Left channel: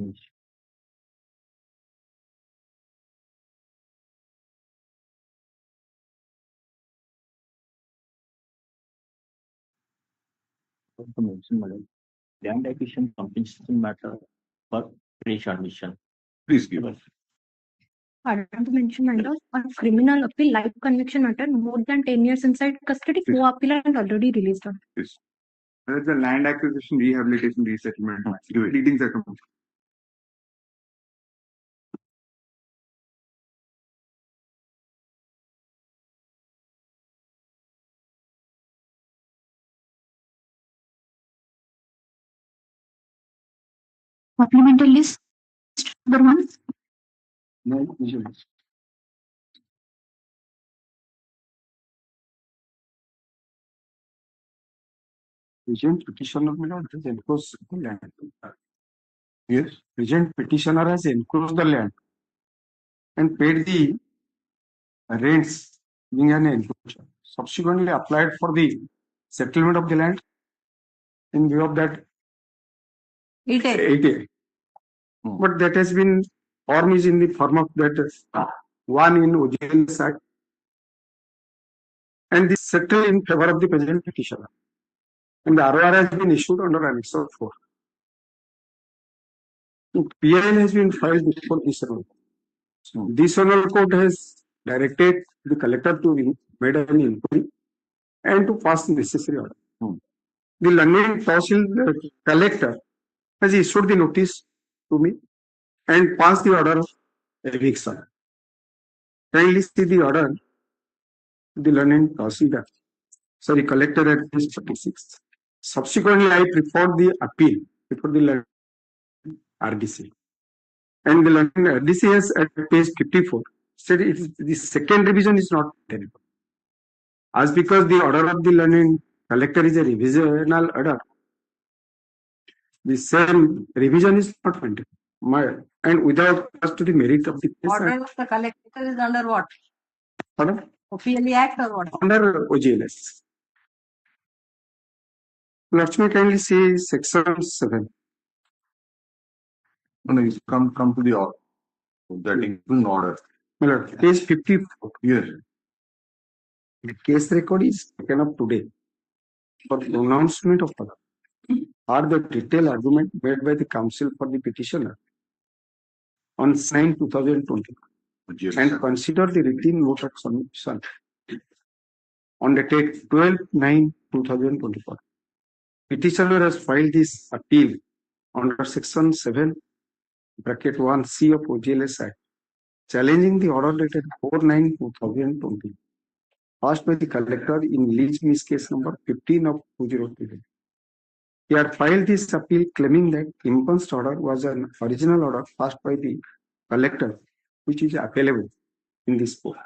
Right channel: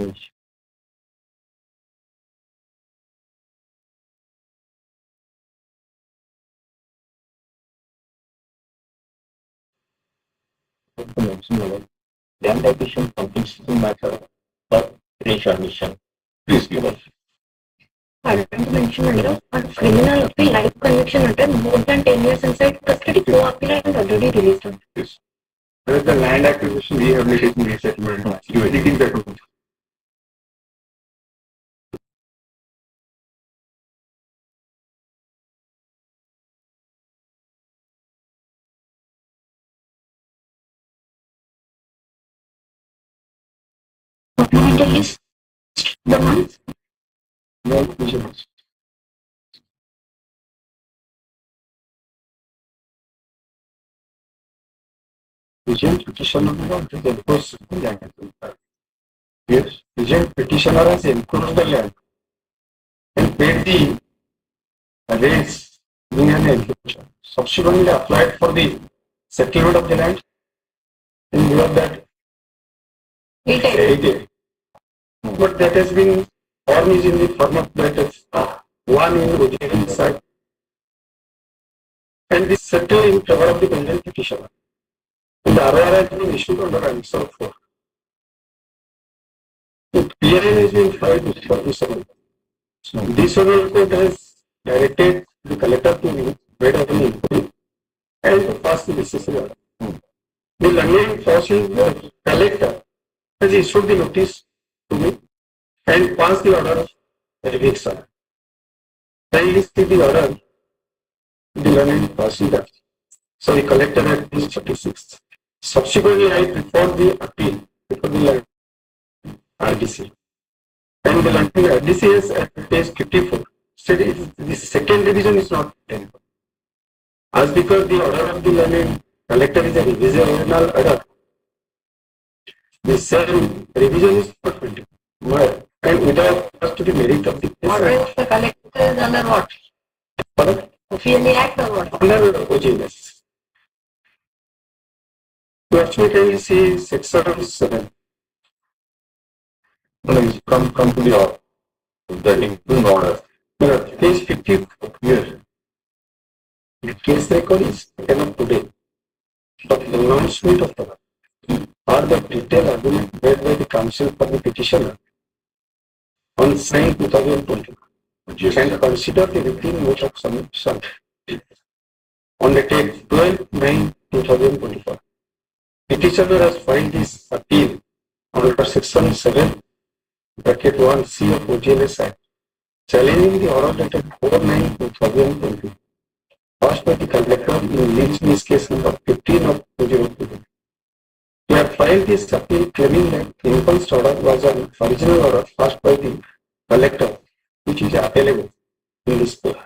image. Land acquisition completes the matter of reassessment. Please give us. I want to mention under on criminal appeal life conviction under more than 10 years inside custody, no appeal and already released on. Yes. Whereas the land acquisition, rehabilitation, resettlement, you anything that would. Supplemental list the month. No acquisitions. Agent petitioner will enforce the land. Yes, agent petitioner has enclosed the land and paid the rates in an enclosure. Subsequently applied for the settlement of the land. In view of that, 80. But that has been, form is in the form of that is one in OJL side. And this settled in favor of the pending petitioner. And the ROR has been issued under Annexure 4. The PIN has been filed before this one. This Honorable Court has directed the collector to made of an inquiry and to pass the necessary order. The learning process, the collector has issued the notice to me and passed the order of eviction. Kindly see the order, the learning procedure. So the collector at page 36. Subsequently, I preferred the appeal before the RDC. And the RDC has at page 54 said the second revision is not tenable. As because the order of the learning collector is a revisional order, the same revision is not tenable. And without us to the merit of the case. Order of the collector is under what? Pardon? Officially act or what? Under OGLS. You actually can see section 7. Come to the order. That includes order. Page 54 here. The case record is taken up today. But the announcement of order or the detailed argument made by the counsel for the petitioner on 9 2020 and consider the written note of submission on the date 12/9/2024. Petitioner has filed this appeal under section 7 bracket 1C of OGLS Act, challenging the order dated 4/9/2020, passed by the collector in this case number 15 of 2020. He had filed this appeal claiming that the imposed order was an original order passed by the collector, which is available in this book.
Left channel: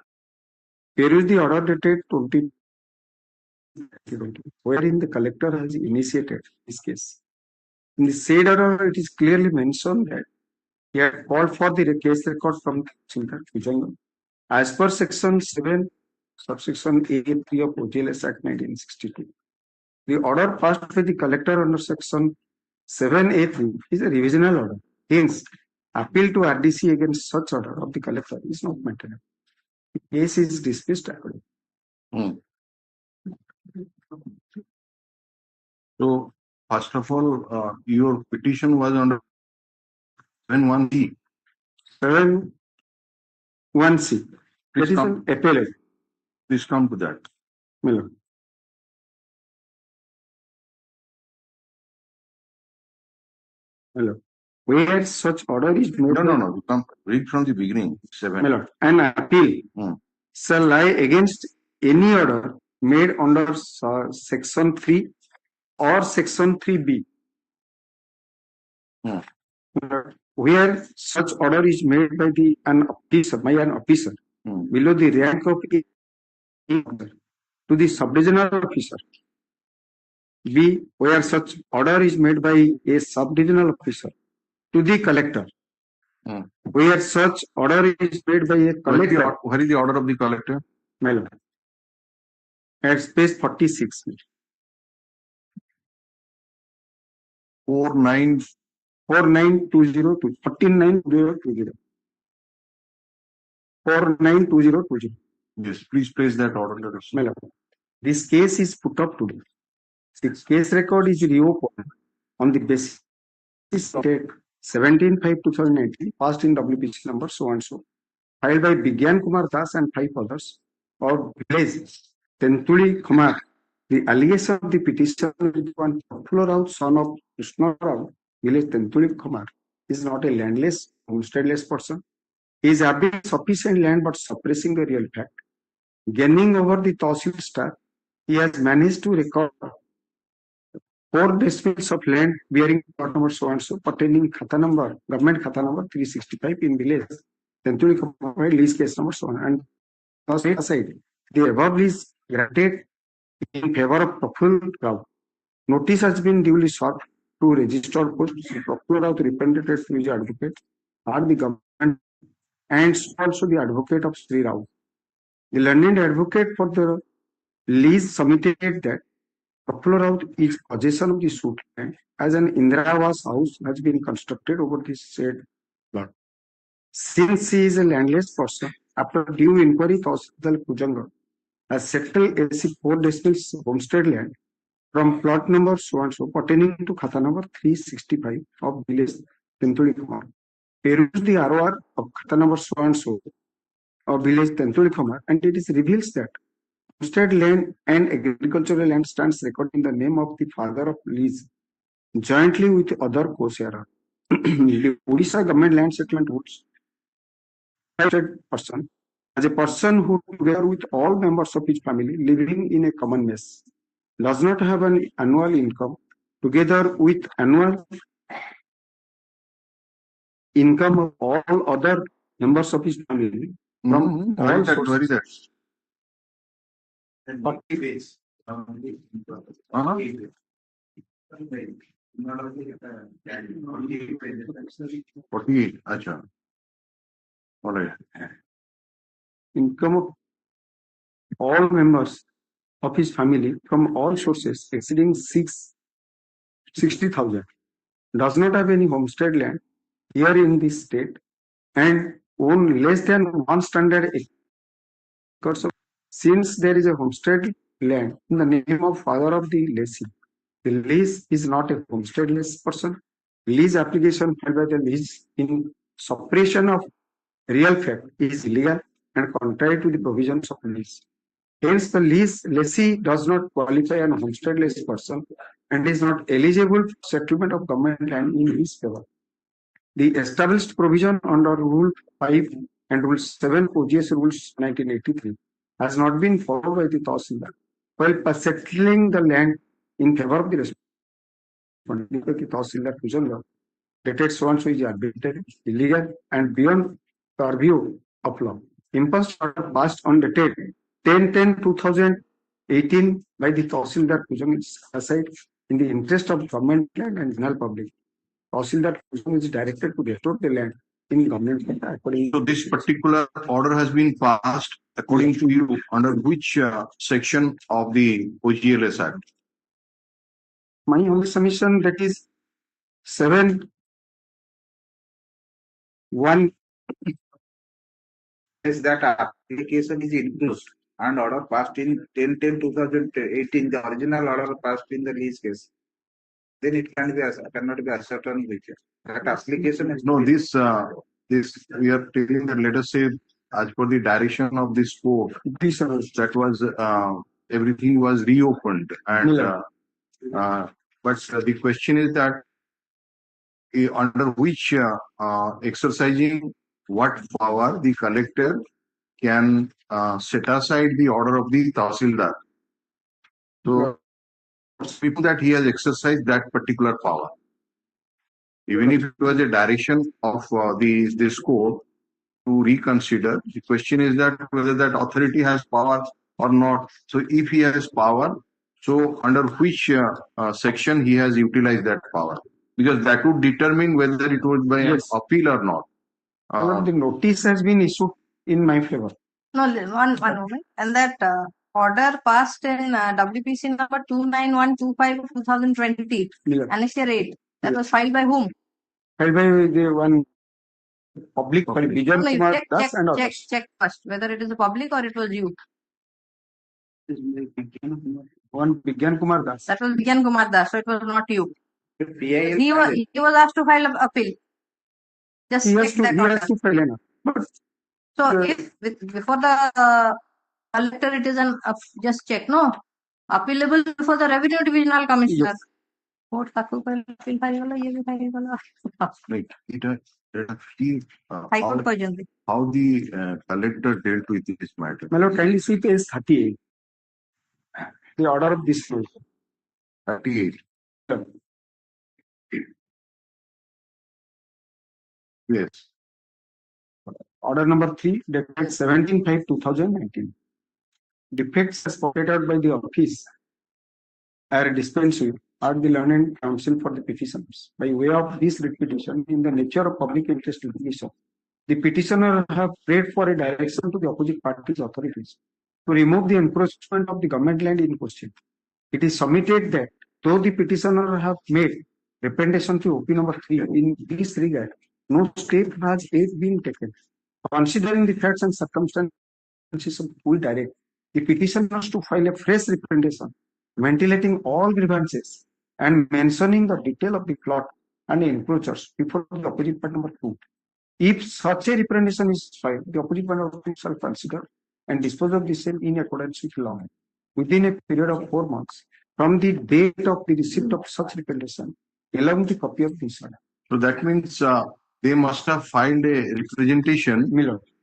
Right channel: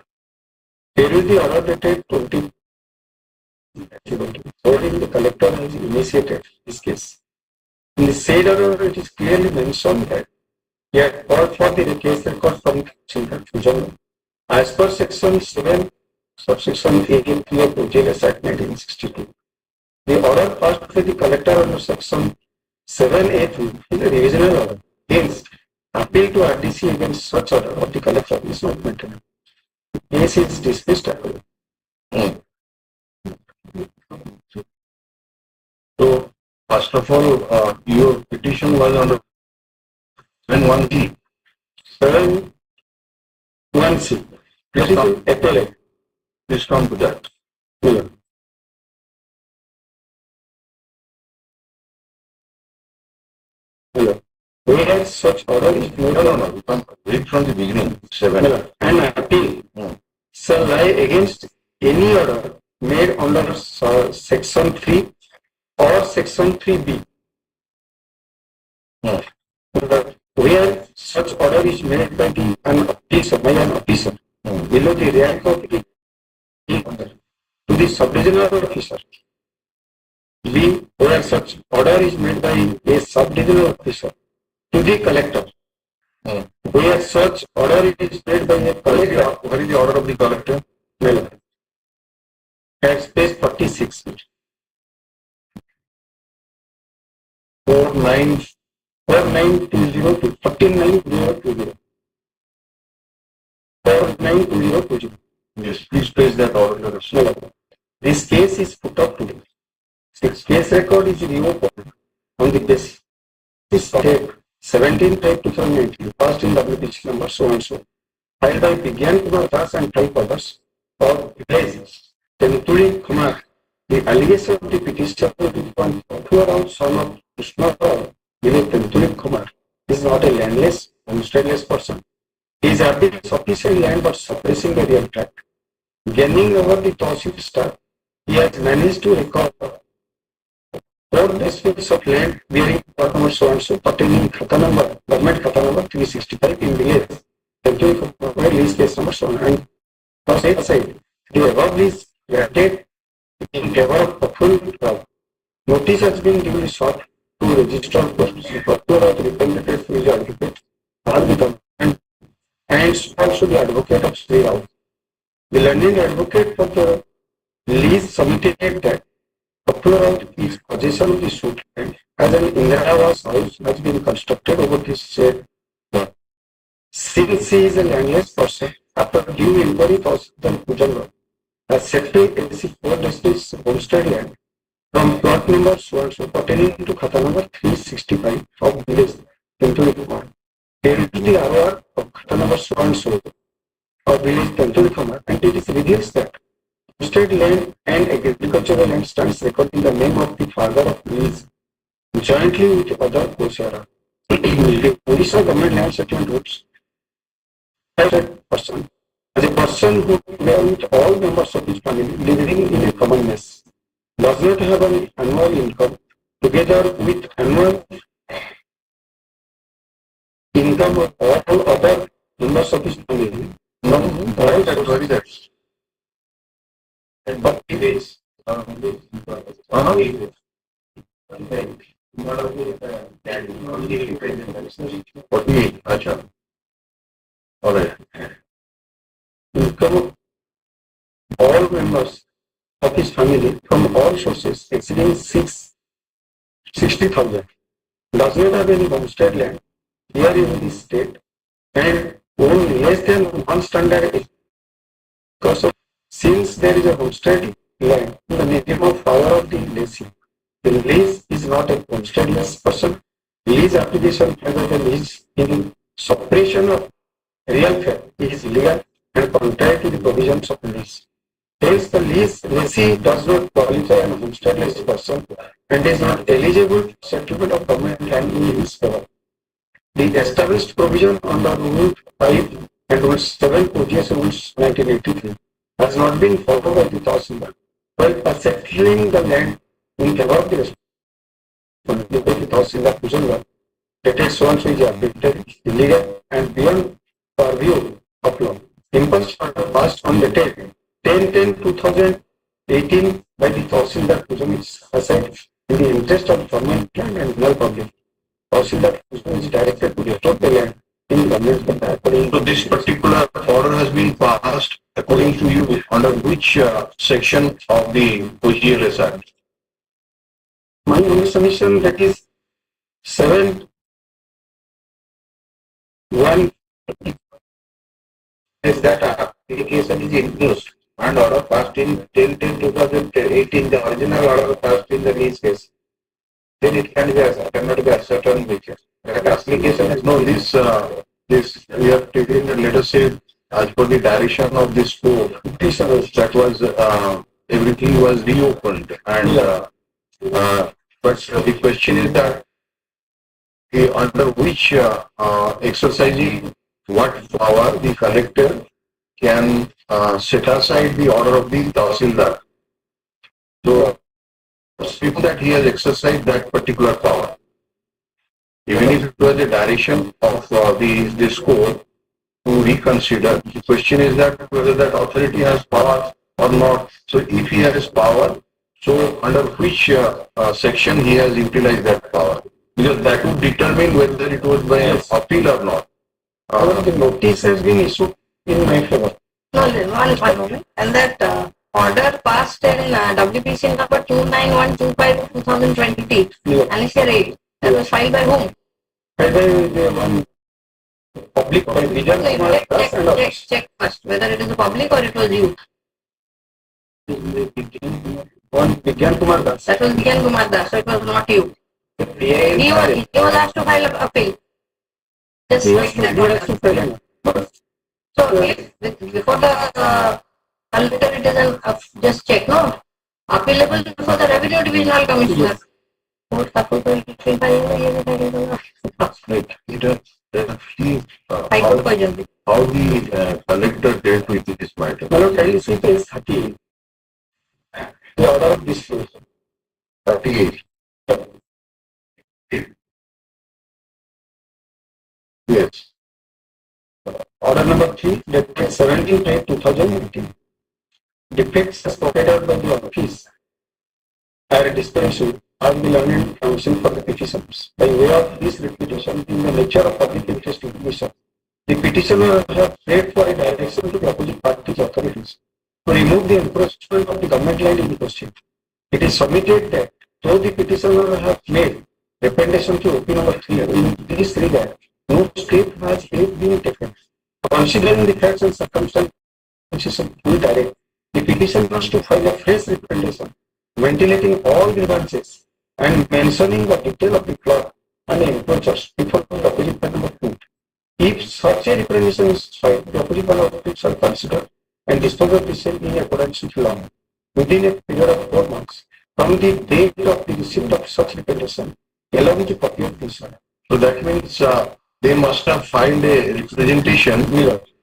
Here is the order dated 20. Wherein the collector has initiated this case. In the said order, it is clearly mentioned that he had called for the case record from the Tribunal. As per section 7, subsection 18 of OGLS Act 1962, the order passed by the collector under section 7A2 is a revisional order. Hence, appeal to RDC against such order of the collector is not maintained. The case is dismissed accordingly. So, first of all, your petition was under 7(1)(g). 7(1)(c). This is an appellate. Please come to that. Yeah. Hello. Where such order is made. No. Come read from the beginning. 7. Hello. An appeal shall lie against any order made under section 3 or section 3B. Where such order is made by an officer below the rank of the to the sub-divisional officer. B. Where such order is made by a sub-divisional officer to the collector. Where such order is made by a collector. Where is the order of the collector? Well, at page 46. 4/9 4920 492020 492020. Yes, please place that order. This case is put up today. Its case record is reopened on the basis of date 17/5/2019 passed in WPC number so and so, filed by Bigyan Kumar Das and 5 others of village Tentuli Kumar. The allegation of the petitioner on Rao, son of Krishna Rao, village Tentuli Kumar, is not a landless, homesteadless person. He is having sufficient land but suppressing the real tract. Gaining over the Tahsil staff, he has managed to recover 4 districts of land bearing plot number so and so pertaining khata number, government khata number 365 in village. Tentuli Kumar, lease case number so on. And for side, the above is granted in favor of Praful Rao. Notice has been duly sought to register Praful Rao, the representative to his advocate, or the government, and also the advocate of Sri Rao. The learned advocate for the lease submitted that Praful Rao is possession of the suit and as an Indirawas house has been constructed over this said. Since he is a landless person, after due inquiry, Tahsil Pujan has set to LC 4 districts homestead land from plot number so and so pertaining to khata number 365 of village Tentuli Kumar. Here is the ROR of khata number so and so of village Tentuli Kumar, and it is reveals that homestead land and agricultural land stands recorded in the name of the father of lease jointly with other co-sharer. The Odisha government land settlement rules person as a person who together with all members of his family living in a common mess does not have an annual income together with annual income of all other members of his family from all sources. 40 days. 48. Acha. All right. Income of all members of his family from all sources exceeding 60,000 does not have any homestead land here in this state and own less than 1 standard acre. Since there is a homestead land in the name of power of the lessee, the lease is not a homesteadless person. Lease application for the lease in suppression of real fact is illegal and contrary to the provisions of lease. Hence, the lease lessee does not qualify as a homesteadless person and is not eligible for settlement of government land in his favor. The established provision under Rule 5 and Rule 7 OGS Rules 1983 has not been followed by the Tahsildar. While by settling the land in favor of the responsibility Tahsildar Pujangar, it is so and so is arbitrary, illegal, and beyond purview of law. Impulse passed on the date 10/10/2018 by the Tahsildar Pujangar is assigned in the interest of government land and general public. Tahsildar Pujangar is directed to restore the land in government according So this particular order has been passed according to you under which section of the OGLS Act? my only submission that is 7(1) Is that application is enclosed and order passed in 10/10/2018, the original order passed in the lease case, then it can be cannot be ascertained which that application is No, this we are taking, let us say, as per the direction of this court, that was everything was reopened, and but the question is that under which exercising what power the collector can set aside the order of the Tahsildar. So, speaking that he has exercised that particular power, even if it was the direction of this court to reconsider, the question is that whether that authority has power or not. So, if he has power, so under which section he has utilized that power? Because that would determine whether it was by appeal or not. the notice has been issued in my favor. No, one moment. And that order passed in WPC number 29125 of 2020, Yeah. Annexure 8, that was filed by whom? filed by the one public by Bijan Kumar Das and others. Check first whether it is a public or it was you. One Bijan Kumar Das. That was Bijan Kumar Das, so it was not you. He was asked to file an appeal. Just He has check that to order. file an appeal. So if before the collector it is an just check, no? Appealable for the Revenue Divisional Commissioner. Court High Court को जल्दी. How the collector dealt with this matter? Hello, kindly see page 38. The order of disclosure. 38. Yes. Order number 3, dated 17/8/2018. Defects as provided by the office are dispensed are the learned counsel for the petitions. By way of this repetition, in the nature of public interest litigation, the petitioner have prayed for a direction to the opposite party's authorities to remove the encroachment of the government land in the question. It is submitted that though the petitioner have made representation to OP number 3 in this regard, no step has yet been taken. Considering the facts and circumstances of the direct, the petitioners to file a fresh representation, ventilating all grievances and mentioning the detail of the plot and encroachers before the opposite party of court. If such a representation is filed, the opposite party shall consider and dispose of the same in accordance with law within a period of 4 months from the date of the receipt of such representation, along with the copy of this order. So that means they must have filed a representation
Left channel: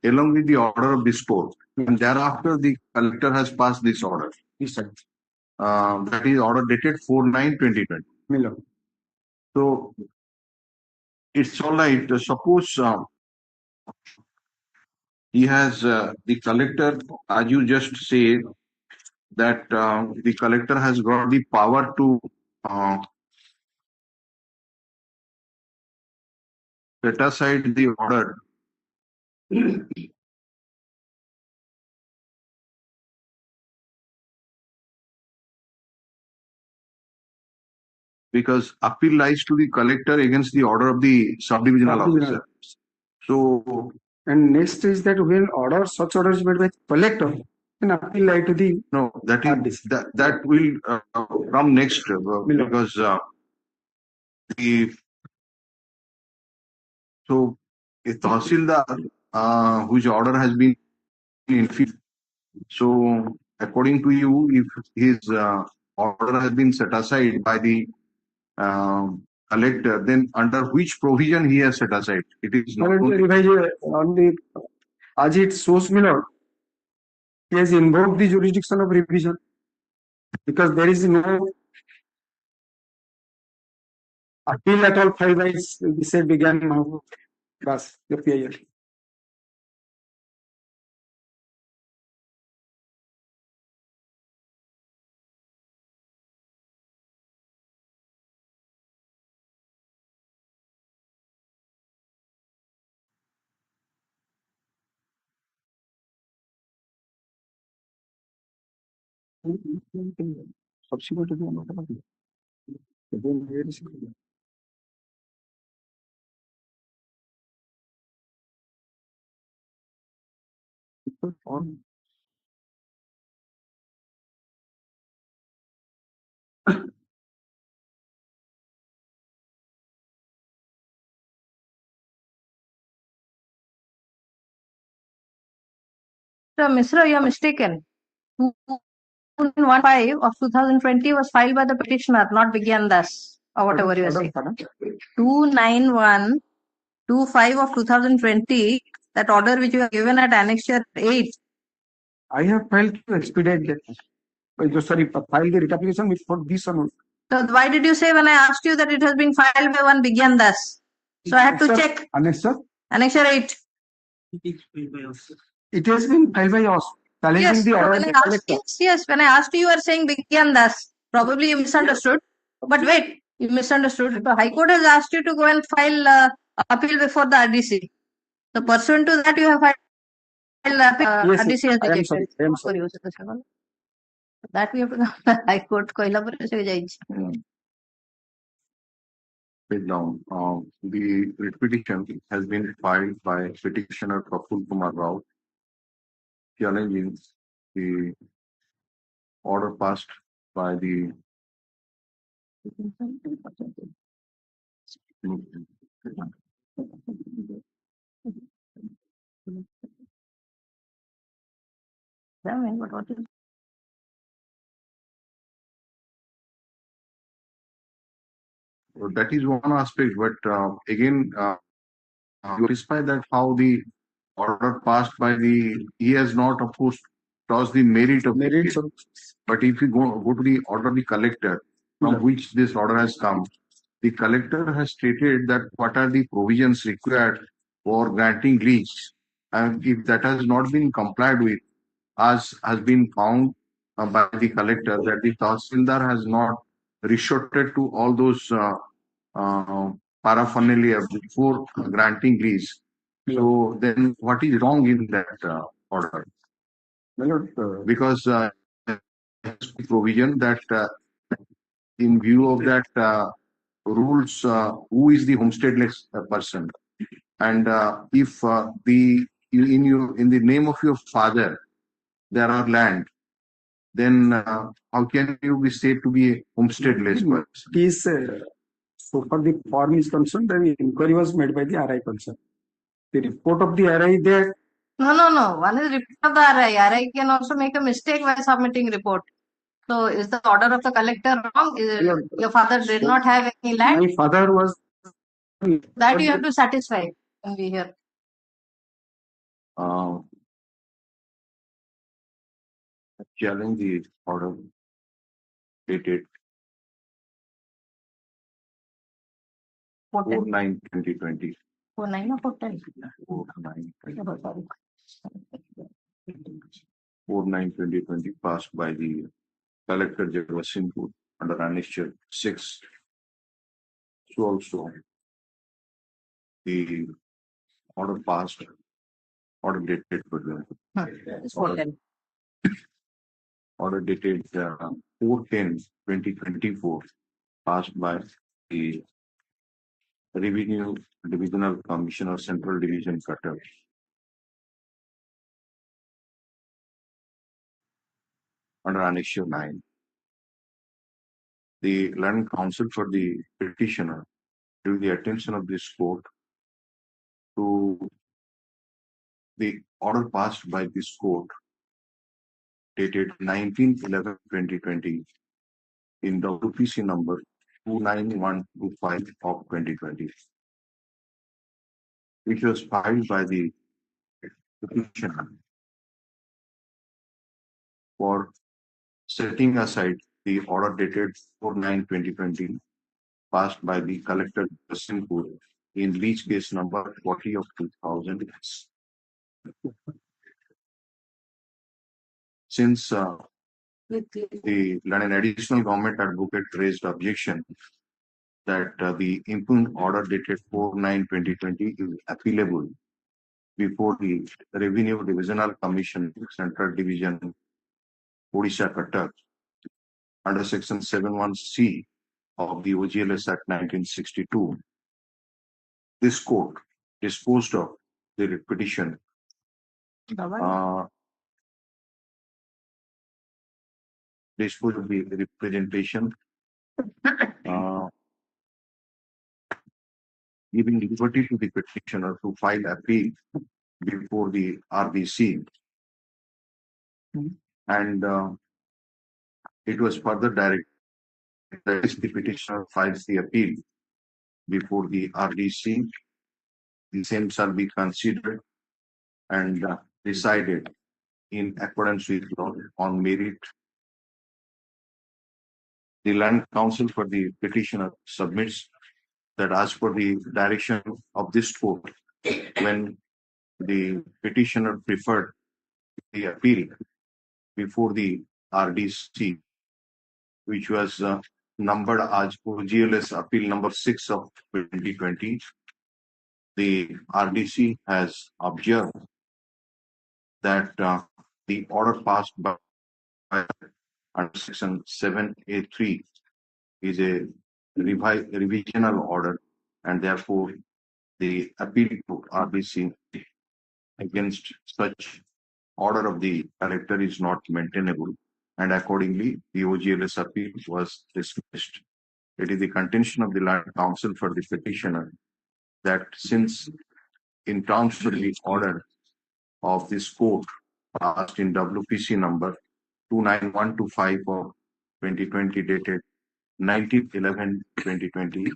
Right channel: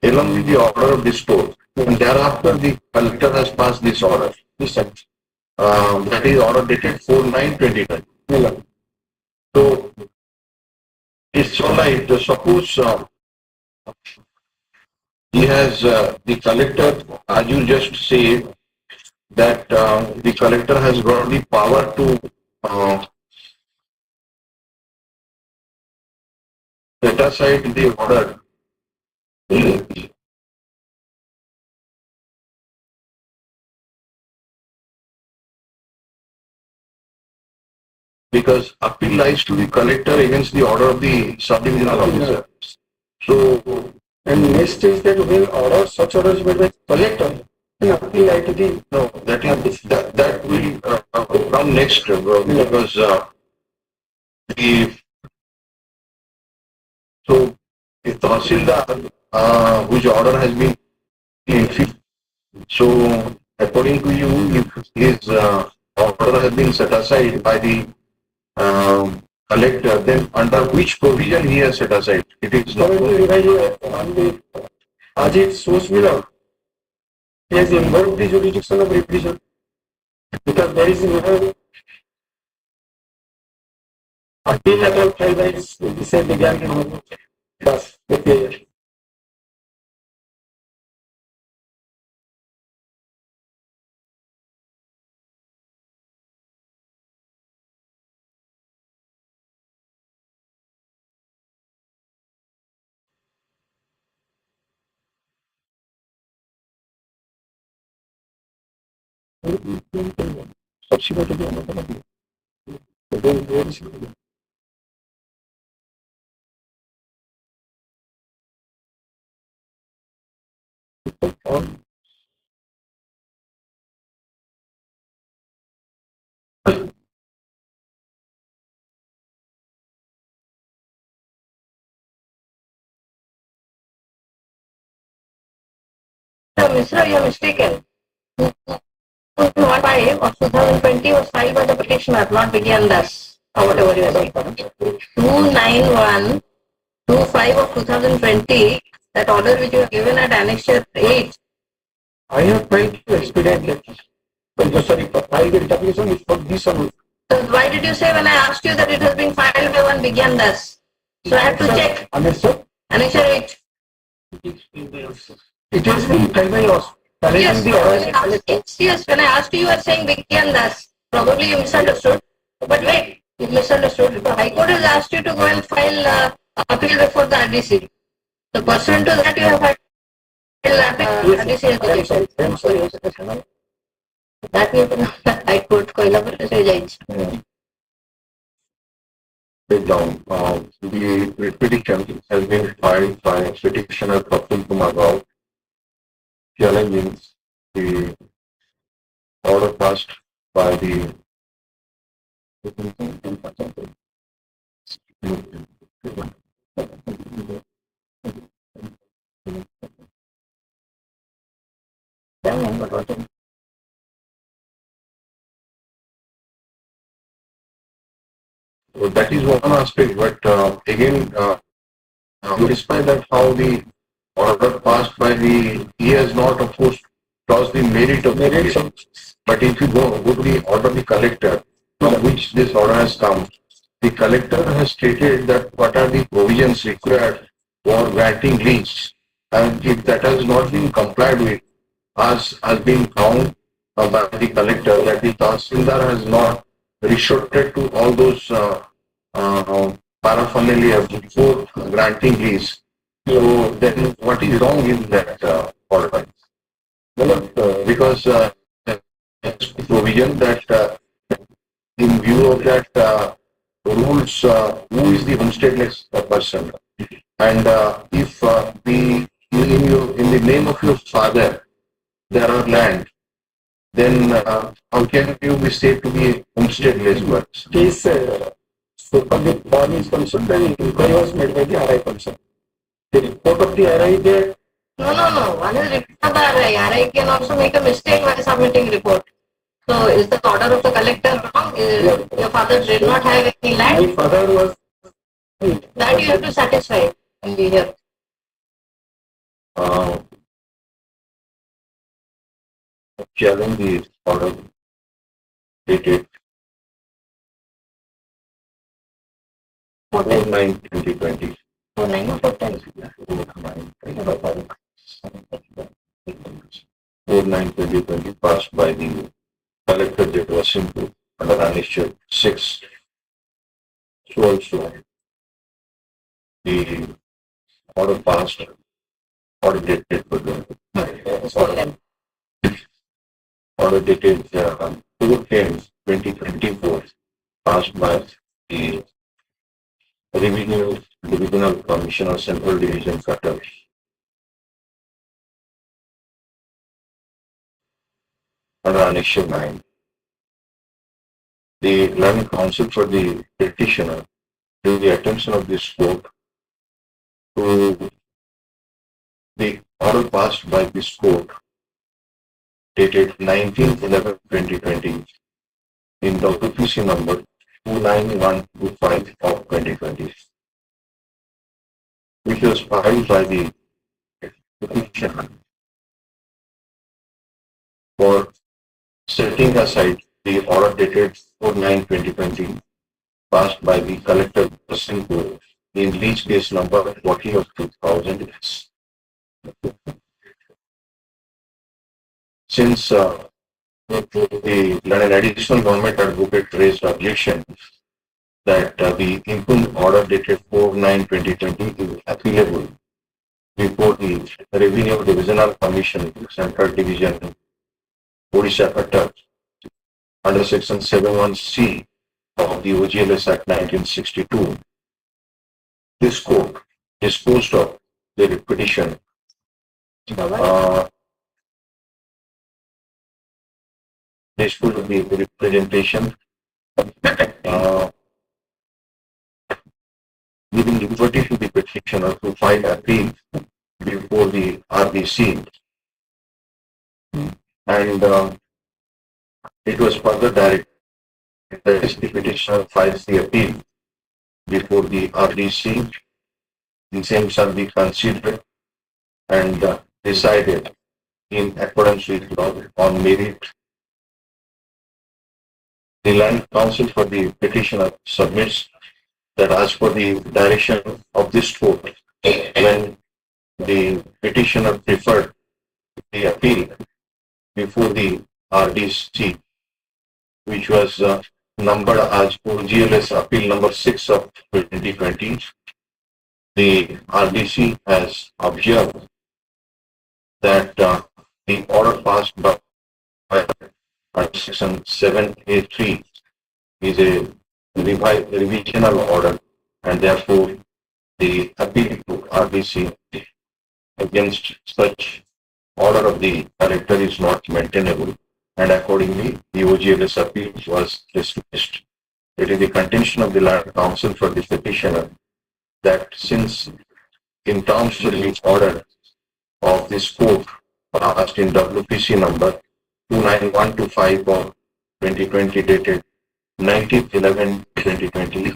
along with the order of dispose. And thereafter, the collector has passed this order. That is order dated 4/9/2020. So it's all right. Suppose he has the collector, as you just said, that the collector has got the power to set aside the order. Because appeal lies to the collector against the order of the subdivisional officer. So, And next is that when order, such orders made by collector, and appeal lie to the no, that will come next because the so the Tahsildar whose order has been infused. So according to you, if his order has been set aside by the collector, then under which provision he has set aside? It is not. currently revised on the as it shows below. He has invoked the jurisdiction of revision because there is no appeal at all filed by say began thus with the subsequently another appeal. Then there is all So, Mr. You are mistaken. 215 of 2020 was filed by the petitioner, not began thus, or whatever you are saying. 29125 of 2020, that order which you have given at Annexure 8, I have filed to expedite that. But sorry, filed the writ application which for this amount. so why did you say when I asked you that it has been filed by one began thus? So I had to check. Annexure, Annexure 8. it has been filed by us. Yes, Challenging the order. yes, when I asked you, you are saying began thus. Probably you misunderstood. But wait, you misunderstood. The High Court has asked you to go and file appeal before the RDC. So pursuant to that, you have filed appeal. RDC has rejected. I am sorry. That will High Court को इलाबर से जाएगी. take down. The petition has been filed by petitioner Praful Kumar Rao, challenging the order passed by the so that is one aspect, but again, despite that how the order passed by the, he has not of course lost the merit of the petition. But if you go to the order of the collector from which this order has come, the collector has stated that what are the provisions required for granting lease, and if that has not been complied with, as has been found by the collector that the Tahsildar has not resorted to all those paraphernalia before granting lease. So then what is wrong in that order? Well, because provision that in view of that rules, who is the homesteadless person? And if in the name of your father there are land, then how can you be said to be homesteadless person? Case so far the body is concerned, then inquiry was made by the RI person. The report of the RI there. No. One is report of the RI. RI can also make a mistake while submitting report. So is the order of the collector wrong? Your father did not have any land? My father was. That you have to satisfy and be here. Challenge the order dated 4/9/2020. 4/9 or 4/10? 4/9/2020 passed by the collector that was into under annexure 6. So also the order passed, order dated for the It's 4/10. order dated 4/10/2024 passed by the Revenue Divisional Commissioner Central Division Cutter. Under annexure 9. The learned counsel for the petitioner drew the attention of this court to the order passed by this court dated 19/11/2020 in the WPC number 29125 of 2020, which was filed by the petitioner for setting aside the order dated 4/9/2020 passed by the collector Simcoe in lease case number 40 of 2000. Since the an additional government advocate raised objection that the impugned order dated 4/9/2020 is appealable before the Revenue Divisional Commission, Central Division, Orissa Cutter, under Section 71C of the OGLS Act 1962. This court disposed of the petition. Disposed of the representation, giving liberty to the petitioner to file appeal before the RBC, and it was further directed that if the petitioner files the appeal before the RDC, the same shall be considered and decided in accordance with law on merit. The Land Council for the petitioner submits that as per the direction of this court, when the petitioner preferred the appeal before the RDC, which was numbered as OGLS Appeal number 6 of 2020, the RDC has observed that the order passed by Section 7A3 is a revisional order, and therefore the appeal to RBC against such order of the collector is not maintainable, and accordingly the OGLS appeal was dismissed. It is the contention of the land counsel for the petitioner that since in terms of the order of this court passed in WPC number 29125 of 2020 dated 19/11/2020,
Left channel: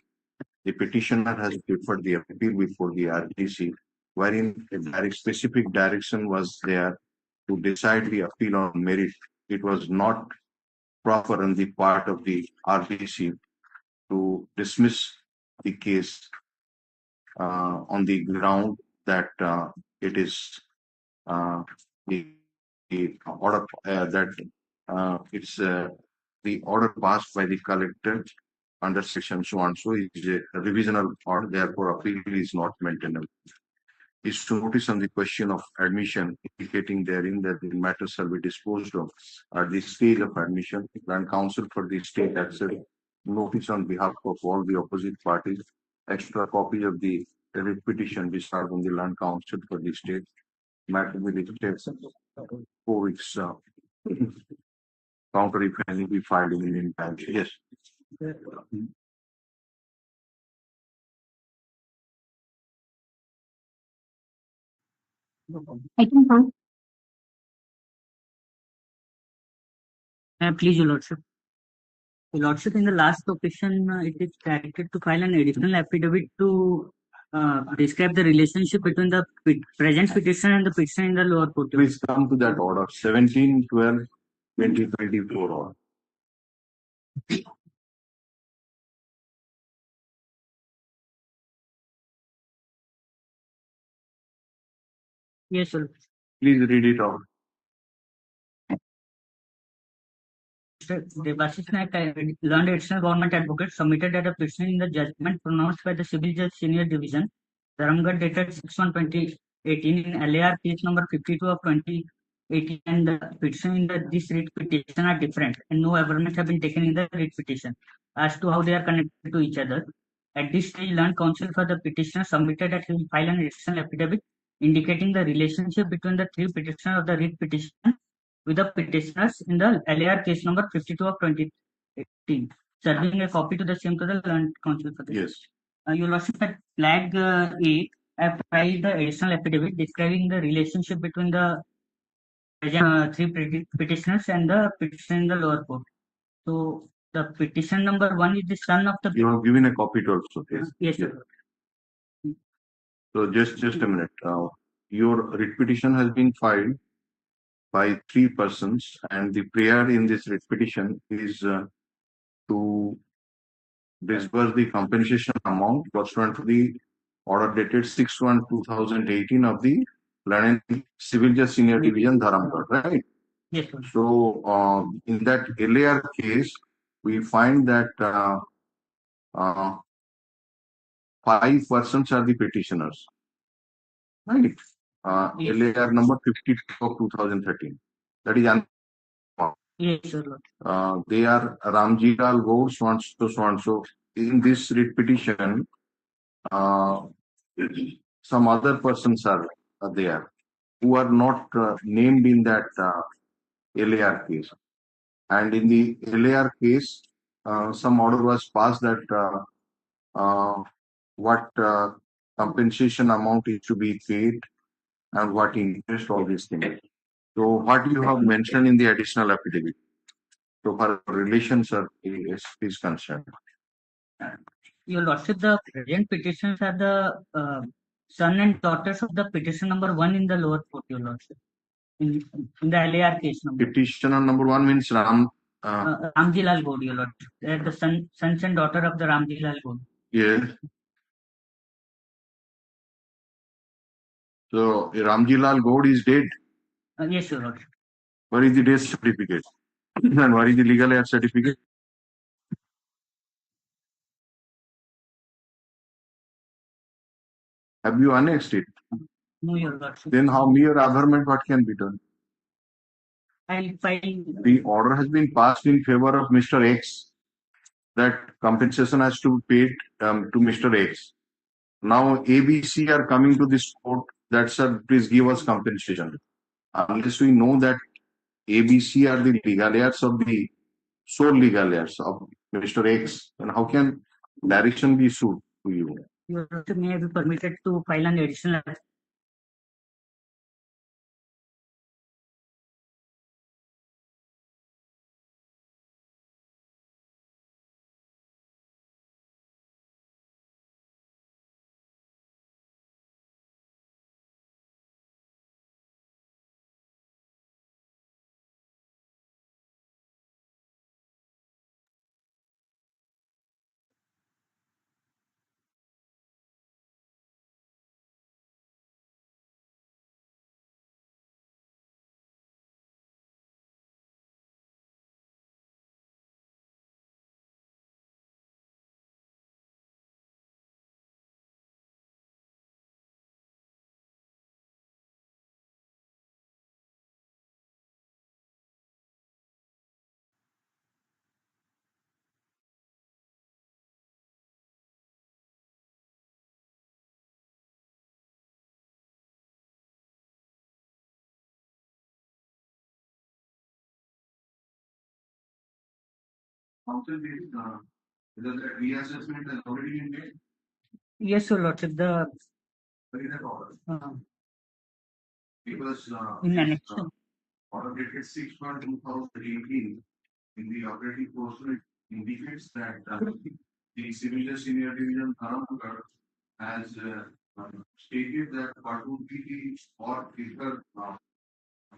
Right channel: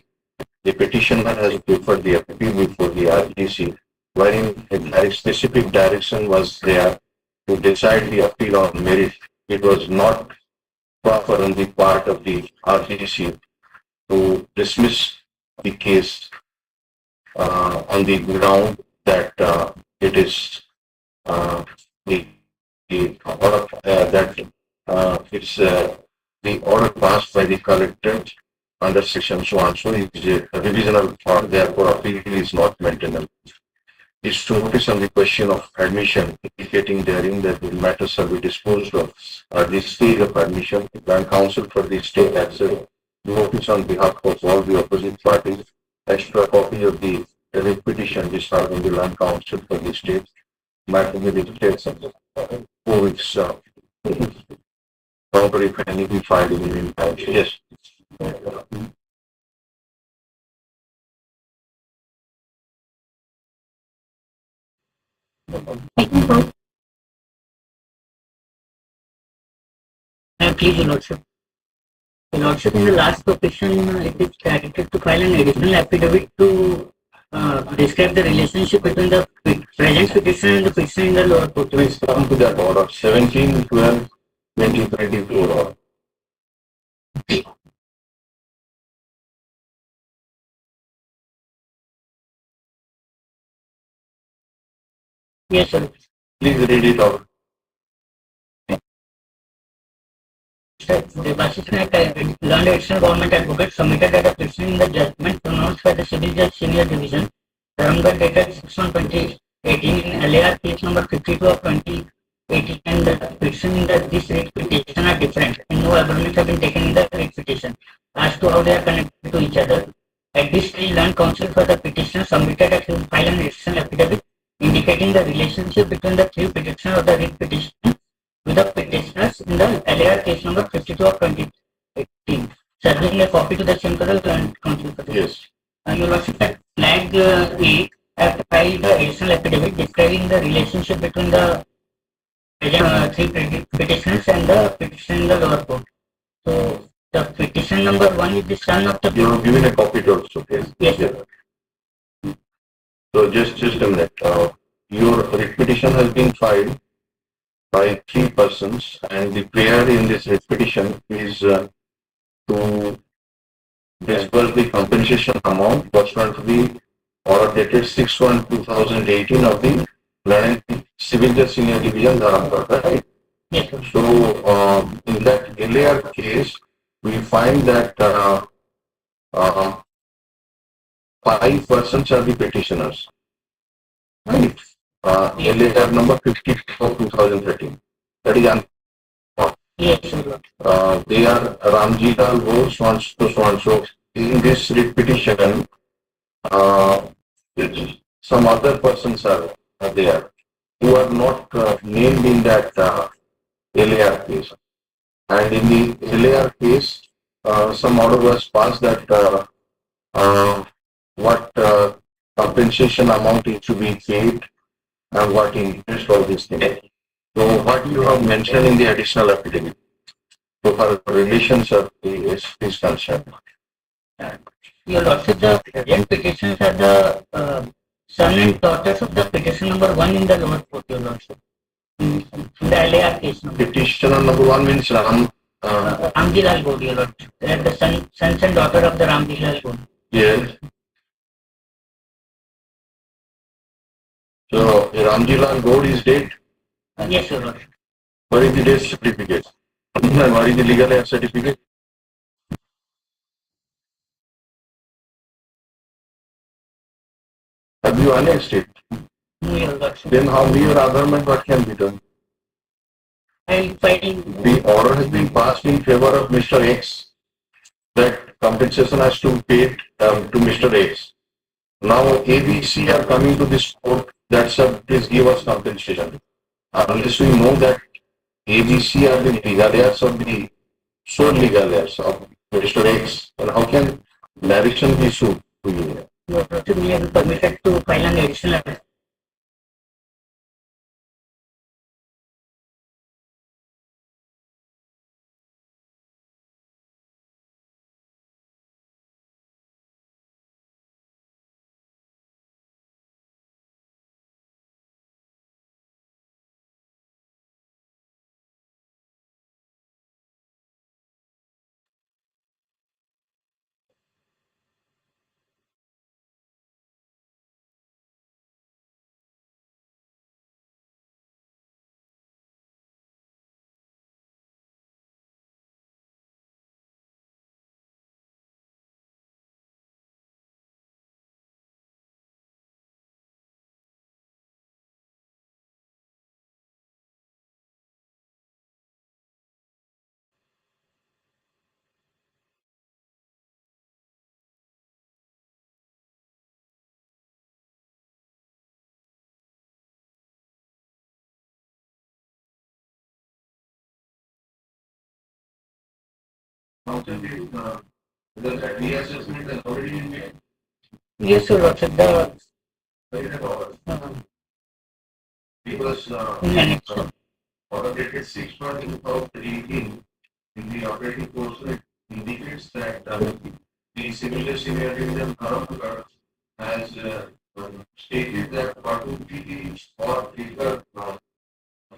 the petitioner has preferred the appeal before the RGC, wherein a very specific direction was there to decide the appeal on merit. It was not proper on the part of the RGC to dismiss the case on the ground that it is the order that it's the order passed by the collector under section so and so is a revisional order, therefore appeal is not maintainable. Is to notice on the question of admission, indicating therein that the matters shall be disposed of at the stage of admission. Land counsel for the state has a notice on behalf of all the opposite parties. Extra copy of the petition discharged on the land counsel for the state. Matter may be declared subject. 4 weeks counter if any be filed in the meantime. Yes. Please, Your Lordship. Your Lordship, in the last petition, it is directed to file an additional affidavit to describe the relationship between the present petition and the petition in the lower court. Please come to that order 17/12/2024 order. Yes, sir. Please read it out. The Reassessment learned additional government advocate submitted that a petition in the judgment pronounced by the Civil Judge Senior Division, Tribunal dated 6/1/2018 in LAR case number 52 of 2018, and the petition in this writ petition are different, and no arguments have been taken in the writ petition as to how they are connected to each other. At this stage, land counsel for the petitioner submitted that he will file an additional affidavit indicating the relationship between the three petitioners of the writ petition with the petitioners in the LAR case number 52 of 2018, serving a copy to the same to the land counsel for the Yes. Your Lordship, at flag 8, I have filed the additional affidavit describing the relationship between the three petitioners and the petition in the lower court. So, the petition number 1 is the son of the... You have given a copy to also. Yes, sir. So just a minute. Your writ petition has been filed by 3 persons, and the prayer in this writ petition is to disburse the compensation amount pursuant to the order dated 6/1/2018 of the Civil Judge Senior Division, Dharamgarh, right? Yes, sir. So in that LAR case, we find that 5 persons are the petitioners, right? LAR number 50 of 2013. That is Yes, sir. they are Ramji Lal Go, so and so. In this writ petition, some other persons are there who are not named in that LAR case. And in the LAR case, some order was passed that what compensation amount is to be paid and what interest, all these things. So what you have mentioned in the additional affidavit, so far relations of the is concerned. Your Lordship, the present petitions are the son and daughters of the petition number 1 in the lower court, Your Lordship. In the LAR case number. Petitioner number 1 means Ramji Lal Gode, Your Lordship. They are the sons and daughter of the Ramji Lal Gode. Yes. So Ramji Lal Gode is dead. Yes, Your Lordship. Where is the death certificate? And where is the legal heir certificate? Have you annexed it? No, Your Lordship. Then how mere adjournment what can be done? I will file. The order has been passed in favor of Mr. X that compensation has to be paid to Mr. X. Now ABC are coming to this court that sir, please give us compensation. Unless we know that ABC are the legal heirs of the sole legal heirs of Mr. X, and how can direction be sued to you? Your Lordship may be permitted to file an additional. Now, the reassessment has already been made. Yes, Your Lordship. The Because in order dated 6/2018 in the operating course it indicates that the civil senior division Dharamnagar has stated that what would be the or bigger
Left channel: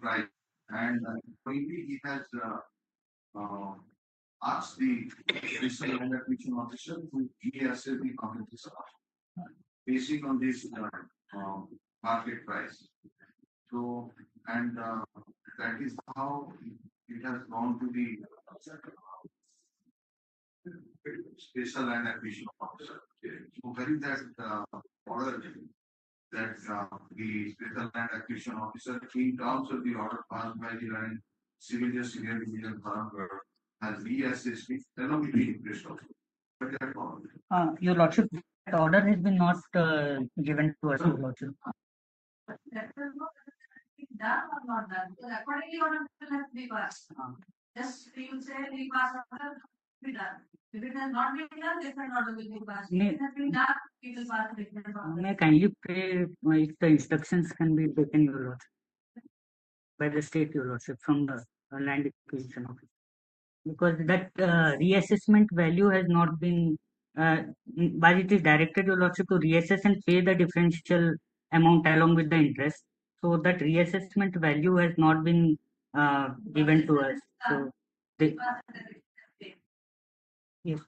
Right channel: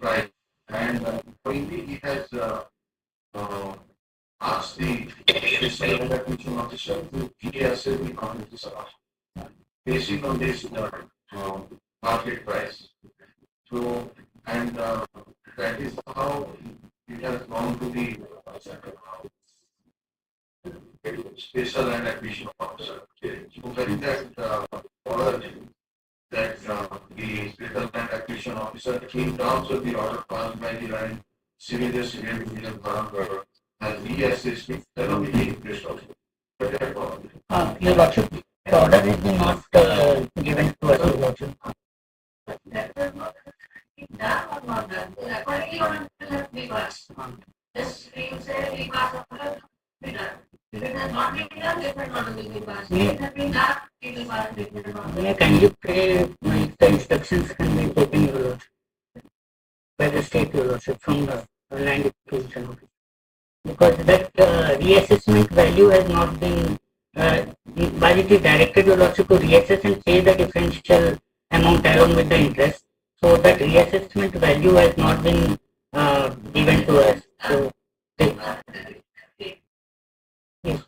price, and finally he has uh, asked the special acquisition officer to reassess the compensation based on this market price. So, and that is how it has gone to the special land acquisition officer. So, that order that the special land acquisition officer, in terms of the order passed by the line civil civil division Dharamnagar, has reassessed it along with the interest also. But that all. Your Lordship, the order is not given to us, Your Lordship. That was not done or not done. Accordingly, one will have to be passed. Just you say we pass order, be done. If it has not been done, different order will be passed. If it has been done, it will pass different order. May I kindly pray the instructions can be taken, Your Lordship, by the state, Your Lordship, from the land acquisition office. Because that reassessment value has not been, but it is directed, Your Lordship, to reassess and pay the differential amount along with the interest. So that reassessment value has not been given to us. So, yes. Yes.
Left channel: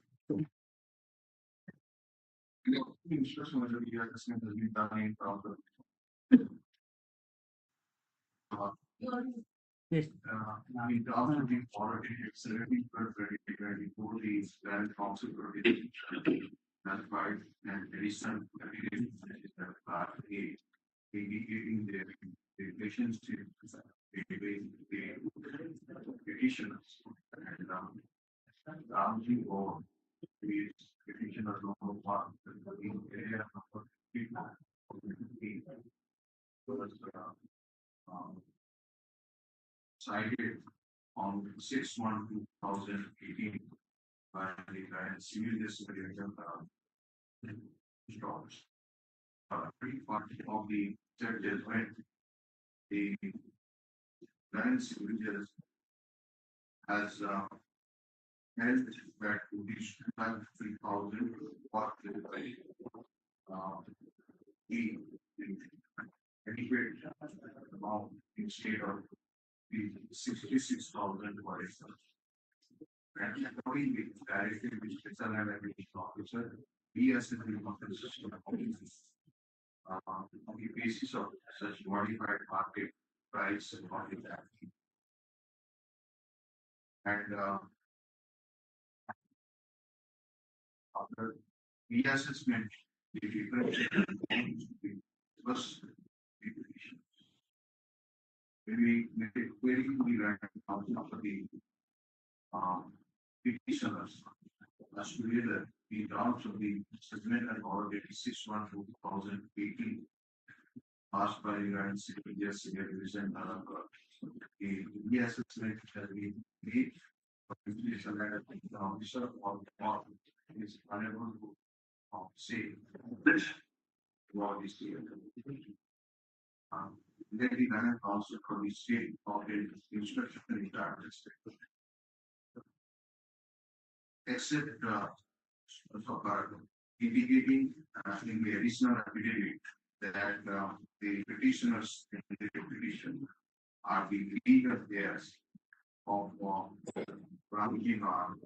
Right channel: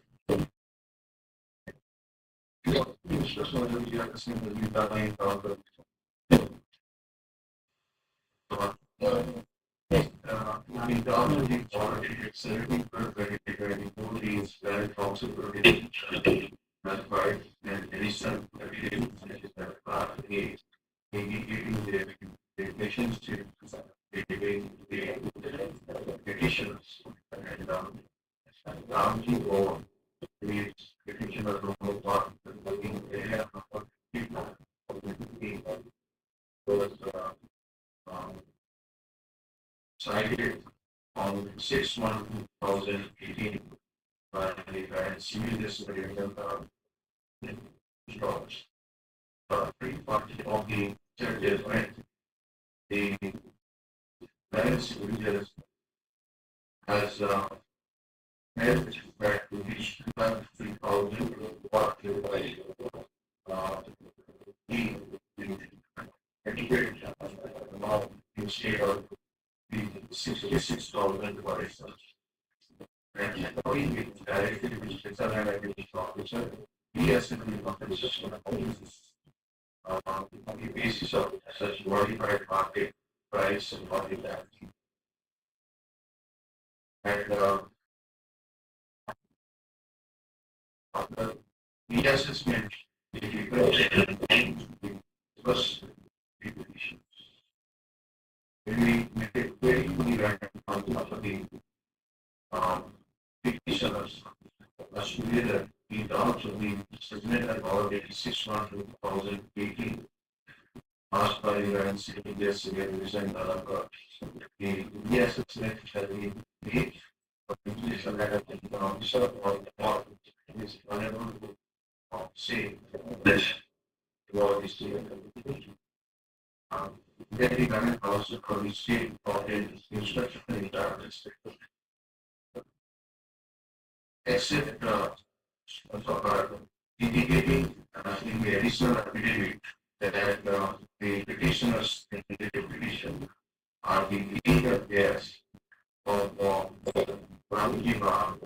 In terms of the order, it's very, very, very poor. It's very possible. That's why an additional evidence is that part A, indicating the relationship between the petitioners and Ramji or the petitioner number one, the working area number 15 was cited on 6/1/2018 by the Grand Civil District stocks. Pre-party of the churches, right? The Grand Civil District has held back to reach 3,000 what the adequate amount instead of the 66,000 for research. And according with directly with special and acquisition officer, he has to be compensation on the basis of such modified market price and market value. And after reassessment, the difference because when we make it very fully random on top of the petitioners, last year, we also we submitted about 86 on 2018. Asked by the NCAS revision the reassessment shall be made for completion that the officer or the court is unable to say this about this year. Then the government also for the state of the instruction in the district. Except indicating in the additional affidavit that the petitioners in the petition are the legal heirs of Ramji Lal.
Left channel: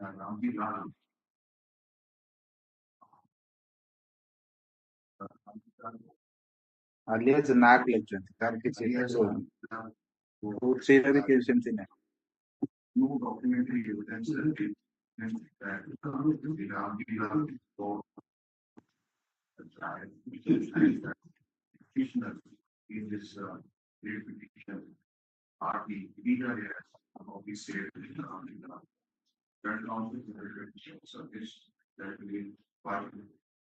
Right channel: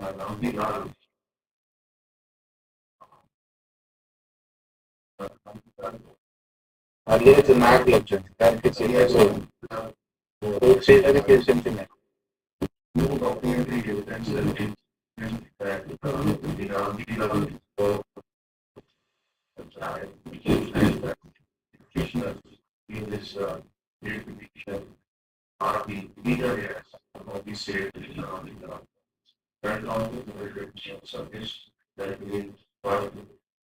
Ramji Lal. Earlier it's a mark legend. That is so. Who says that it is something like No documentary evidence that the Ramji Lal petitioners in this petition are the legal heirs of the state turned on to the reproduction service that will file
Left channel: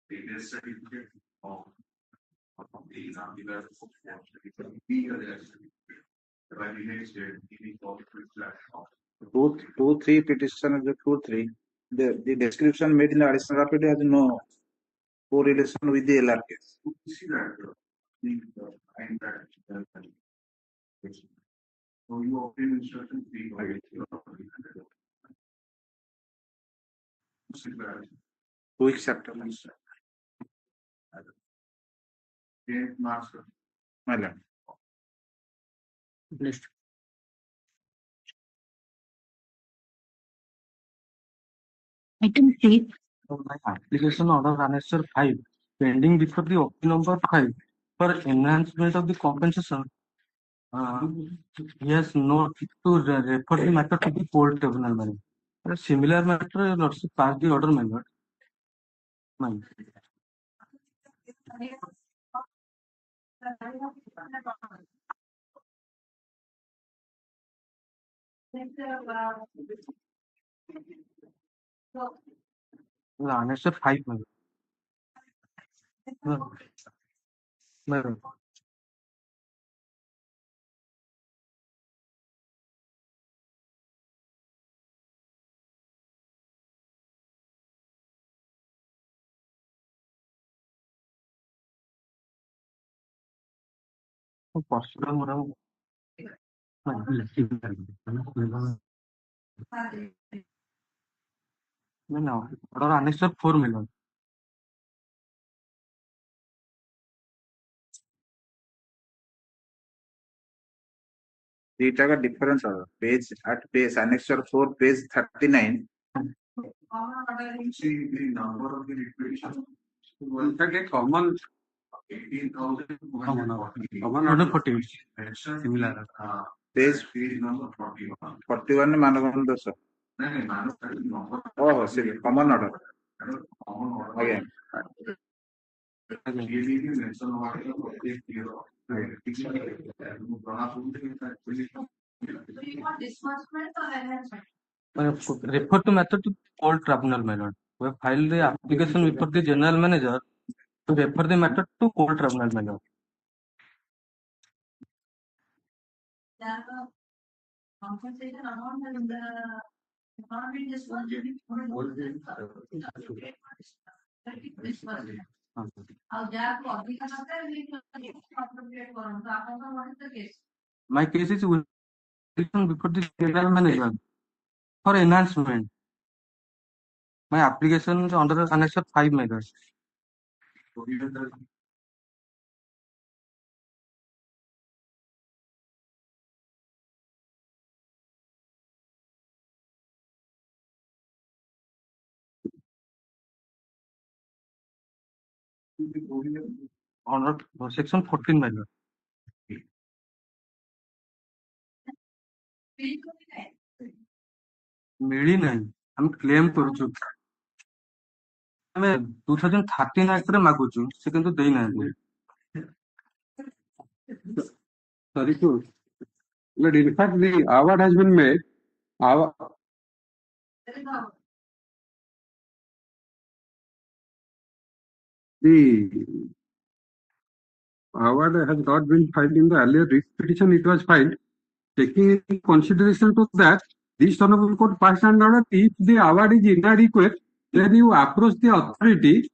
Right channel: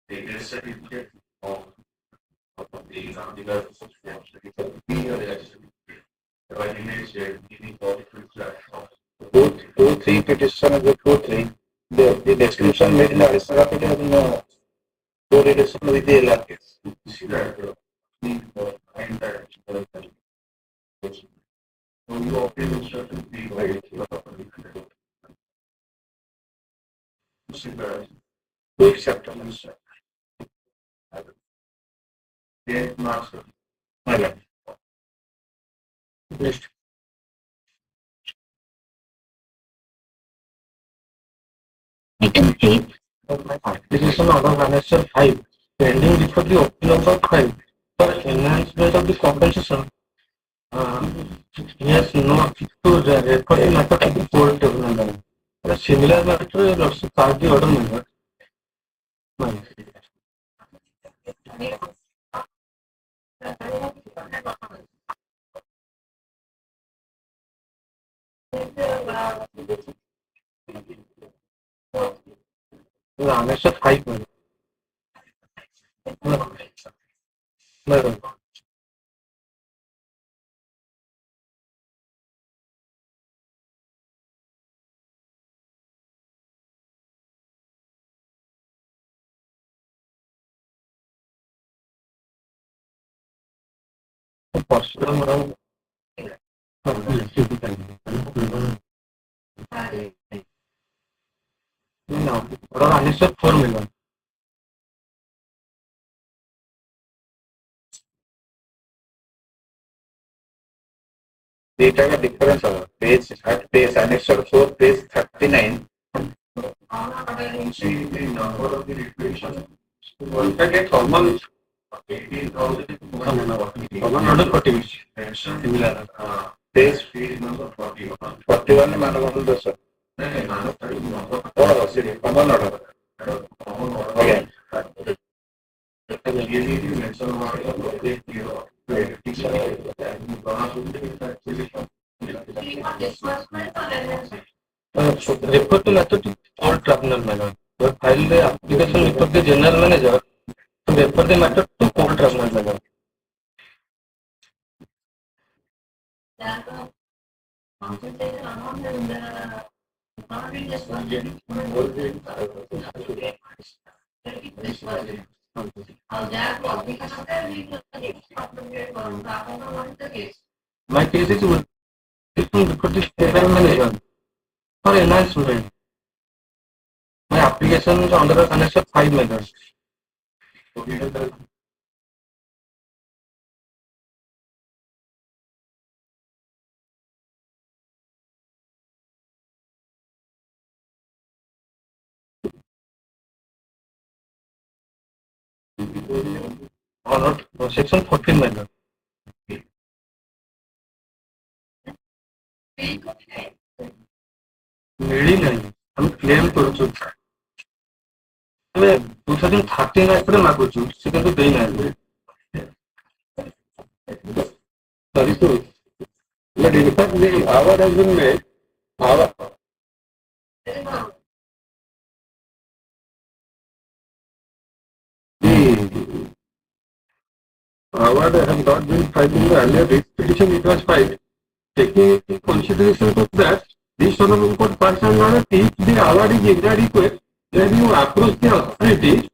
the death certificate of the legal legal heirs. The ordinance giving political flash of two, three petitioners with two, three. The description made in the additional affidavit no correlation with the LR case. see that and that so you obtain certain people To acceptance. master. Next. Item 3. Application order annexure 5, pending before the appeal number 5 for enhancement of the compensation. He has no to record the matter to the court tribunal. A similar matter will also pass the order member. Annexure 5 madam. Madam. Procedural madam. No, order annexure 4 madam. Data का difference है. Page at page annexure 4 page 39. See the number of the requisition. One can get common 18,000. common order 40. Similar. Page number 41. 41 में माना कौन sir? Oh, sorry, common order. Okay. Refer to method to court tribunal madam. File the application with the general manager to refer the matter to court tribunal madam. My case is with before the general manager for enhancement. My application is under the connection 5 meters. Or not, section 14 meters. मिली नहीं हम claim करूँ ଆମେ 2013 ଆକ୍ଟରେ ମାଗୁଛୁ ସେ କିନ୍ତୁ ଦେଇନାହାନ୍ତି sorry to but in fact the award has been made our the award has not been filed in the earlier petition, it was filed. Taking into consideration to that, this Honorable Court passed an order, if the award is inadequate, then you approach the authority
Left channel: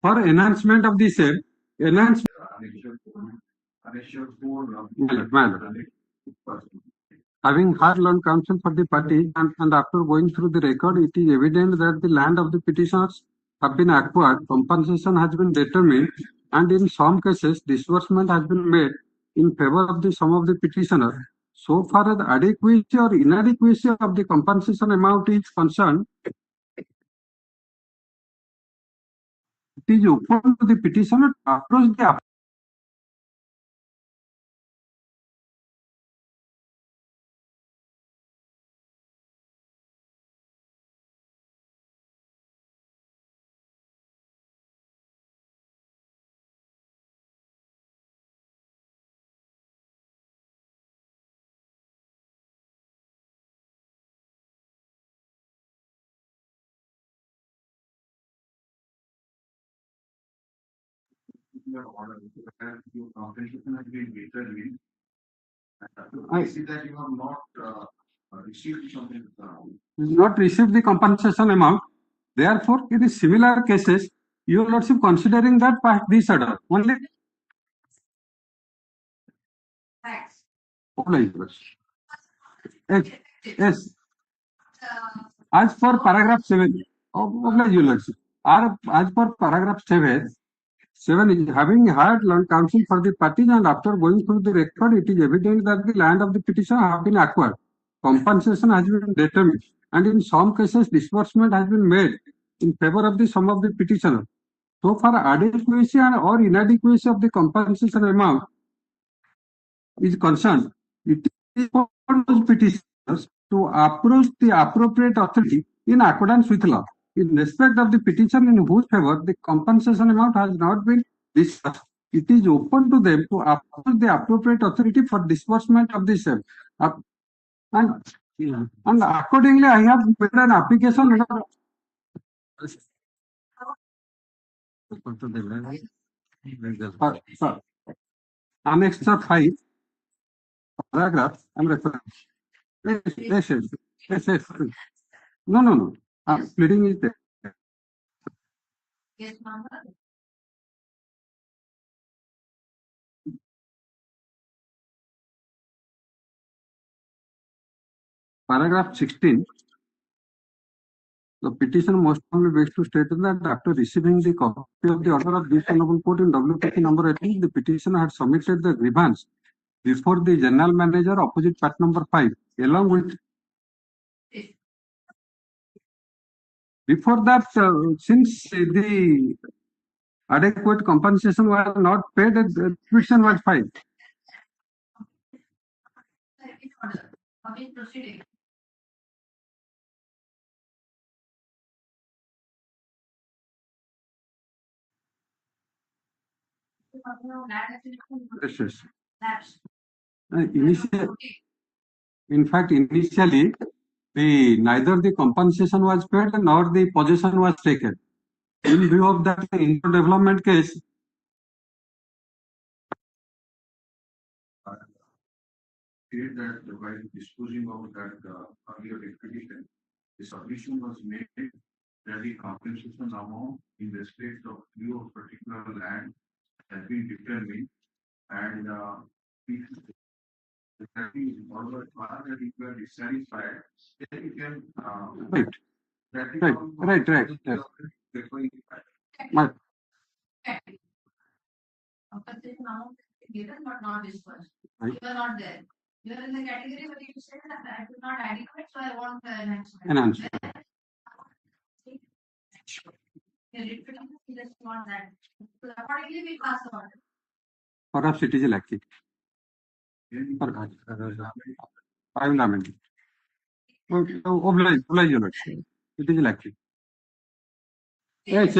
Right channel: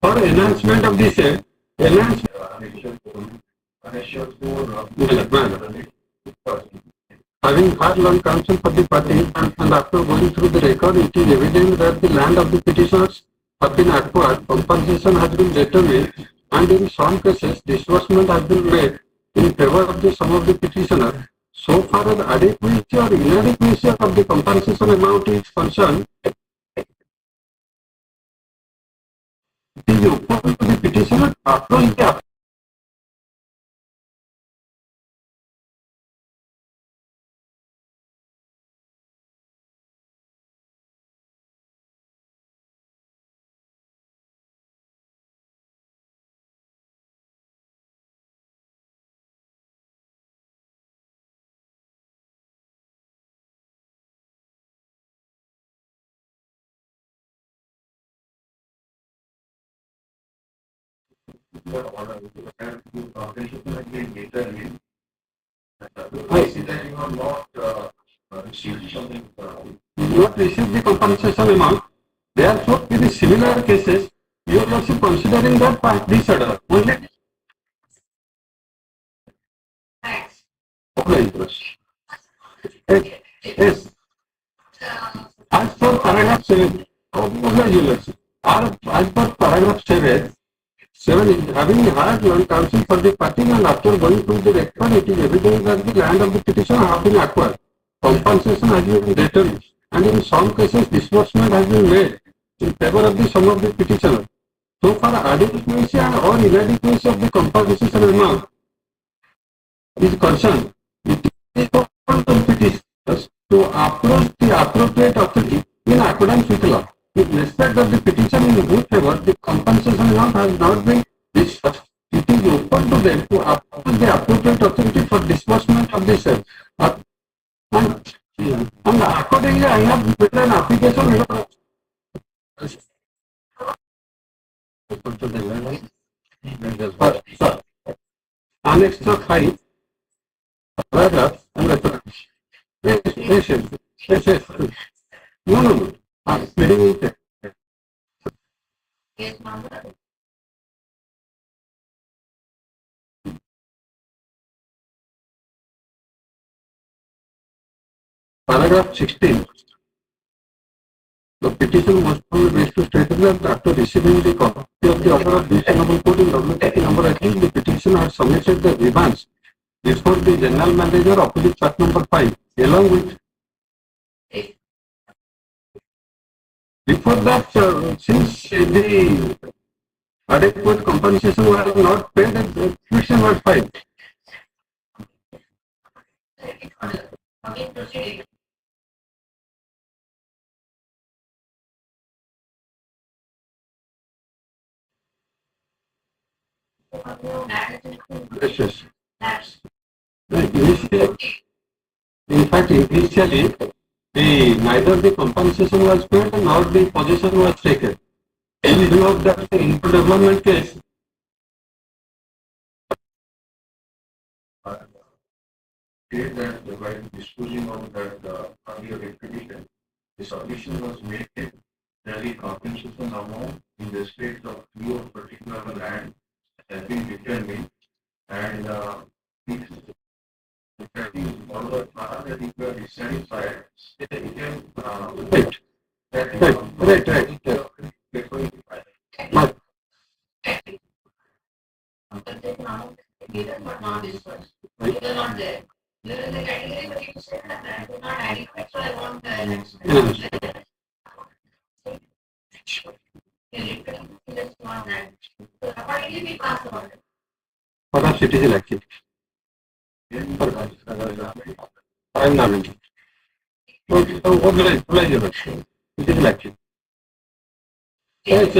for enhancement of the same. Having had long counsel for the party and after going through the record, it is evident that the land of the petitioners have been acquired, compensation has been determined, and in some cases, disbursement has been made in favor of the sum of the petitioner. So far as adequacy or inadequacy of the compensation amount is concerned, it is open to the petitioner to approach the not receive the compensation amount. Therefore, in the similar cases, you are also considering that part this order only. Yes, yes. As per paragraph 7 of the regulation, as per paragraph 7 is having had land counsel for the party and after going through the record, it is evident that the land of the petitioner have been acquired. Compensation has been determined and in some cases disbursement has been made in favor of the sum of the petitioner. So far, adequacy or inadequacy of the compensation amount is concerned, it is open to petitioners to approach the appropriate authority in accordance with law. In respect of the petition in whose favor the compensation amount has not been discussed, it is open to them to approach the appropriate authority for disbursement of the same. And accordingly, I have made an application. Annex 5, paragraph, and reference. Yes. No. I'm reading it. Paragraph 16. The petition must be based to state that after receiving the copy of the order of this Honorable Court in WTC number 18, the petitioner has submitted the grievance before the General Manager opposite fact number 5, along with. Before that, since the adequate compensation was not paid, the petition was filed. Yes. In fact, initially, neither the compensation was paid nor the possession was taken. In view of that, in development case, that by disposing of that earlier expedition, the submission was made that the compensation amount in respect of your particular land has been determined and if all the part that you were dissatisfied, it can Right. For a citizen activity. I am not. Citizen activity. Yes.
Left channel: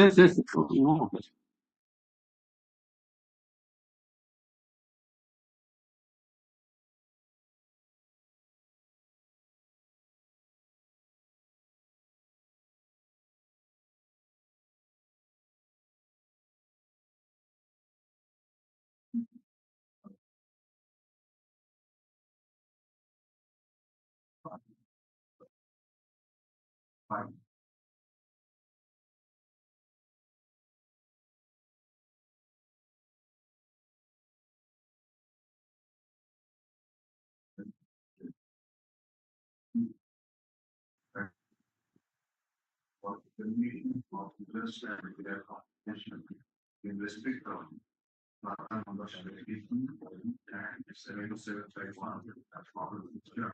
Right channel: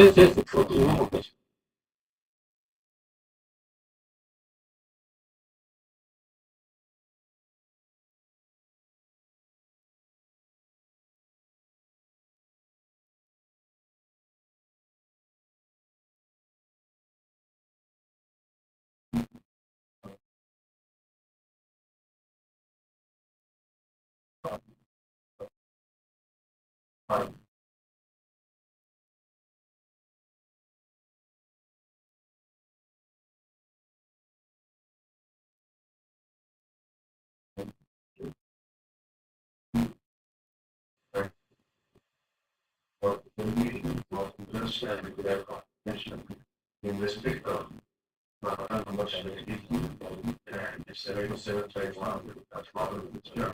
For the meeting of interest and their compensation in respect of number 72 and 7751, that's part of the term.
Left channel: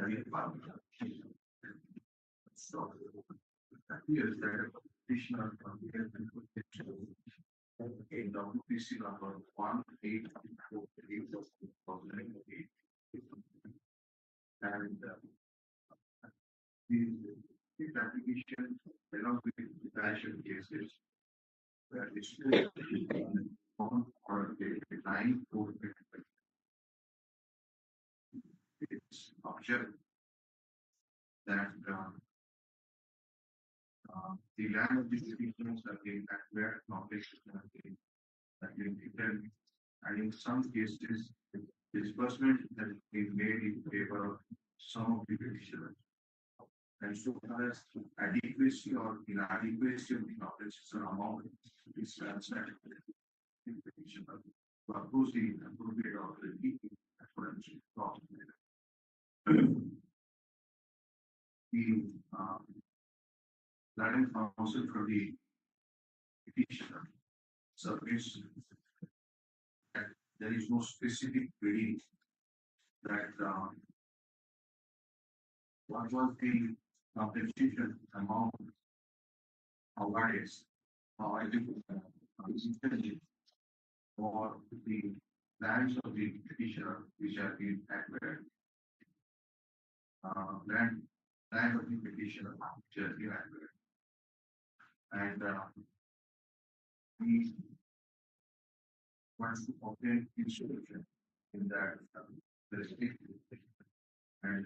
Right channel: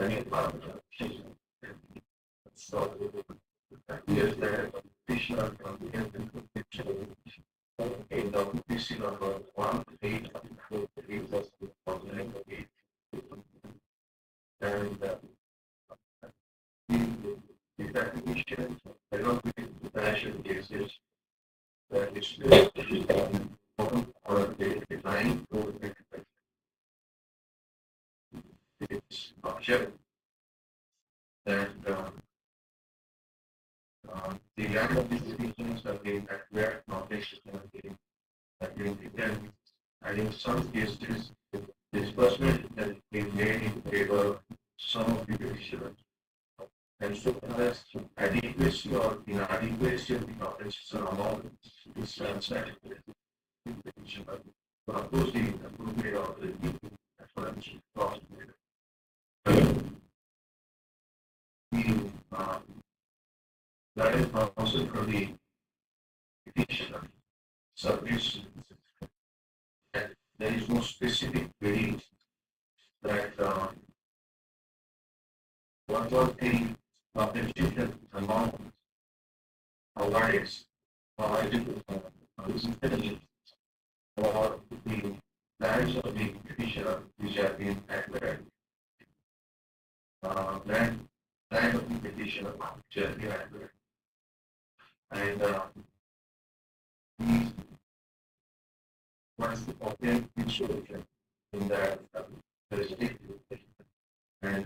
Any part of the so here's the petitioner from the in the PC number 1843 and the application cannot be financial cases that is or the design for its object that the land of these decisions have been acquired, knowledge have been returned, and in some cases, disbursement has been made in favor of some of the petitioners. And so as adequacy or inadequacy of the compensation amount is transacted in the petitioner to oppose the appropriate of the explanation cost. The guidance counsel for the petitioner submits that there is no specific way that what was the compensation amount awarded provided for the lands of the petitioner which have been acquired. Land of the petitioner which have been acquired. And he wants to obtain insurance in that jurisdiction. And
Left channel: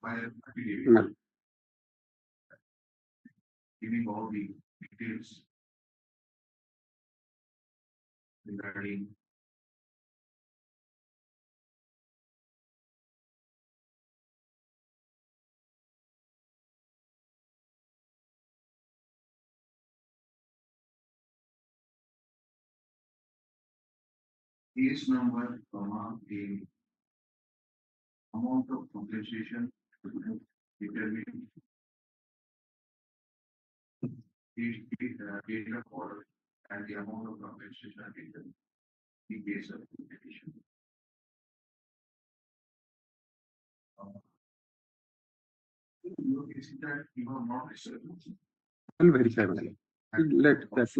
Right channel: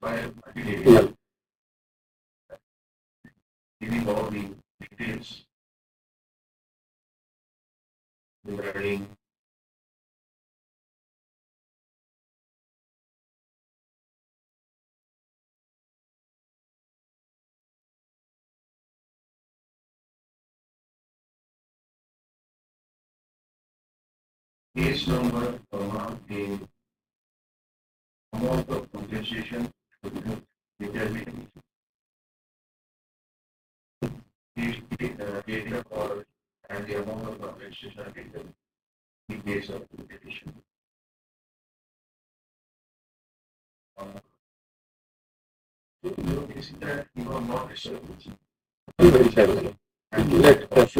by giving all the details regarding case number, the amount of compensation determined data for and the amount of compensation determined in case of the petition. Is that you are not reserved? Very sadly. Let us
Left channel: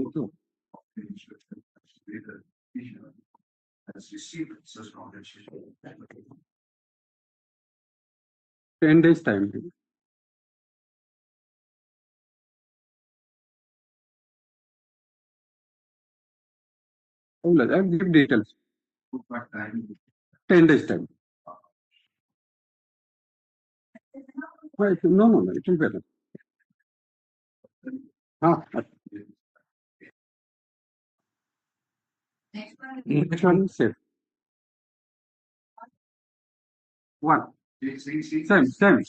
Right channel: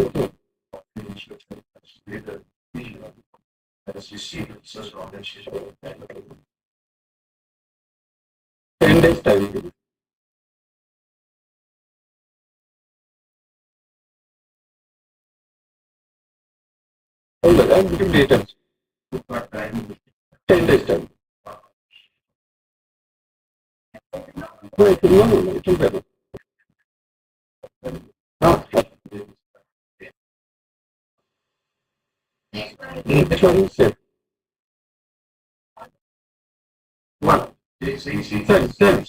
as you see such compensation. 10 days time. Hold on, I'll give details. 10 days time. No, it will be. Which one is it? One. Sir.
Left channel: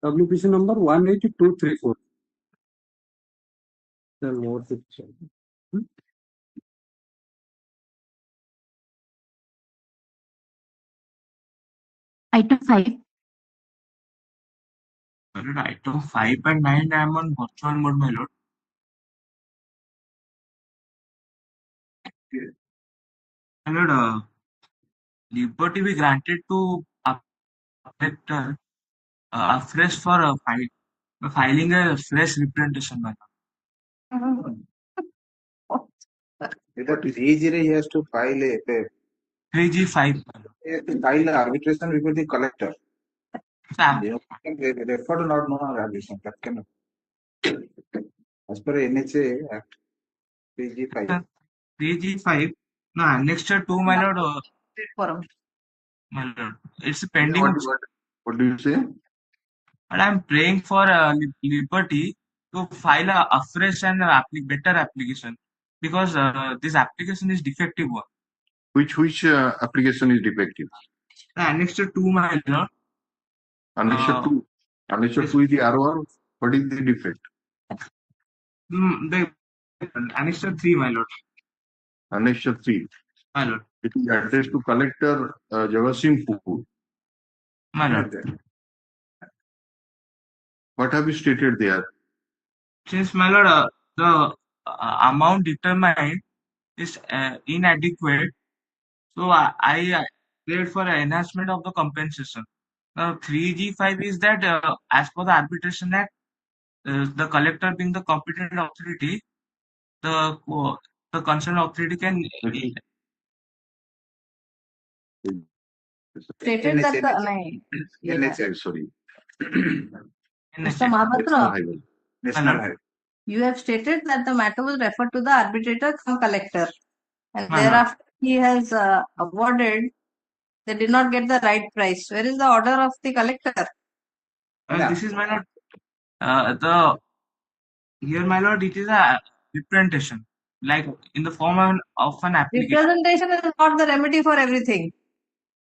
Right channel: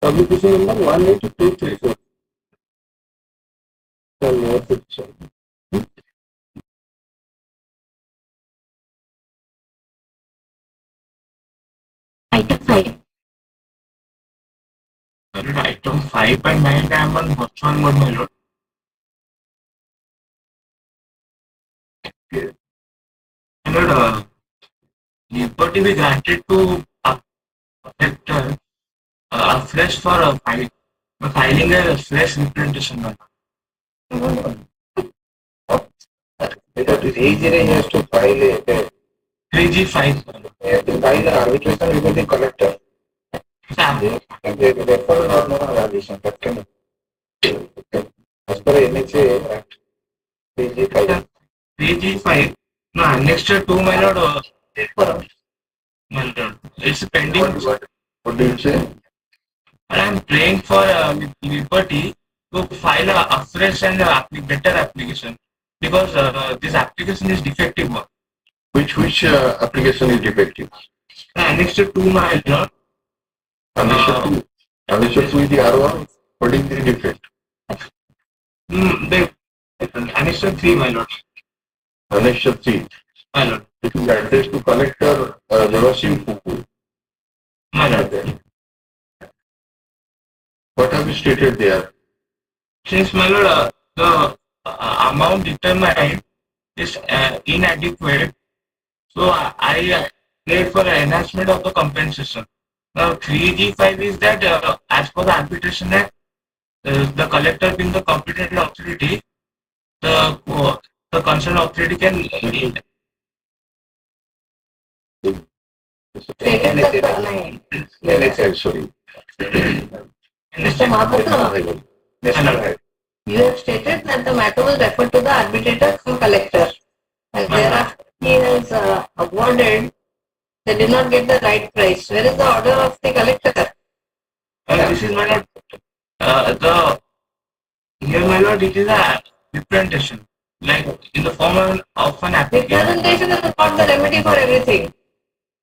Publication number 18234. Item 5. Item 5 and 9 I am on which one mode, my lord? My lord, liberty be granted to affect afresh for filing a fresh representation. Because it is easier just to file a 3G5. you have to file arbitration with the collector. They refer or no arbitration. That can as per NHA Act 3G5. 3G5. No, annexed to my lord. My lord, it's pending. What do you say? I am praying for liberty to file a fresh and better application because this application is defective one. Which application is defective? Annexure 2, my lord. Annexure 2 is the R1. What is the defect? The Annexure 3, my lord. Annexure 3. My lord. It is addressed to collector Javasim Kuku. My lord. What have you stated there? Since, my lord, the amount determined is inadequate, so I played for enhancement of the compensation. Now 3G5 is that as per the Arbitration Act, the collector being the competent authority, the concerned authority can Stated that Sorry. Mr. Mahapatra, National High. you have stated that the matter was referred to the arbitrator from collector, and thereafter he has awarded. They did not get the right price. Where is the order of the collector? this is, my lord, here, my lord, it is a representation, like in the form of an application. Representation is not the remedy for everything.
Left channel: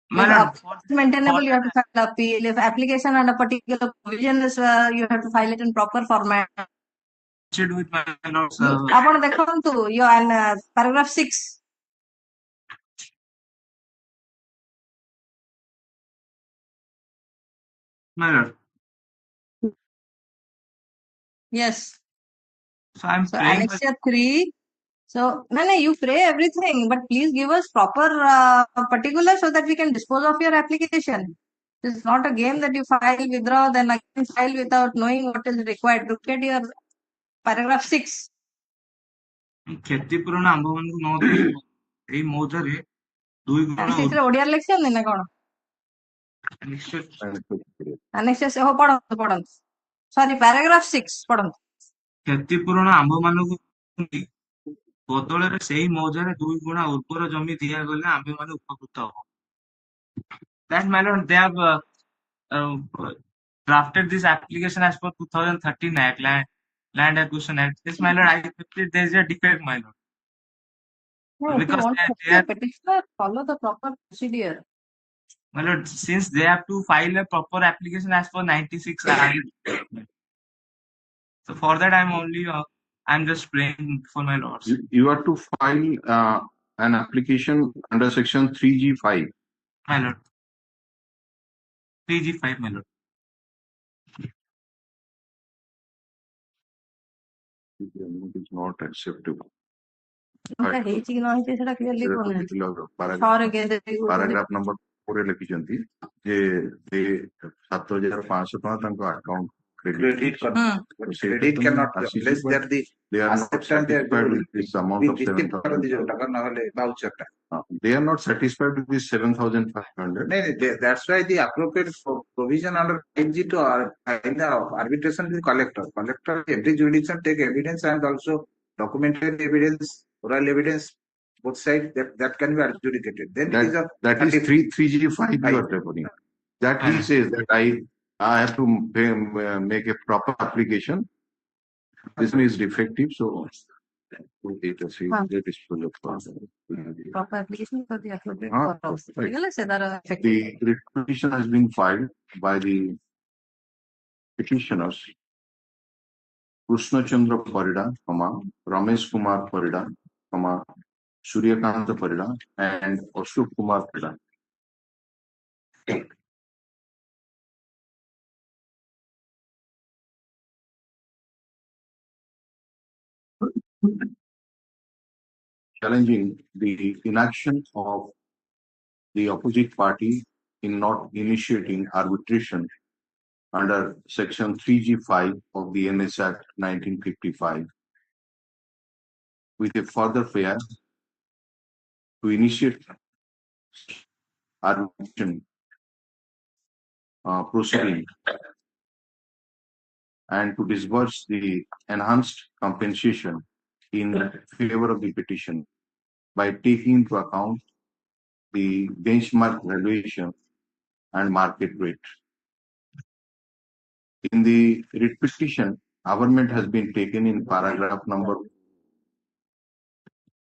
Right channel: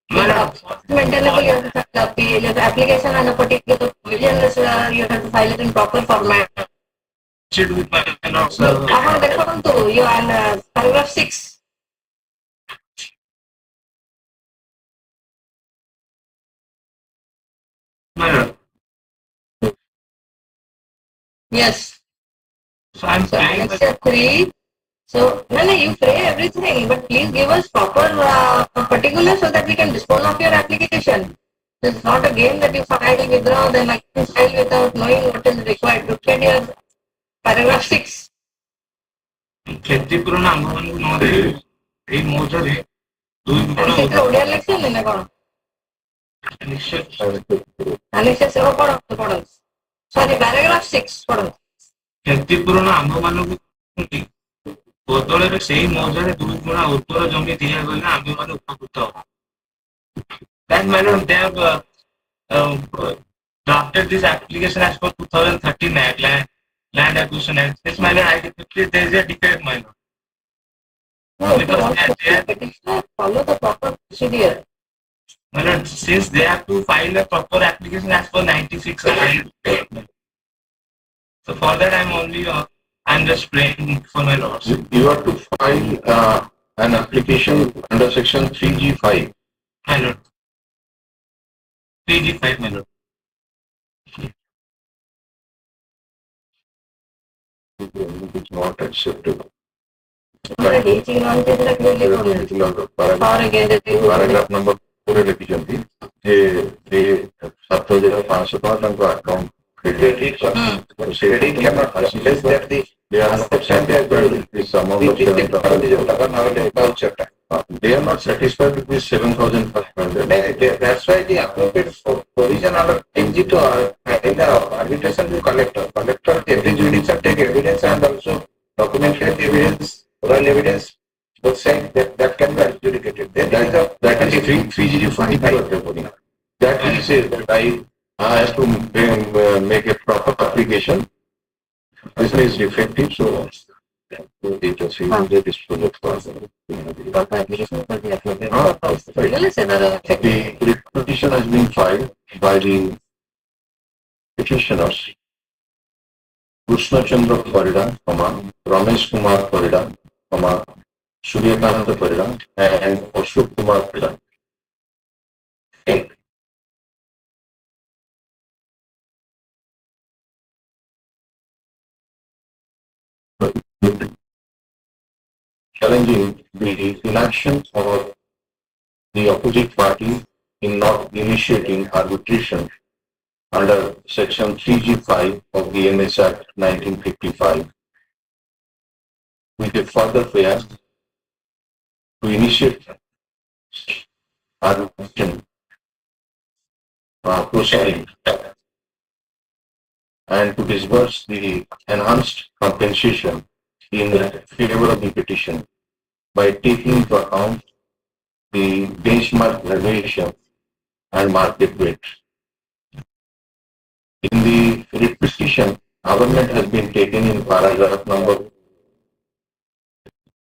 My lord, Maintainable, you have to file appeal. If the application and a particular provision is, you have to file it in proper format. should with my lord, ଆପଣ ଦେଖନ୍ତୁ paragraph 6. my lord. Yes. So I'm So playing annexure 3. So no, you pray everything, but please give us proper particulars so that we can dispose of your application. It's not a game that you file, withdraw, then again file without knowing what is required. Look at your paragraph 6. କ୍ଷତିପୂରଣ ଆମ୍ଭମାନଙ୍କୁ ନ ଦେଇ ଏଇ ମୌଜରେ ଦୁଇ ଗୁଣ ସେଥିରେ ଓଡ଼ିଆ ଲେଖିଛନ୍ତି ନା କ'ଣ? ନିଶ୍ଚୟ annexure 7 ପଢ଼ନ୍ତୁ। Sorry, paragraph 6 ପଢ଼ନ୍ତୁ। କ୍ଷତିପୂରଣ ଆମ୍ଭମାନଙ୍କୁ ବଦଳରେ ସେଇ ମୌଜାରେ ଦୁଇ ଗୁଣା ଉର୍ବର ଜମି ଦିଆଗଲେ ଆମ୍ଭେମାନେ ଉପକୃତ ହବ। That matter, they have drafted this application as per 2013 Act, Land Acquisition Act. This matter, I think there is a defect, my lord. No, if you Because want they to are, petitioner, follow the proper procedure. my lord, since they have to file a proper application as per 96 Act. So for that, I'm just praying for my lords. You have to file an application under section 3G5. My lord. 3G5, my lord. It is not acceptable. ଆମର ହେଇଛି କି ନ ହେଇଛି ସେଟା clearly ପଢ଼ନ୍ତୁ। For against Paragraph number 4 ଲେଖିଛନ୍ତି ଯେ 7,500 ଟଙ୍କା ତାଙ୍କ account Credit cannot less than the they are not satisfied with this amount of 7,000. They are not satisfied with this 7,500. That's why the appropriate provision under NG to in the arbitration to collector. Collector, every jurisdiction take evidence and also documented evidence, oral evidence, both sides that can be adjudicated. Then That is 3G5. That he says that I have to make a proper application. This is defective, so they dispose of proper application for the appropriate purpose. Really say that effective. The petition has been filed by the petitioners Krishna Chandra Parida, Ramesh Kumar Parida, Suryakanta Parida, and Ashok Kumar Parida. Challenging the inaction of the opposite party in not initiating arbitration under section 3G5 of the MS Act 1955 with a further prayer to initiate arbitration proceeding and to disburse the enhanced compensation in favor of the petition by taking into account the benchmark valuation and market rate. In the writ petition, government has been taken in paragraph number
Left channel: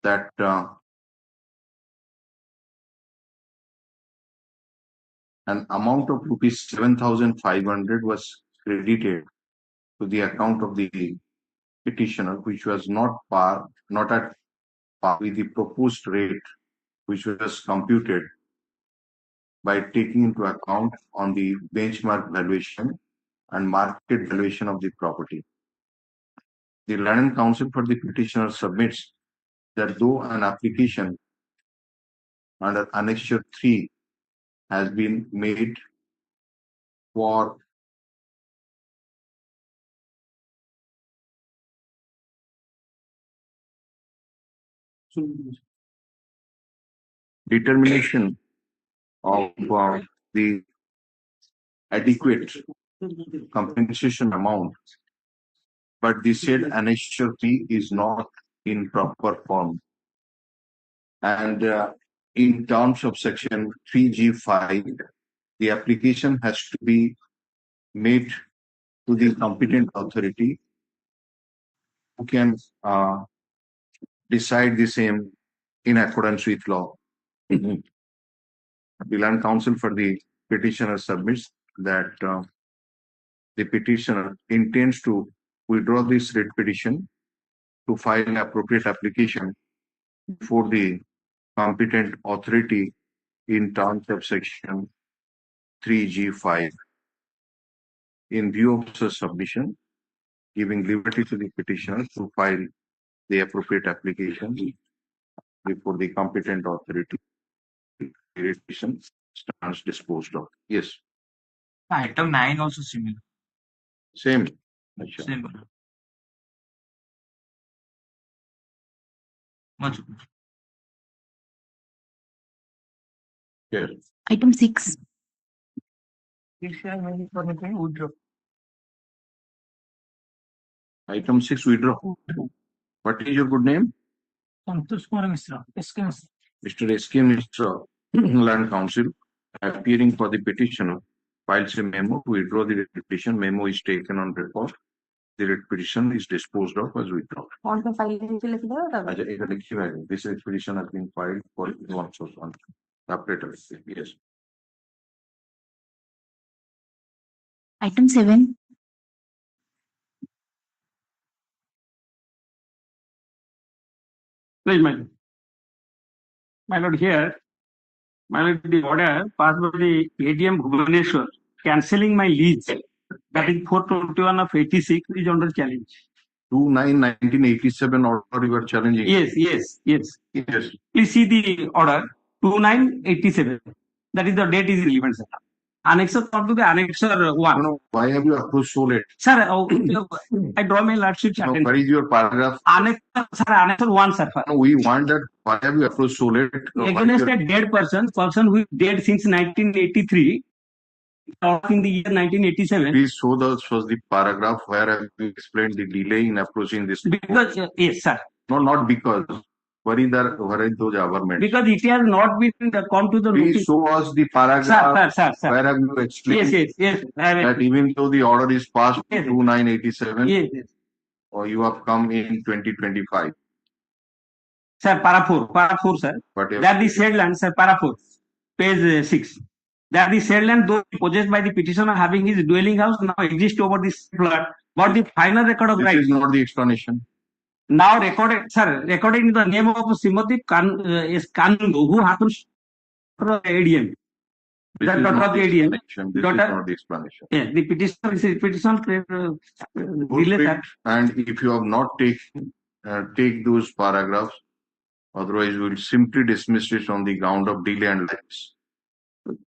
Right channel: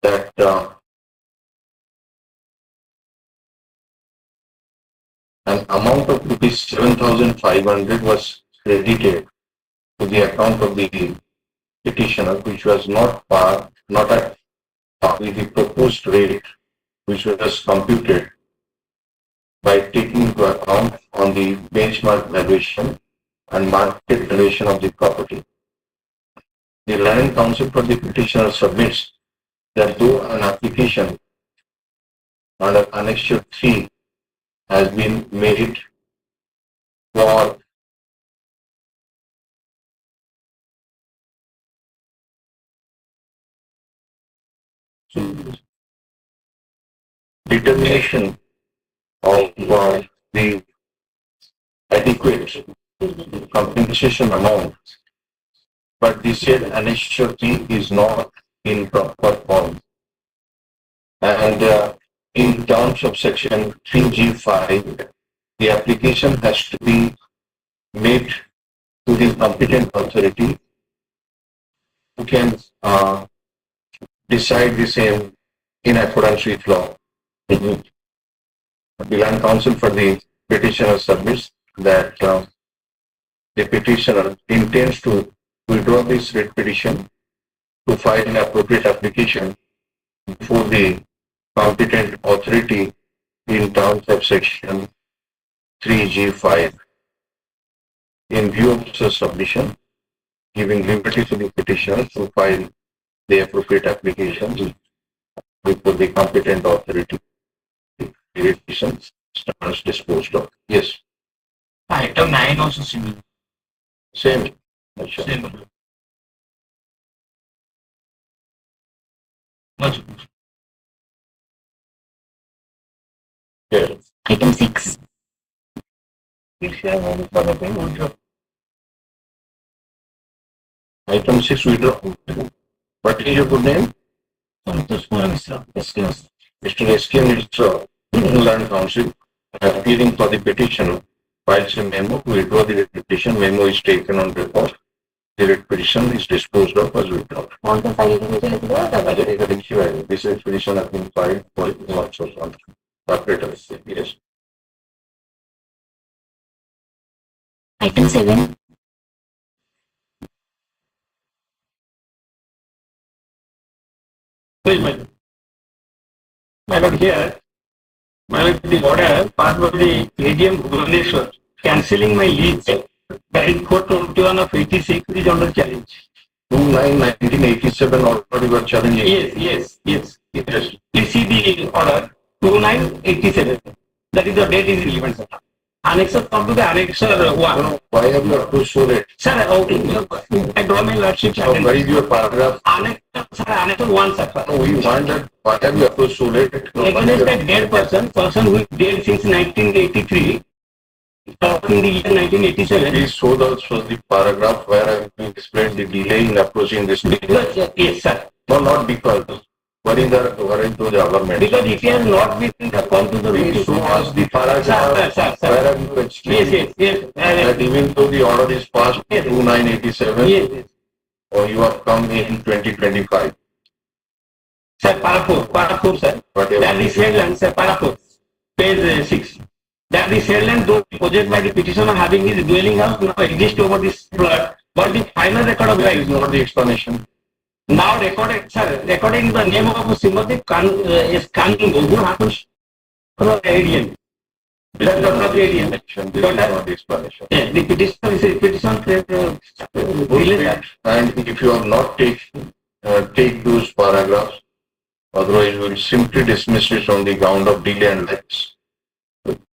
that an amount of rupees 7,500 was credited to the account of the petitioner, which was not at par with the proposed rate, which was computed by taking into account on the benchmark valuation and market valuation of the property. The Land Council for the petitioner submits that though an application under Annexure 3 has been made for determination of the adequate compensation amount, but the said Annexure 3 is not in proper form. And in terms of section 3G5, the application has to be made to the competent authority who can decide the same in accordance with law. The Land Council for the petitioner submits that the petitioner intends to withdraw this writ petition to file an appropriate application before the competent authority in terms of section 3G5. In view of such submission, giving liberty to the petitioner to file the appropriate application before the competent authority, the petition stands disposed of. Yes, Item 9 also similar. same. Same. Much. Yes. Item 6. Item 6, withdraw. What is your good name? Mr. S.K. Mr. Land Council, appearing for the petitioner, files a memo to withdraw the petition. Memo is taken on record. The petition is disposed of as withdrawn. This petition has been filed for lots of operators. Yes. Item 7. My lord, here, my lord, the order passed by the AGM Bhubaneswar cancelling my lease by 421 of 86 is under challenge. 29/1987 order you are challenging. Yes. Please see the order 2987. That is the date is relevant, sir. Annexure come to the annexure 1. Why have you approved so late? Sir, I draw my lordship. So where is your paragraph? Annexure 1, sir. No, we want that. Why have you approved so late? No, Against a dead person who is dead since 1983, in the year 1987. Please show us the paragraph where I have explained the delay in approaching this. Because, yes, sir. No, not because. Where is the government? Because it has not been come to the Please notice. show us the paragraph. Sir. Where have you explained Yes. that even though the order is passed in 2987, Yes. or you have come in 2025. Sir, para 4, sir. Whatever. That is said land, sir, para 4, page 6. That is said land, though possessed by the petitioner having his dwelling house now exists over this plot, but the final record of That is rights not the explanation. now recorded, sir, recording the name of Srimati Kanungo, who happens to the ADM. This is Daughter not of the the ADM. explanation. This is Daughter- not the explanation. Yeah, the petitioner is a petition release. And if you have not take those paragraphs, otherwise we will simply dismiss it on the ground of delay and lapse.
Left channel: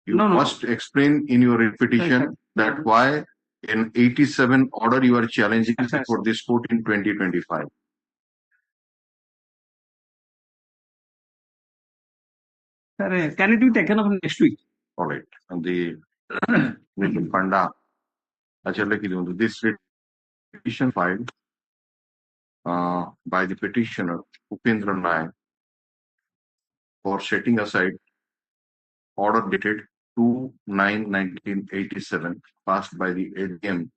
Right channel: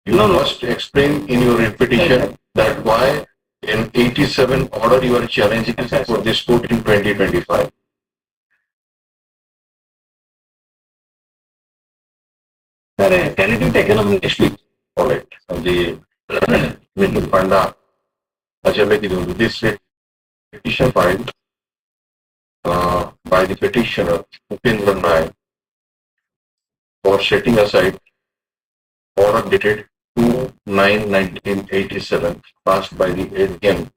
You No. must explain in your petition that why in 87 order you are challenging Yes, for this court in 2025. Sir, can it be taken up next week? All right. And the Mr. Panda, this petition filed by the petitioner Upendra Nayak for setting aside order dated 2/9/1987 passed by the ADM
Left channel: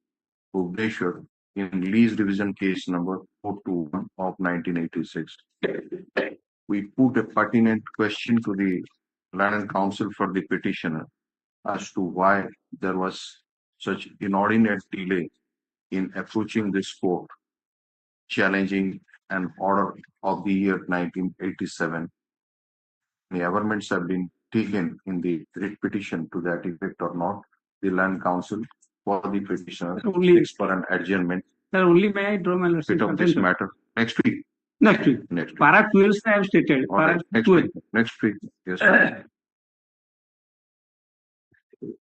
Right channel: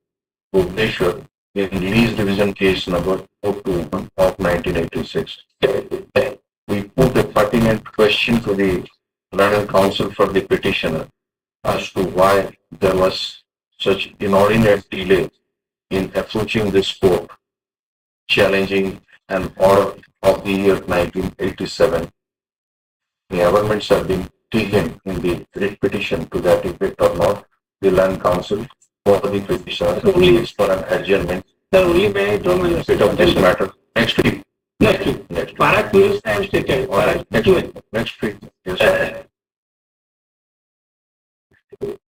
Bhubaneswar in lease division case number 421 of 1986. We put a pertinent question to the Land Council for the petitioner as to why there was such inordinate delay in approaching this court, challenging an order of the year 1987. The amendments have been taken in the writ petition to that effect or not. The land council for the petitioner only for an adjournment. Sir, only may I draw my Bit of this matter next week. Next week. Next week. Para 12 I have stated. All right, next week. Next week. Yes. Sir.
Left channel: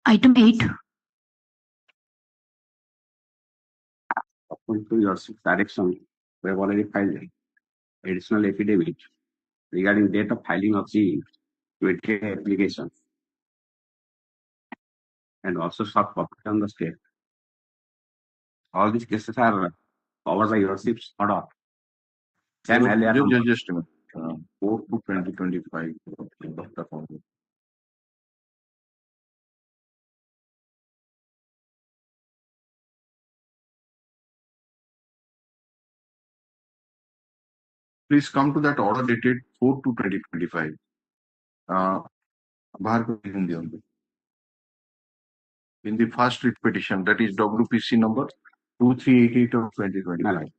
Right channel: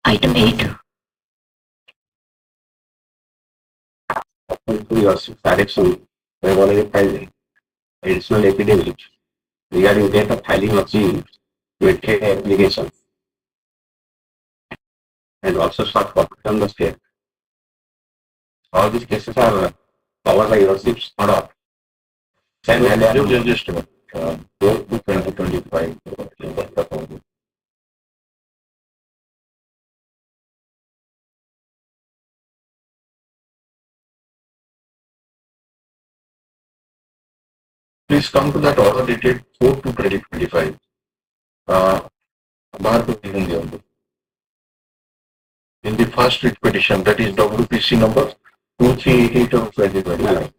Item 8. To your direction, we have already filed additional affidavit regarding date of filing of the waited application and also sought for from the state. All these cases are covered by your SIP's order. Same earlier. Just a minute. Go to 2025. Please come to that order dated 4 to 2025. बाहर को लिखूंगी हम in the first writ petition, that is WPC number 2388 of 2025.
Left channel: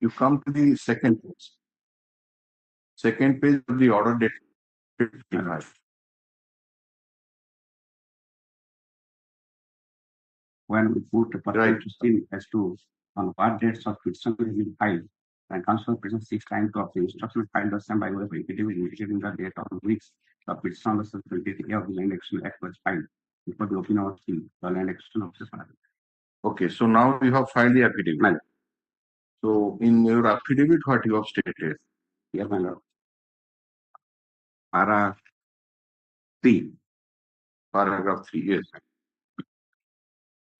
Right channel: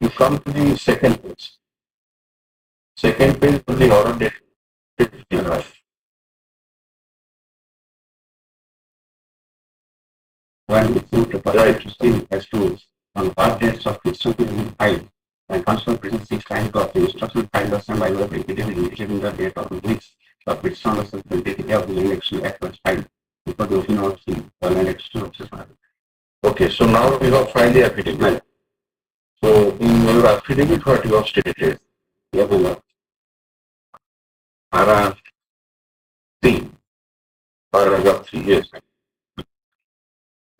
You come to the second page. Second page of the order dated 55. When the court required to see as to on what dates of petition will be filed and counsel presents 6 times of the instruction filed by some by the affidavit indicating the date on which the petition was submitted of the election act was filed before the opening of the election of the Okay, so now you have filed the affidavit. Right. So in your affidavit, what you have stated? Yeah, my lord. Para 3. Paragraph 3, yes.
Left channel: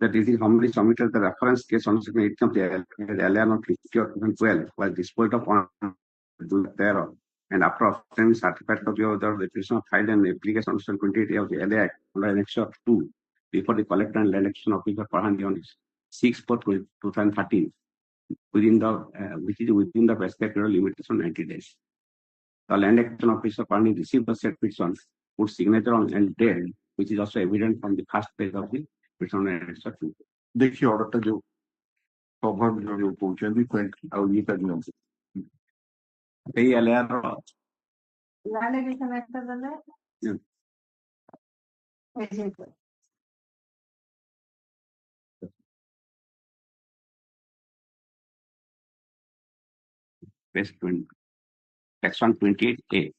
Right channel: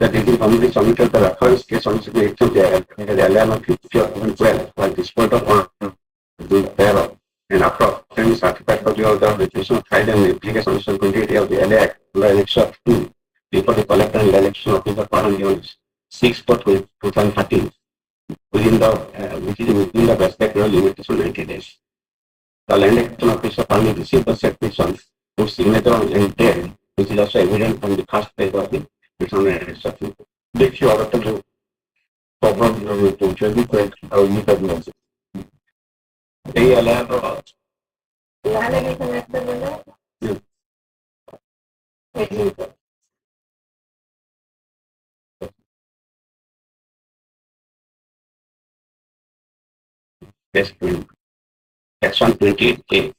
The DT committee submitted the reference case on the 8th of the allotment 50 of 2012 while disposed of the thereof. And after obtaining certified copy of the petition filed an application on 28 of the LA Act under Annexure of 2 before the collector and election officer CORAM units 6 for 2013 within the which is within the best period limitation 90 days. The land action officer finally received the said petition whose signature on and date, which is also evident from the first page of the petition and interception. देखिए औरत जो problem जो पहुंचे भी कोई अवधि तक नहीं से यही अलग लाने की समस्या बोल रहे हैं Section 28A.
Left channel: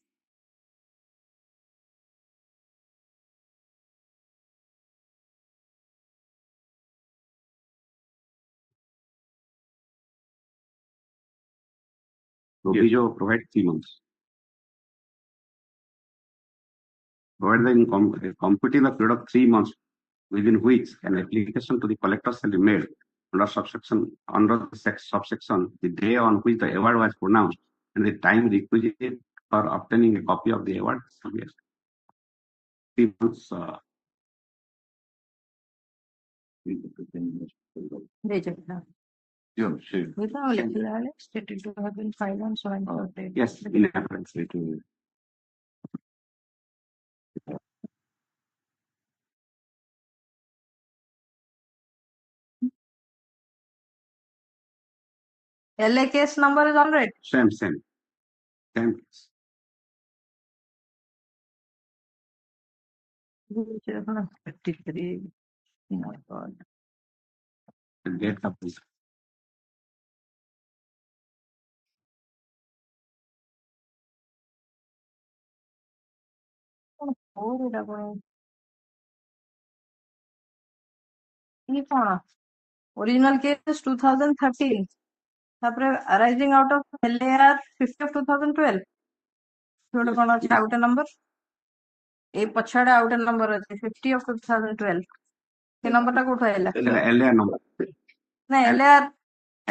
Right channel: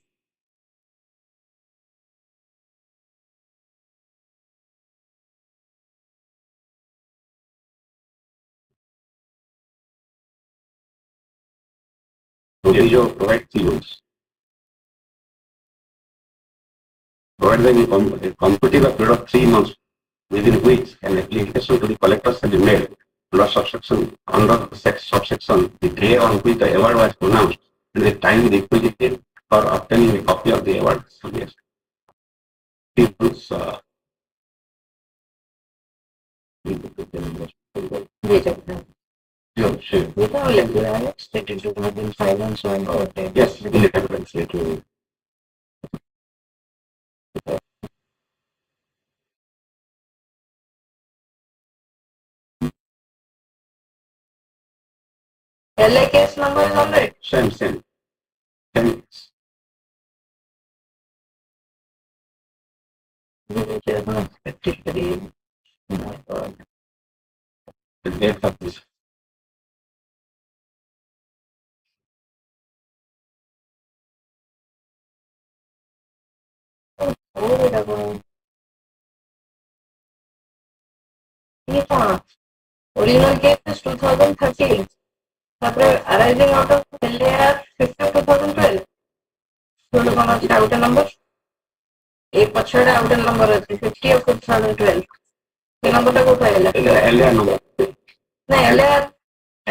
Provision provides the rules. Provided a competitive period of 3 months within which an application to the collector shall be made under subsection the day on which the award was pronounced and the time requisite for obtaining a copy of the award. Yes. People's stated to have been filed and so on. yes, LA case number is on it. same. The date of this. Original case is 2013. Arising out of LAR 50 of 2012. थोड़ा कौन सा out number एक पछड़े out number है 50 of 2012 ये number तक उठाएगा LA number. नहीं LAR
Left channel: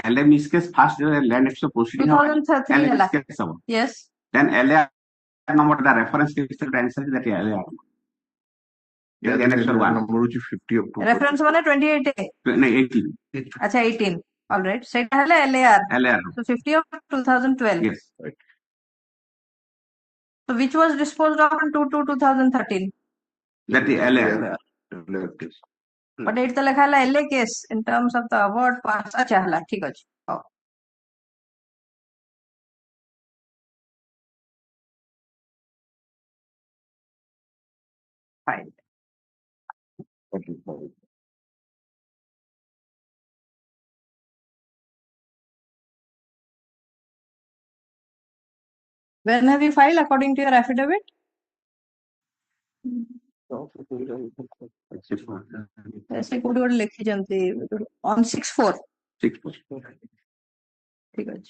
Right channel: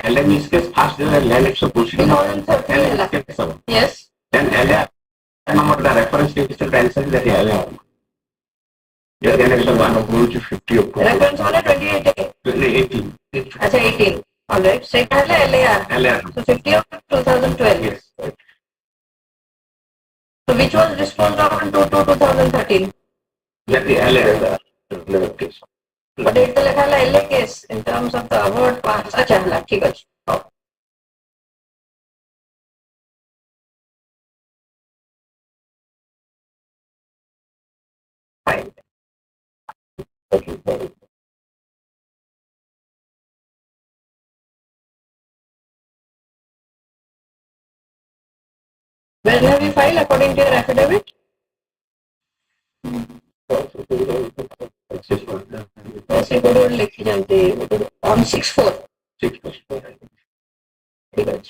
LA means case first land action proceeding. 2013 yes Then LA number the reference is the answer that LA. Yeah, then it's one of which 50 of reference वाला 28 18. अच्छा 18 all right second है LAR LA. so 50 of 2012 Yes. So which was disposed of in 2013. That is LA case. But it's the LA case in terms of the award pass. अच्छा हला ठीक है. Fine. When have you filed according to your affidavit? ऐसे code लिखी जाती है on 6/4. 6%. ठीक है.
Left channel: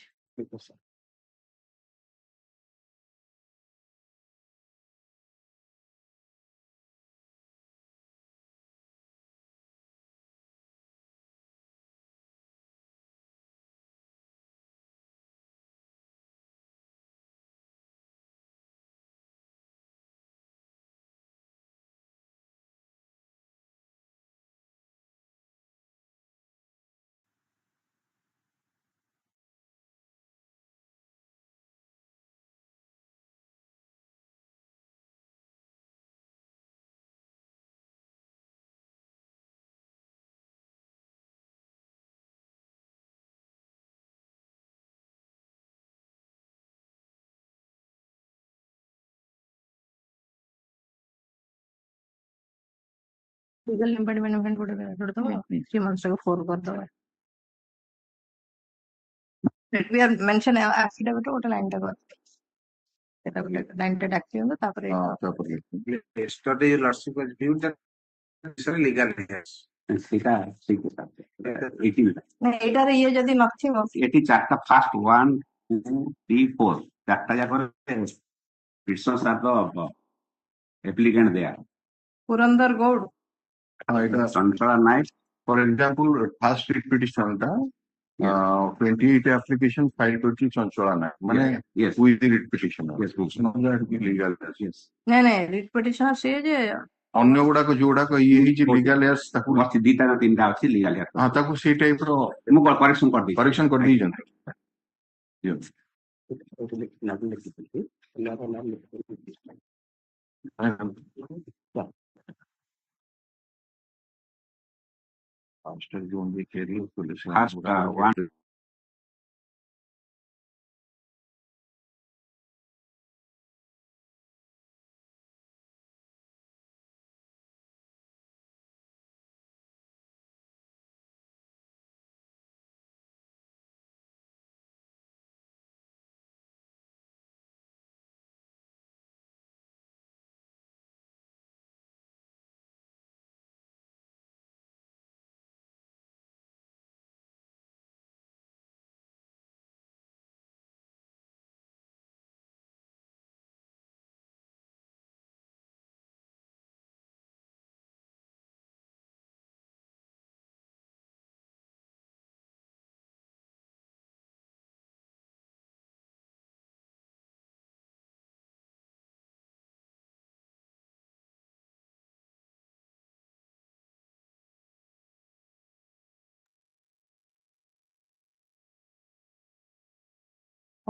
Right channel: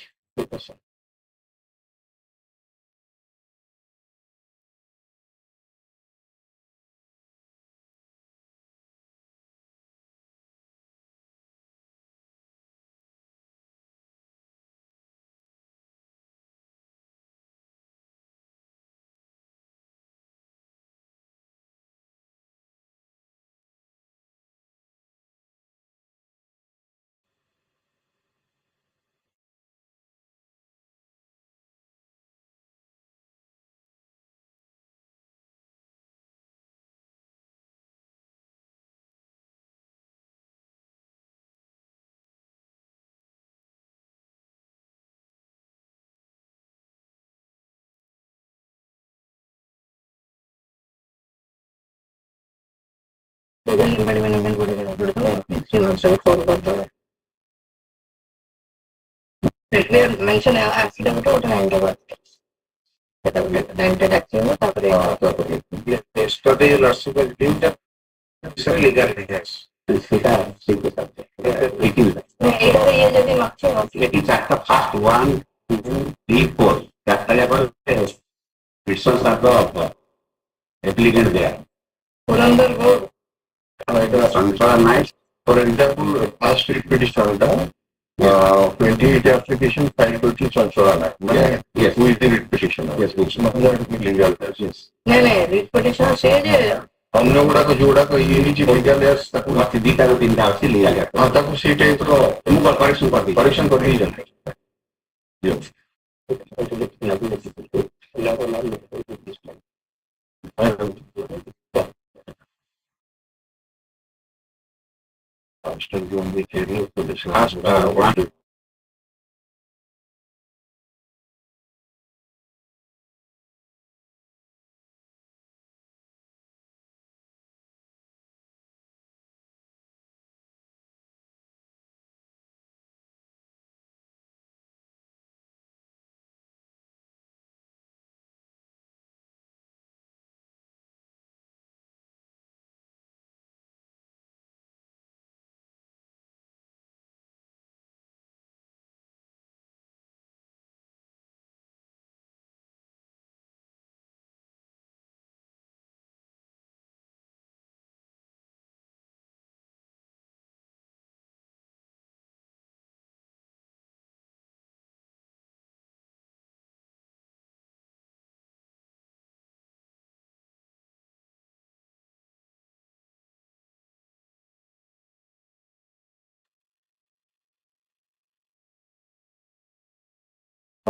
mention affidavit or Yesterday, last week, legal yes. ये यदि मागचे It is at the first 1, 2, 3, 4. That is results are the applicant there. Purandar Gaur Sanchara Night. For example, past petition, 28 application filed to Sanchara. Yes. Who is the writ petitioner? Yes, It's not going to be legal. Yes. नहीं नहीं writ petitioner से जे अन्य गुड़ाक जोड़ाक ये नीचे legal S ताकू मस्ती दीटा ना तीन दाव से लिया गया. हां ताकू से टाइप रो तुम करेक्शन कर दी जाने yes still going to be for this last one.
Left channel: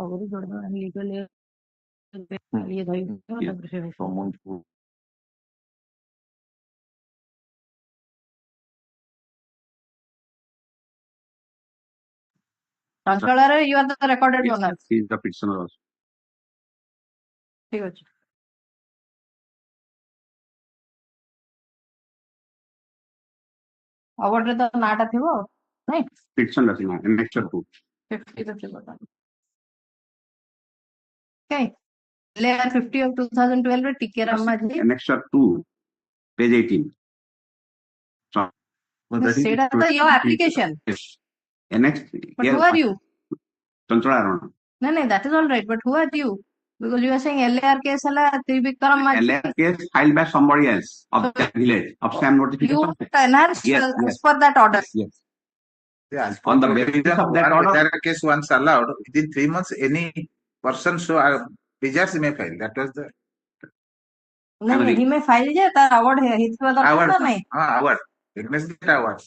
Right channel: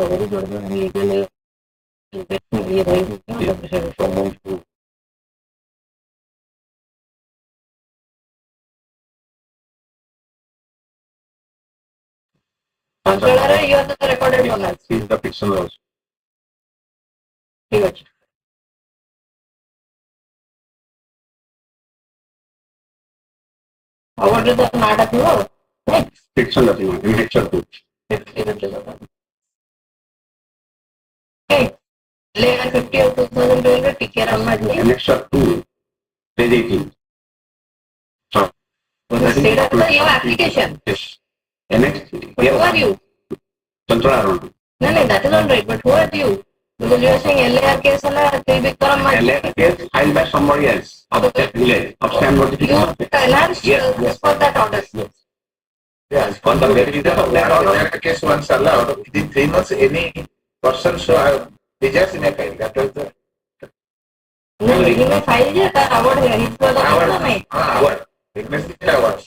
very good legal ये रही Controller, you are the recorded owner. He is the petitioner also. ठीक है. Award the नाटक हुआ नहीं Petitioner thing in lecture 2. Okay. Layer 50 of 2012 take care of my Lecture 2, page 18. So, state of your application. yes. Next, But who are you? control around. No, no, that is all right. But who are you? Because you are saying LAR case and LA case filed by somebody else of the village of stamp you notification. enhanced Yes. for that order. Yes. Yes. On the basis of that order, There case once allowed, within 3 months, any person should desires may file. That was the No, he may file je that award है. He was award नहीं. award. Investigate award.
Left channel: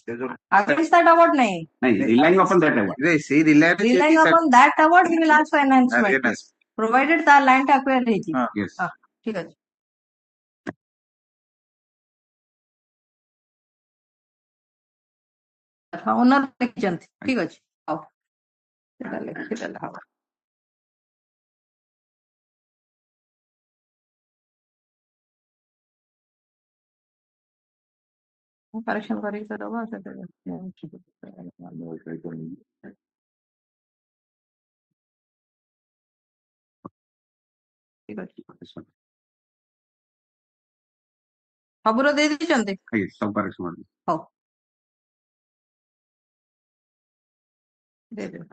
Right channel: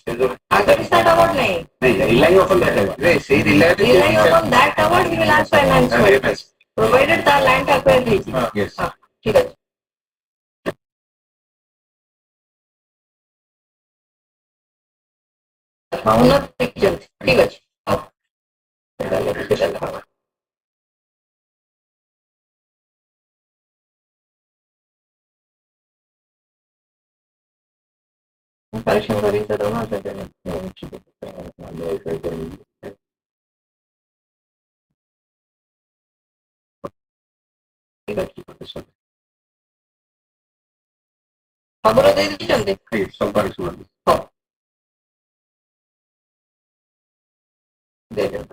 Agar is that award नहीं. relying upon that. Yes, he relied Relying upon that award, he will ask for enhancement. Yes. provided the land acquired ହେଇଛି Yes. ଠିକ ଅଛି owner ଦେଖିଛନ୍ତି ଠିକ ଅଛି ହଉ ସେଇଟା ଲେଖିଦେଲେ ହବ କରେକ୍ସନ କରିକି ତ ଦେବା ଠିକ ଅଛି ସବୁର ଦେଇ ଦେଇଛନ୍ତି Yes, some correction. ହଉ ଦେଇଦେବେ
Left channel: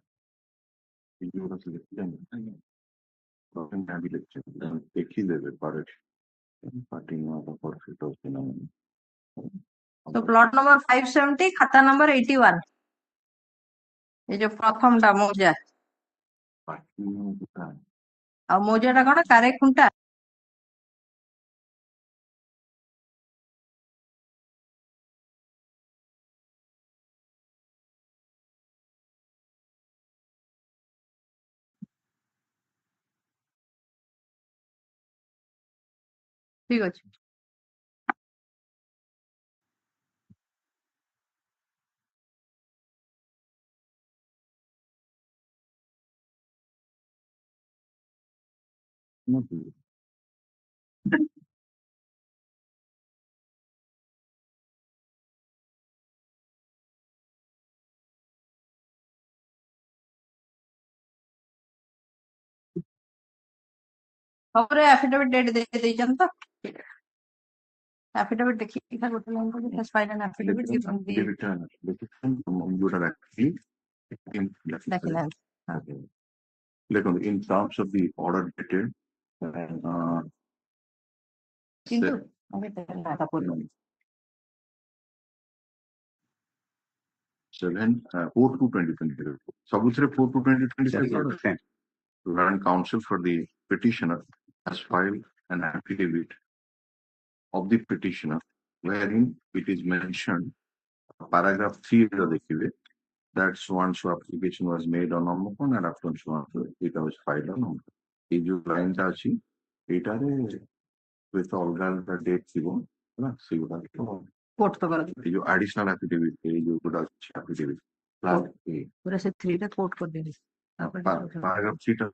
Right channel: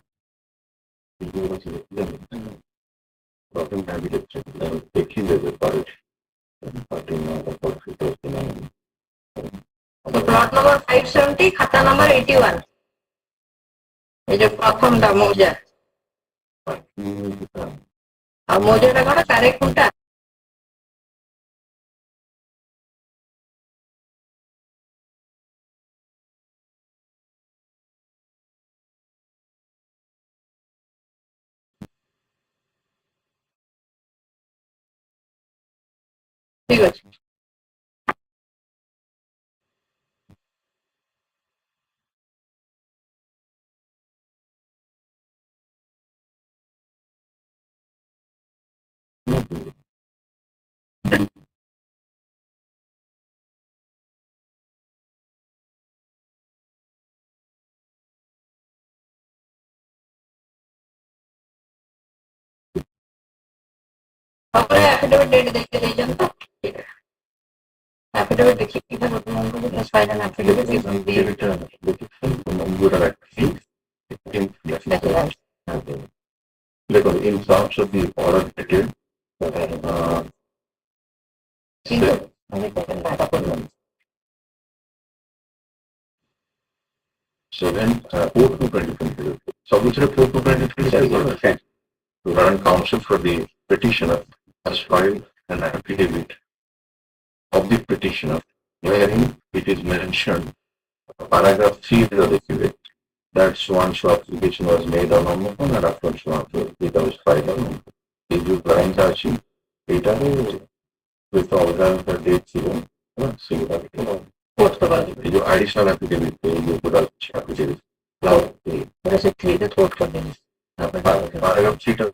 तो प्लॉट नंबर 570 खाता नंबर 81 ये जो प्रथम टा मौजा और मौजा टा कौन कारेकुंटा ठीक ଅଛି सबरे एफिडेविट डेट देके देजन तो ठीक है एफिडेविट देखिए किधर होता है उनको this file and affidavit is Like in terms of the order dated, ठीक है मैंने टेकन डाटा पर 4/2/2020. So which 4/2/2020 the current counsel for the petitioner has filed an affidavit of the petitioner wherein it is mentioned paragraph 3 of the affidavit that Swan's application was made on phone and after Swan's it was filed on phone. If you lines are seen, data with all the dates you see that fourth का जो additional affidavit you could have affidavit. मेरे से 3 तो fourth कर देंगे Paragraph 3 of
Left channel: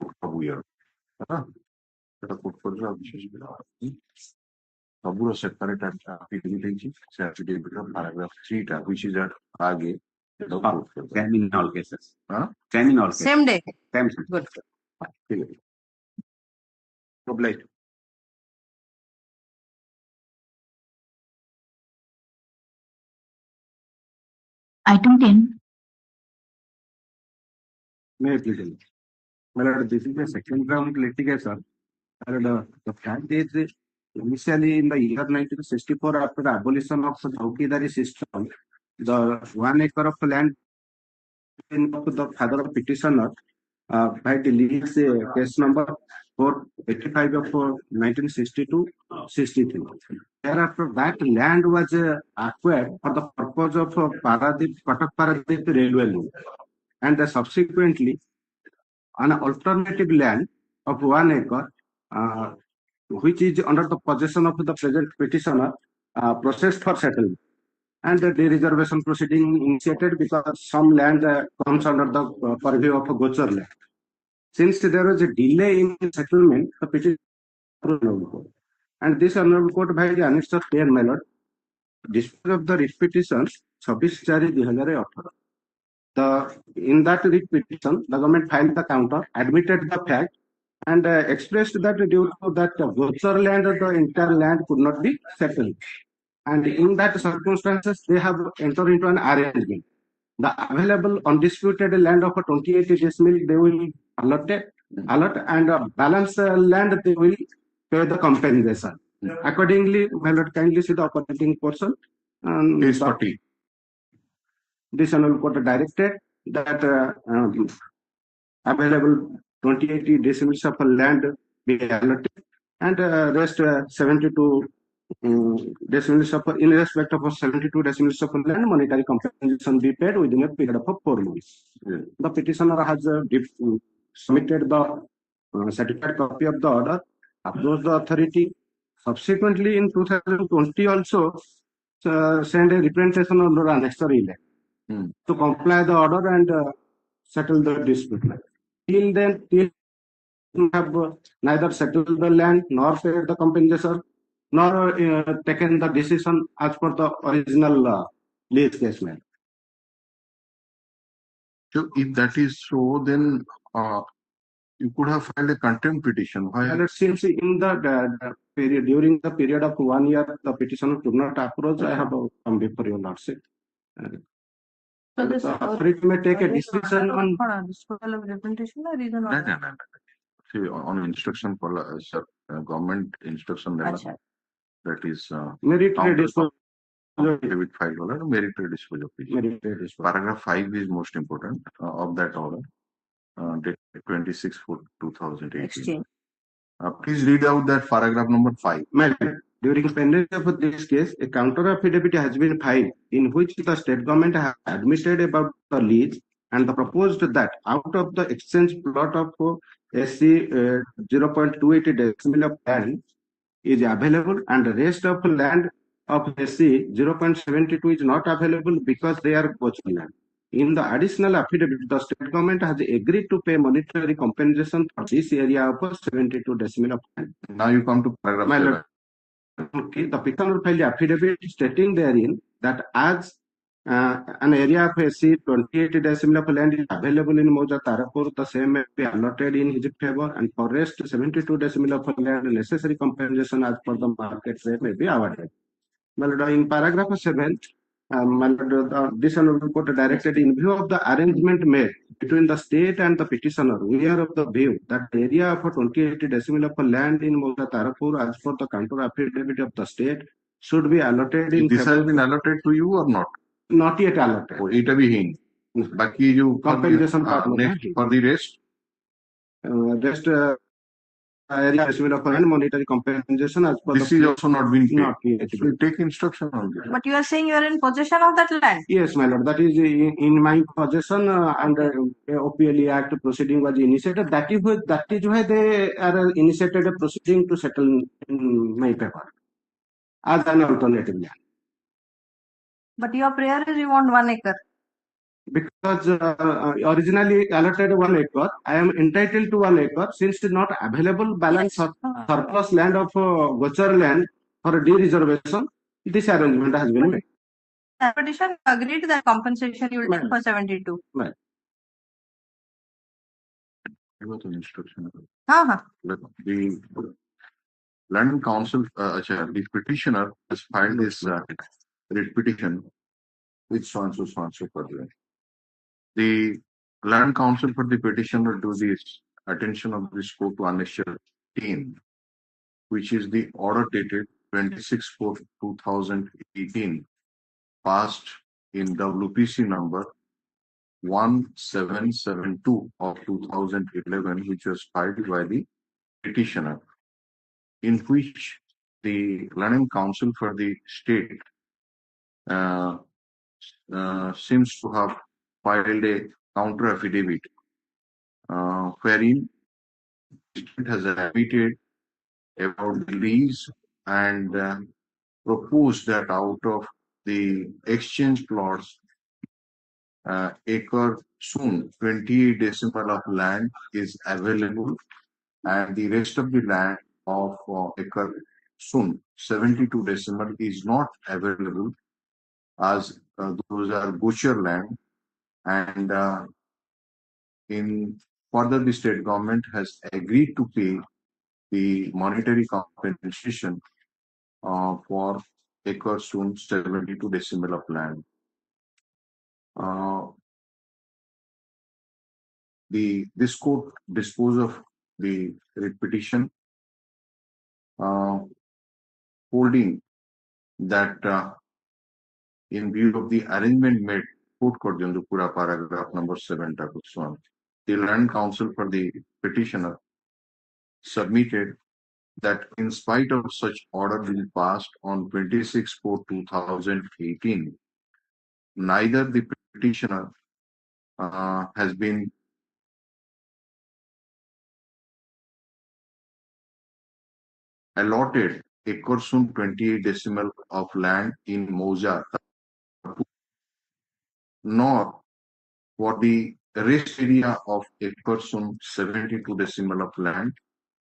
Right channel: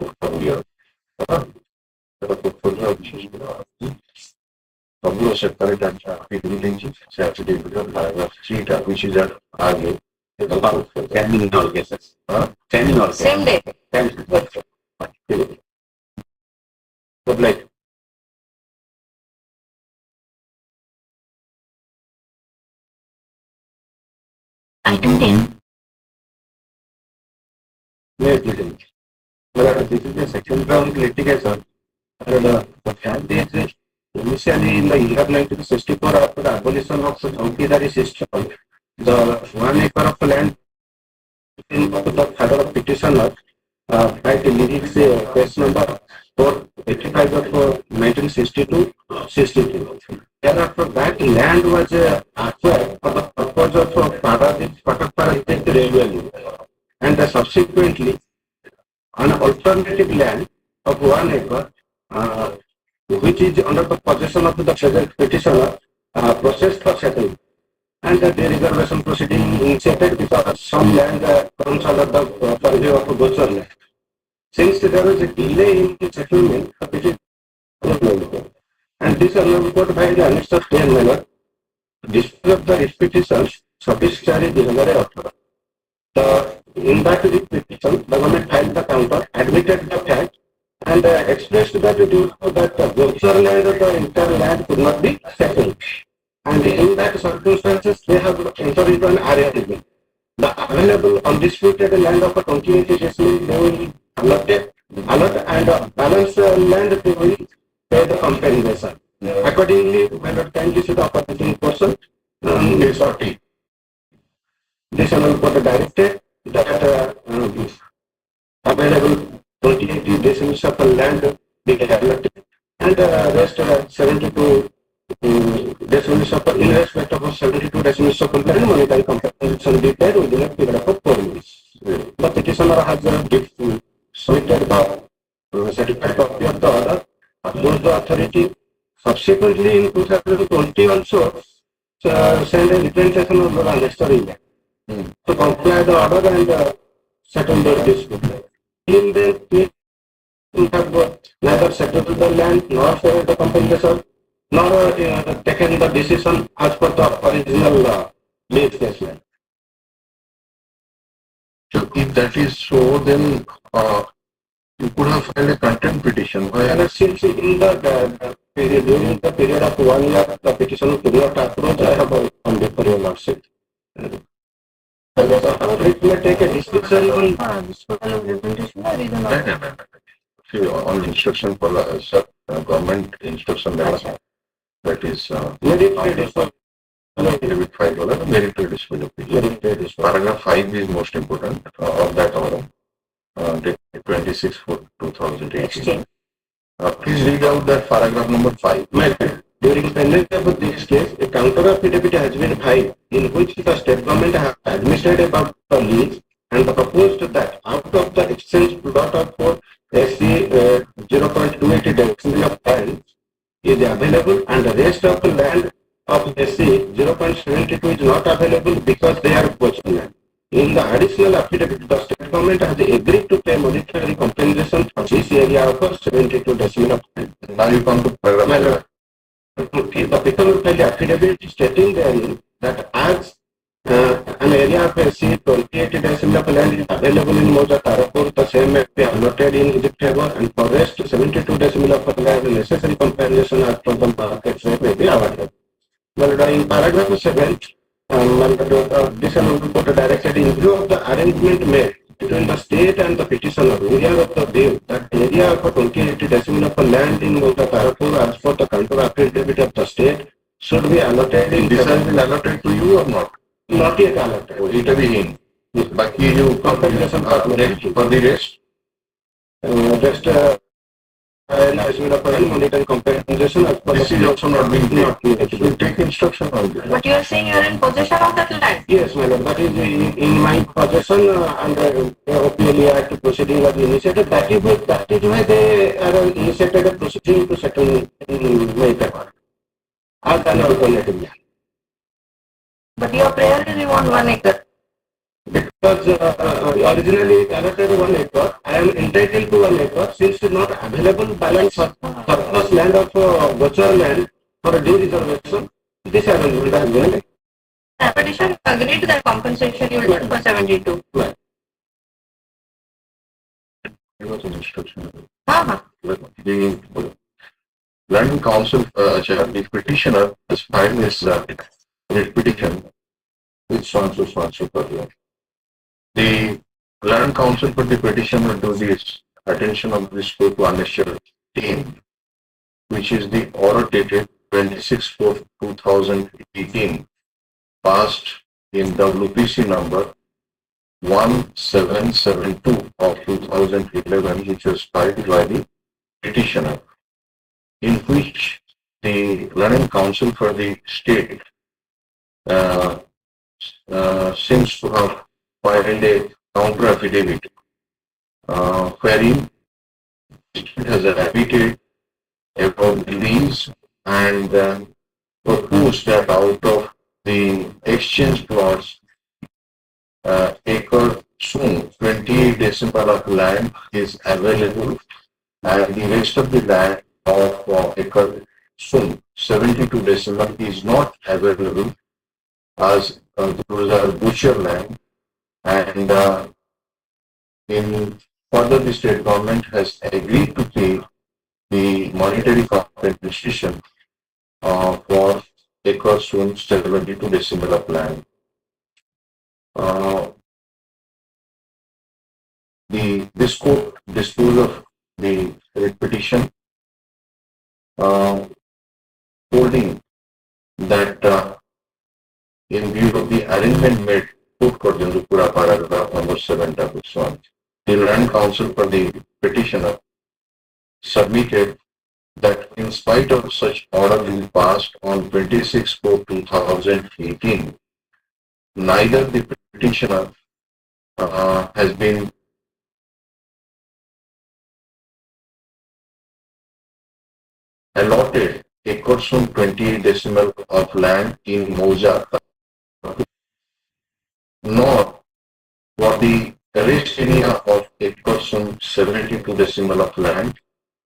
portfolio. Portfolio ସବୁ separate affidavit से affidavit paragraph 3 which is at आगे Can be in all cases. Can in all cases. Same day Can. So like Item 10. Yes, this is the second round litigation. And the fact is, initially in the year 1964, after the abolition of the Chowkidari system, the 1 acre of land in the father of petitioner, by the lyrics case number 485 of 1962-63. Thereafter, that land was acquired for the purpose of Patak railway loop. And subsequently, an alternative land of 1 acre, which is under the possession of the petitioner, processed for settlement. And the dereservation proceeding initiated because some land comes under the purview of a Gochar land. Since there was a delay in the settlement, the petition and this honorable court by the annexed plain manner dispose of the petitions 26/2018. In that petition, the government filed the counter, admitted the fact, and expressed that due to that Gochar land or the entire land could not be settled. And in that circumstances, they have entered into an arrangement. The available undisputed land of a 28 decimal they will allot and balance land they will pay the compensation. Accordingly, my lord, kindly see the operating portion is 40. This honorable court directed that available 28 decimals of land be allotted and rest 72 decimals of in respect of 72 decimals of land monetary compensation be paid within a period of 4 years. The petitioner has submitted the certified copy of the order, approach the authority. Subsequently, in 2020 also, send a representation on the necessary land to comply the order and settle the dispute. In then, we have neither settled the land nor paid the compensation nor taken the decision as per the original lease case land. So if that is so, then you could have filed a contempt petition. Why? And since in the period, during the period of 1 year, the petitioner could not approach, I have come before your lordship. It may take a discussion on disposal of representation or reason No, no, no, no. See, on instruction for government instruction letter, that is merit dispute. with $5 merit dispute. Paragraph 5 is most important of that order. Date 26/4/2018. exchange. Please read out that paragraph number 5. During pendency of this case, a counter affidavit has been filed in which the state government has admitted about the lease and proposed that out of the exchange plot of SC 0.280 decimil of land is available and the rest of the land of SC 0.72 is not available because they are poaching land. In the additional affidavit, the state government has agreed to pay monetary compensation for this area of 72 decimal of land. Now you come to paragraph. The people will file the affidavit stating therein that as an area of SC 28 decimal of land is available in Moja Tarapur, the same may be allotted in his favor, and for rest 72 decimal of land necessary compensation as per the market rate may be awarded. Well, in paragraph 7, this amount court directed in view of the arrangement made between the state and the petitioner, we are of the view that the area of 28 decimal of land in Moja Tarapur as per the counter affidavit of the state should be allotted in This has been allotted to you or not? not yet allotted. Oh, it will be in. Baki you Compensation for the rest. Just area estimate of land monetary compensation as per This is also not being not paid. yet. You will take instruction on this. But you are saying you are in possession of that land. Yes, my lord, that is in my possession under OPLA Act proceeding was initiated. That is why they are initiated a proceeding to settle in my favor as an alternative land. But your prayer is you want 1 acre. Because originally allotted 1 acre, I am entitled to 1 acre since it is not available balance surplus land of Gochar land for due reservation. This arrangement has been The petition agreed to that compensation you will take for 72. It was an instruction. Uh-huh. The Land Council, the petitioner has filed this petition with so and so per. The Land Council for the petition will do this attention of this court to unnecessary team, which is the order dated 26/4/2018, passed in WPC number 1772 of 2011, which was filed by the petitioner, in which the Learning Council for the state seems to have filed a counter affidavit wherein it has admitted about the lease and proposed that out of the exchange plots, acre soon 28 decimal of land is available and the rest of the land of acre soon 72 decimal is not available as those are butcher land, and in further the state government has agreed to pay the monetary compensation for acre soon 72 decimal of land. This court disposed of the petition, holding that in view of the arrangement made, court Pura paragraph number 7 1, the Land Council for the petitioner submitted that in spite of such order being passed on 26/4/2018, neither the petitioner has been allotted acres from 28 decimal of land in Moja, nor for the rest area of acres from 72 decimal of land,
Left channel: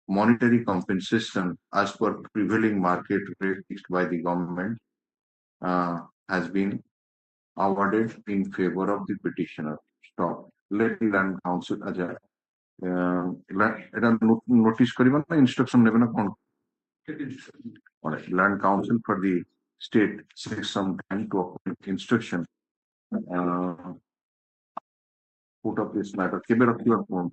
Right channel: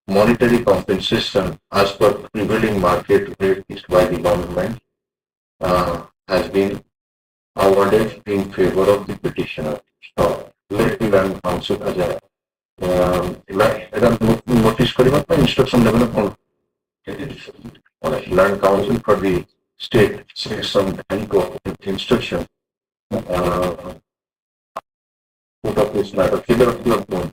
monetary compensation as per prevailing market rate fixed by the government has been awarded in favor of the petitioner. So, let the land council as a notice kariba na instruction level upon land council for the state seeks some time to open instruction. Put up this matter. Figure of your phone.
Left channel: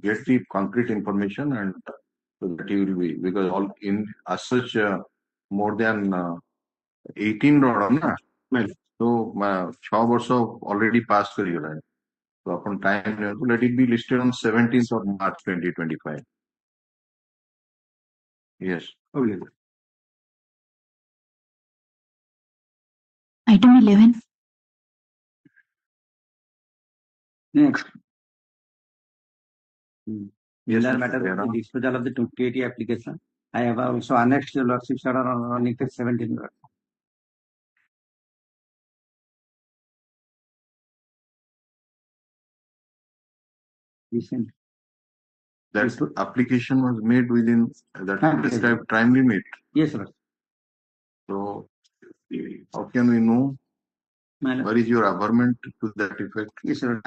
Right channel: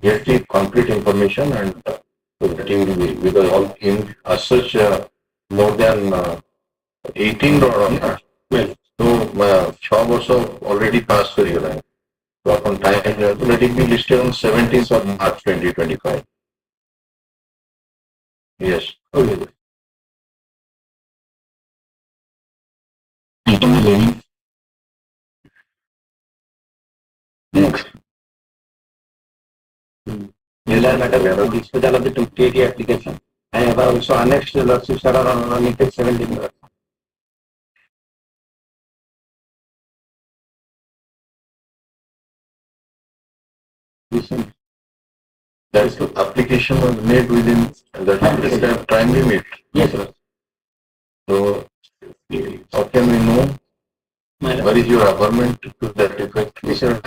Get the concrete information and getting the because all in as such more than 18 or na. Well, so 6 वर्ष already passed कर गया है. So upon time let it be listed on 17th of March 2025. Yes. Okay. Item 11. Next. Matter of disposal of the 280 application. I have also annexed the lawsuits that are on it 17. Listen. That is the application was made within that time limit. Yes, sir. So how can we know what is your averment to that effect? Yes, sir.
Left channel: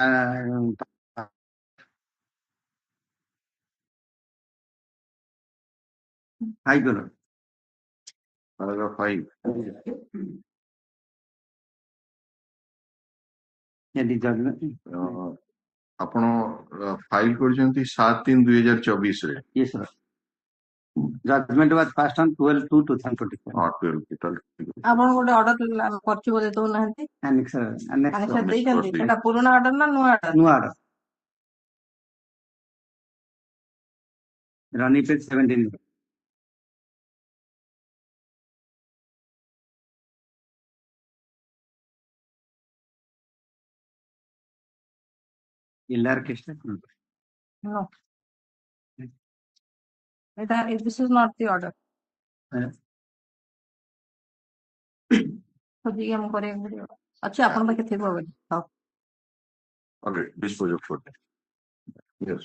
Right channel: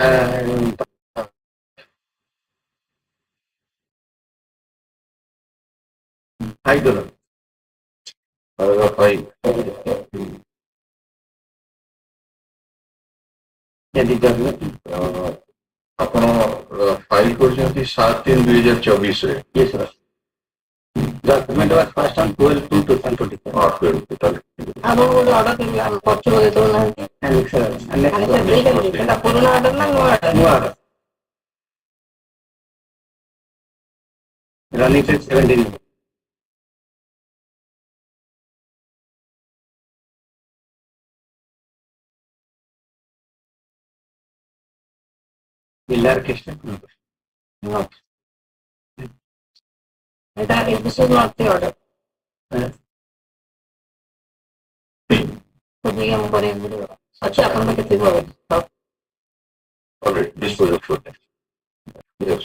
$5. Paragraph 5. Yeah, the judgment. ଆପଣ file କରିଛନ୍ତି 7/3/2024 ରେ. Yes, sir. Judgment was passed on 12/2/2024. ଆପଣ ଗୋଟେ order ପଛକୁ ଦେଉନାହାନ୍ତି ସେଟା ପୁରୁଣା order ନା ନୂଆ order? New order. Running till 17. Miller case. No. This is not the order. ଅଛି ଆପଣଙ୍କ ପାଖେ ଥିବ All right, this was a foot. Yes.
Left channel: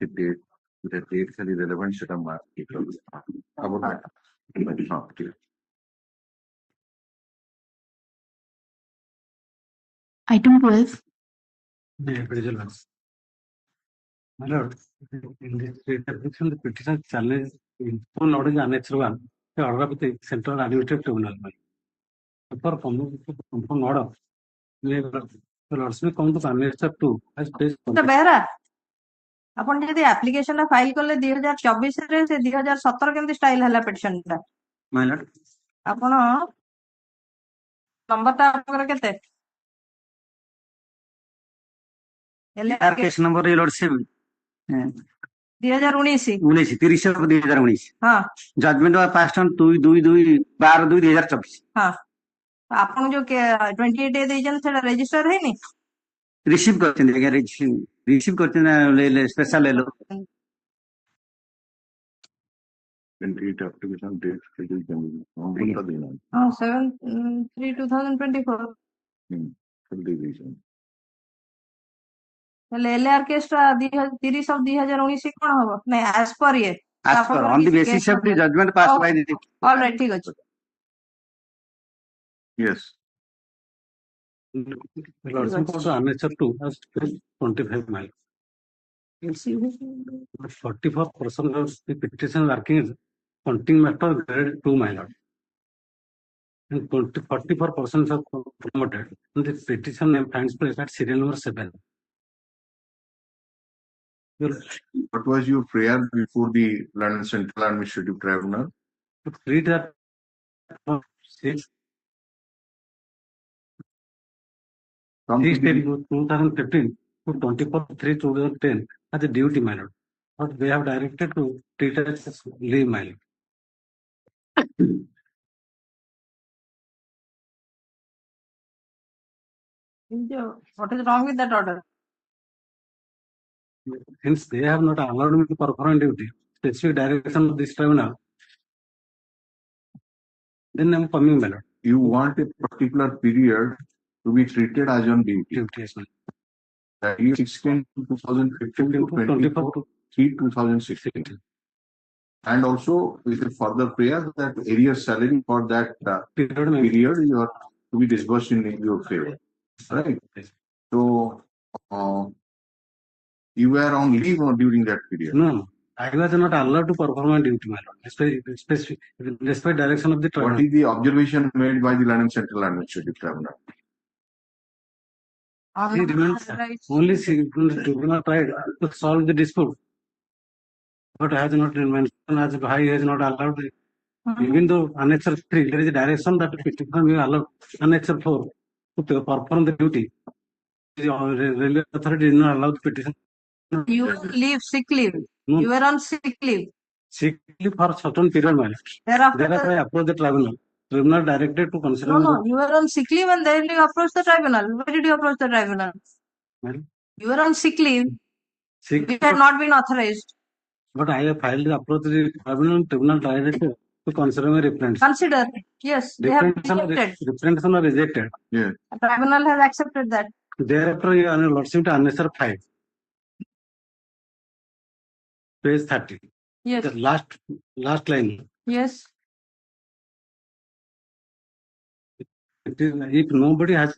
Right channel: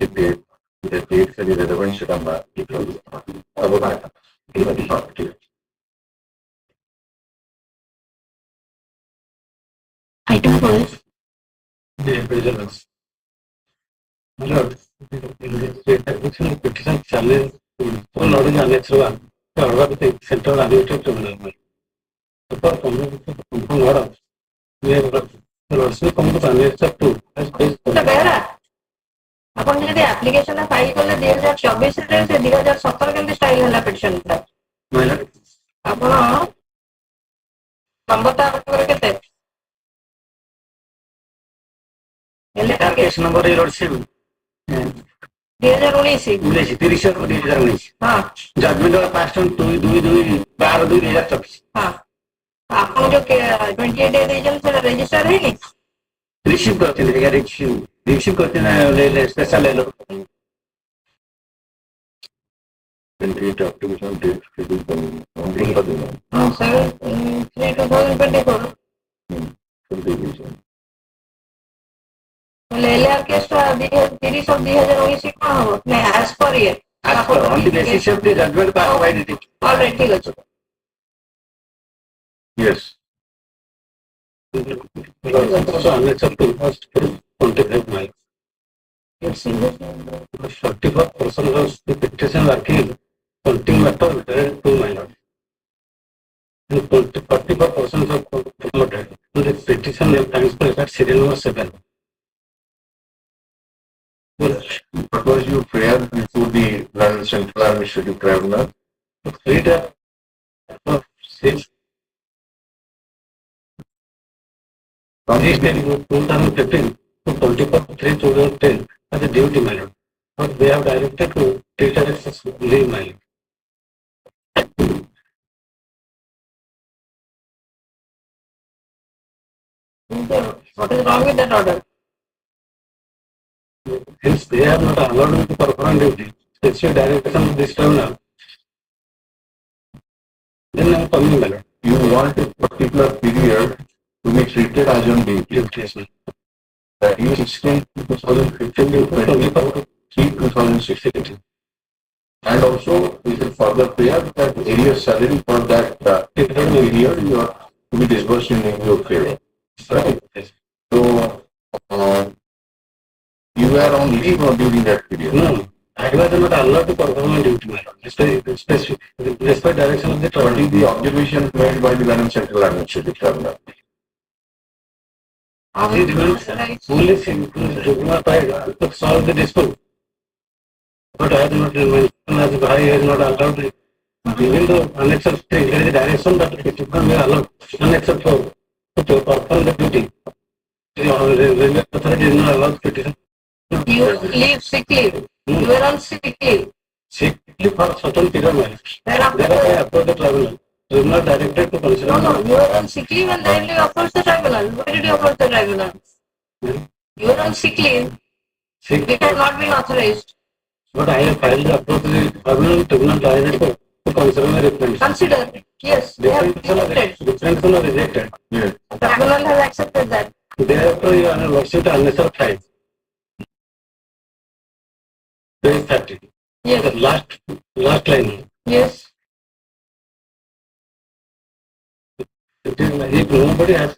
The date and the relevant should come back. Item 12. The prisoners. My lord, in the state application petition challenge full order annex 1, the order of the Central Arbitration Tribunal. For confirm order, we have also come to annex 2. Behera ଆପଣ ଯଦି application file କଲେ 2024 ରେ ସେ 2017 କେମିତି style ହେଲା petition ଟା? My lord, ଆପଣ ନମ୍ବରଟା ଆପଣଙ୍କର କେତେ? case number is Lord 7. 2019 2019. ହଁ Judgment was passed on 2/12/2024. ହଁ ଆପଣ ଯୋଉ 28 ଡେ ଦେଇଛନ୍ତି ସେଟା ରେଜିଷ୍ଟର ହେଇନି? Receive करते हैं receive करते हैं special ले लो. Complete application date schedule coming. ହଁ 7/3/2024 ହେଲେ ଏଲଆର କେସ୍ ଟା 30/2019 କଣ ହବ? ନାଇଁ as per ଇଏ As per on the basis of the judgment passed by the already ଠିକ ଅଛି. Yes. also annex up to 25 miles. 44% of the petition working counting matter related to minor. 44% of promoted to the petition and transfer at serial number 7. What was your prayer before the London Central Administrative Tribunal? Reader 6 from this day 2015 to 24/3/2010 as a duty minor. But they have directed to treat it as leave minor. What is wrong with that order? Hence, they have not allowed me to perform duty. Specific direction of this tribunal. Then I am coming, my lord. You want a particular period to be treated as on duty. Yes, sir. That is 16 2015 to 23 2016. And also, we will further prayer that area salary for that period you are to be disbursed in your favor. Right? So, you were on leave or during that period? No, I was not allowed to perform my duty, my lord. Despite direction of the What tribunal. is the observation made by the London Central Administrative Tribunal? He demands Right. only tribunal side to solve the dispute. But I have not mentioned as I has not allowed it. Even though unaccepted there is a direction that it should not be allowed unacceptable to perform the duty. The railway authority is not allowed petition. You leave sick leave. You were on sick leave. Sick leave for certain period, man. Thereafter, Thereafter I approached the tribunal. Tribunal directed to consider. no, you were on sick leave and then you approached the tribunal. Why did you approach the tribunal? You were on sick leave. Sick It had not been authorized. but I have filed the approach to the tribunal directed to consider the reference. Consider. Yes, they have rejected. Different one rejected. Yes. Tribunal has accepted that. Thereafter you are lodging to unnecessary fine. Page 30. The Yes, last line. yes. If nobody has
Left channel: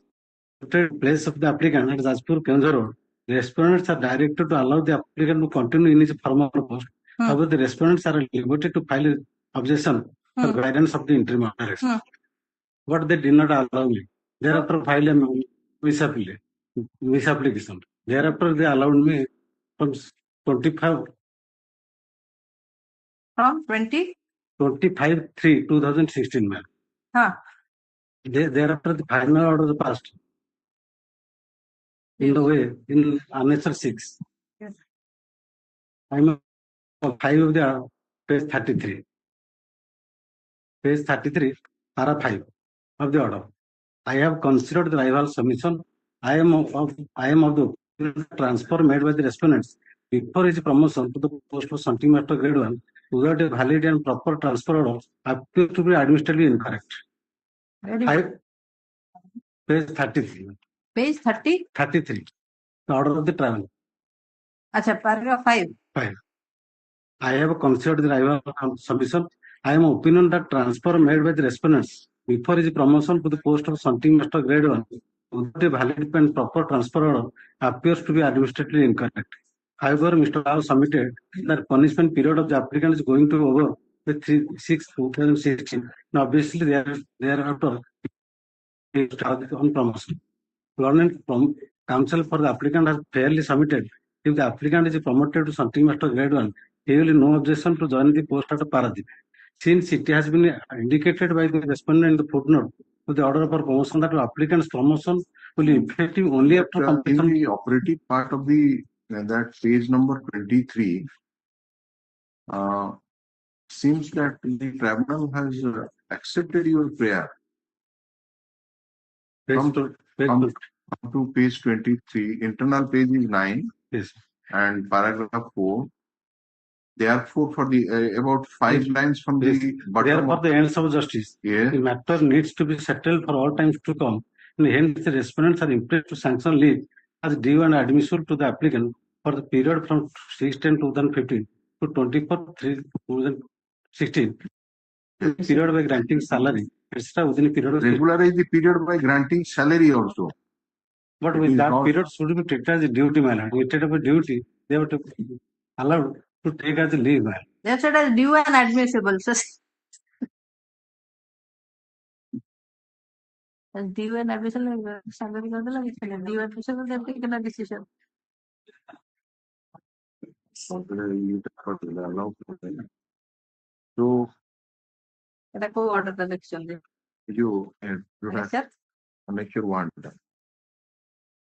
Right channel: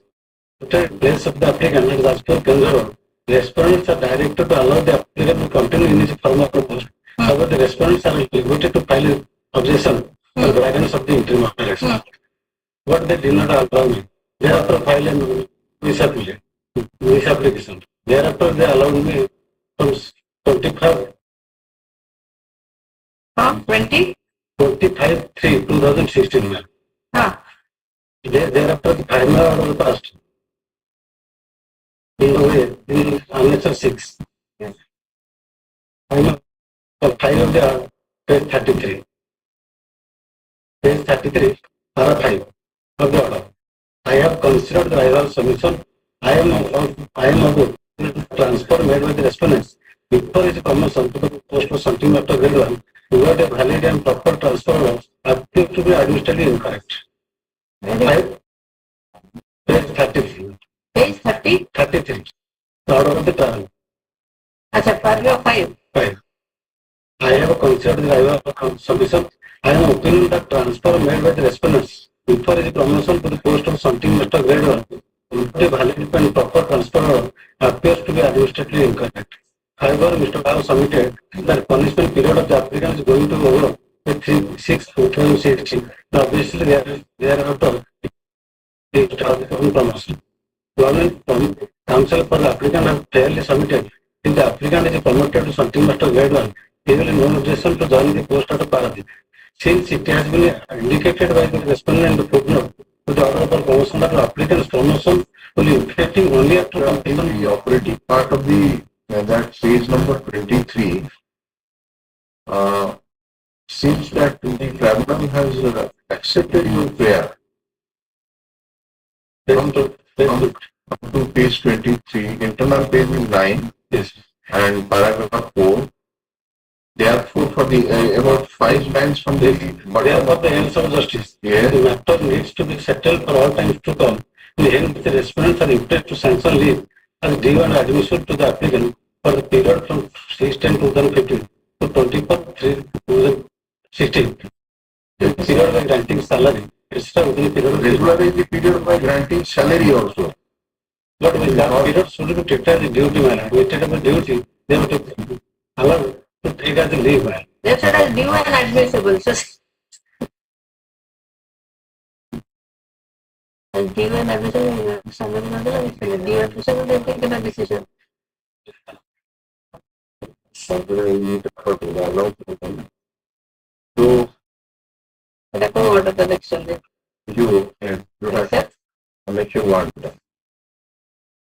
the place of the applicant as per consider, the respondents are directed to allow the applicant to continue in his form of post. However, the respondents are limited to file an objection for guidance of the interim operation. What they did not allow me. Thereafter file a visa application. Thereafter they allowed me from 25 20? 25/3/2016. Huh. Thereafter the final order passed. In the way, in answer 6. Final of the page 33. Page 33, para 5 of the order. I have considered the rival submission. I am of the transfer made by the respondents before its promotion to the post of something after grade 1 without a valid and proper transfer order appears to be administratively incorrect. Very good. Page 33. Page 30. 33. The order of the trial. Acha, paragraph 5. 5. I have considered the rival submission. I am of opinion that transfer made by the respondents before his promotion to the post of something after grade 1 without a valid and proper transfer order appears to be administratively incorrect. However, Mr. Rao submitted that punishment period of the applicant is going to be over with 6/2016. Obviously, thereafter, they start the promotion. Government counsel for the applicant have fairly submitted if the applicant is promoted to something after grade 1, he will have no objection to join the post at Paradip. Since it has been indicated by the respondent in the footnote to the order for promotion that the applicant's promotion will be effective only after completion. The operative part of the that page number 23 seems that the tribunal has accepted your prayer. Come to page 23, internal page is 9 Yes. and paragraph 4. Therefore, for the about 5 lines from the Therefore, the ends of justice. Yes. The matter needs to be settled for all times to come. Hence, the respondents are required to sanction leave as due and admissible to the applicant for the period from 6/10/2015 to 24/3/2016. The period by granting salary, etc. within the period of regularize the period by granting salary also. But with that period should be treated as a duty manner. Instead of a duty, they have to allow to take as a leave man. They said as due and admissible. So, as due and admissible, somebody not due and admissible, they take a decision. So, Let go order the next one. you have Accept? make you want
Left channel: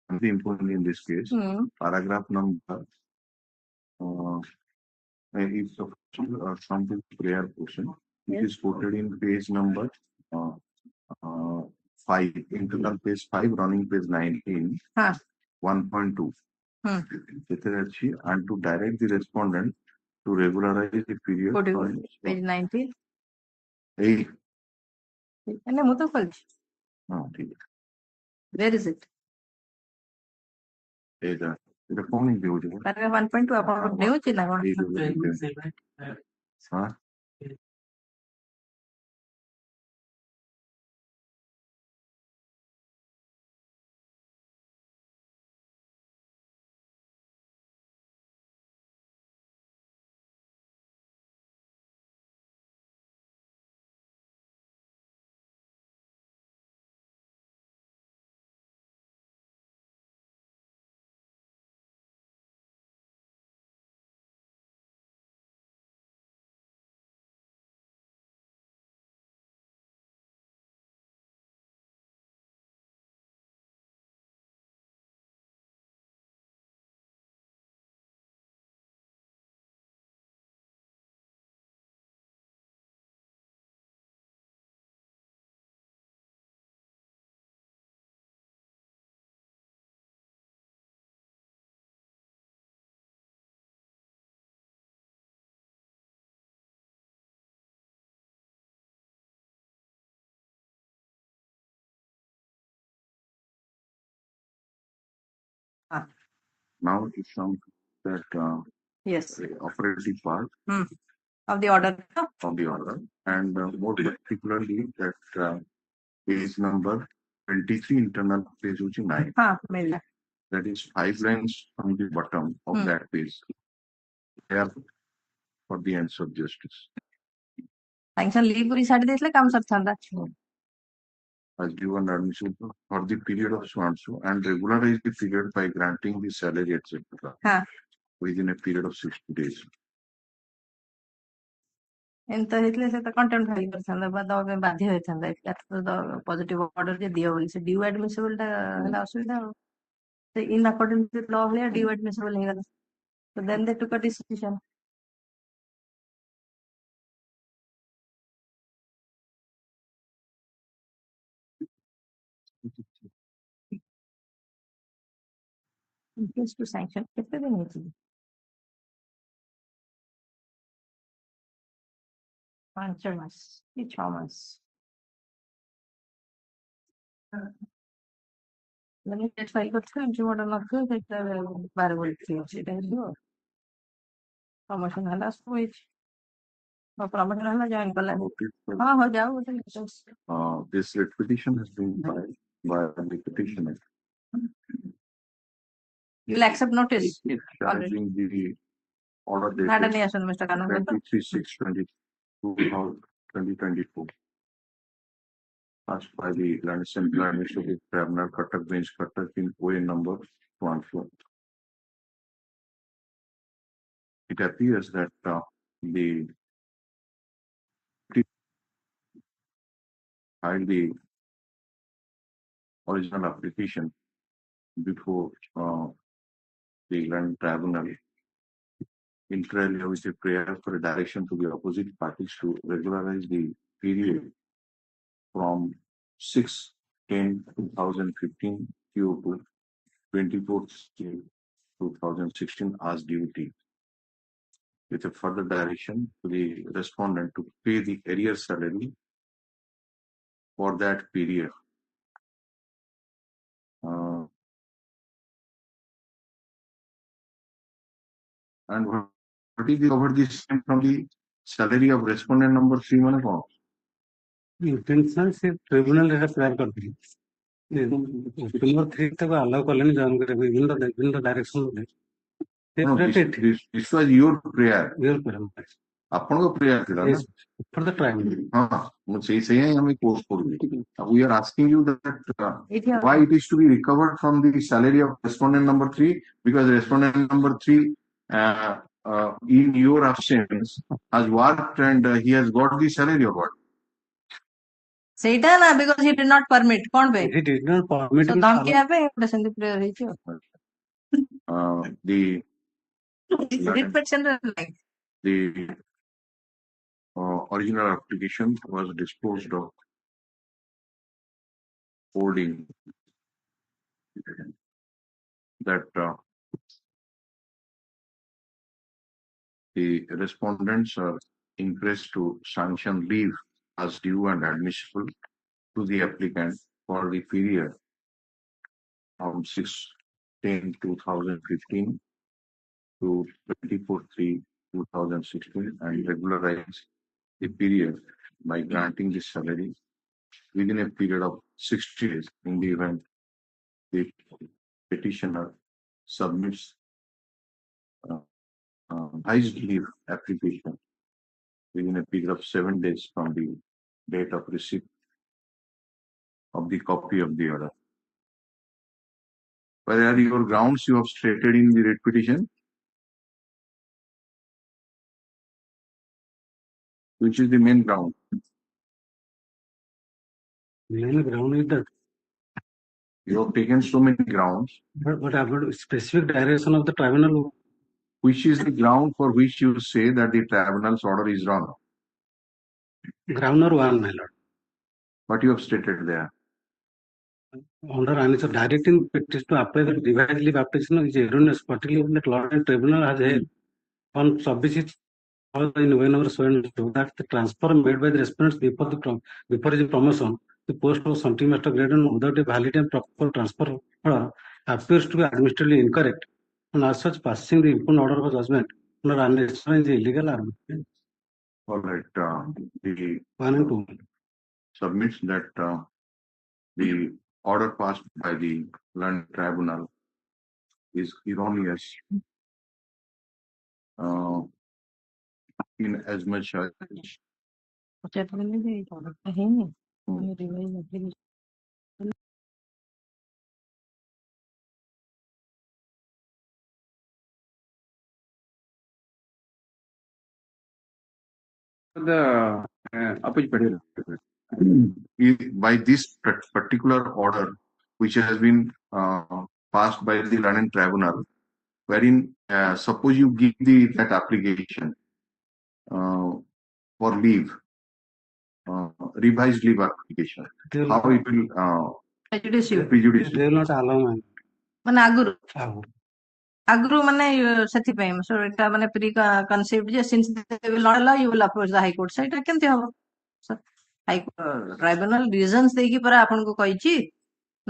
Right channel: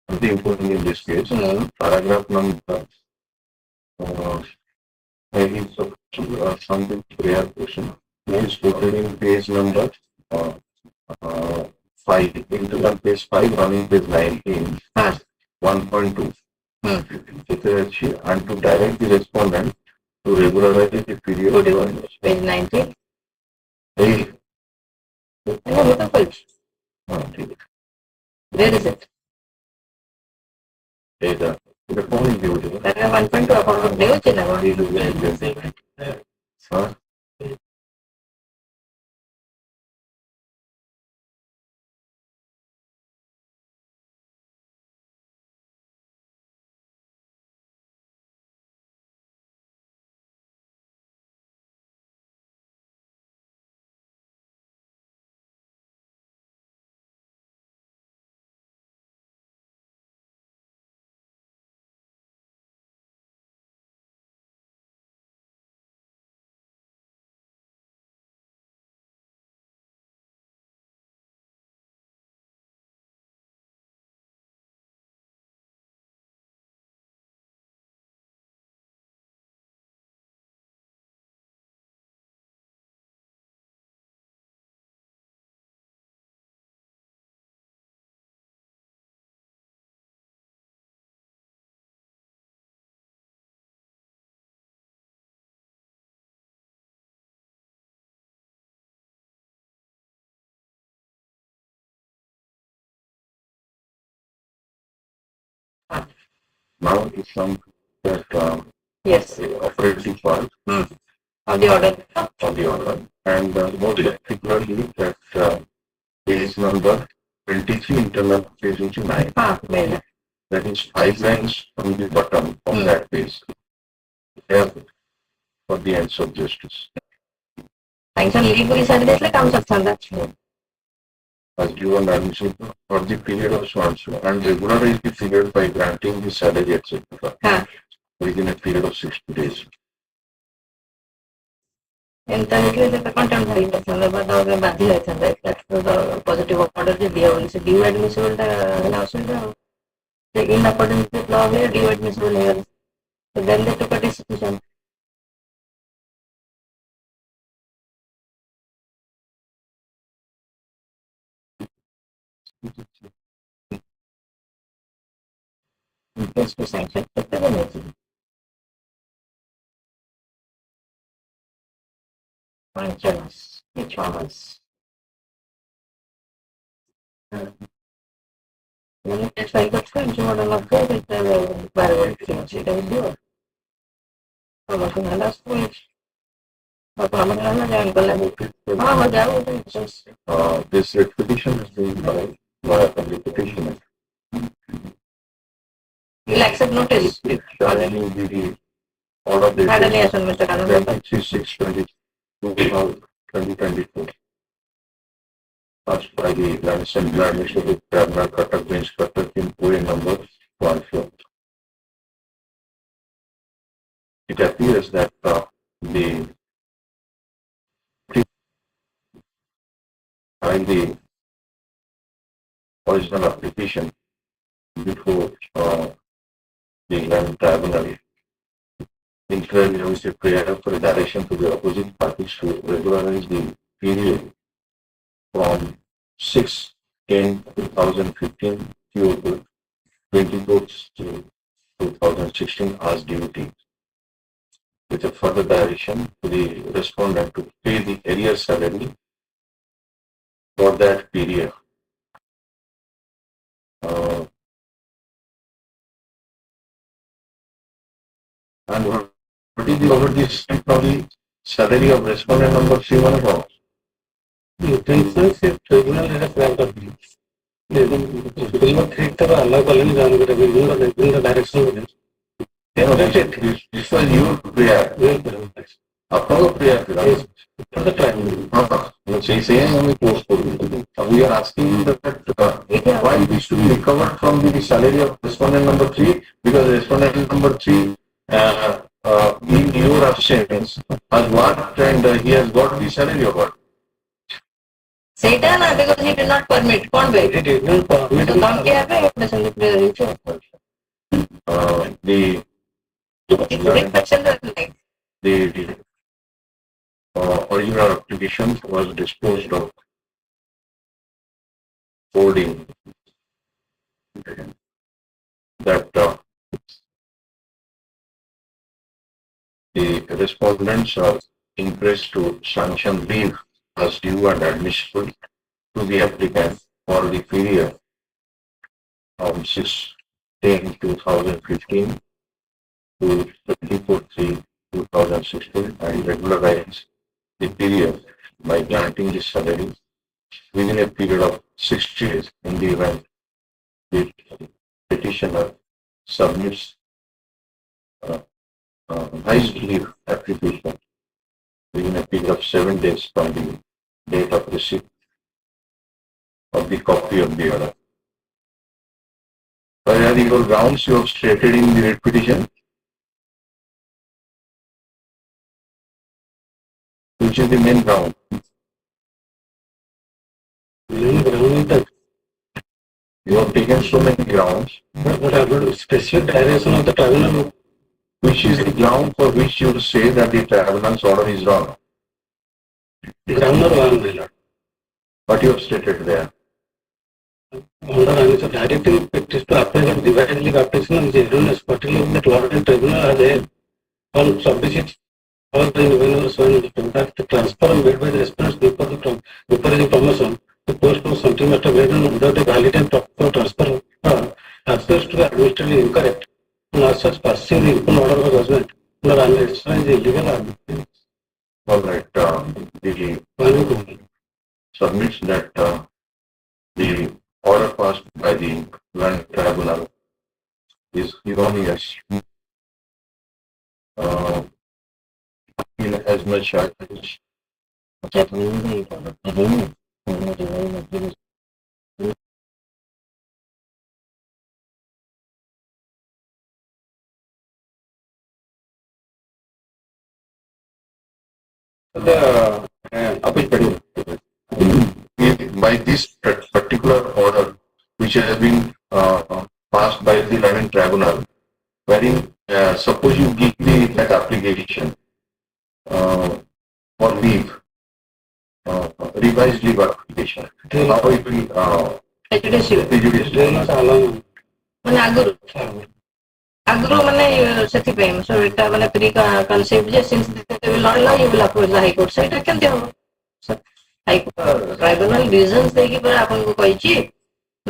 something important in this case. Paragraph number maybe something prayer question is quoted in page number 5, internal page 5, running page 19, Ah. 1.2. Hmm. It is, and to direct the respondent to regularize the period. Good evening. Page 19. Hey, No, beautiful. ठीक है. Where is it? Either the phone is beautiful. That is 1.2 about the Huh? Now it comes that Yes. the operating part Of the order. of the order, and more particularly that page number 23, internal page 9. Well. That is 5 lines from the bottom of that page. There for the ends of justice. Sanction legally service like comes up As given admission for the period of so and so, and regularize the period by granting the salary, etc. Within a period of 60 days. In the content that's the positive order the due admissible in accordance with law here, due admissible here. So then they took a decision. Yes, to sanction the penalty. Functions, performance. When it's like the French model of it, it's a variable change. It will do. Promotion and last point. This repetition is being by repetition. You'll accept notice. Challenging the order dated Had any assignment, Mr. Karan? 2024. Passed by the Lands and Administrative Tribunal, Cuttack Bench, Cuttack in OA number 14. It appears that the original application before the Land Tribunal included a prayer for direction to the opposite parties to regularize the period from 6/10/2015 to 2016 as duty, with a further direction to the respondent to pay the arrear salary for that period. And what is the over this from salary of respondent number 3 one about? The intentions if tribunal has grant of these. Tribunal treat the allow colony down the direction. This was your prayer. Apollo prayer. For the tribunal. We are asking that why it is to be recovered from the salary of respondent number 3, because respondent number 3 in your absence has worked and he has got the salary of what? Satan, because he did not permit. It did not permit. So काम क्या है? Doesn't it reach? The original application was disposed of holding that the respondents are encouraged to sanction leave as due and admissible to the applicant for the period from 6/10/2015 to 24/3/2016 and regularize the period by granting the salary within a period of 60 days in the event the petitioner submits revised leave application within a period of 7 days from the date of receipt of the copy of the order. What are the grounds you have stated in the writ petition? Which is the main ground? Main ground is that You have taken so many grounds. what about specific direction of the tribunal? Which is the ground for which you say that the tribunal's order is wrong? Ground number one, my lord. What you have stated there? Under answer directing petition to apply the divided leave application is erroneous, particularly that Lord and Tribunal has held on subject or the whenever sworn that the transfer made by the respondents before the promotion the post of something must have made without a valid and proper transfer appears to be administratively incorrect. And as such, passing the input order of judgment under administration is illegal. All right. The submits that the order passed by the land tribunal is erroneous in as much as The by this particular order which has been passed by the land tribunal, wherein suppose you give that application for leave, revised leave application, how it will prejudicial. ମାନେ ଆଗରୁ ମାନେ ସେଥିପାଇଁ so ଏଟା ମାନେ pre concept ଯେ since they will not allow you will approach the high court ସେଇଟା କେମିତି ହବ ହାଇ ଟ୍ରାଇବୁନାଲ ରିଜନ୍ସ ଦେଇକି ପରା ଆପଣଙ୍କୁ କହିଛି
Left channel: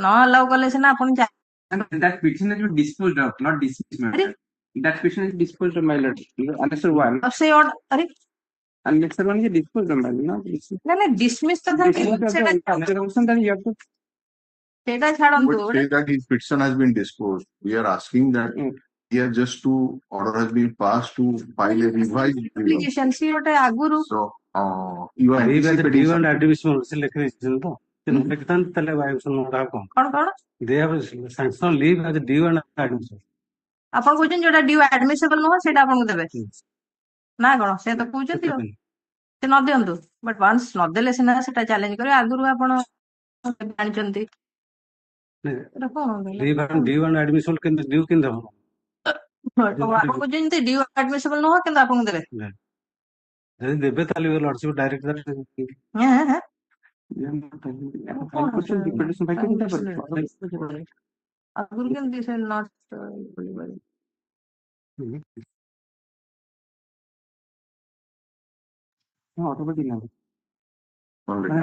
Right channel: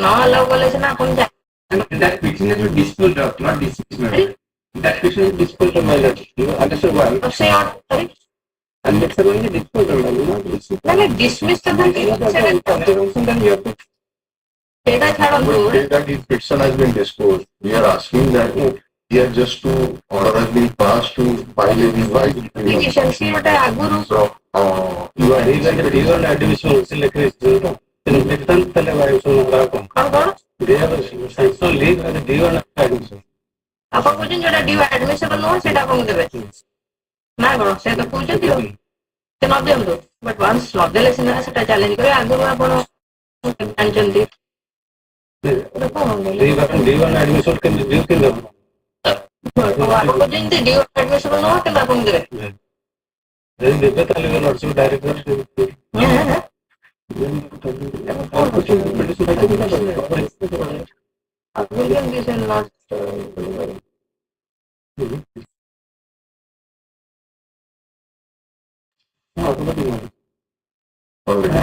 ନ ଆଲାଉ କଲେ ସିନା ଆପଣ that petition has been disposed of, not dismissed. That petition is disposed of, my lord. You understand why? ସେ ସରି And next one is disposed of, my lord. ମାନେ ଡିସମିସ୍ ତ ସେଇଟା ଛାଡ଼ନ୍ତୁ That if petition has been disposed, we are asking that here just to order has been passed to file a revised application ସିଏ ଗୋଟେ ଆଗରୁ So you are Even additional selection, କଣ କଣ they have sanction leave as a due and admission. ଆପଣ କହୁଛନ୍ତି ଯୋଉଟା ଡ୍ୟୁ ଆଡମିସିବଲ ନୁହଁ ସେଇଟା ଆପଣଙ୍କୁ ଦେବେ ନା କଣ ସେ ତ କହୁଛନ୍ତି ଆଉ ସେ ନ ଦିଅନ୍ତୁ ବଟ୍ ୱାନ୍ସ ନଦେଲେ ସିନା ସେଟା ଚ୍ୟାଲେଞ୍ଜ କରିବେ ଆଗରୁ ଆପଣ ଜାଣିଛନ୍ତି Due and admission can be due in ଆପଣ କହୁଛନ୍ତି ଡ୍ୟୁ ଆଡମିସିବଲ ନୁହଁ କିନ୍ତୁ ଆପଣଙ୍କୁ ଦେବେ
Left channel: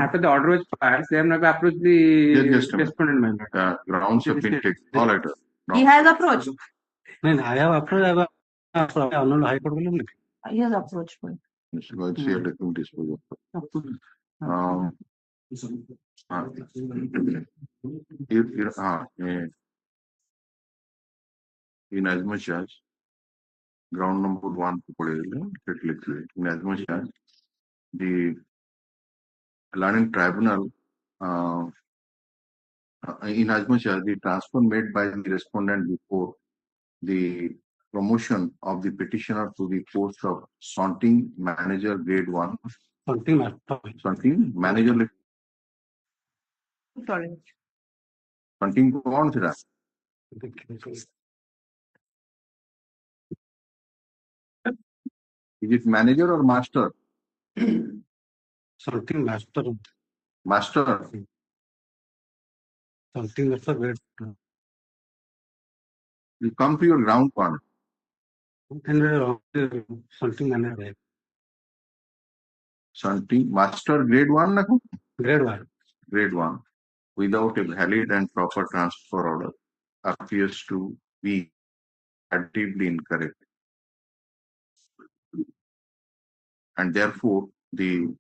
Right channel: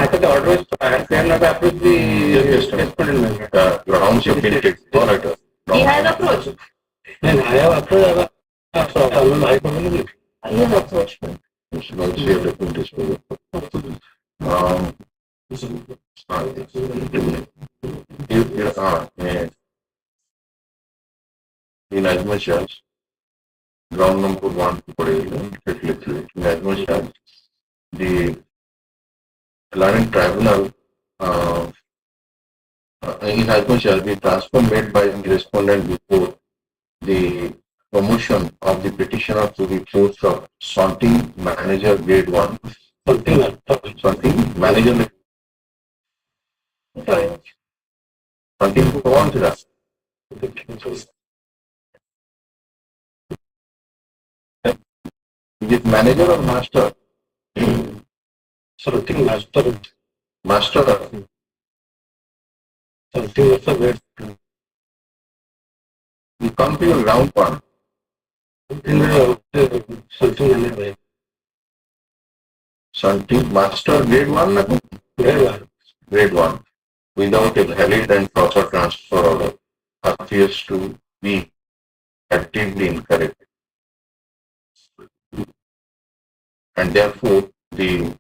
After the order is passed, they have not approved the respondent. grounds have been taken. All right. He has approached. And I have approved High Court. He has approached. You should also have written this for in as much as ground number one, in as much as the land tribunal, in as much as the transfer made by the respondent before the promotion of the petitioner to the post of sorting manager grade 1, sorting manager sorting कौन सा is it manager or master? Sorting master. Master. Something also wait. You come to your ground point. Something anyway. Something master grade 1 na? Grade 1 without a valid and proper transfer order appears to be actively incorrect. And therefore, the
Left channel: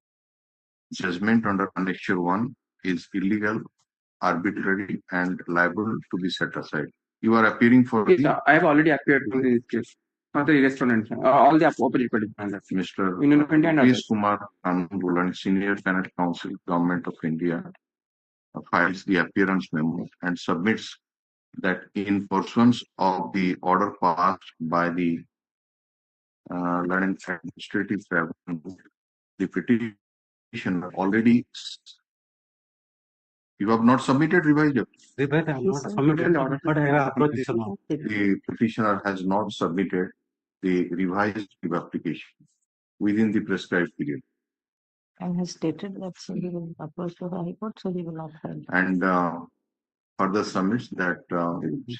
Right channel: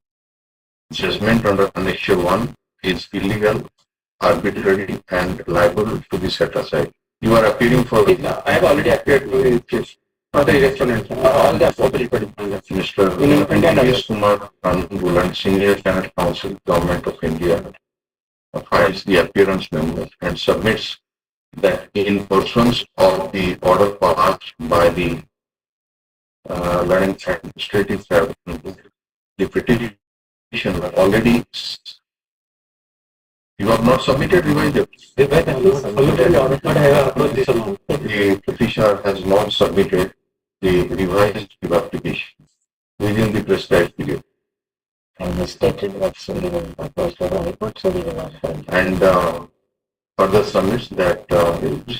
judgment under Annexure 1 is illegal, arbitrary, and liable to be set aside. You are appearing for I have already appeared in this case for the election and all the appropriate Mr. P. Kumar Hon'Ble and Senior Senate Counsel, Government of India, files the appearance memo and submits that in pursuance of the order passed by the Learning Administrative Tribunal, the petition already. You have not submitted revised. The petitioner has not submitted the revised application within the prescribed period. And he stated that's illegal, opposed to the High Court, so he will not file. And further submits that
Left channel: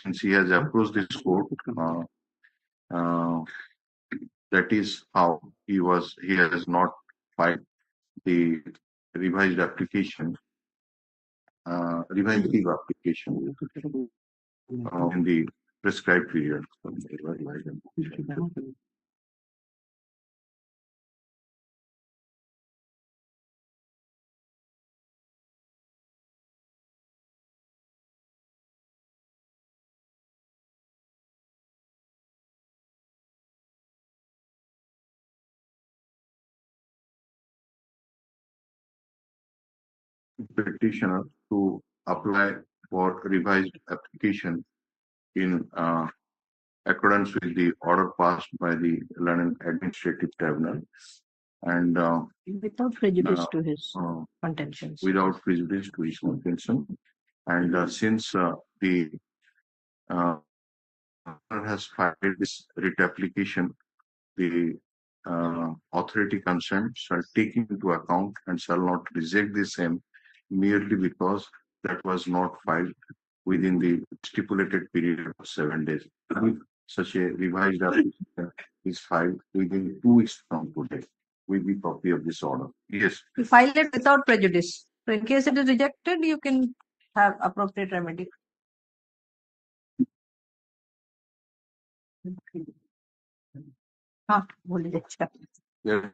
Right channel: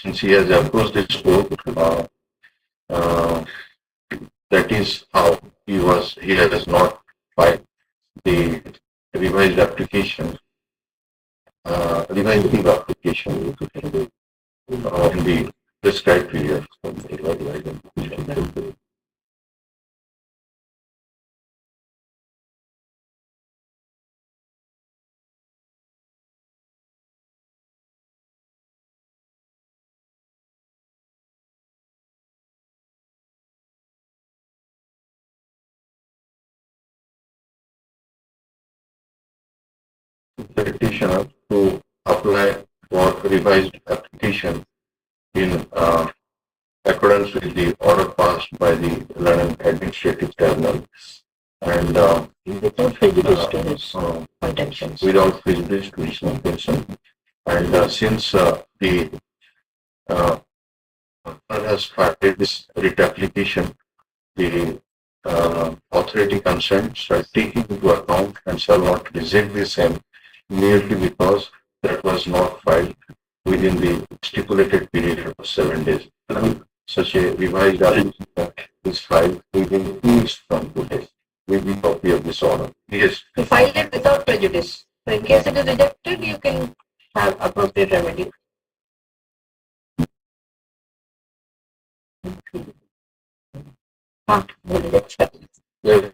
since he has approached his court, that is how he has not filed the revised application, revised leave application in the prescribed period. Petitioner to apply for revised application in accordance with the order passed by the London Administrative Tribunal and Without prejudice to his contentions. without prejudice to his contention. And since the has filed this writ application, the authority concerned shall take it into account and shall not reject the same merely because that was not filed within the stipulated period of 7 days. Such a revised application is filed within 2 weeks from today with the copy of this order. Yes. He filed it without prejudice. So in case it is rejected, you can have appropriate remedy. Yes.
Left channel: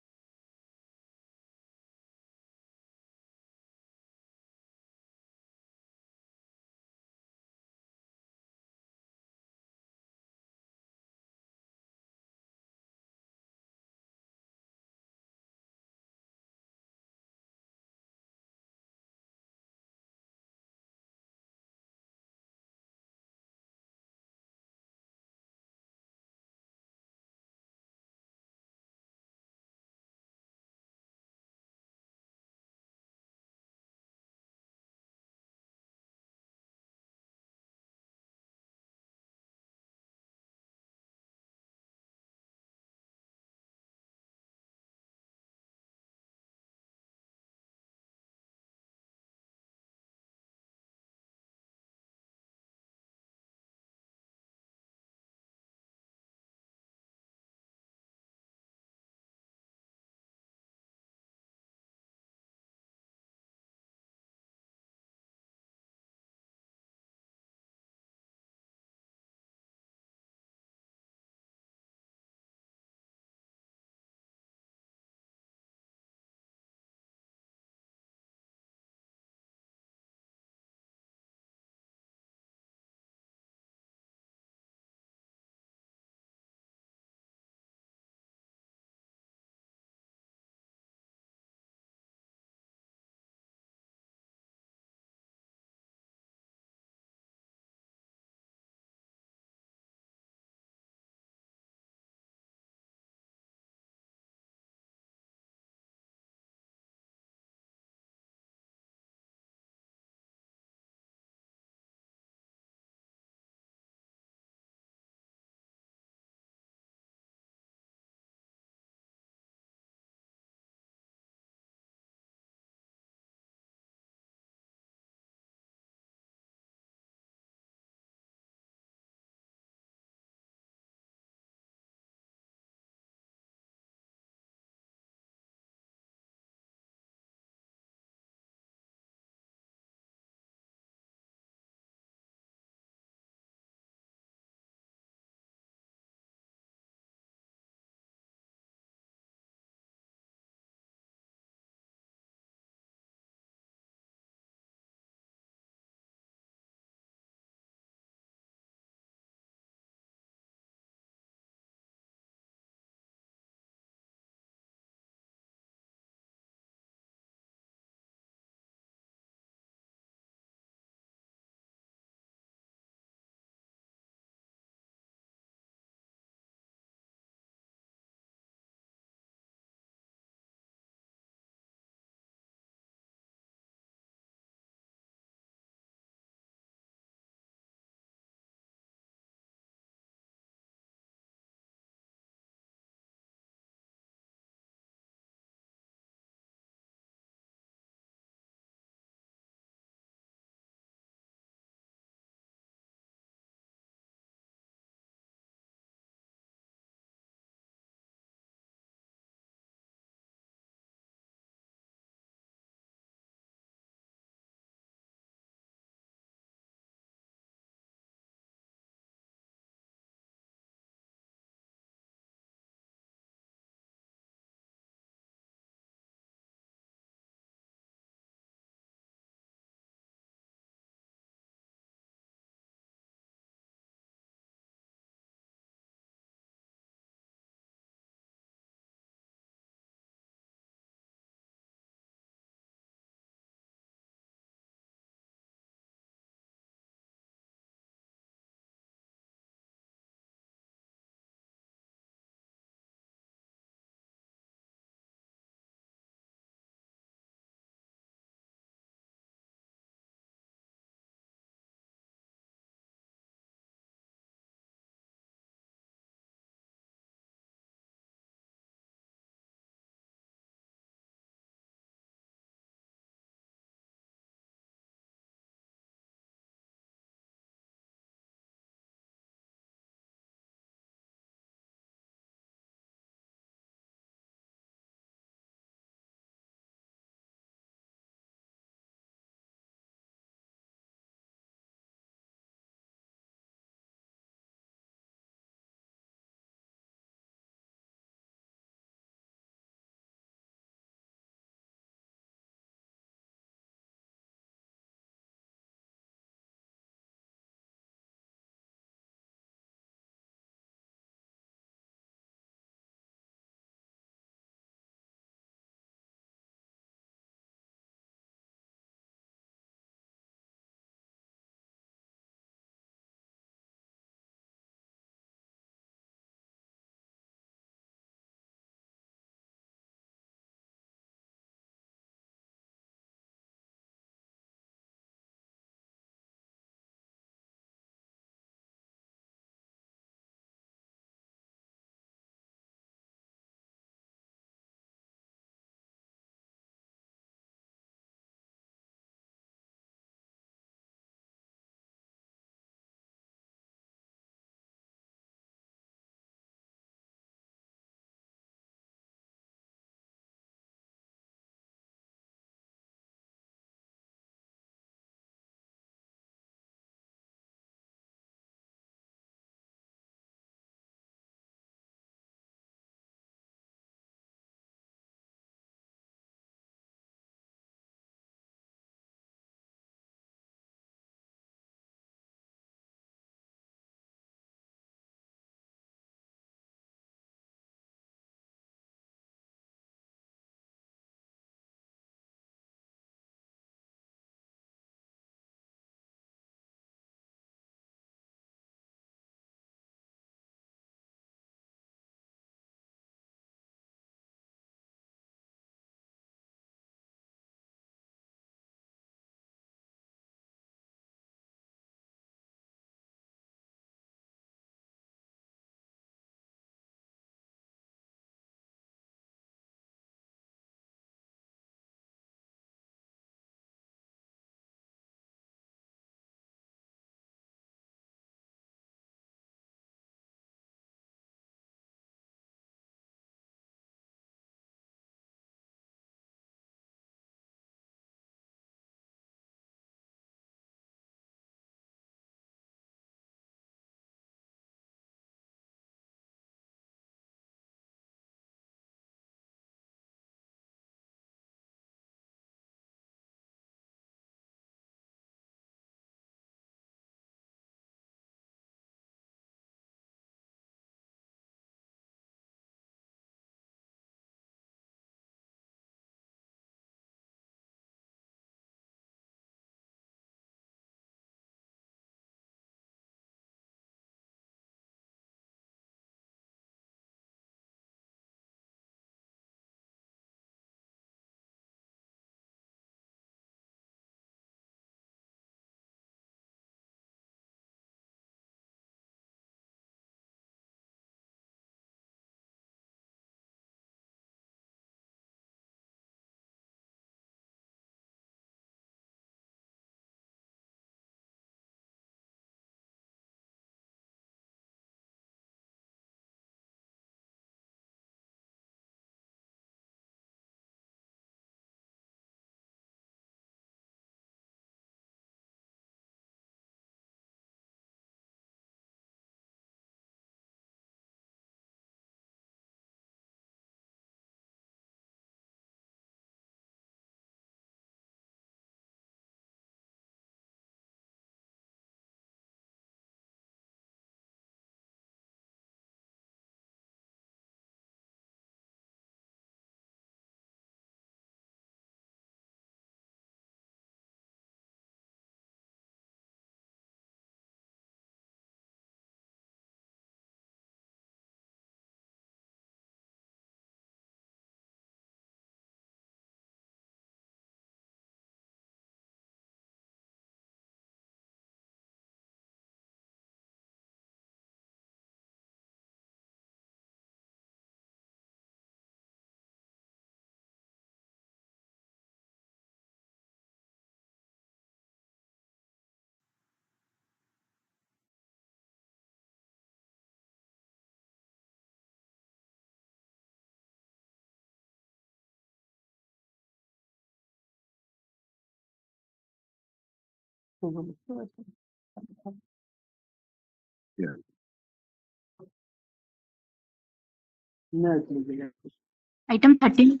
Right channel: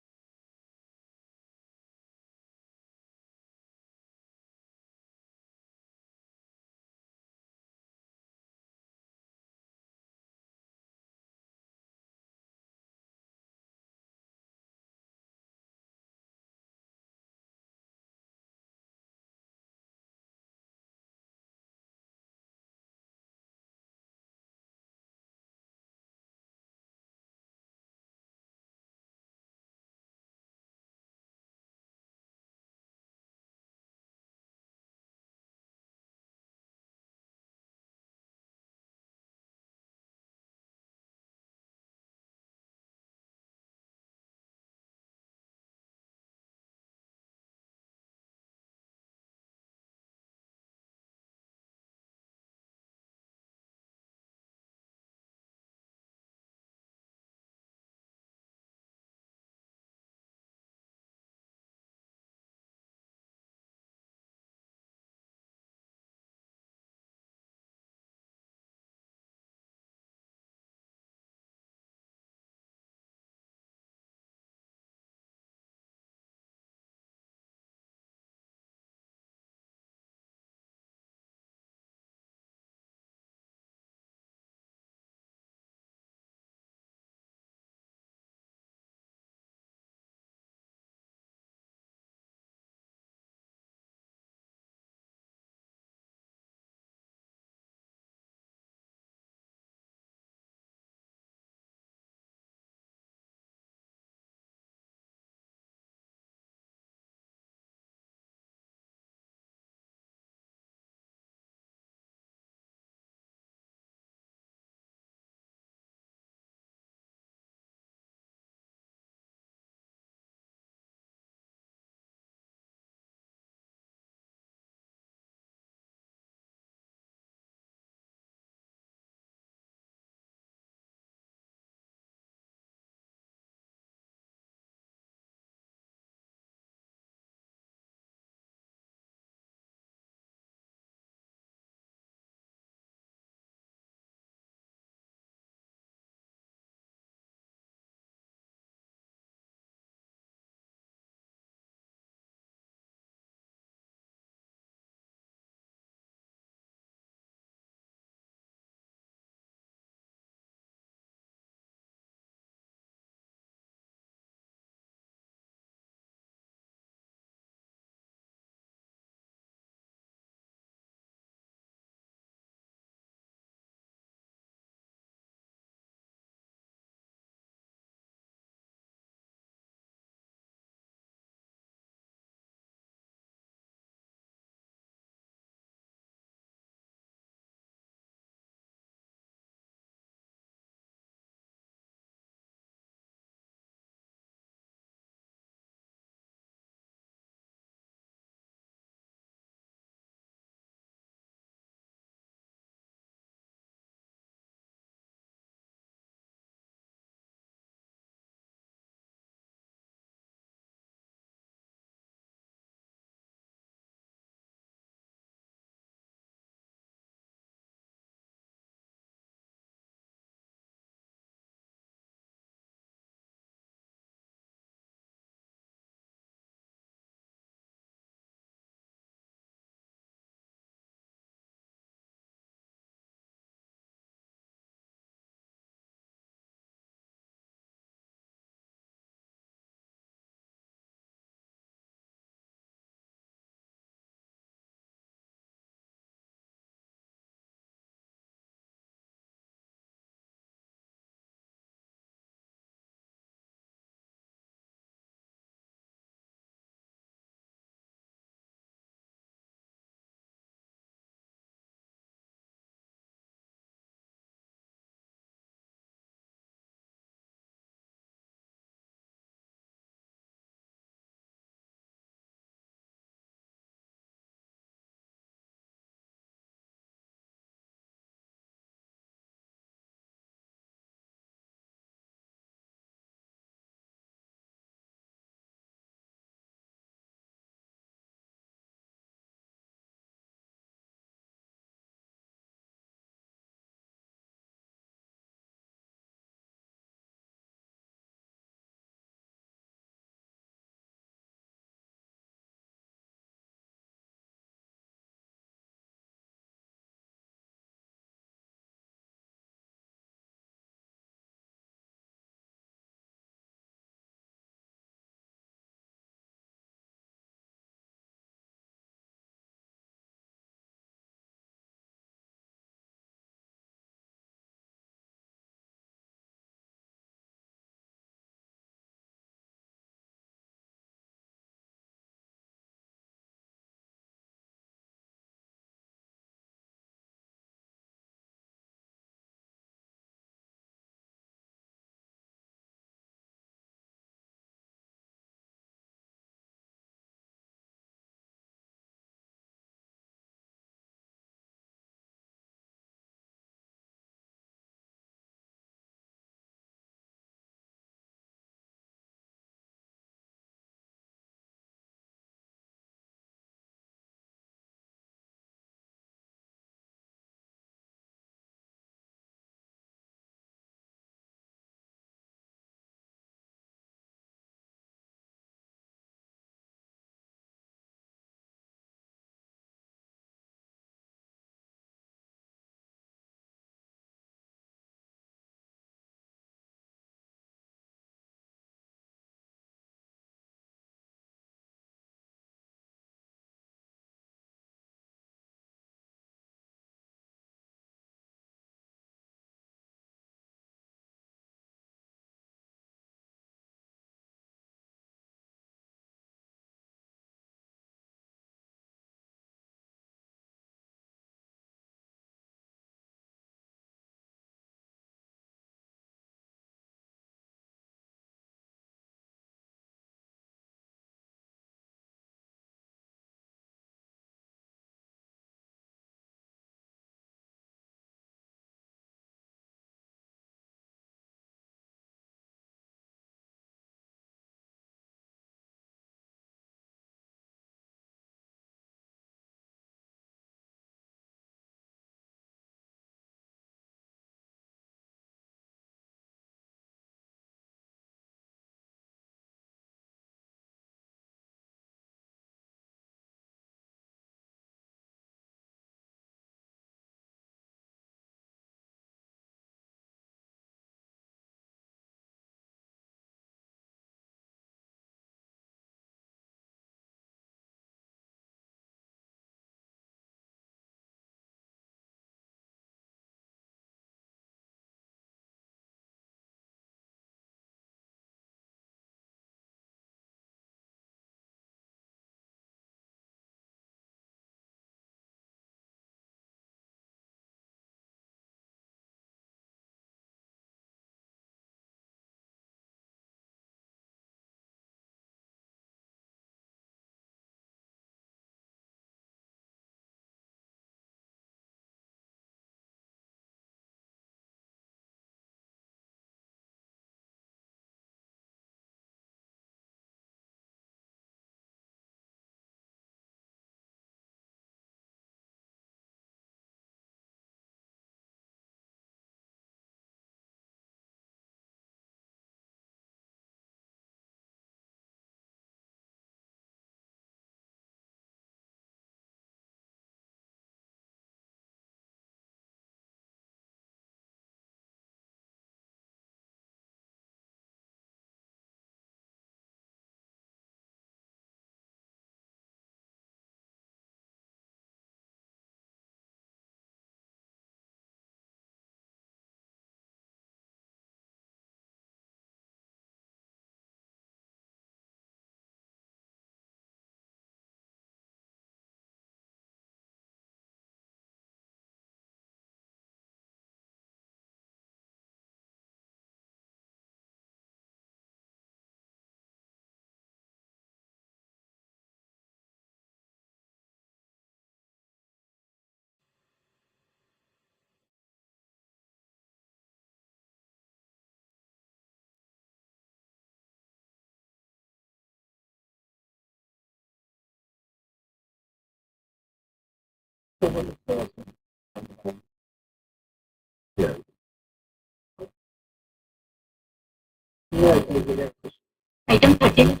Item 13.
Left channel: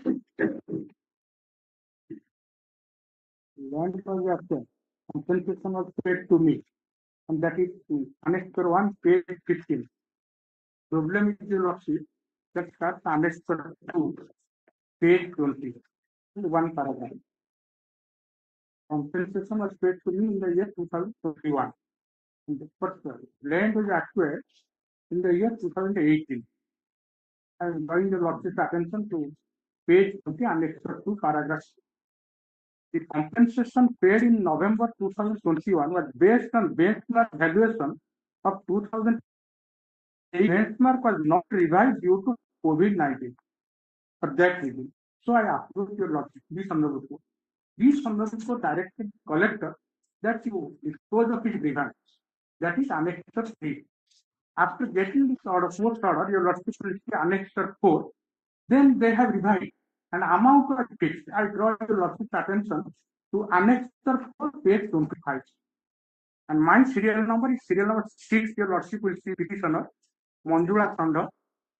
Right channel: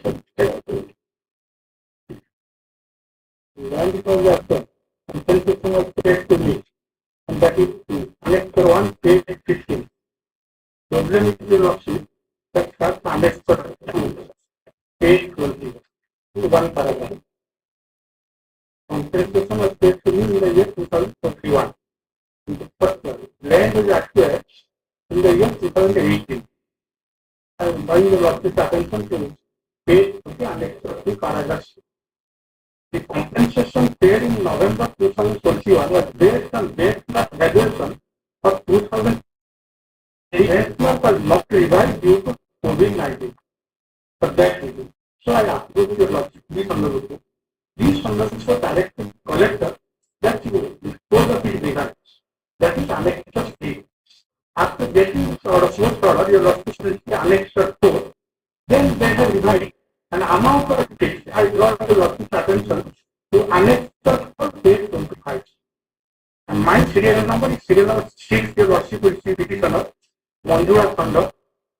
Land because of the compensation was paid to me, and that is annexure 1 paid 15. Problem is the lordship that first annexure 2 paid 20. One paragraph. Compensation was paid to me in the year 2021. But land was acquired in the year 2018. I am drawing the lordship's attention to page 20 annexure 2 paragraph. The compensation paid in November 2021 was based on benchmark valuation of 2000. The benchmark was not revised due to COVID-19. For that reason. So I approved your lordship, these underwritten. These underwritten were directed collector that you dispose of his regards. That is annexure 3. After getting order 4th order, your lordship will see annexure 4. Then they have revised an amount of fixed. I draw the lordship's attention to annexure 4 page 25. And my serial number is serial number 6. Your lordship will see petitioner. Manjura Thanda.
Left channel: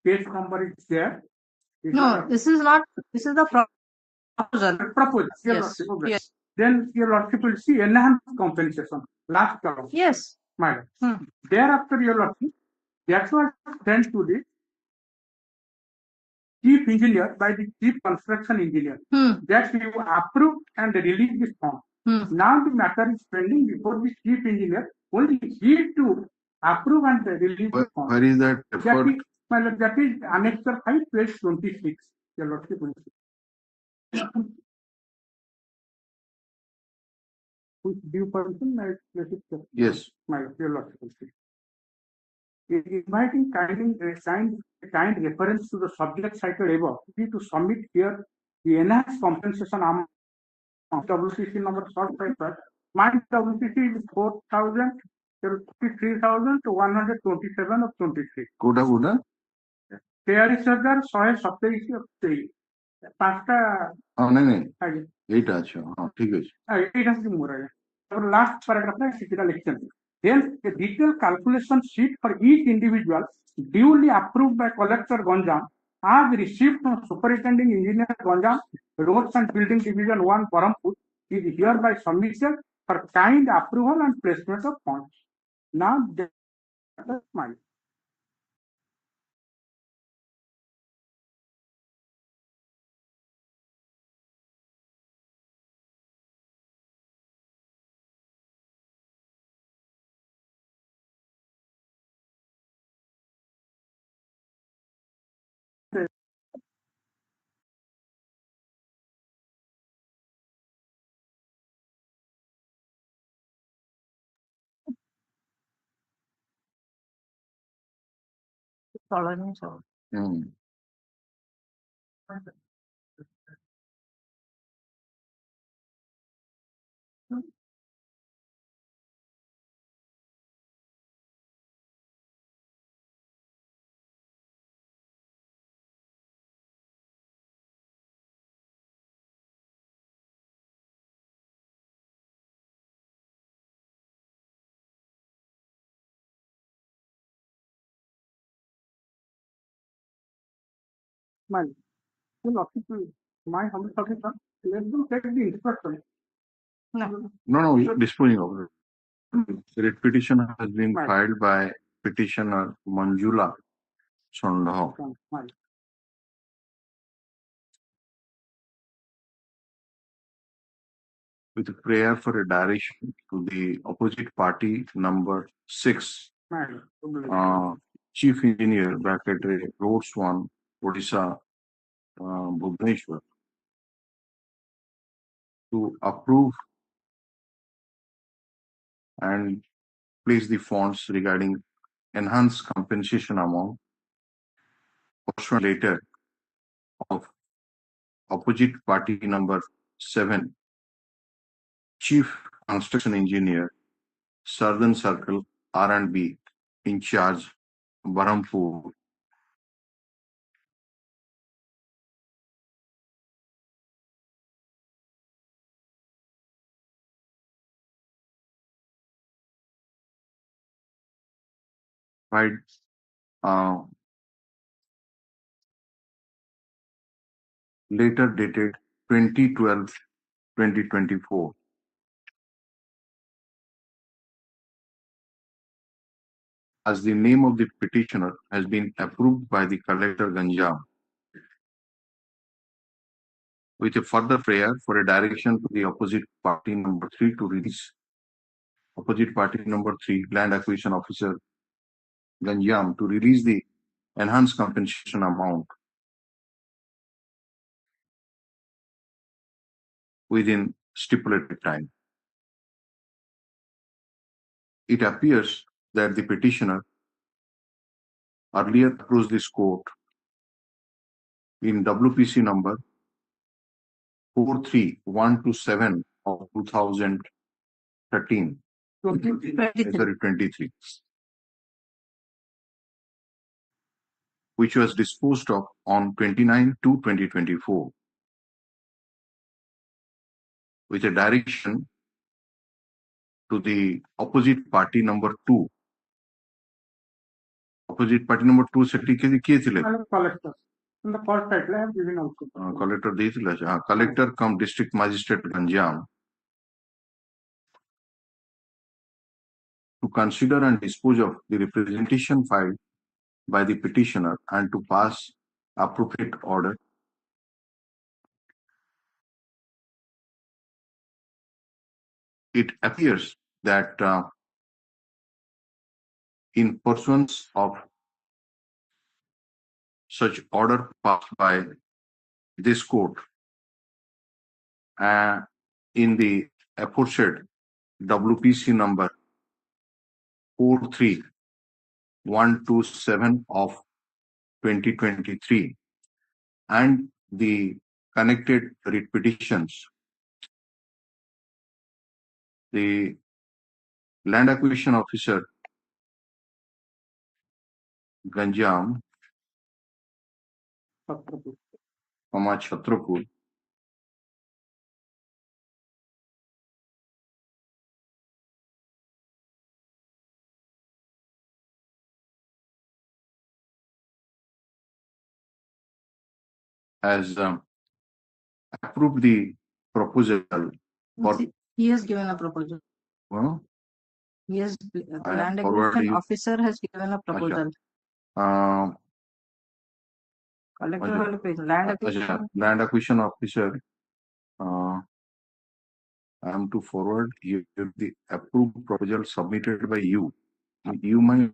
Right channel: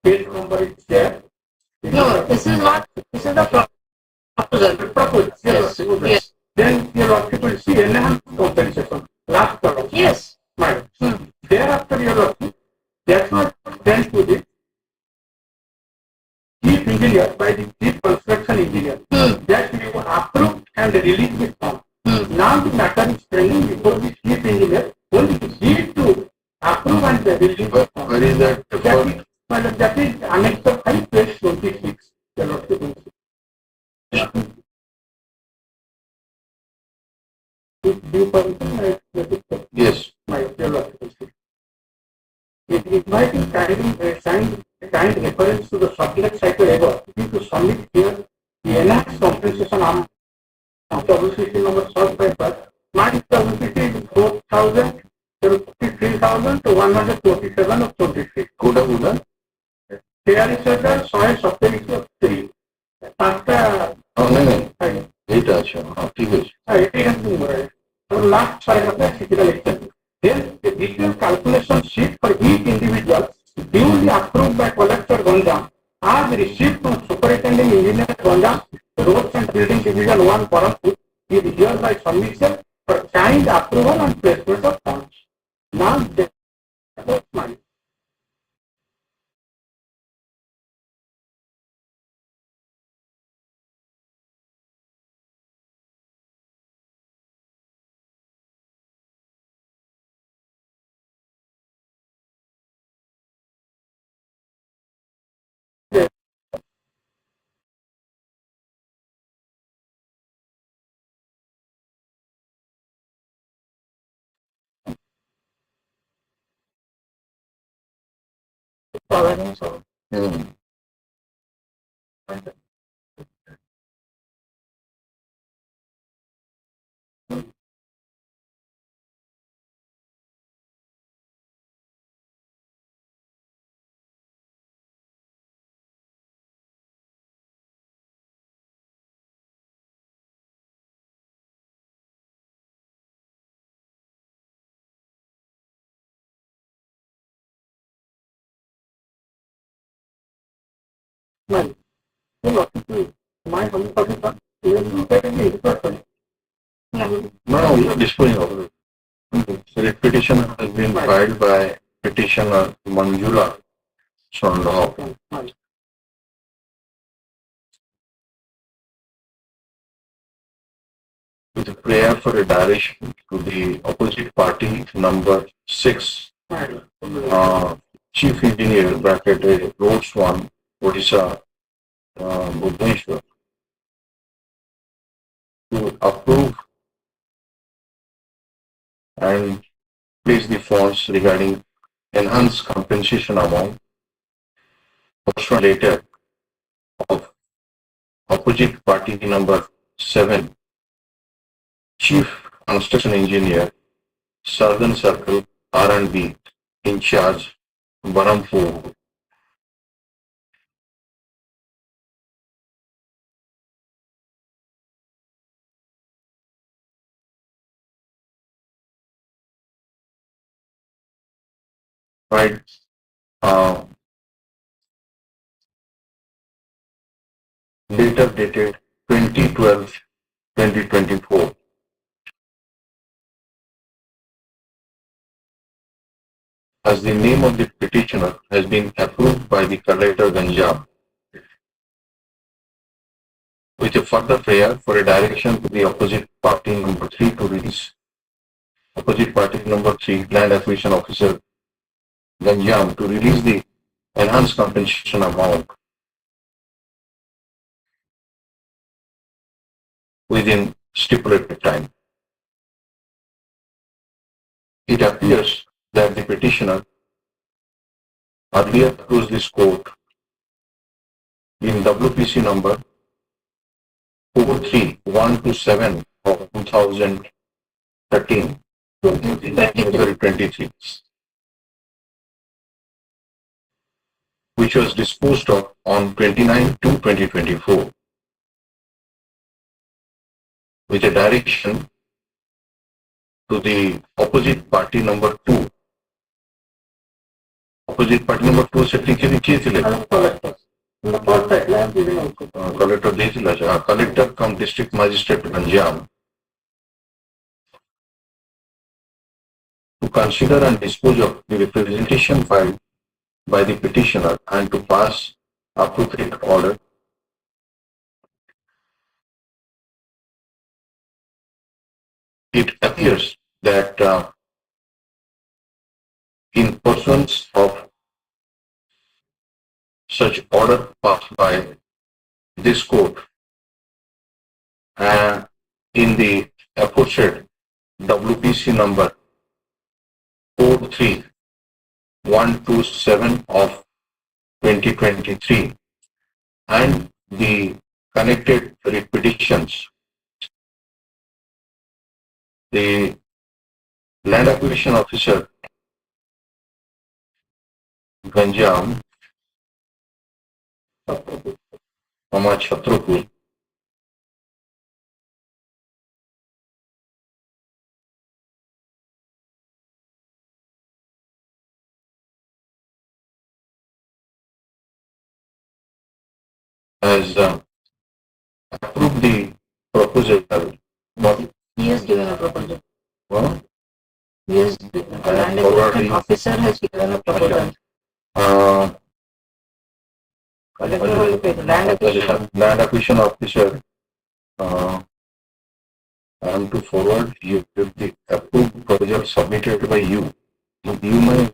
Page number is there. No, this is not, this is the proposal. Proposal. Yes. Yes. Then your lordship will see enhanced compensation. Last column. Yes. Right. Thereafter your lordship, that was sent to the chief engineer by the chief construction engineer. That we approved and released this form. Now the matter is pending before the chief engineer. Only he to approve and release the form. Where is that? That is annexure 5 page 26. Your lordship will see. Do you permission? Yes. My your lordship will see. It inviting kind reference to the subject cycle ever to submit here the enhanced compensation amount of WCC number sought by first. My WCC is 4,000 to 53,000 to 127 of 23. Kuda. Here is the soil supply of 3. नहीं eight अच्छा हाँ ठीक है Last paragraph physical extent. Then the detailed calculation sheet for each individual duly approved by collector Ganjam as received from superintending engineer Ganjam, roads and building division 1 Parampur is hereby submission for kind approval and placement of funds. Now that's mine. My home office No, we are disposing of it. The petition has been filed by petitioner Manjula Sonlao. With a prayer for a direction to the opposite party number 6, Chief Engineer bracket Roads 1, Odisha, Bhubaneswar, to approve and place the funds regarding enhanced compensation amount portion later of opposite party number 7, Chief Construction Engineer, Southern Circle R&B, in charge, Barampur, right? Later dated 2012-2024. As the name of the petitioner has been approved by the collector Ganjam, with a further prayer for a direction to the opposite party number 3 to release. Opposite party number 3, Land Acquisition Officer Ganjam, to release the enhanced compensation amount within stipulated time. It appears that the petitioner earlier accused this court in WPC number 43127 of 2013, 23, which was disposed of on 29/2/2024, with a direction to the opposite party number 2. Opposite party number 2 से ठीक है किए थे collector ଦେଇଥିଲା collector cum district magistrate Ganjam to consider and dispose of the representation filed by the petitioner and to pass appropriate order. It appears that in pursuance of such order passed by this court in the aforesaid WPC number 43127 of 2023 and the connected writ petitions, the Land Acquisition Officer Ganjam, Chhatrapur, has approved the proposal. He has given a proposal. Well, Yes, the land acquisition officer has given a proposal. Collector will pay the land acquisition. Land Acquisition Officer, I am to forward you the approved proposal submitted by you. You might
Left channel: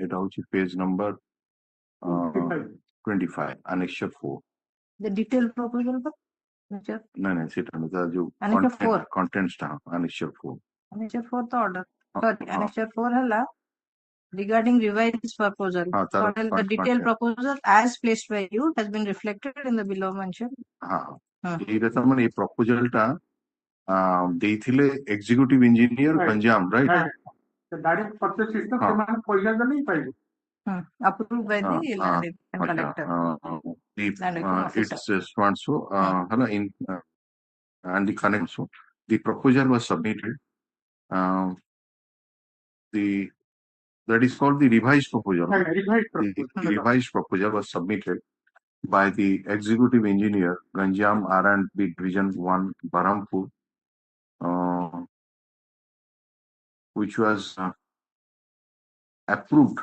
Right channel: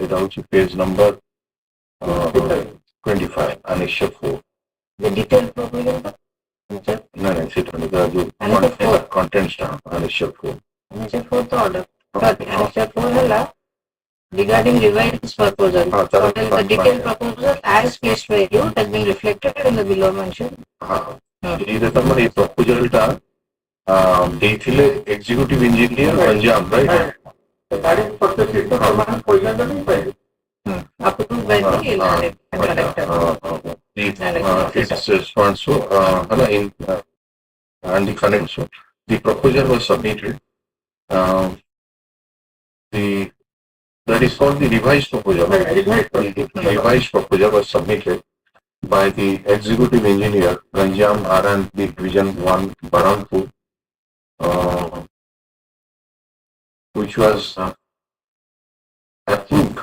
এটা হচ্ছে page number 25 annexure 4. The detailed proposal. No, সেটা contents টা annexure 4. Annexure 4 to order. But annexure 4 ହେଲା regarding revised proposal. The detailed proposal as placed by you has been reflected in the below mentioned. এটা তো মানে এই প্রপোজালটা ଦେଇଥିଲେ executive engineer Ganjam, right? Approved by the collector. It's so and the connect. So the proposal was submitted. That is called the revised proposal. The revised proposal was submitted by the executive engineer Ganjam R&B Division 1 Barampur, which was approved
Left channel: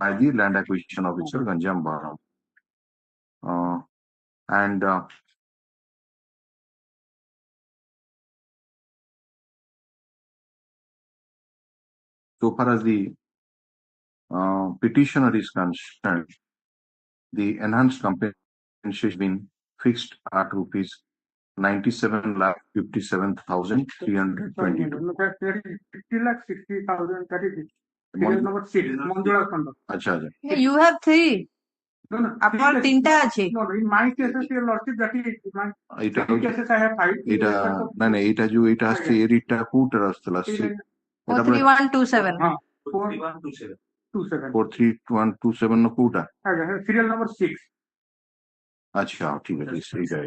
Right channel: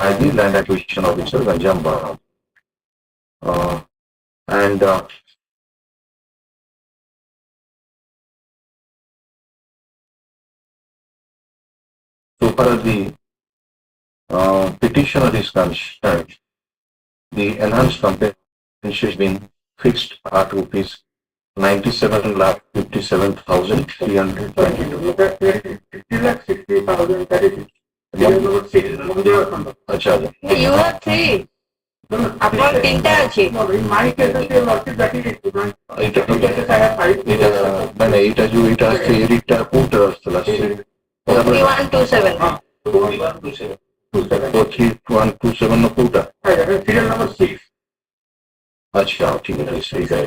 by the Land Acquisition Officer Ganjam Barampur. And so far as the petitioner is concerned, the enhanced compensation has been fixed at rupees 97,57,322. अच्छा You have 3. আপনার 3টা আছে। মানে এটা যে এটা আছে এরিটা কোনটা আসছে লাস্টে 4127 4127 না কোনটা সিরিয়াল নাম্বার 6 আচ্ছা ঠিক আছে সही है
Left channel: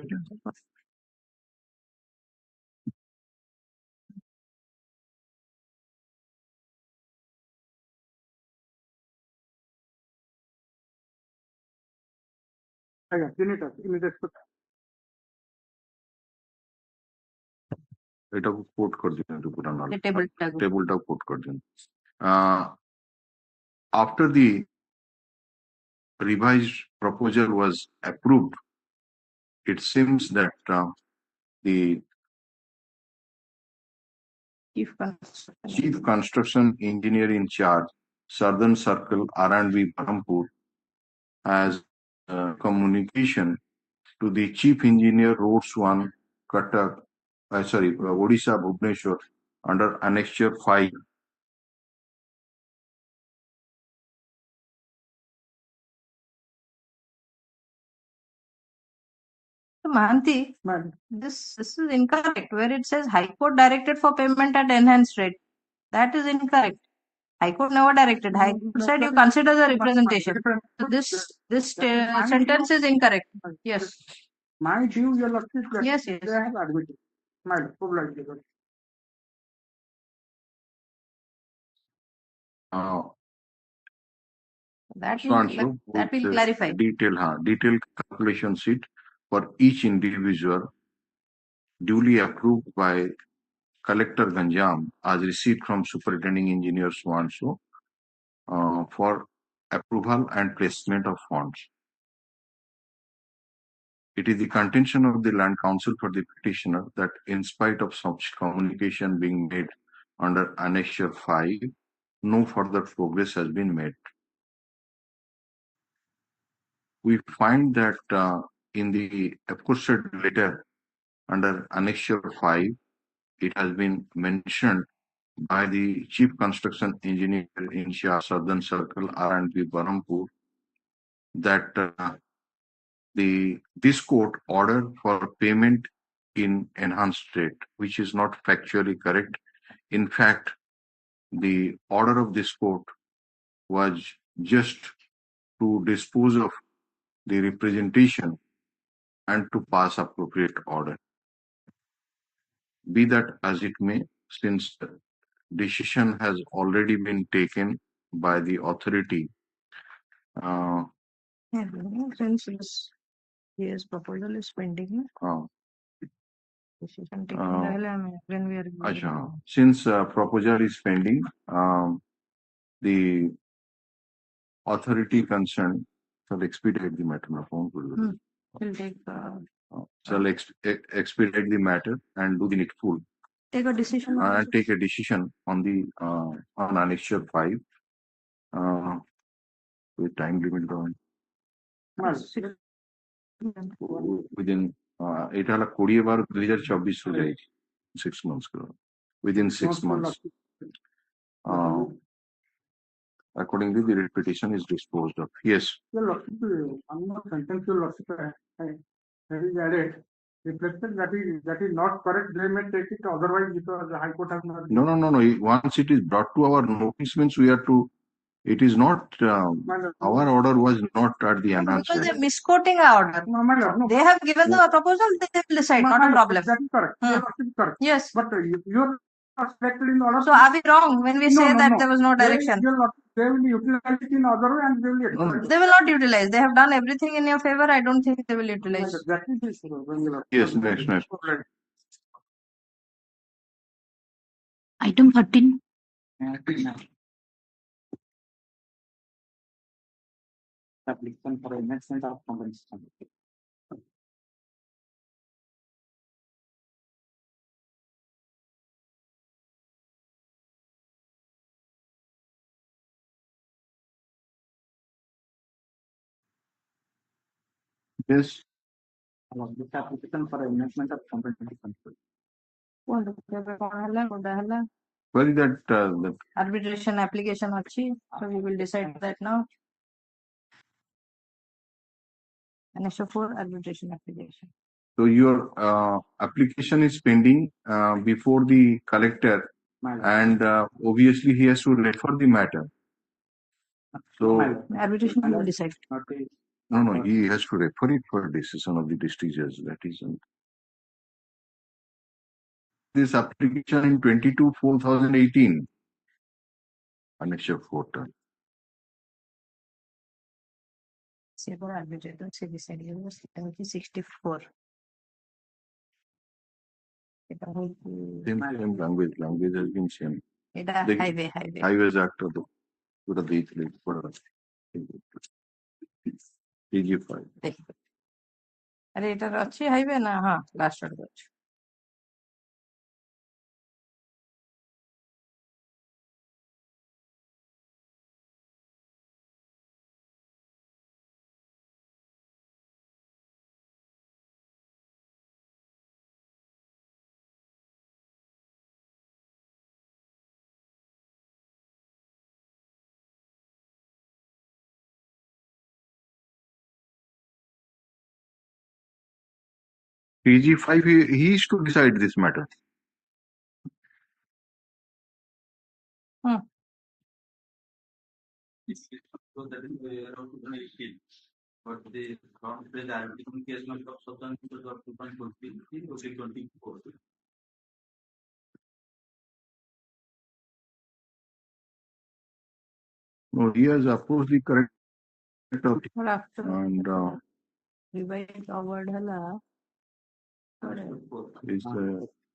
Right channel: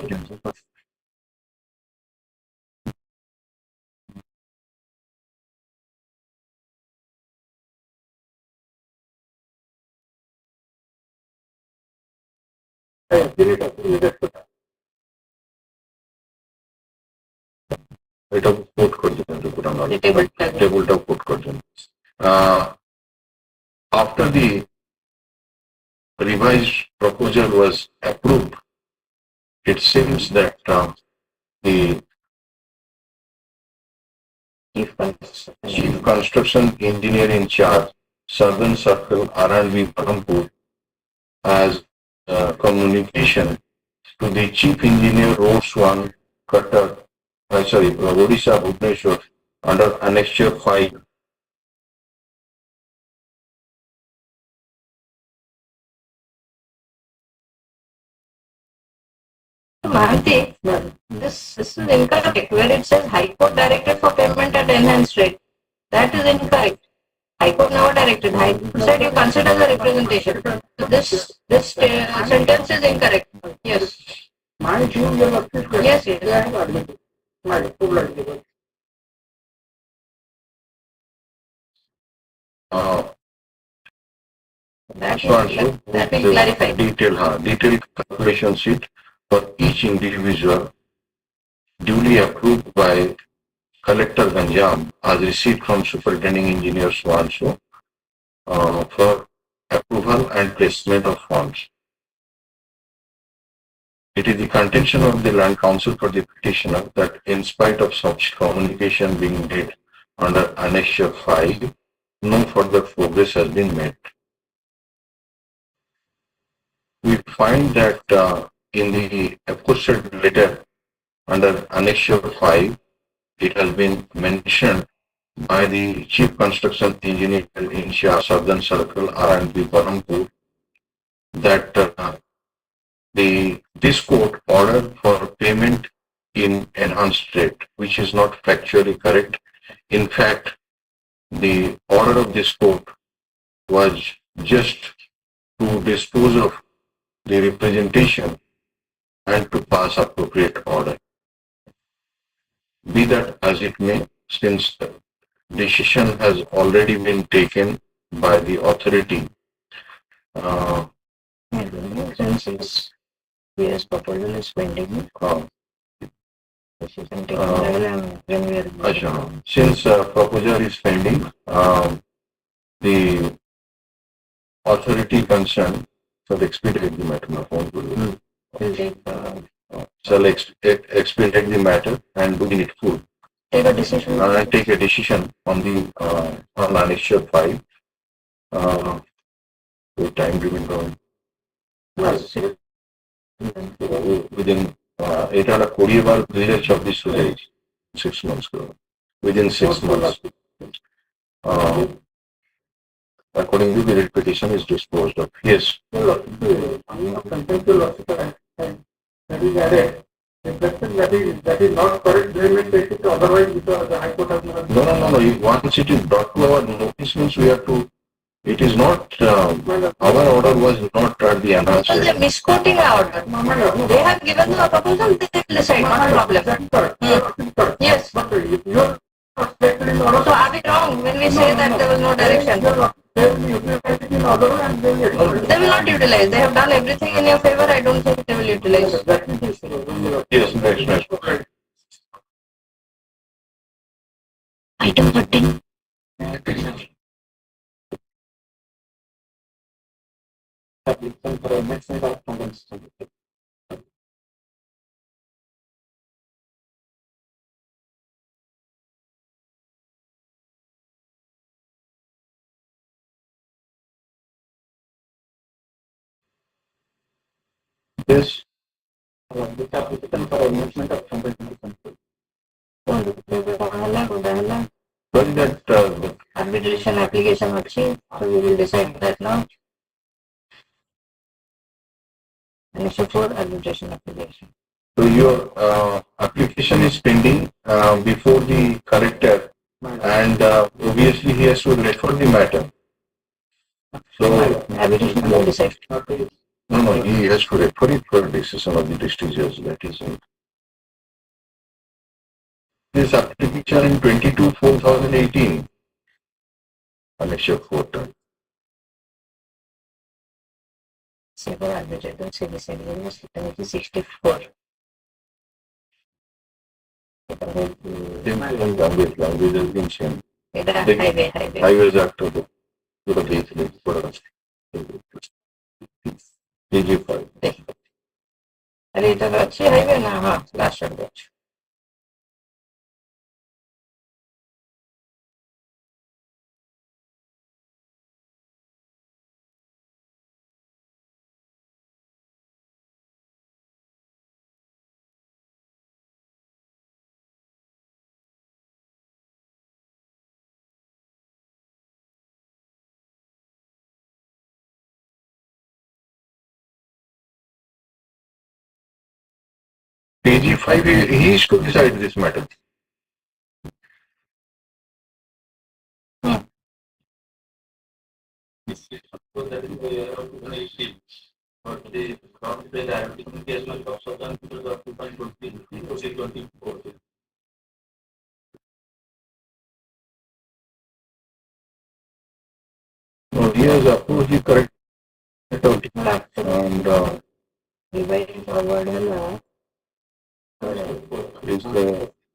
এটা কোট করছেন টেবলটা কোট করছেন after the revised proposal was approved, it seems that the Chief Construction Engineer in charge, Southern Circle, R&B, Parampur, has communication to the Chief Engineer, Roads 1, Cutter, Odisha, Bhubaneswar, under Annexure 5. Mahanti, this is incorrect. Where it says High Court directed for payment at enhanced rate, that is incorrect. High Court never directed. High Court said you consider the representation. So this sentence is incorrect. Yes. Yes, yes. That will clarify. Detailed calculation sheet for each individual duly approved by Collector Ganjam as received from Superintending Engineer Swanso for approval and placement of funds. It is the contention of the Land Council for the petitioner that in spite of such communication being made under Annexure 5, no further progress has been made. We find that in the aforesaid letter under Annexure 5, it has been mentioned by the Chief Construction Engineer in Shah Southern Circle, R&B, Parampur, that this court ordered for payment in enhanced rate, which is not factually correct. In fact, the order of this court was just to dispose of the representation and to pass appropriate order. Be that as it may, since the decision has already been taken by the authority, Yes, proposal is pending. Since proposal is pending, the authority concerned shall expedite the matter. Shall expedite the matter and do it full. Take a decision. Take a decision on the on Annexure 5. The time given to within এটা হলো 20/2026 হয়ে যাচ্ছে 6 months করে within 6 months accordingly the writ petition is disposed of. Yes, that is not correct. We may take it otherwise because the High Court has not. no. Once it is brought to our notice means we have to. It is not, our order was not at the enhanced. They are misquoting our order. They have given the proposal, they will decide, not a problem. Yes. But you are stated in order. So are we wrong when we say that there was no direction? They will utilize it in order and they will. They will not utilize. They have done everything in your favor. I don't think they will utilize. Yes, next. Item 13. Application for amendment of convention. Yes. This application for amendment of convention. Well, that Arbitration application ଅଛି, so we will decide that now. Annexure 4 arbitration application. so your application is pending before the collector, and obviously he has to refer the matter. So Arbitration will decide. no, he has to refer it for decision of the district judge. That is it. His application in 22/4/2018. Annexure 4 time. Civil arbitration, civil section, 64. Language has been changed. Highway. Highways Act of the PG5. अरे ये तो अच्छी highway ना हाँ last road पे PG5, he is to decide this matter. No, he has approached the correct and divide forward है ना is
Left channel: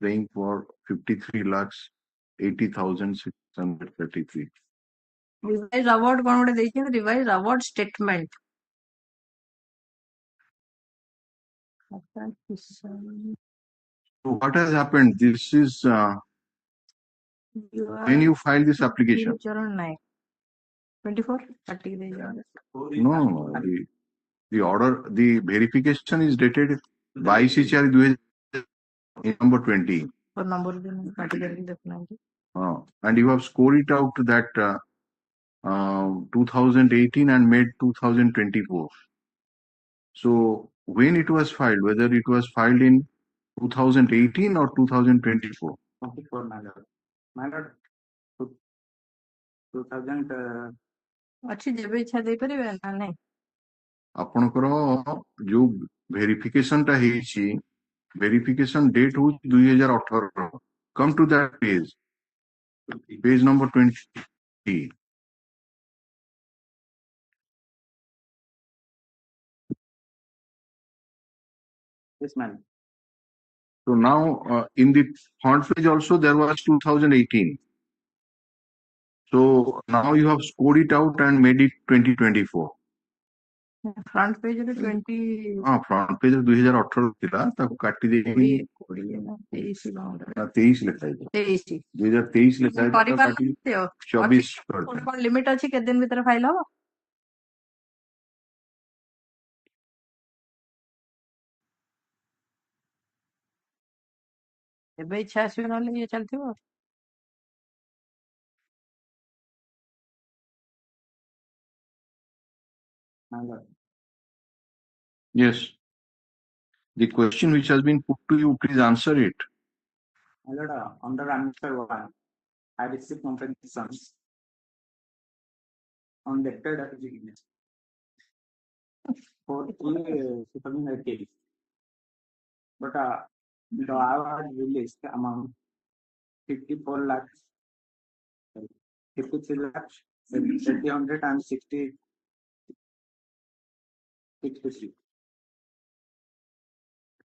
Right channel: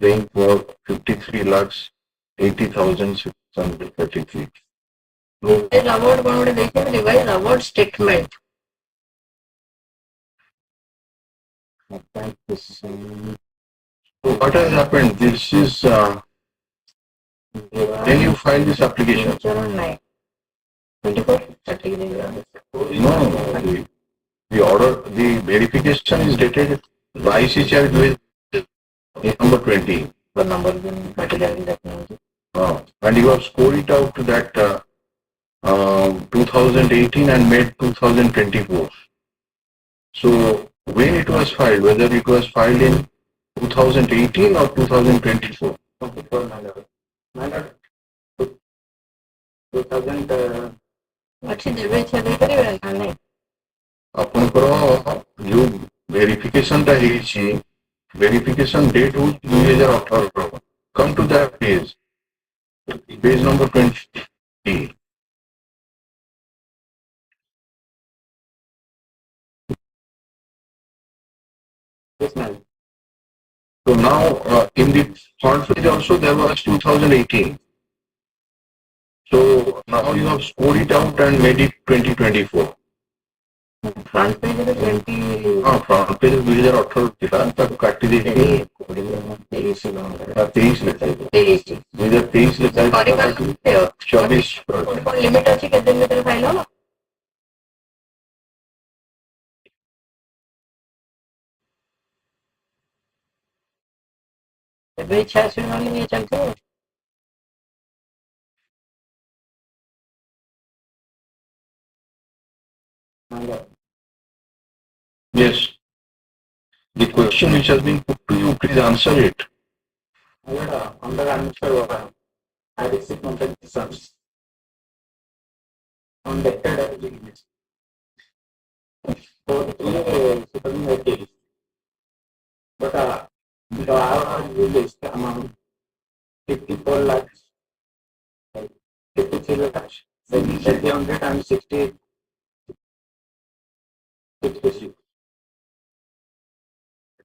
paying for 53 lakhs 80,633. Revise award कौन बड़े देखे revise award statement So what has happened? This is, can you file this application? चरण 9 24 30 No, the order, the verification is dated by ICCR number 20. पर number भी particularly रखना है And you have scored it out to that 2018 and made 2024. So when it was filed, whether it was filed in 2018 or 2024? अच्छी देवे इच्छा दे करी ना नहीं ଆପଣଙ୍କର ଯୋଉ ଭେରିଫିକେସନଟା ହେଇଛି verification date was 2018. Come to that page number 20. Yes, ma'am. So now in the front page also there was 2018. So now you have scored it out and made it 2024. Front page पे 20 हाँ front page 2018 ଥିଲା ତାକୁ କାଟି ଦେଇକି 23 ଲେଖା ହେଇଛି 2023 ଲେଖା ହେଇଛି 24 limit अच्छी केते दिन भीतर फाइल होला ଏବେ ଇଚ୍ଛା ଆସିବ ନହେଲେ ଇଏ ଚାଲିଥିବ Yes, the question which has been put to you, please answer it. Under answer, I received contributions on the third agreement. For 2018. But the list amount 54 lakhs, 53 lakhs, 760, 66.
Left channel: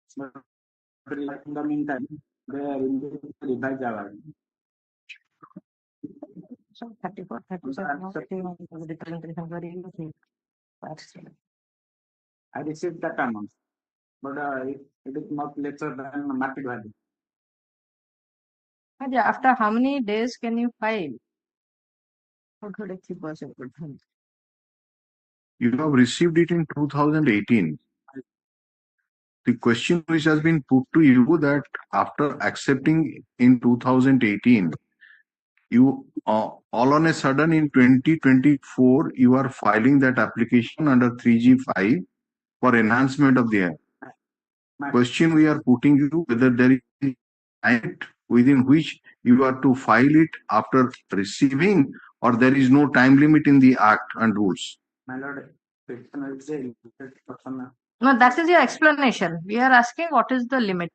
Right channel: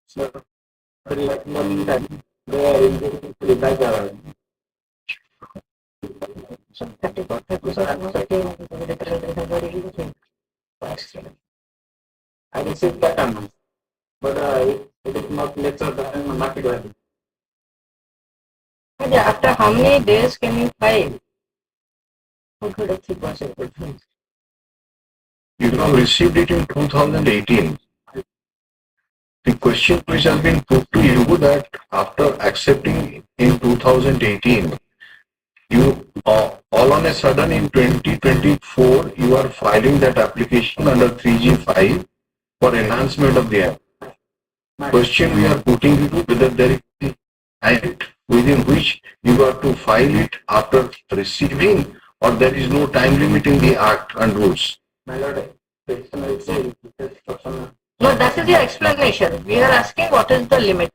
So, I received that amount, but it is not lesser than market value. after how many days can you file good अच्छी possible You have received it in 2018. The question which has been put to you that after accepting in 2018, you all on a sudden in 2024 you are filing that application under 3G5 for enhancement of the act. Question we are putting you to whether there is an act within which you are to file it after receiving or there is no time limit in the act and rules. My lord, no that is your explanation we are asking what is the limit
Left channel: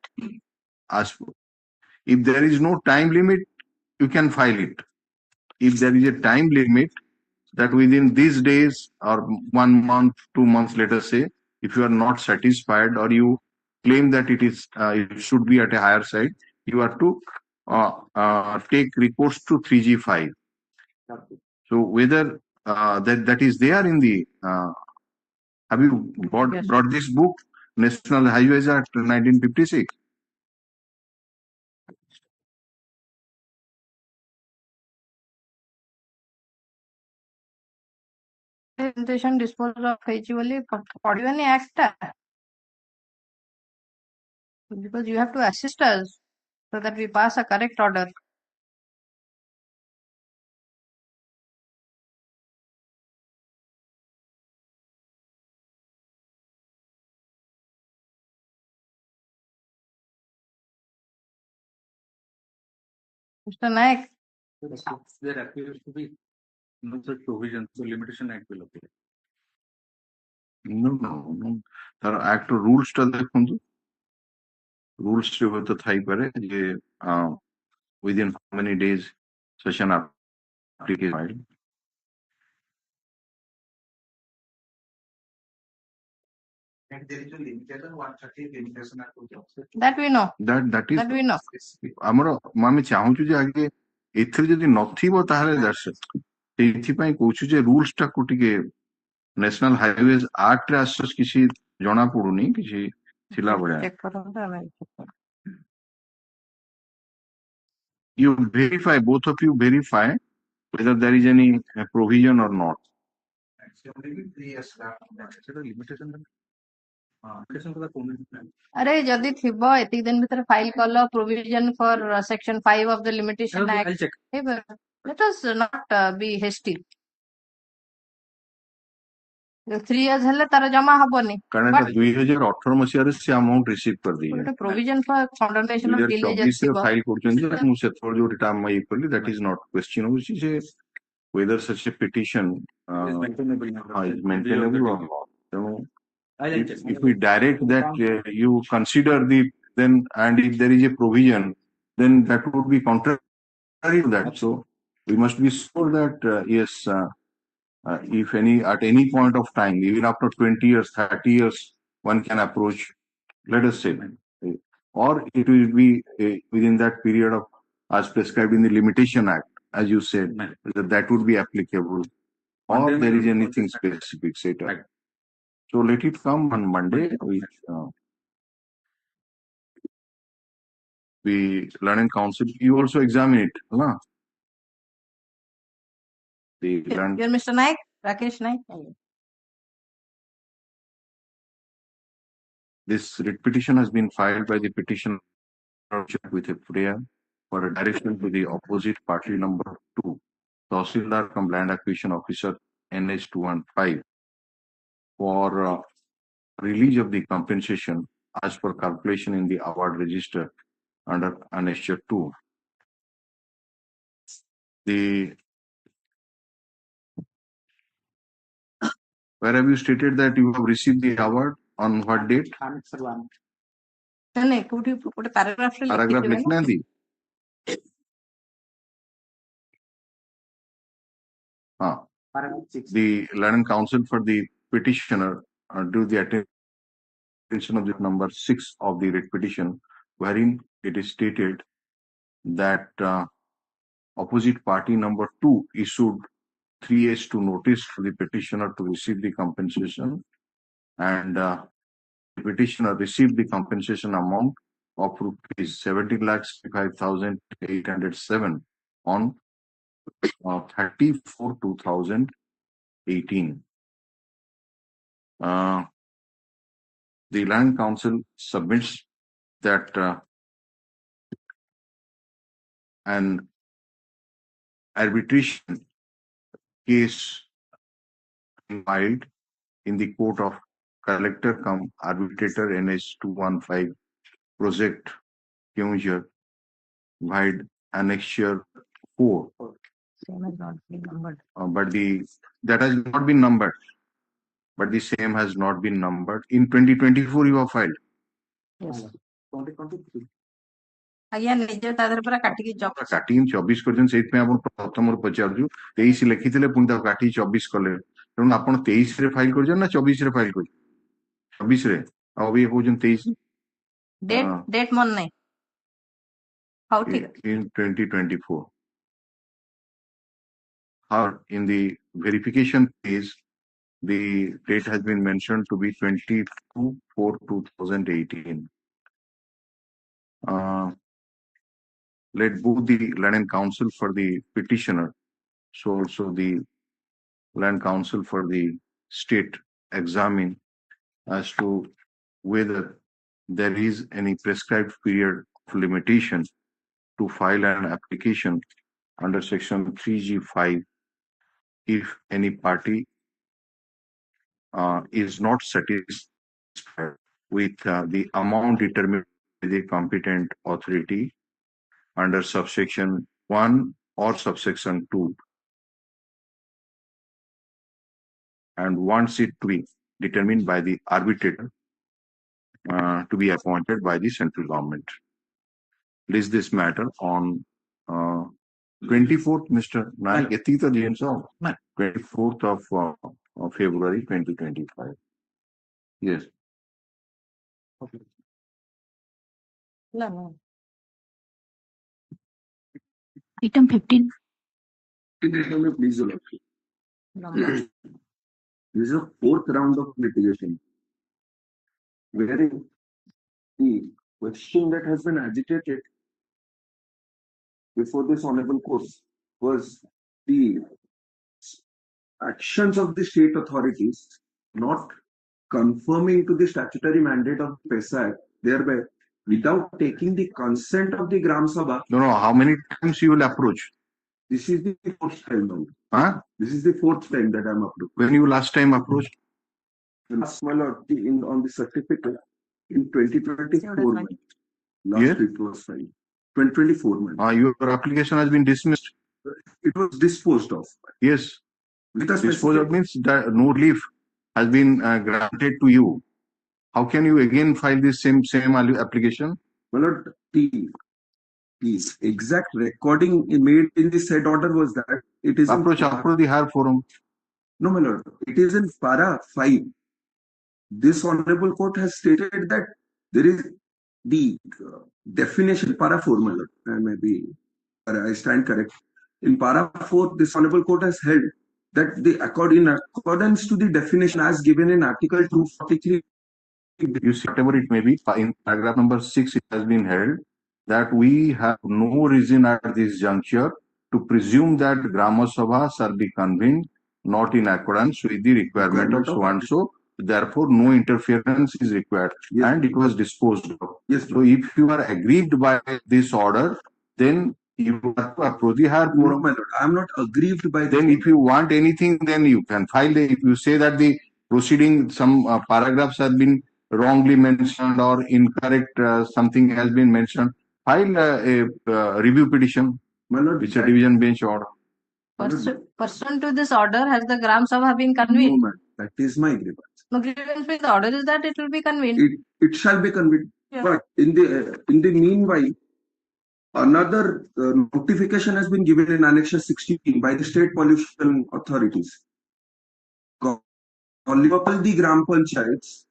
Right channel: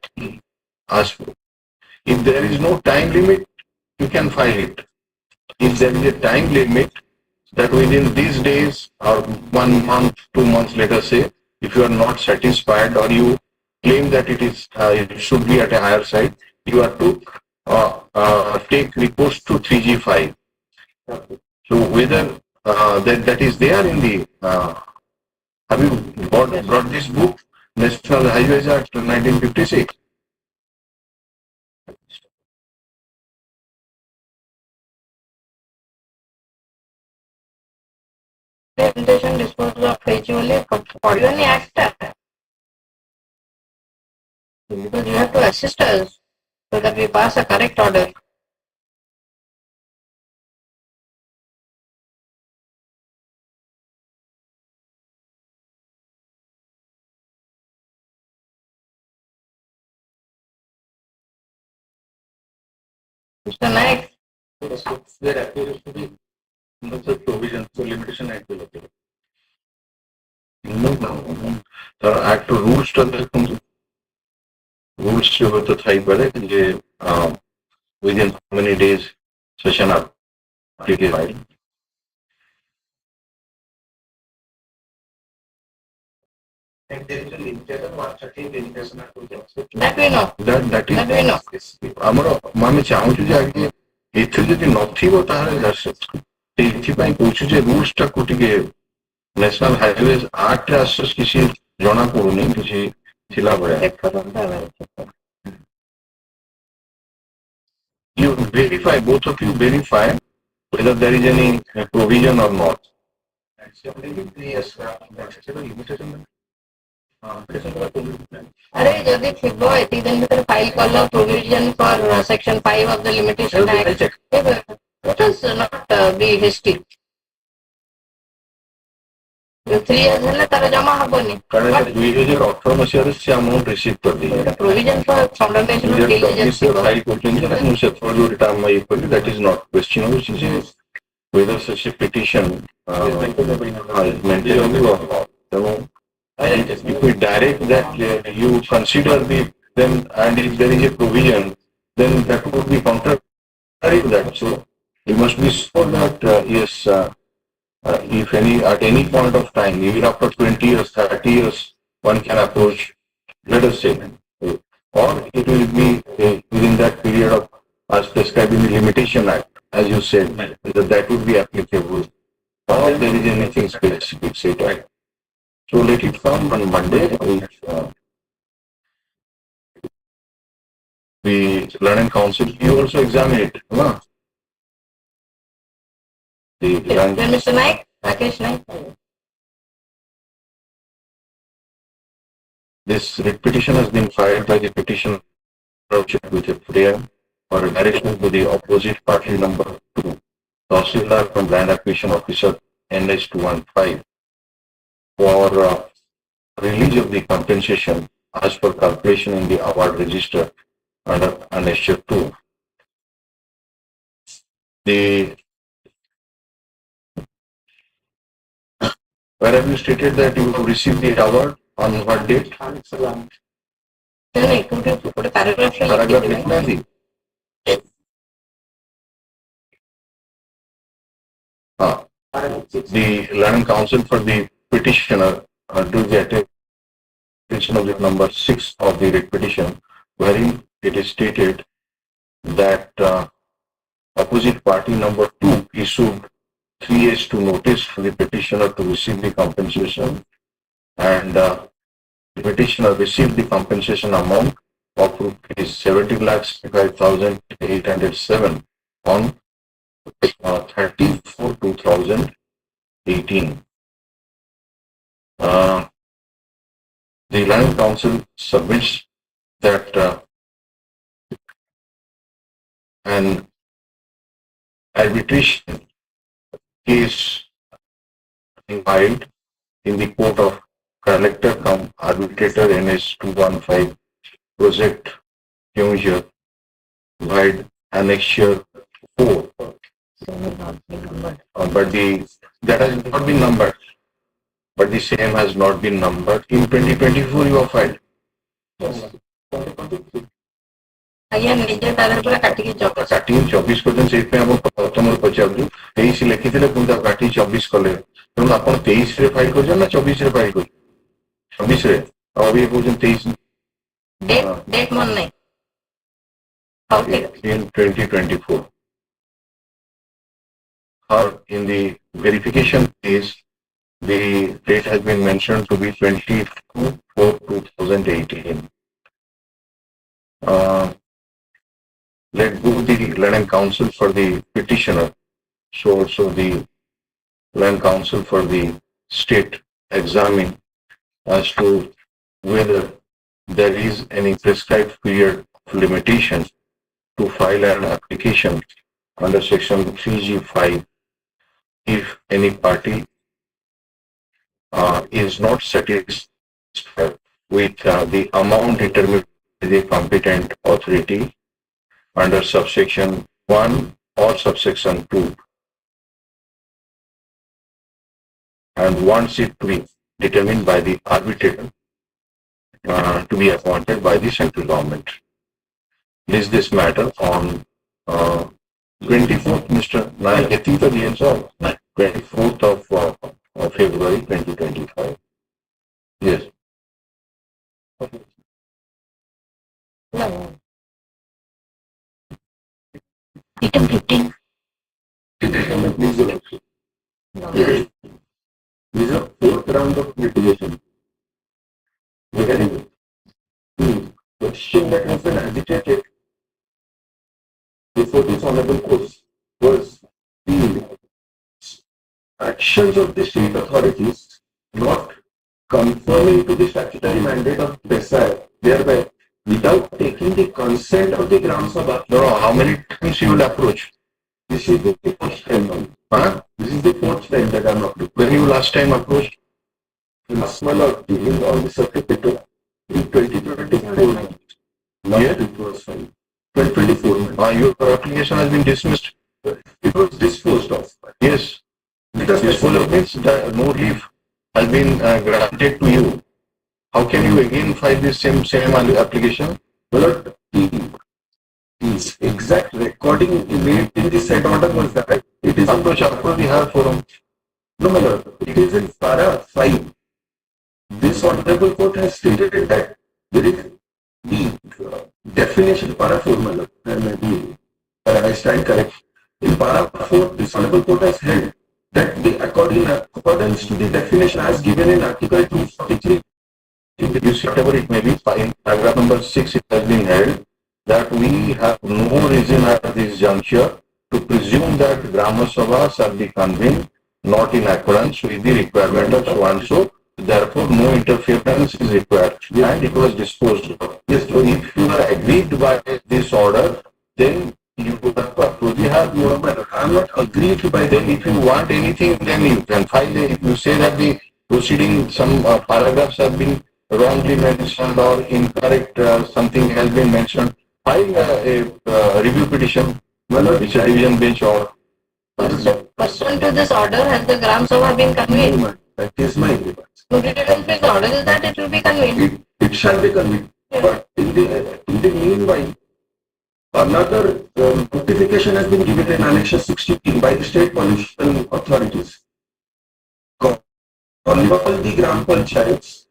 Ask for. If there is no time limit, you can file it. If there is a time limit, that within these days or 1 month, 2 months, let us say, if you are not satisfied or you claim that it should be at a higher side, you have to take recourse to 3G5. So whether that is there in the, have you brought this book, National Highways Act 1956? Presentation disposal of HOL ପଢିବନି act ଟା? Because you have to assist us so that we pass a correct order. Mr. Naik, There appears to be no such provision for limitation act. No. There are act rules to the rules to the Thai ballet, within how many days session up. And there is a limited 130 limitation to the that we know. That That we know. ଆମର ଆମେ ଚାହୁଁଛୁ ଯେ ଆଗେ ଏଥିରେ ଯଦି ନଥିବ ତାହେଲେ ସେଇଥିପାଇଁ କହୁଛୁ ଯେ ରୁଲ୍ସ ଟାକୁ ଟିକେ ନ୍ୟାସନାଲ ହାଇୱେଜ ଆକ୍ଟରେ ଆସେ କିଛି ଜଣା ପଡୁନି କିଛି ଥିଲା ଭଳିଆ. You verify, both of you verify whether there is any provision or not. अरे जदि थिबो एति दिन भीतर फाइल कलो provision for section 5 of the limitation act, let us not be hasty. 3 years ହେଲେ ତାର ଜମା ହବନି. କାରଣ 2018 ମସିହାରେ ସେ ଆମାଉଣ୍ଟ ରିସିଭ୍ କରିଦେଇଛି. Provision for fundamental delays ଥିବ. ଫାଇଲ କରୁଛନ୍ତି ଯେ ମୁଁ ସେତେବେଳେ ଯୋଉ ରିଟର୍ନ ଇଏ କଲି, that is not question ହଉଛି ଯେ whether such a petition is maintainable or not. ତେଣୁ if we direct that you consider them, and if there is a provision, then that would be contrary to that. So we must be sure that yes, if at any point of time, even after 20 years, 30 years, one can approach, let us say, or it will be within that period of, as prescribed in the Limitation Act, as you said, that would be applicable, or there is anything specific said. So let it come on Monday. The Learning Council, you also examine it. Huh? Mr. Naik, Rakesh Naik. This writ petition has been filed by the petitioner with a prayer or a direction to the opposite party number 2, Tahsildar from Land Acquisition Officer NS 215 for release of the compensation as per calculation in the award register under Annexure 2. Where have you stated that you will receive the award on what date? नहीं पूरे paragraph में Paragraph लिखी लिखना थी. The Learning Council for the petitioner do the attention of the number 6 of the writ petition, wherein it is stated that opposite party number 2 issued 3 years to notice for the petitioner to receive the compensation, and the petitioner received the compensation amount of rupees 70,65,807 on 30/4/2018. The Learning Council submits that an arbitration case filed in the court of collector cum arbitrator NS 215 project Kyunjir wide annexure 4. But that has not been numbered. But the same has not been numbered. In 2024 you have filed. ଆଜ୍ଞା ନିଜେ ତା ଦେହରେ ପୁରା କାଟିକି ଚକ କାଟିକି 24 କରିଛନ୍ତି, ସେଇଥିପାଇଁ ଆପଣ ପ୍ରଥମରୁ ପଚାରୁଛୁ 23 ଲେଖିଥିଲେ ପୁଣି ତାକୁ କାଟିକି 24 କଲେ, ତେଣୁ ଆପଣ 23 ରେ ଫାଇଲ କରିଛନ୍ତି ନା 24 ରେ ଫାଇଲ କରିଛନ୍ତି? 24 ରେ, ଆଉ ଅବିକା କହୁଛନ୍ତି 23 ଡେଟ୍ ମନେ ନାହିଁ। ହଉ ଠିକ ଅଛି। in 2024. Or in the verification case, the date has been mentioned to be 22/4/2018. Let both the land and counsel for the petitioner, so also the land counsel for the state examine as to whether there is any prescribed period of limitation to file an application under section 3G5 if any party is not satisfied with the amount determined by the competent authority under subsection 1 or subsection 2 and wants it to be determined by the arbitrator to be appointed by the central government. List this matter on 24th, Mr. Nayak, I think the DNs of 24th of February 2025. Yes. Item 15. This is a fourth round of litigation. Regarding the question that has been agitated before this honorable court was the actions of the state authorities not conforming to the statutory mandate of PESA, thereby without taking the consent of the Gram Sabha. No, how many times you will approach? This is the fourth time now. Huh? This is the fourth time that I am approaching. When you last time approached? Last month on the circuit in 2024. Yeah? It was fine. 2024. Your application has been dismissed. It was disposed of. Yes. Because Disposal means that no relief has been granted to you. How can you again file the same application? well, the exact recording made in the said order was that it is Approach the higher forum. no, my lord, it is in para 5. This honorable court has stated that there is the definition para 4, my lord. Maybe I stand correct. In para 4, this honorable court has held that in accordance to the definition as given in Article 243. You see, whatever it may be, in paragraph number 6, it has been held that we have no reason at this juncture to presume that Grama Sabha shall be convened not in accordance with the requirement of so and so. Therefore, no interference is required, and it was disposed of. Yes, so if you are aggrieved by this order, then you have to approach the higher forum. I am not aggrieved by Then if you want anything, then you can file. If you say that the proceeding, some paragraphs have been wrongly mentioned or incorrect, something has been mentioned, file a review petition. It's a division bench or. Pursuant to this order, has the Gram Sabha been convened? That is my grievance. No, division bench order is that it will be convened. It shall be convened. But in the meanwhile, another notification has been given in Annexure 16 by the state pollution authorities. All the Gram Panchayats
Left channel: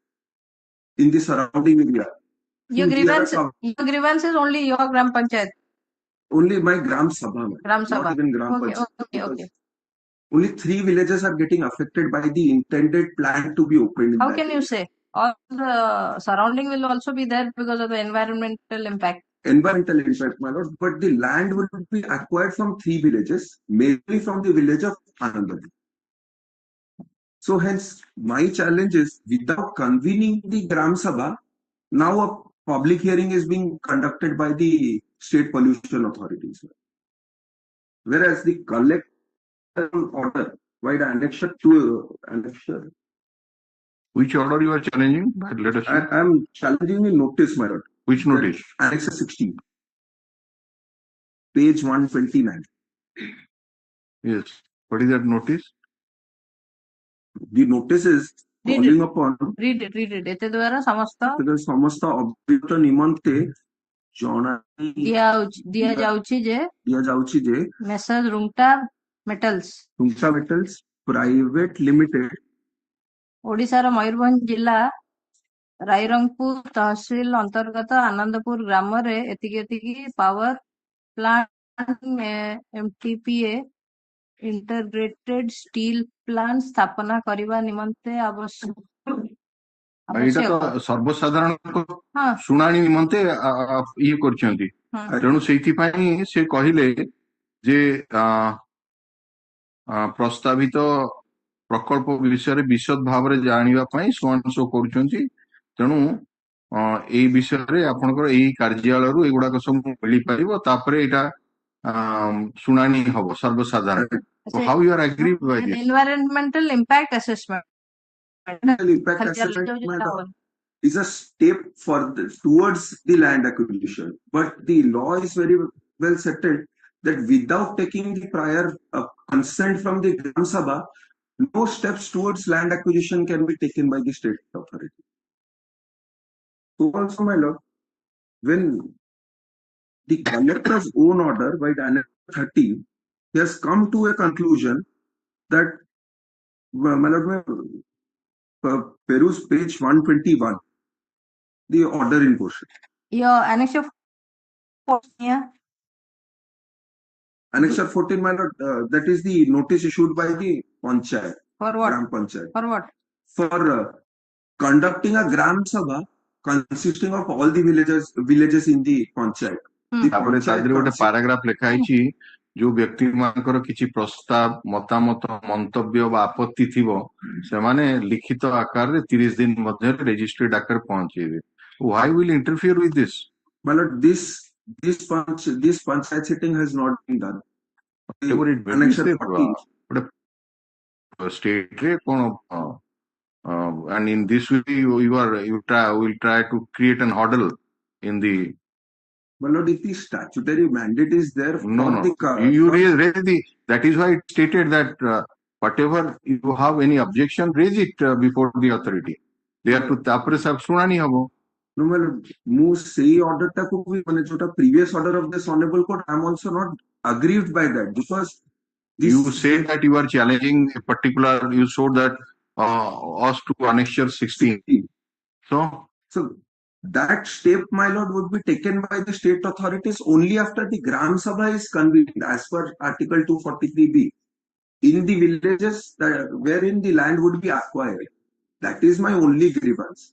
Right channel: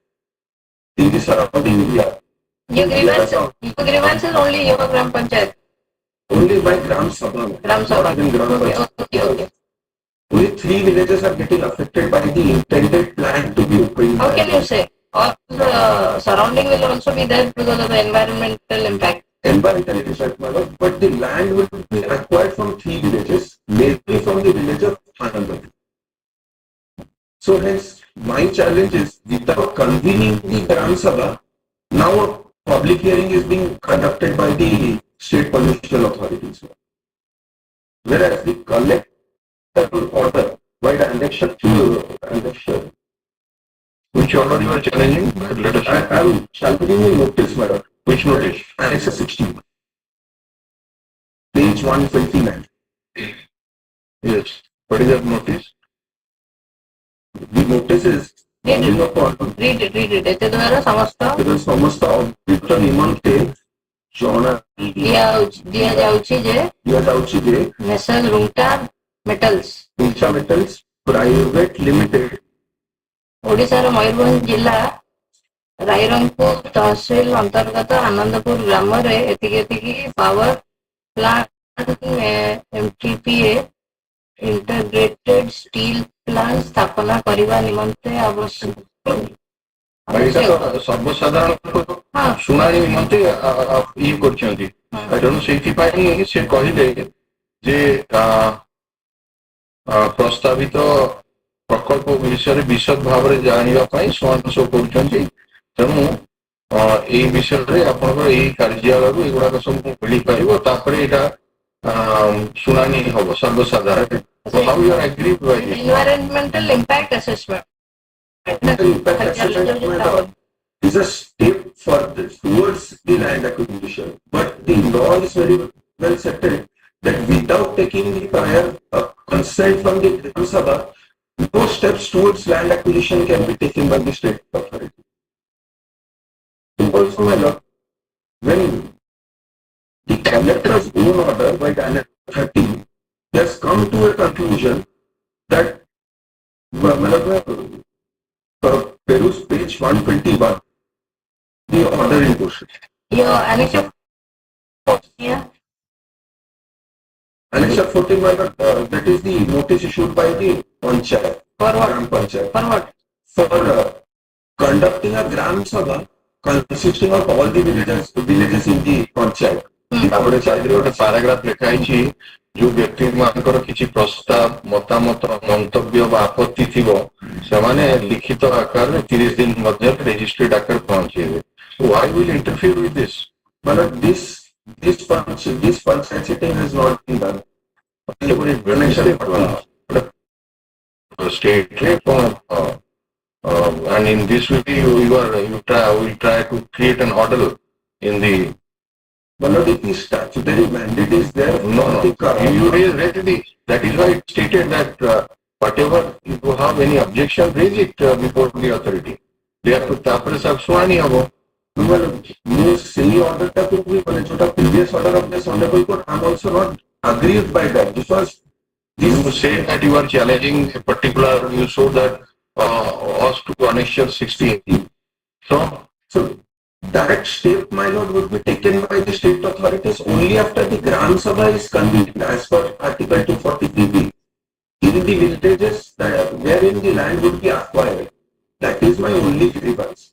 in the surrounding area. Your grievance is only your Gram Panchayat. Only by Gram Sabha. Gram Sabha. Not in Gram Panchayat. Okay. Only 3 villages are getting affected by the intended plan to be opened. How can you say? All the surrounding will also be there because of the environmental impact. Environmental impact, my lord, but the land will be acquired from 3 villages, mainly from the village of Hon'Ble. So hence, my challenge is, without convening the Gram Sabha, now a public hearing is being conducted by the state pollution authorities. Whereas the collector order by the annexure to annexure. Which order you are challenging? Let us I am challenging the notice, my lord. Which notice? Annexure 16. Page 129. Yes. What is that notice? The notice is calling upon Read it. एते द्वारा समस्त समस्त अभियुक्त निमंते ଜଣା ଦିଆଯାଉଛି ଯେ ଦିଆଯାଉଛି ଯେ ନେସଲ ରୁଙ୍ଗଟା ମେଟାଲ୍ସ ଉଞ୍ଚା ମେଟାଲ୍ସ ପ୍ରାଇଭେଟ ଲିମିଟେଡ ଓଡ଼ିଶାର ମୟୂରଭଞ୍ଜ ଜିଲ୍ଲା ରାଇରଙ୍ଗପୁର ତହସିଲ ଅନ୍ତର୍ଗତ ଆନନ୍ଦପୁର ଗ୍ରାମରେ ଏତିକି power plant MTPA integrated steel plant ସ୍ଥାପନା କରିବା ନିମନ୍ତେ ଆବଶ୍ୟକ ଏଇଟା ତ ସର୍ବସାଧାରଣ ଶୁଣାଣି ନିମନ୍ତେ ଇଏ କରିଛନ୍ତି ତେଣୁ ସେଇଥିପାଇଁ ସେ କହିଲେ ଯେ ପ୍ରସ୍ତାବିତ ପ୍ରକଳ୍ପ ବିଷୟରେ ବିଶଦ ଭାବରେ ଜାଣିବା ପାଇଁ ସୋ କରୁଛନ୍ତି ତେଣୁ ଏଇ ବିଷୟରେ ଆପଣଙ୍କର ଏଇ କାର୍ଯ୍ୟାଳୟରୁ ଏଗୁଡାକ ସବୁ ମିଳିପାରିବ ତାପରେ ଏଇଟା ଶୁଣାଣି ହବ ସର୍ବସାଧାରଣ how you are agree environmental impact assessment impact assessment is a step towards the land acquisition. But the law is very well settled that without taking the prior consent from the Gram Sabha, no steps towards land acquisition can be taken by the state authority. Also, my lord, when the collector's own order by Directive 30 has come to a conclusion that Peru's page 121, the order in question. your annex of Annexure 14, my lord, that is the notice issued by the Panchayat. For what? Gram Panchayat. For what? For conducting a Gram Sabha consisting of all the villages in the Panchayat. ତାପରେ ଚାରିରେ ଗୋଟେ paragraph ଲେଖା ହେଇଛି ଯୋଉ ବ୍ୟକ୍ତି ମାନଙ୍କର କିଛି ପ୍ରସ୍ତାବ ମତାମତ ମନ୍ତବ୍ୟ ବା ଆପତ୍ତି ଥିବ ସେମାନେ ଲିଖିତ ଆକାରରେ 30 ଦିନ ମଧ୍ୟରେ ରେଜିଷ୍ଟ୍ରେଡ ଆକାରରେ ପହଞ୍ଚେଇବେ why will interfere with this But this Panchayat sitting has not been done. state and in this way you try to create an order in the But if the statutory mandate is there, no you raise the that is why it stated that whatever you have any objection raise it before the authority they have to tapre sab suhani habo ମୁଁ ସେଇ ଅର୍ଡରଟାକୁ ବି ମାନେ ଯୋଉଟା previous order of this honorable court, I'm also not aggrieved by that. This was you say that you are challenging a particular you showed that us to annexure 16 so that step, my lord, would be taken by the state authorities only after the Gram Sabha is convened as per Article 243B in the villages wherein the land would be acquired. That is my only grievance.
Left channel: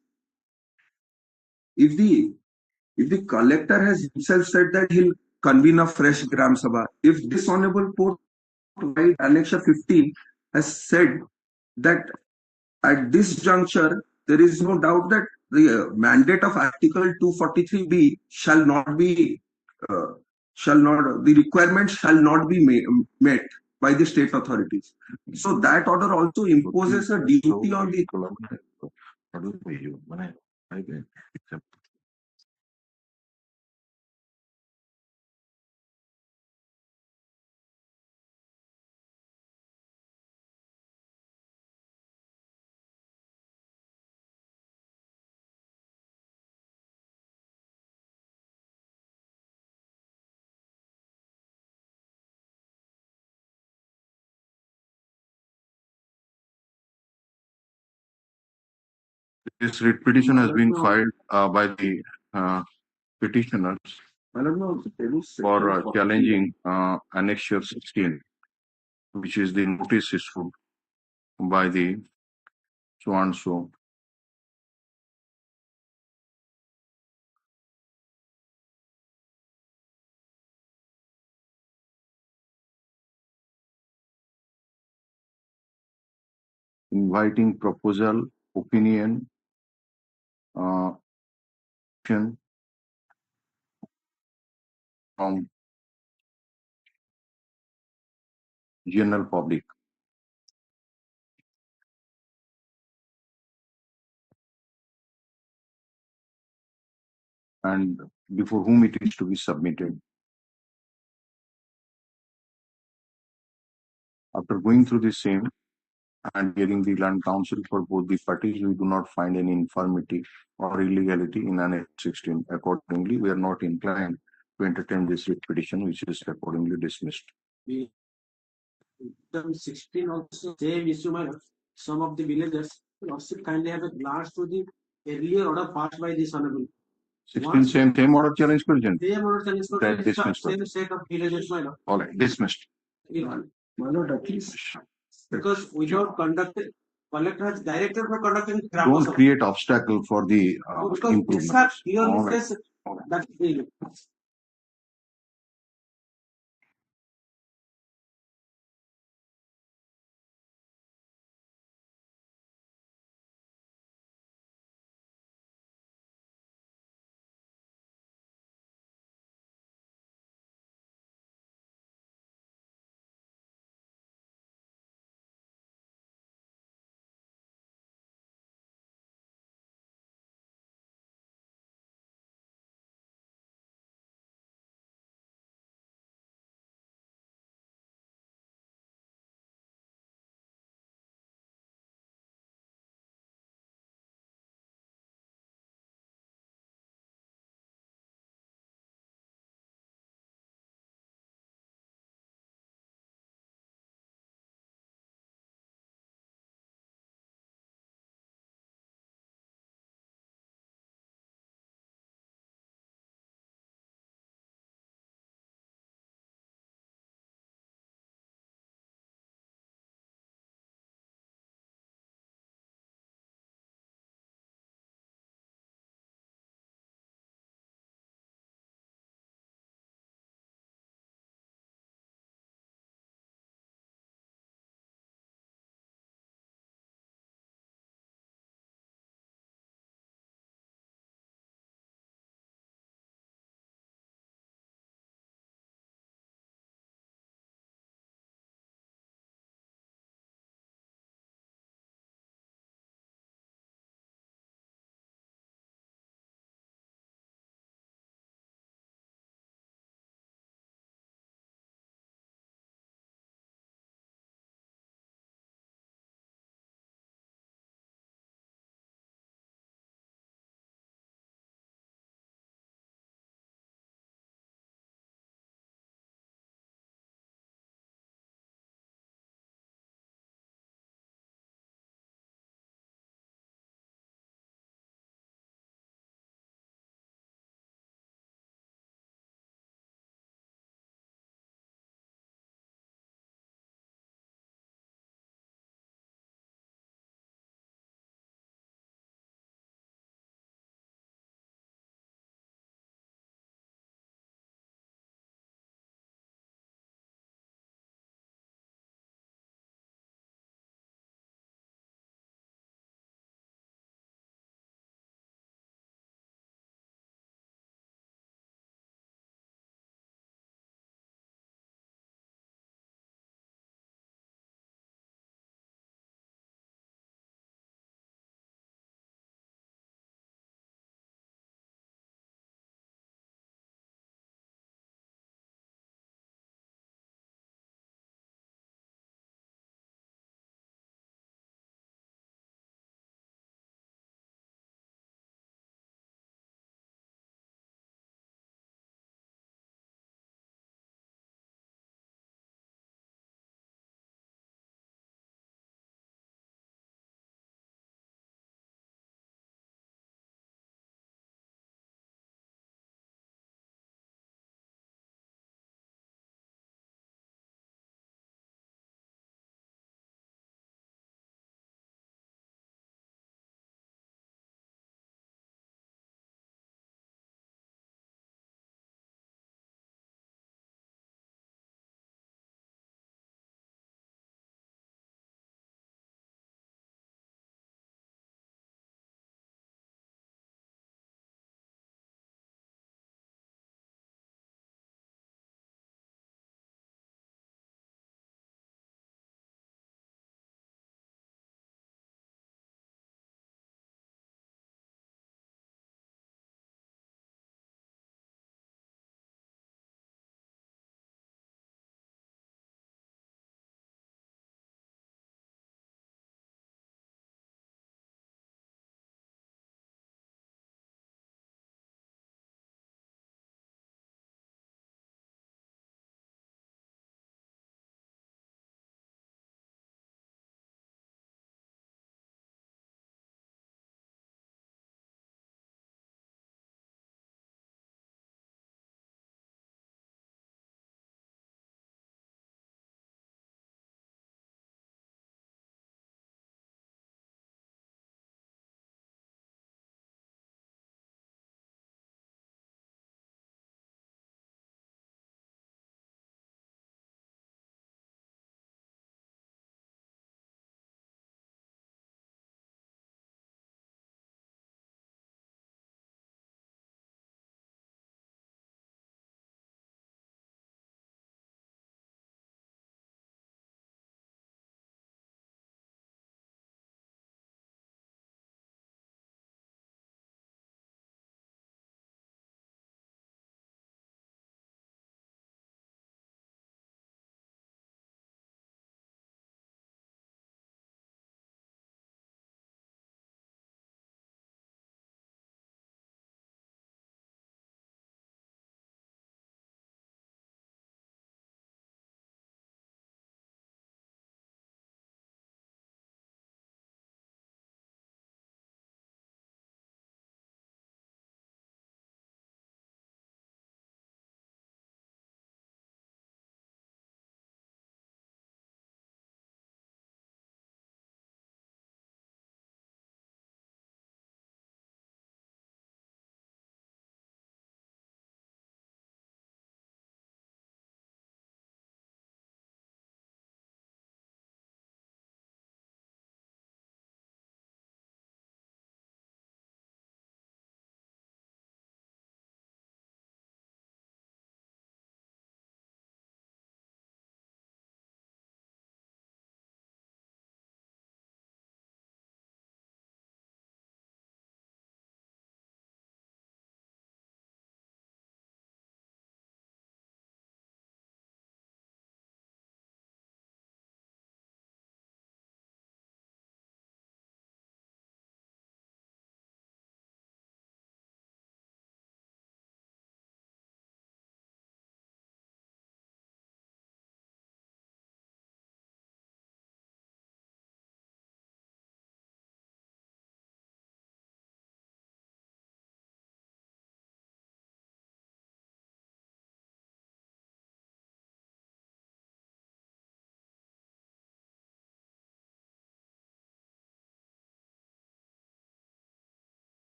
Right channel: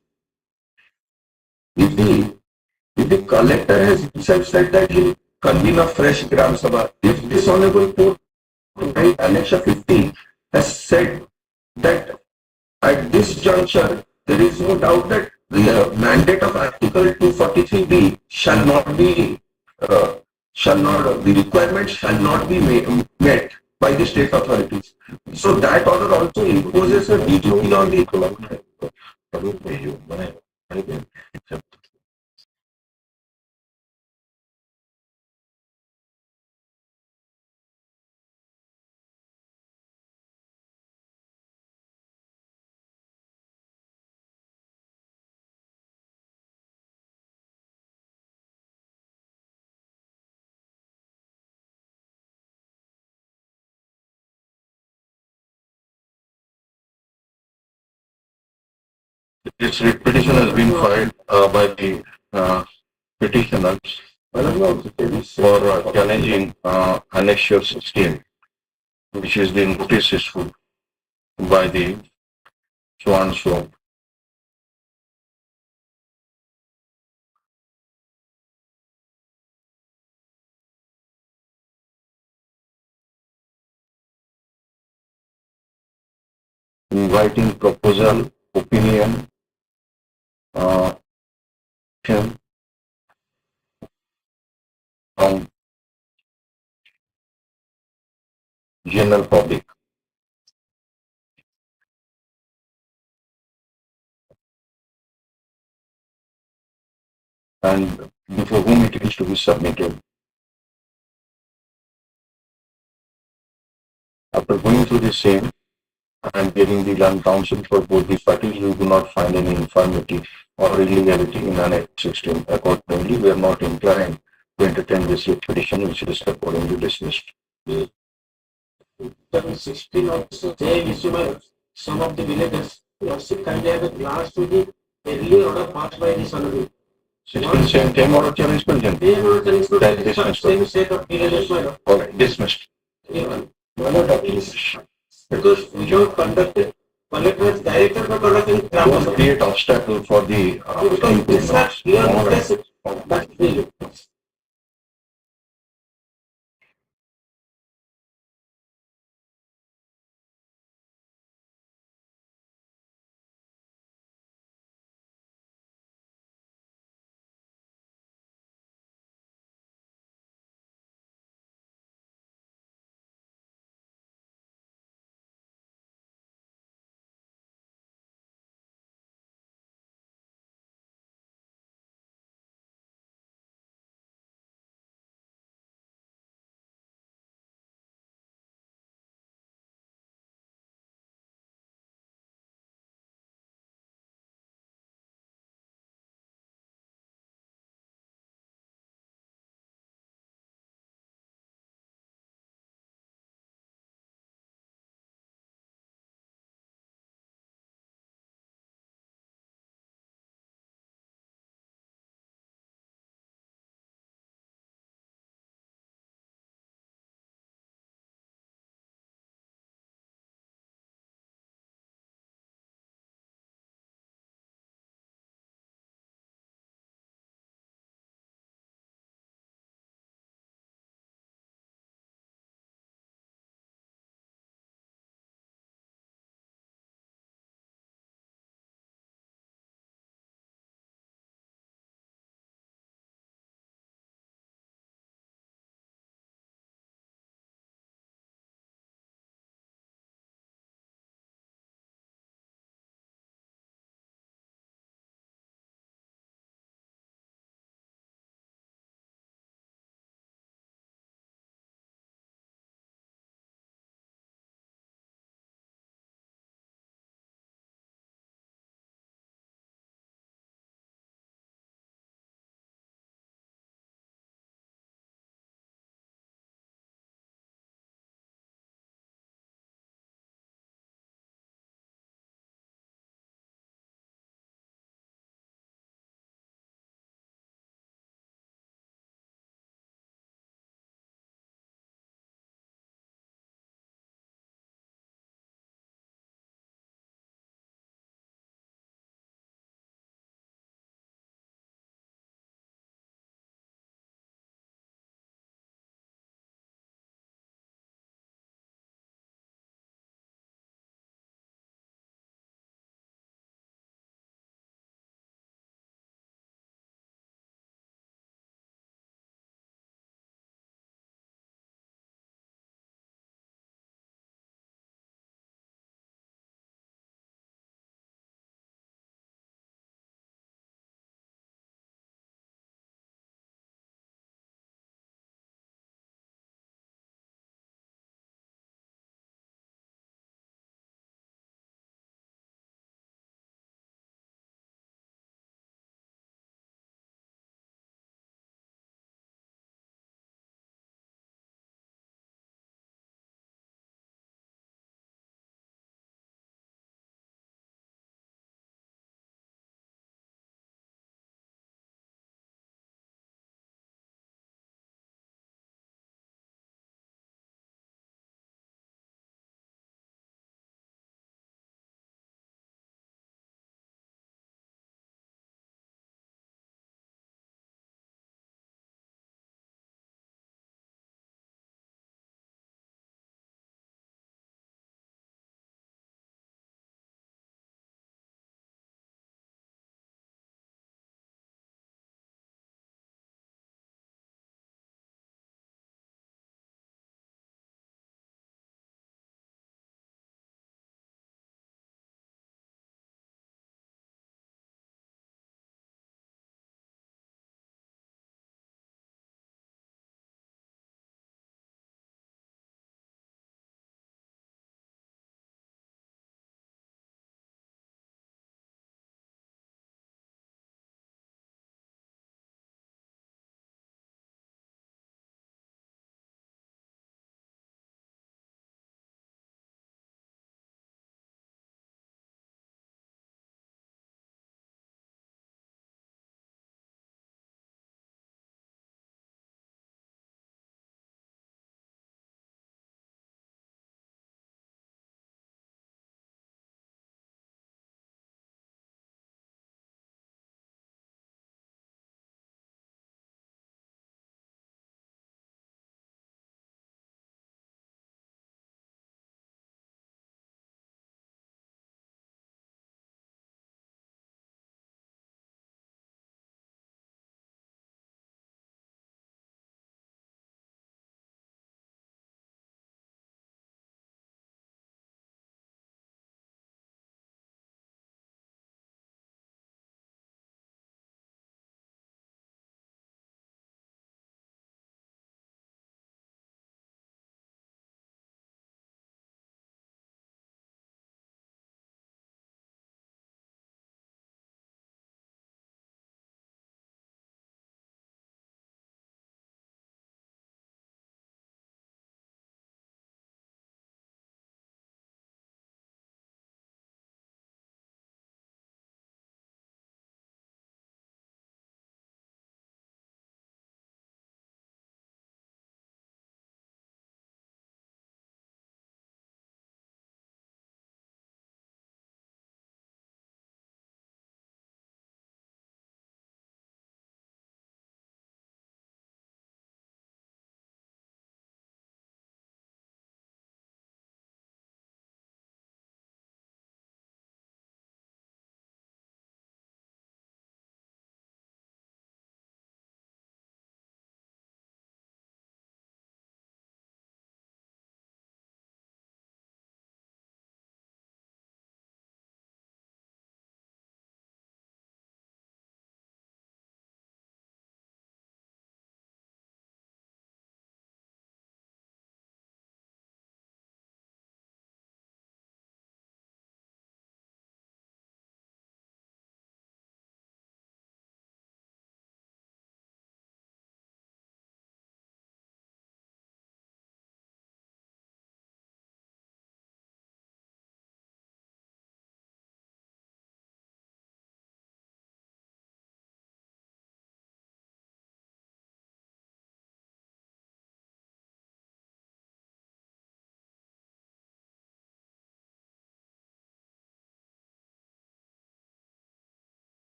If the collector has himself said that he'll convene a fresh Gram Sabha, if this honorable court, Annexure 15, has said that at this juncture there is no doubt that the mandate of Article 243B the requirements shall not be met by the state authorities. So that order also imposes a duty on the economy. This petition has been filed by the petitioners for challenging Annexure 16, which is the notice issued by the so and so. Inviting proposal, opinion, from general public. And before whom it is to be submitted. After going through the same and getting the land counsel for both the parties, we do not find any infirmity or illegality in Annex 16. Accordingly, we are not inclined to entertain this petition, which is accordingly dismissed. 16 also same issue by some of the villages. We have seen kindly have a glance to the earlier order passed by this honorable. 16 same order challenge question. Same order challenge to That dismissed. same set of villages, my lord. All right, dismissed. My lord, at least because we have conducted collector has directed for conducting Don't create obstacle for the because these are clear All right. cases that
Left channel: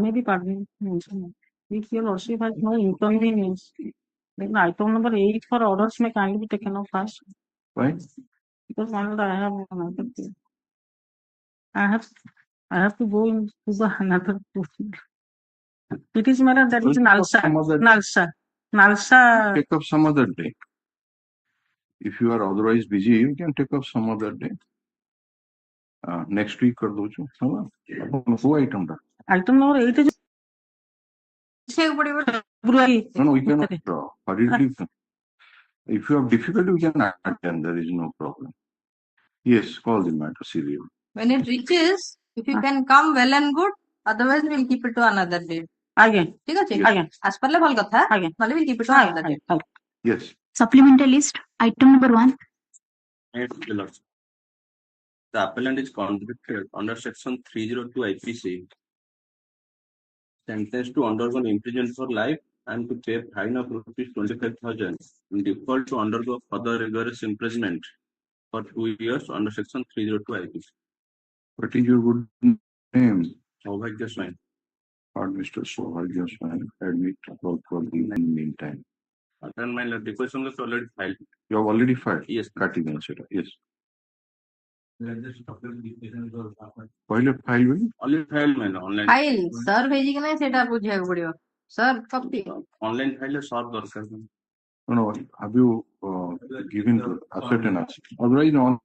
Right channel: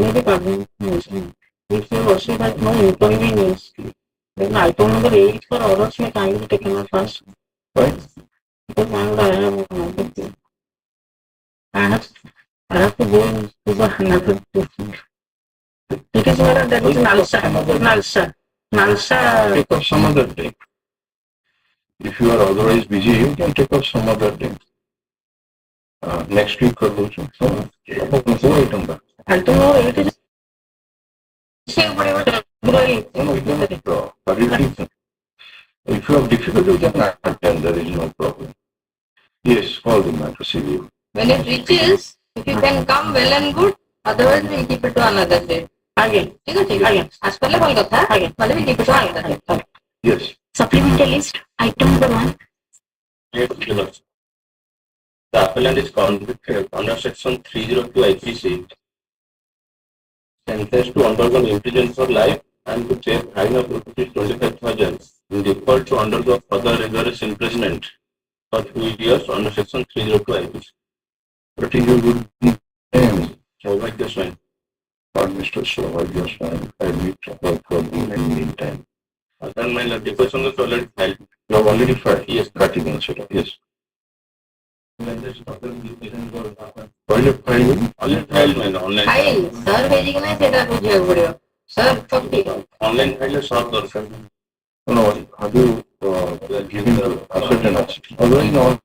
may be pardoned. If your worship has no inconvenience, then item number 8 for orders may kindly be taken up first. Right? Because I have another thing. I have to go to the another thing. It is whether there is Nalsa. Take up some other day. If you are otherwise busy, you can take up some other day. Next week कर दो जो. Four item का. Item number 8 is No, we cannot. If you have difficulty, you can attend. There is no problem. Yes, call the matter serious. When it reaches, if you can come, well and good. Otherwise, we'll keep it to another day. again. ठीक है ठीक है. As per level कथा. Again. मतलब we keep it to another day. Yes. Supplemental list, item number 1. The appellant is convicted under section 302 IPC, sentenced to undergo imprisonment for life and to pay fine of rupees 25,000 in default to undergo further rigorous imprisonment for 2 years under section 302 IPC. What is your good name? Saubhagyaswamy. Or Mr. Saubhagyaswamy, I need to work for you in the meantime. Then my deposition was already filed. You have already filed? Yes. Cutting answer. Yes. Already Filed? filed my online. File. Sir भेजी कि नहीं सेटा पूछिए पड़ियो. Sir चुप्पी. Online file सब दरकार. No, have you given the ascertainance? Otherwise, no.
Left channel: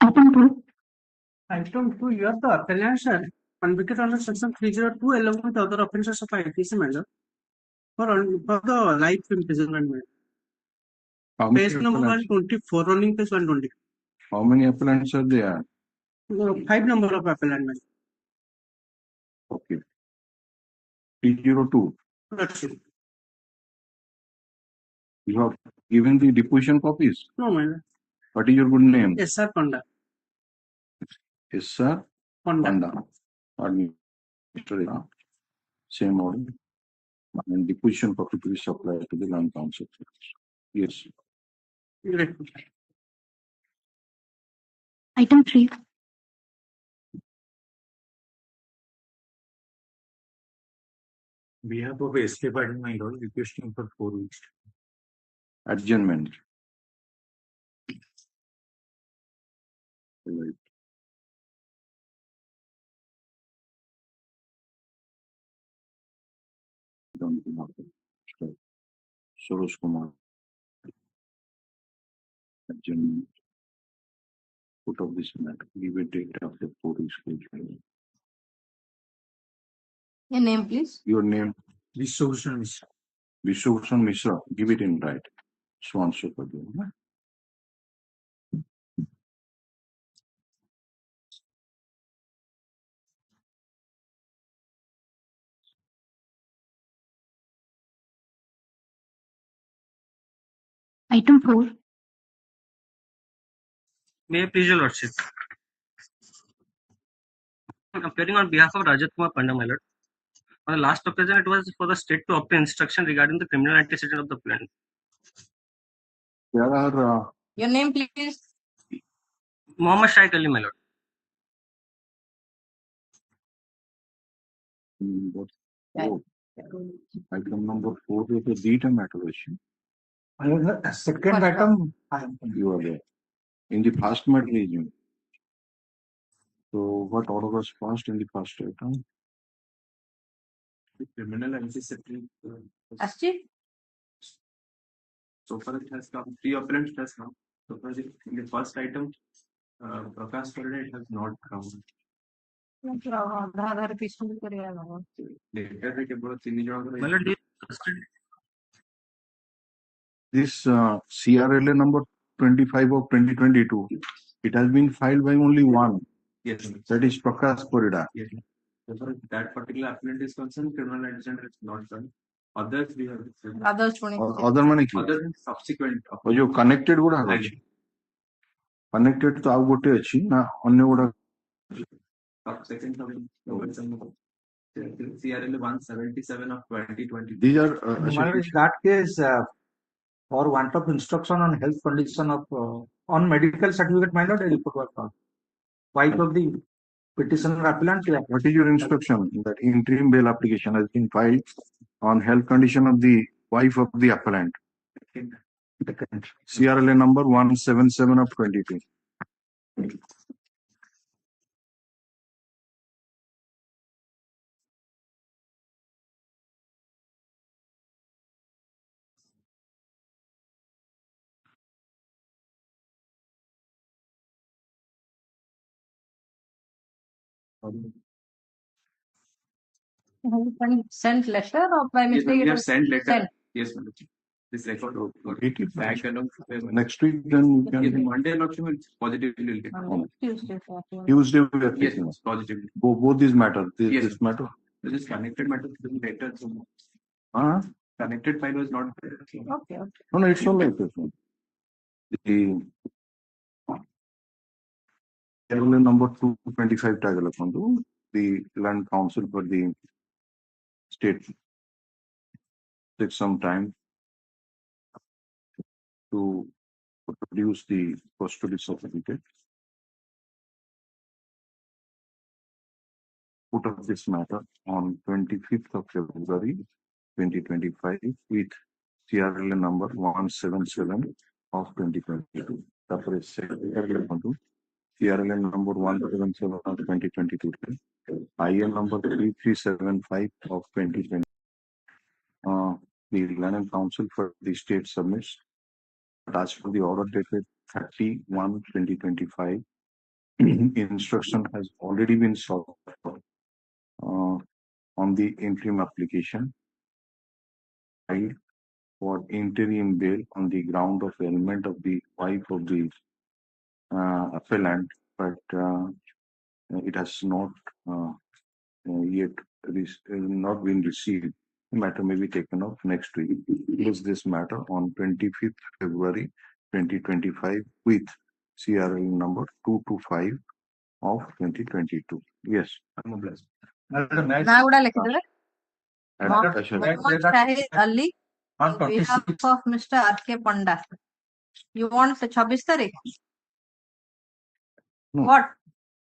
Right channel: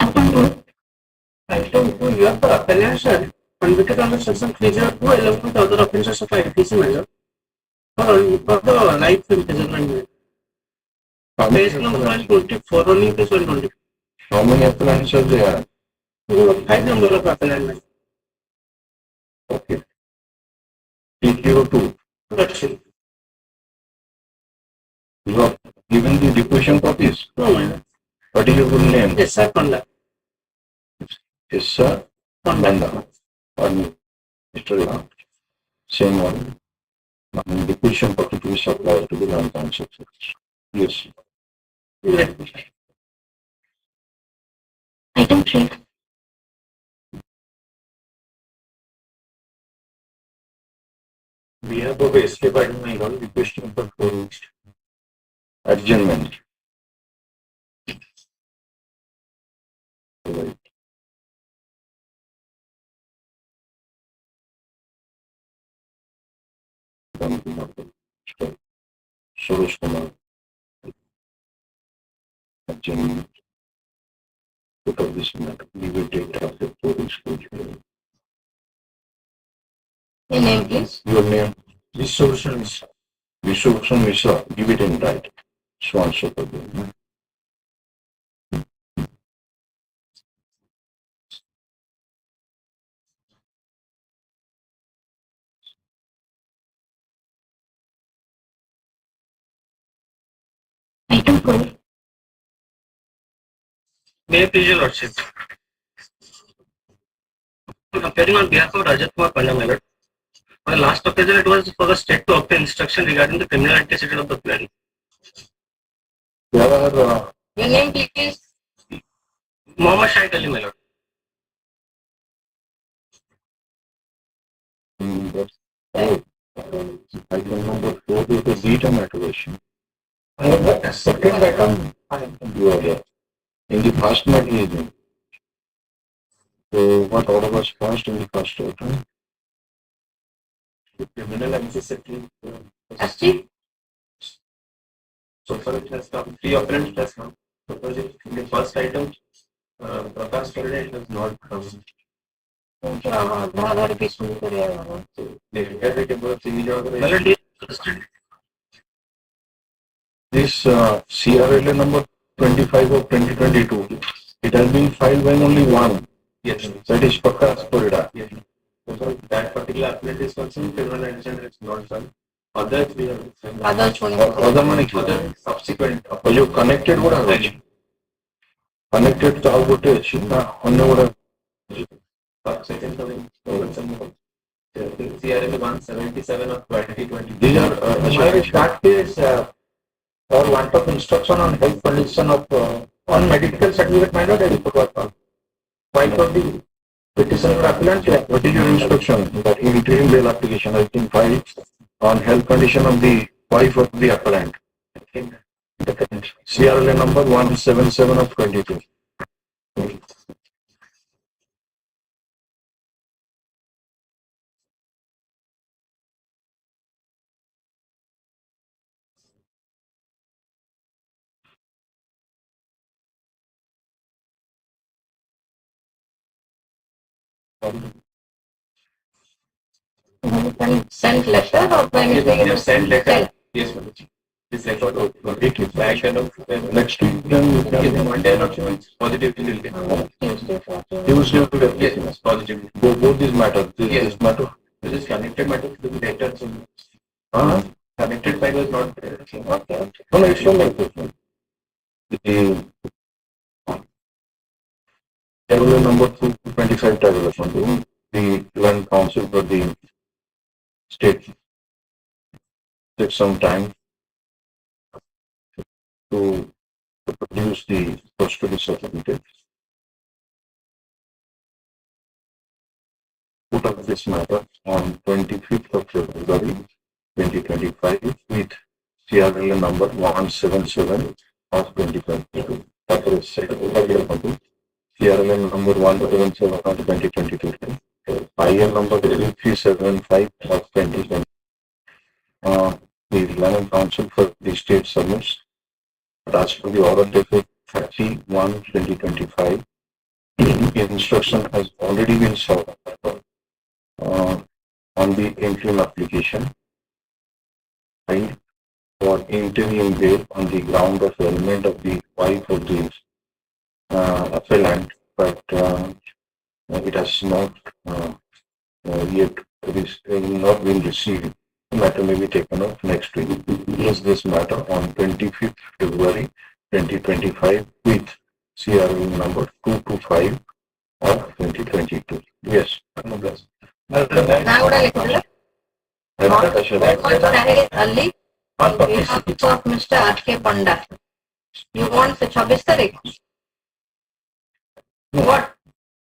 Item 2. Item 2, you have the appellant sir, convicted under section 302 along with other offences of IPC measure for the life imprisonment. Case number 124, only case 120. How many appellants are there? 5 number of appellant. Okay. 302. That's it. You have given the deposition copies. No, man. What is your good name? Yes, sir, Panda. Yes, sir. Panda. Or Mr. Ram. Same one. Deposition copy to be supplied to the non-council. Yes. Yeah. Item 3. We have a escape item I got requesting for 4 weeks. Adjournment. Suresh Kumar. Adjournment. Put up this matter. Give a date of the police court hearing. Your name please. Your name? Resolution is Vishwabhushan Mishra. Give it in right. Swan Super. Item 4. May I please your lordship? I'm appearing on behalf of Rajat Kumar Panda, my lord. For the last occasion, it was for the state to obtain instruction regarding the criminal antecedent of the plan. There are Your name please. Mohammed Shahid Ali, my lord. item number 4 is the data maturation. I have the second item. You are there. In the first matter, so what order was passed in the first item? the criminal antecedent. Asti. So far it has come, 3 occurrence has come. Because in the first item, Prakash Kalde has not come. धार पीछे करेगा. So they had it about the My lord, he is arrested. This CRLA number 25 of 2022, it has been filed by only one. yes. That is Prakash Korida. Yes. So that particular appellant is concerned, criminal antecedent is not done. Other 3 are Other छोड़ने. Other money. other subsequent. Or you connected would have been. Connected to our votage, on the Second coming, CRL 177 of 2020. these are That case, for want of instruction on health condition of on medical certificate matter, they report was found. 520 Petition or appellant, What is your instruction? That interim bail application has been filed on health condition of the wife of the appellant. CRLA number 177 of 22. Sent letter or by Yes, mistake? they have sent letter. Sent. Yes, Madam. This record is back and Next week, then we can Monday not sure it's positive will get. Tuesday. Yes, it's positive. Both these matters. This matter. This is connected matter to the letter. So connected by was not there. Okay. No, it's not like this. The table number 225 table from the Land Council for the state took some time to produce the custody certificate. Put up this matter on 25th of February 2025 with CRLA number 177 of 2022. That is CRLA number 177 of 2022. IL number 3375 of 2020. The Land Council for the state submits. But as for the order dated 31/2025, instruction has already been served on the interim application filed for interim bail on the ground of ailment of the wife of the appellant, but it has not yet not been received. The matter may be taken up next week. Is this matter on 25th February 2025 with CRL number 225 of 2022. Yes. Now would I like to Ali on behalf of Mr. R.K. Panda. You want the 26 Tarikh? What?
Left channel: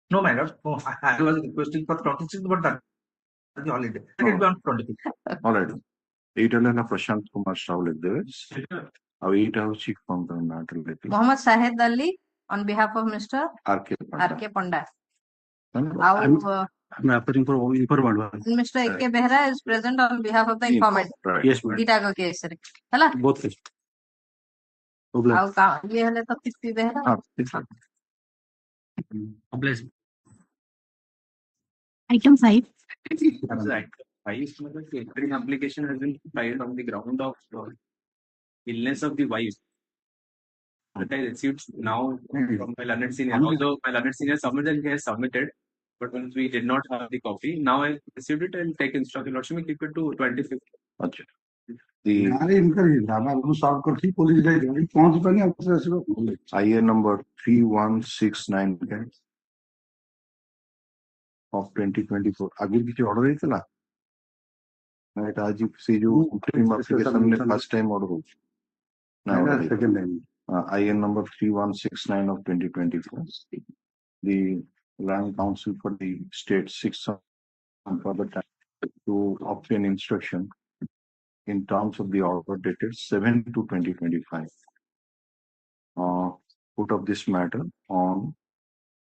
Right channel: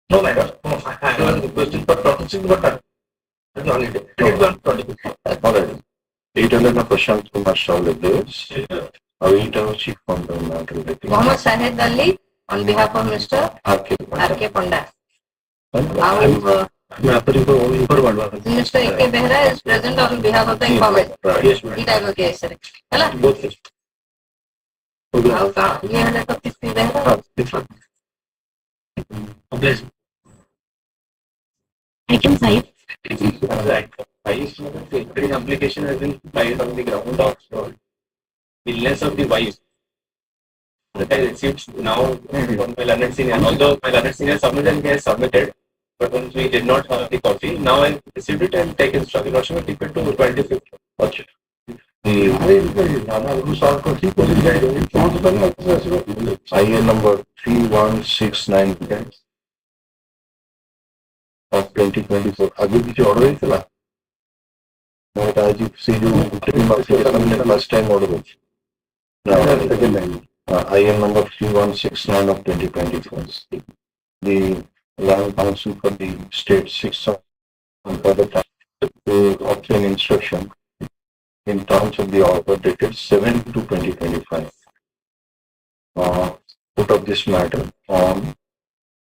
No, madam. No, I have a question for processing, but holiday. All right. Detail na Prashant Kumar Shawle this. Await chief from the matter. Mohammed Sahid Ali on behalf of Mr. R.K. Panda. Mr. A.K. Behra is present on behalf of the informant. Yes, ma'am. Did I go case? Hello? Both. ये है तो किसकी Behera? Item 5. Application has been filed on the ground of illness of the wife. That I received now from my learned senior. Although my learned senior submitted and he has submitted, but once we did not have the copy, now I received it and take instruction. Not sure keep it to 25th. Okay. IN number 3169 of 2024. अभी पीछे order है चला मैं आज से जो last time order was IN number 3169 of 2024. The Land Council for the State 6 for the time to obtain instruction in terms of the order dated 7 to 2025. Put up this matter on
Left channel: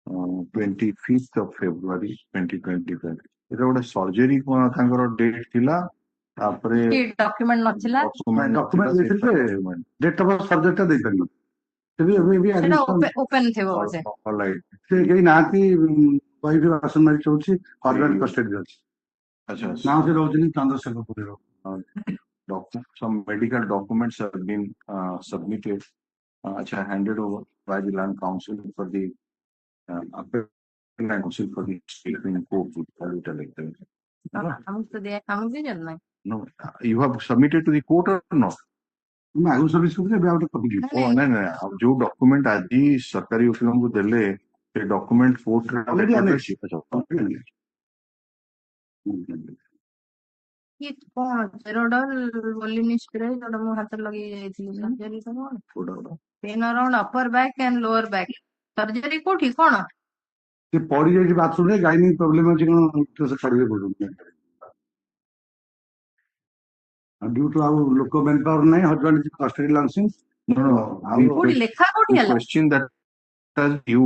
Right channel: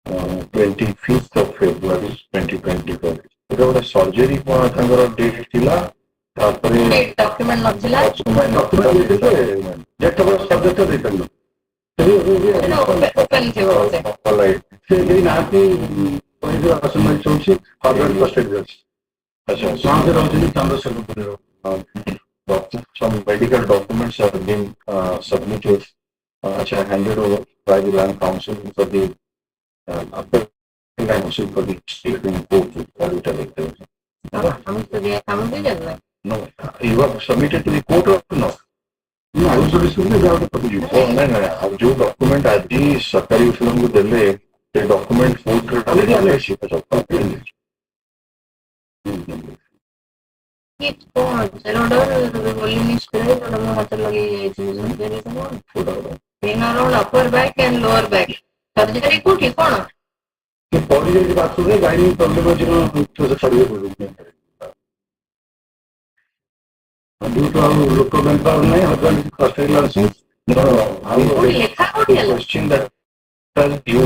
25th of February 2025. It was a surgery for a date killer. Document not chila. Document. That was subject to return. Open थे वो से. All right. They not be by the assembly choice or the first results. Some medical documents have been submitted, which are handed over by the Land Council for the upper council for the state in court. हम भी जल्द. No, you have submitted to the court or not? No, I was receiving the public. Oh, no. अब जो document आज ही सरकारी उसूलों को दिले, ये document court Already alleged. Pain around upper back and lower back. Surgery को ठीक होना. ସେ ପଡିଯାଇଛି ବାଥରୁମରେ ଗାଇନିଂ ପ୍ରୋବ୍ଲେମ ଅଛି କଣ ଛାଡ଼ିବେ କହୁଛନ୍ତି due to our local manpower ନାହିଁ husband Australia ଅଛି କୋଉଠି ଲେଖା କୋଉଠି ହେଲା? question that tells you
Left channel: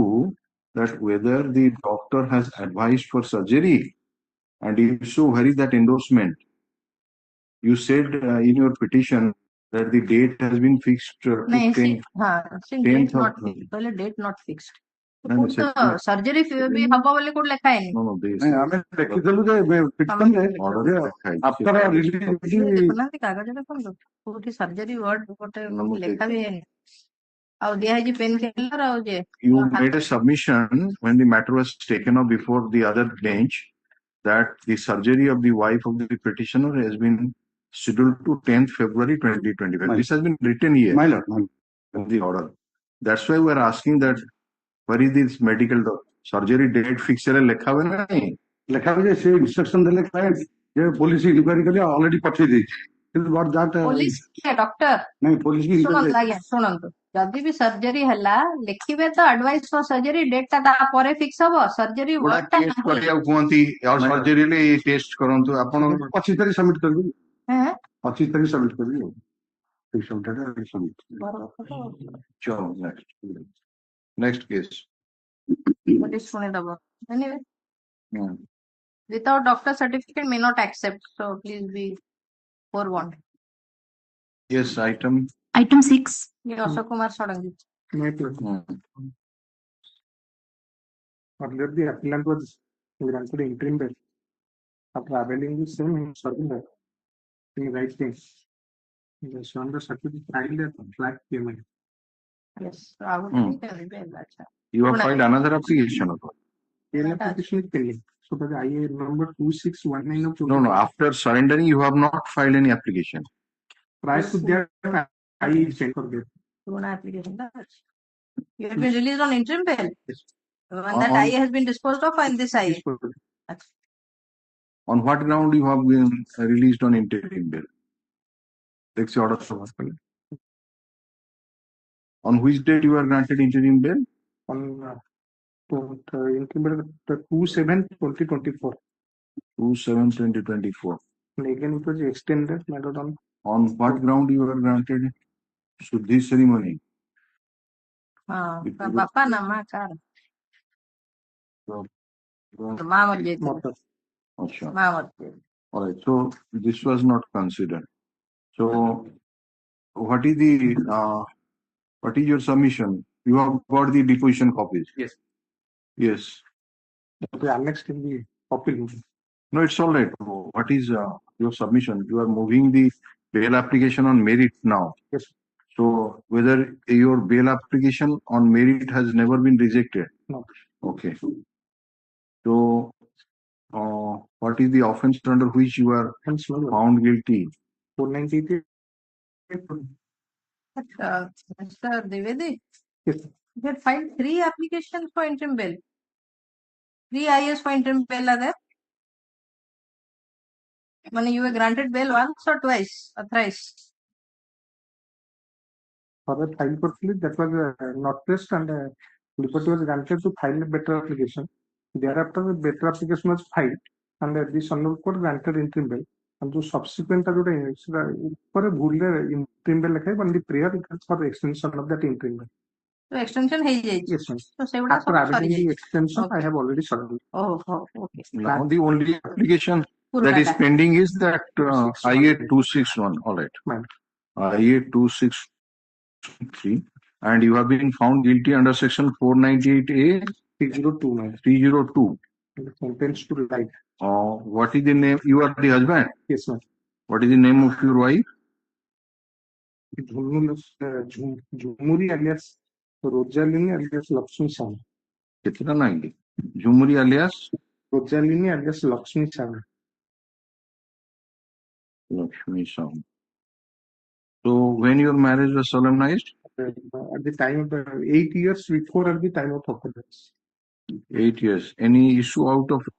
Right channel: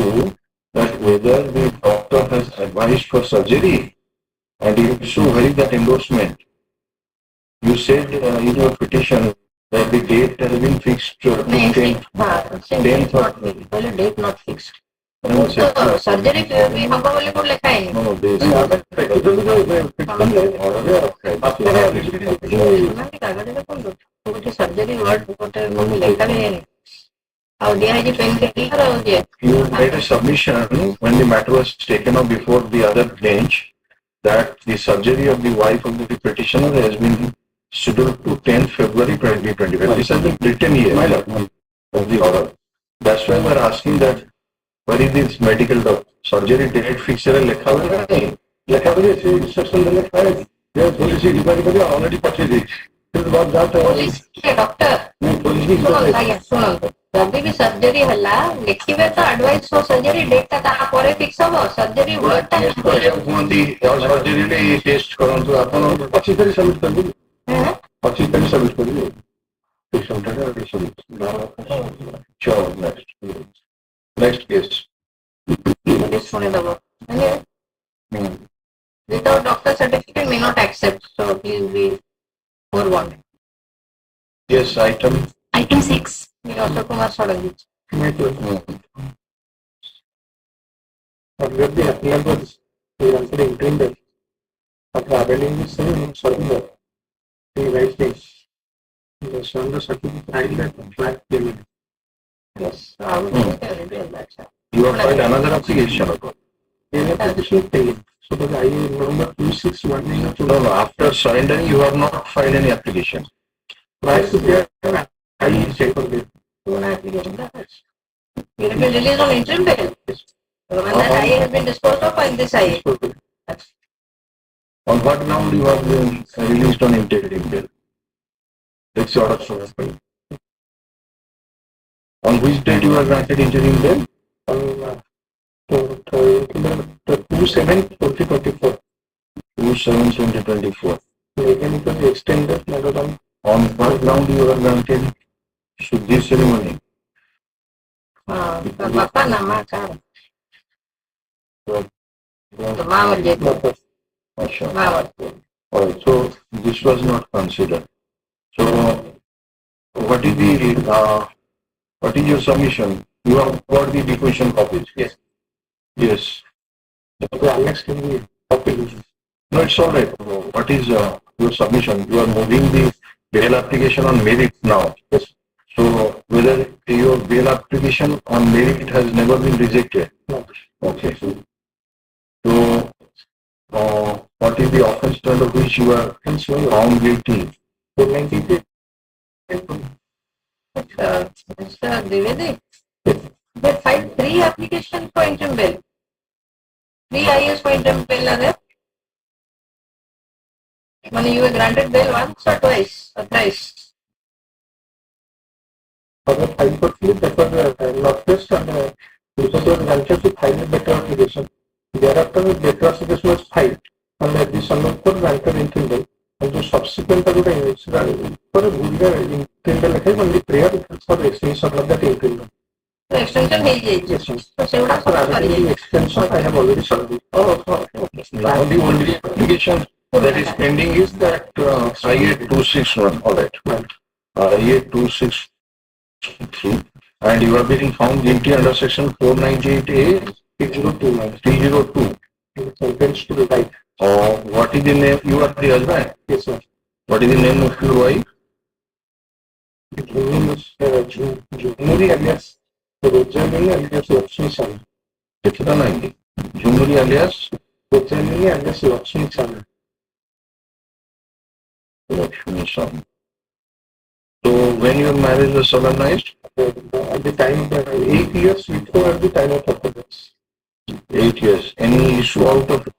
that whether the doctor has advised for surgery, and if so, where is that endorsement? You said in your petition that the date has been fixed. नहीं 10th. हाँ से date not fix पहले date not fix तो surgery भी हमको बोले code लिखा है No, this कागज में कौन तो सर्जरी वर्ड कोटे मम्मी लिखा है और दिया है जी पेन किलर और ये you made a submission when the matter was taken up before the other bench that the surgery of the wife of the petitioner has been scheduled to 10th February 2025. This has been written here of the order. That's why we are asking that where is this medical surgery date fixed है लिखा हुआ है नहीं लिखा हुआ है instruction देने का है ये पुलिस की डिपार्टमेंट में ऑलरेडी पहुंचे दी फिर बहुत जाता है पुलिस के डॉक्टर नहीं पुलिस की सुनो जब भी सर्जरी हला लिखिबे तो एडवाइस फॉर सर्जरी डेट ता परे फिक्स हो सर्जरी वर्ड ता कुहंती सर्जरी ले टेस्ट करंतु आपण 25 तारीख सबमिट कर दी है 25 तारीख सबमिट कर दी next case. पुलिस सुने दबो without doctor certificate may not accept so please be forewarned. Yes, item. Item 6. ये Ashok Kumar सड़ंगी Observe the applicant was granted interim bail. After availing the same surrender, he writes this. The surrender certificate signed that flat payment. yes I will tell that sir. You have filed another application about. Payment petition paid. So the I number 2619. No, after surrendering, you have not filed any application. Prior to pay, I check on it. One application that you have been released on interim bail. When that I has been disposed of and this I. On what ground you have been released on interim bail? It's your order from us. On which date you are granted interim bail? The 2/7/2024. 2/7/2024. Again, it was extended later on. On what ground you are granted Shuddhi ceremony? हाँ तो पापा ना माँ का So, तो माँ मर जाती Asha. माँ मरती Alright, so this was not considered. So, what is your submission? You have got the deposition copies? Yes. Yes. The annex can be copied. No, it's all right. What is your submission? You are moving the bail application on merit now. Yes. So, whether your bail application on merit has never been rejected? No. Okay. So, what is the offense under which you are found guilty? 493. Mr. Dwivedi, they filed 3 applications for interim bail. 3 IS for interim bail are there. When you were granted bail once or twice or thrice. For the High Court slip, that was not test and because was granted to file a better application. Thereafter, the better application was filed and the Supreme Court granted interim bail. And the subsequent for a good interim bail, only prayer for extension of that interim bail. So extension है ये. Yes, sir. तो Sewda After सब कर having ये. the extension, I have already served it. Oh, okay. Now the only application that is pending is that IA-261. All right. IA-263. And you have been found guilty under section 498A 302. Sentenced to the life. What is the name? You are the husband. Yes, sir. What is the name of your wife? His name is Jumuri alias Rojalini alias Lakshmi Sana. Chitra Nandi. Jumuri alias Rojalini alias Lakshmi Sana. Lakshmi San. So when your marriage was solemnized? At the time, 8 years before at the time of occurrence. 8 years. Any issue out of it?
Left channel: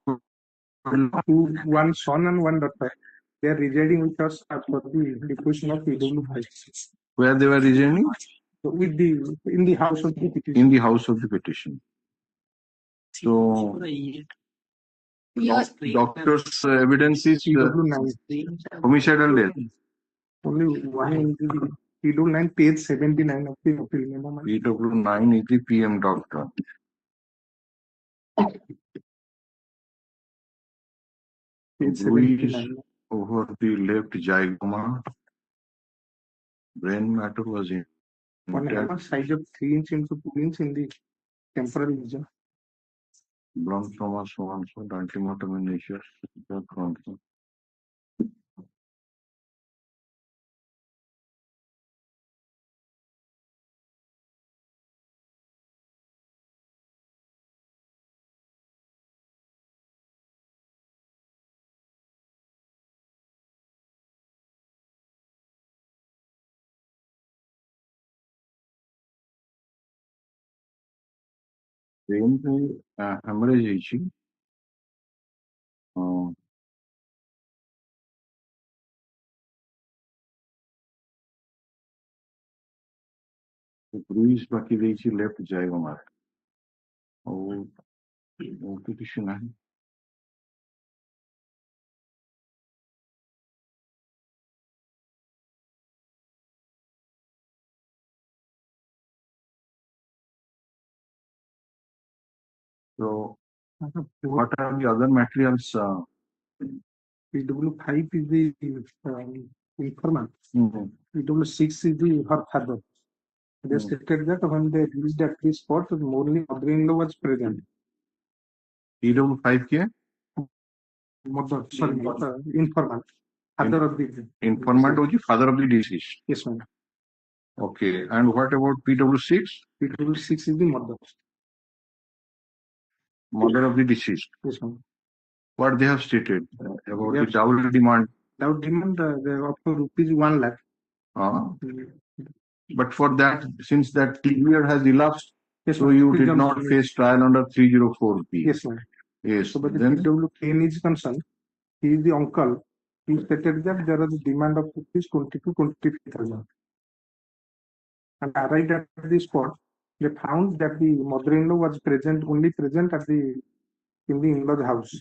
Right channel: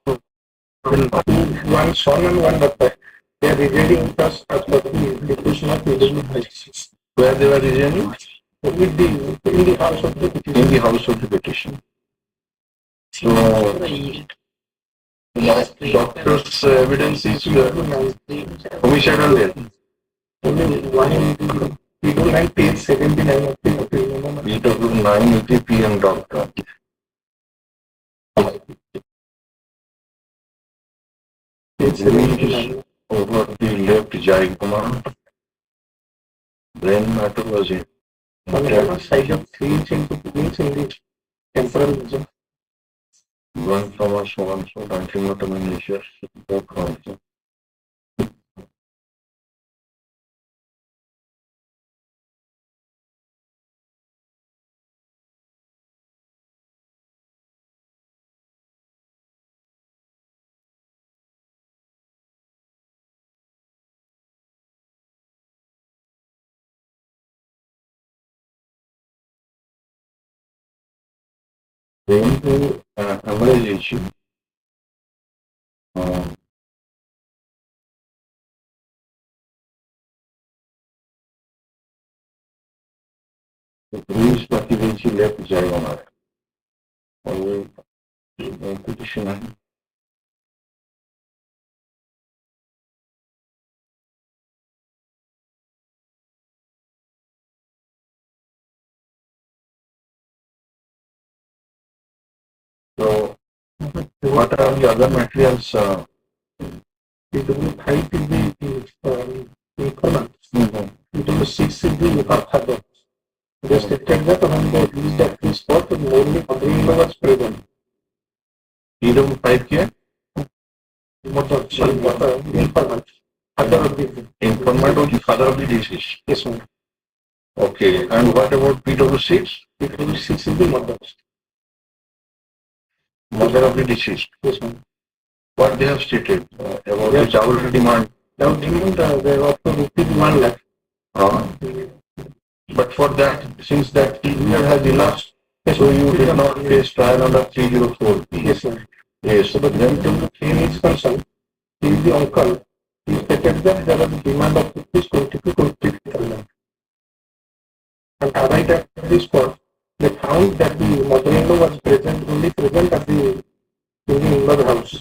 One son and one daughter. They are residing with us as per the declaration of legal rights. Where they were residing? In the house of the petition. In the house of the petition. So, doctor's evidence is homicidal death. Only one, we do like page 79 of the opinion. PW 980 PM, doctor. Page 79. Over the left zygoma, brain matter was in. On the other side of 3 inch into 2 inch in the temporal region. One from us, one so antenatal measures, that also. Then hemorrhage, bruise particularly left zygoma. Petition. So, what are the other materials? PW5 is the informant. PW6 is the father. They stated that when they reached at this spot, only mother-in-law was present. PW5 here? Informant. Father of the Informant or the father of the deceased? Yes, ma'am. Okay, and what about PW6? PW6 is the mother. Mother of the deceased. Yes, ma'am. What they have stated about the dowry demand? Now, demand there are up to ₹1 lakh. But for that, since that period has elapsed, so you did not face trial under 304. Yes, ma'am. Yes, But then to claim is concerned, he is the uncle. He stated that there was a demand of rupees 20 to 23 lakh. And right at this spot, they found that the mother-in-law was present, only present at the in the in-law house.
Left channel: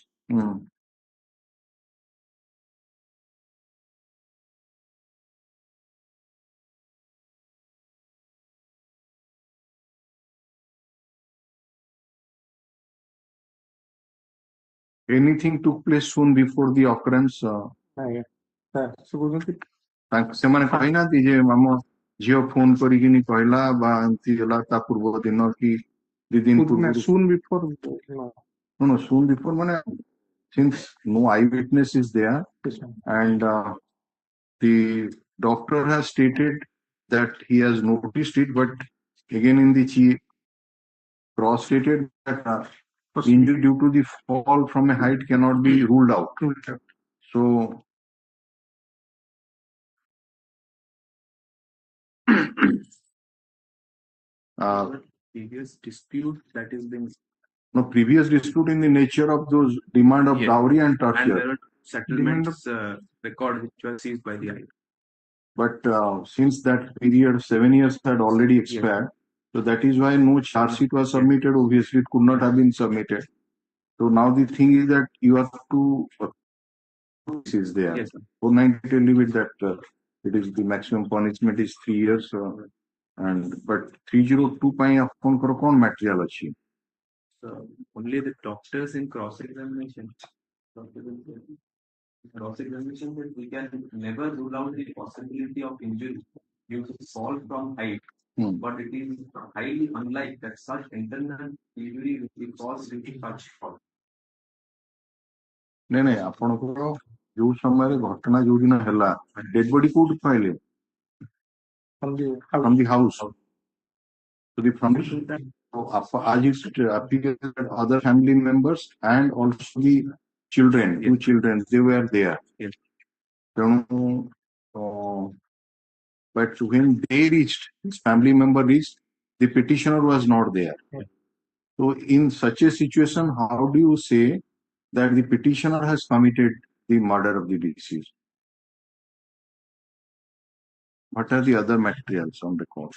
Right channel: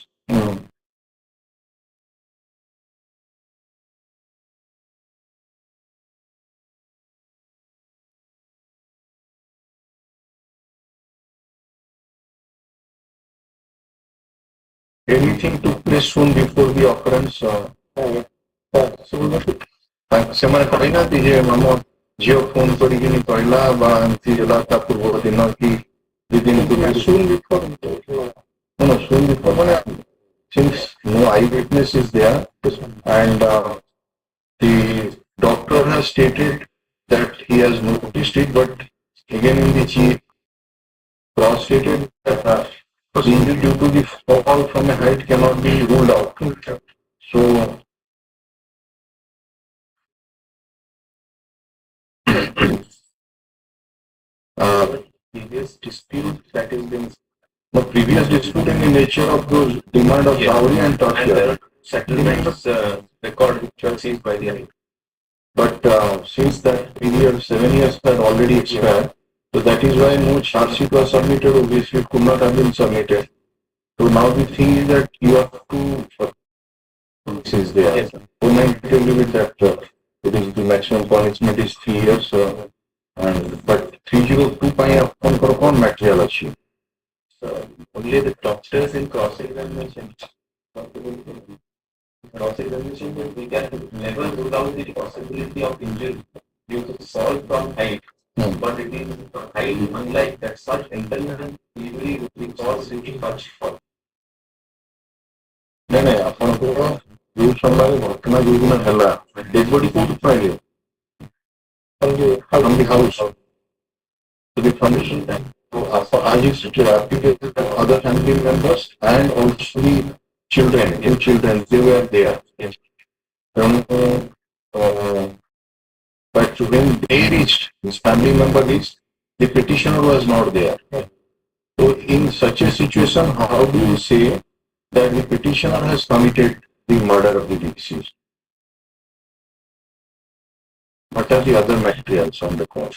Anything took place soon before the occurrence? ସେମାନେ କହିନାହାନ୍ତି ଯେ ଆମ ଝିଅ phone କରିକିନି କହିଲା ବା ଏମିତି ହେଲା ତା ପୂର୍ବ ଦିନ କି 2 ଦିନ ପୂର୍ବରୁ Soon before, no, soon before ମାନେ since no eyewitness is there and the doctor has stated that he has noticed it, but again in the chief cross stated that the injury due to the fall from a height cannot be ruled out. So Previous dispute that is being the previous dispute in the nature of those demand of dowry and and there torture. are settlements record which were seized by the But since that period, 7 years had already expired, so that is why no charge sheet was submitted. Obviously, it could not have been submitted. So now the thing is that you have to is there. Yes, sir. So I tell you with that it is the maximum punishment is 3 years, and but 302 ପାଇଁ ଆପଣଙ୍କର କ'ଣ material ଅଛି? only the doctors in cross-examination. Cross-examination, we can never rule out the possibility of injury due to fall from height. But it is highly unlike that such internal injury which cause due to such fall. ନାଇଁ ନାଇଁ ଆପଣଙ୍କର ଯୋଉ ସମୟରେ ଘଟଣା ଯୋଉ ଦିନ ହେଲା dead body କୋଉଠୁ ପାଇଲେ? From the house. So the foundation time. So as you stated, applicated other family members and also the children, two children, they were there. Yes. But when they reached, his family member reached, the petitioner was not there. So in such a situation, how do you say that the petitioner has committed the murder of the deceased? What are the other materials on the court?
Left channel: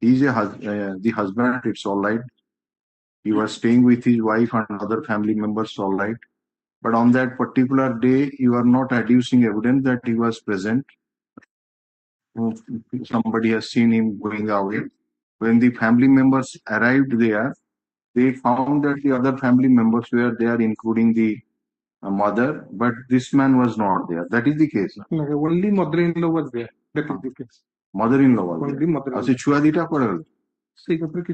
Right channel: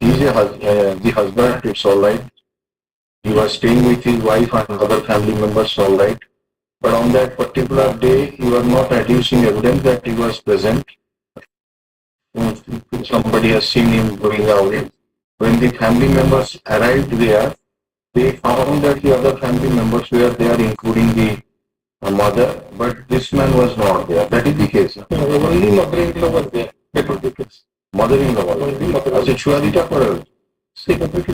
He is the husband, it's all right. He was staying with his wife and other family members, all right. But on that particular day, you are not adducing evidence that he was present. Somebody has seen him going away. When the family members arrived there, they found that the other family members were there, including the mother, but this man was not there. That is the case. Only mother-in-law was there. That was the case. Mother-in-law was Only there. mother-in-law. अच्छा छुआ दीटा पड़े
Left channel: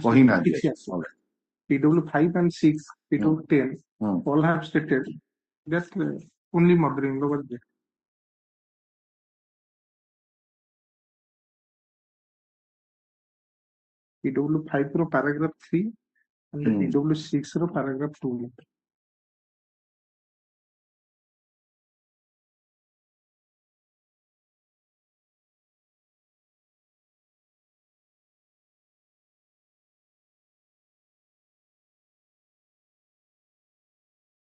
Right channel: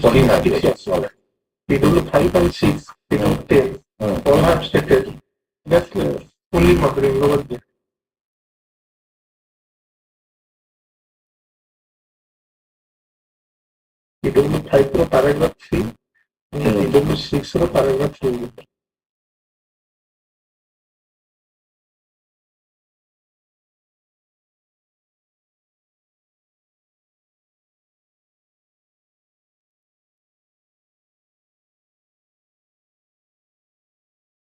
Sorry, ma'am. Yes, all right. PW 5 and 6, PW 10, all have stated that only mother-in-law was there. PW 5 row paragraph 3, PW 6 row paragraph 2.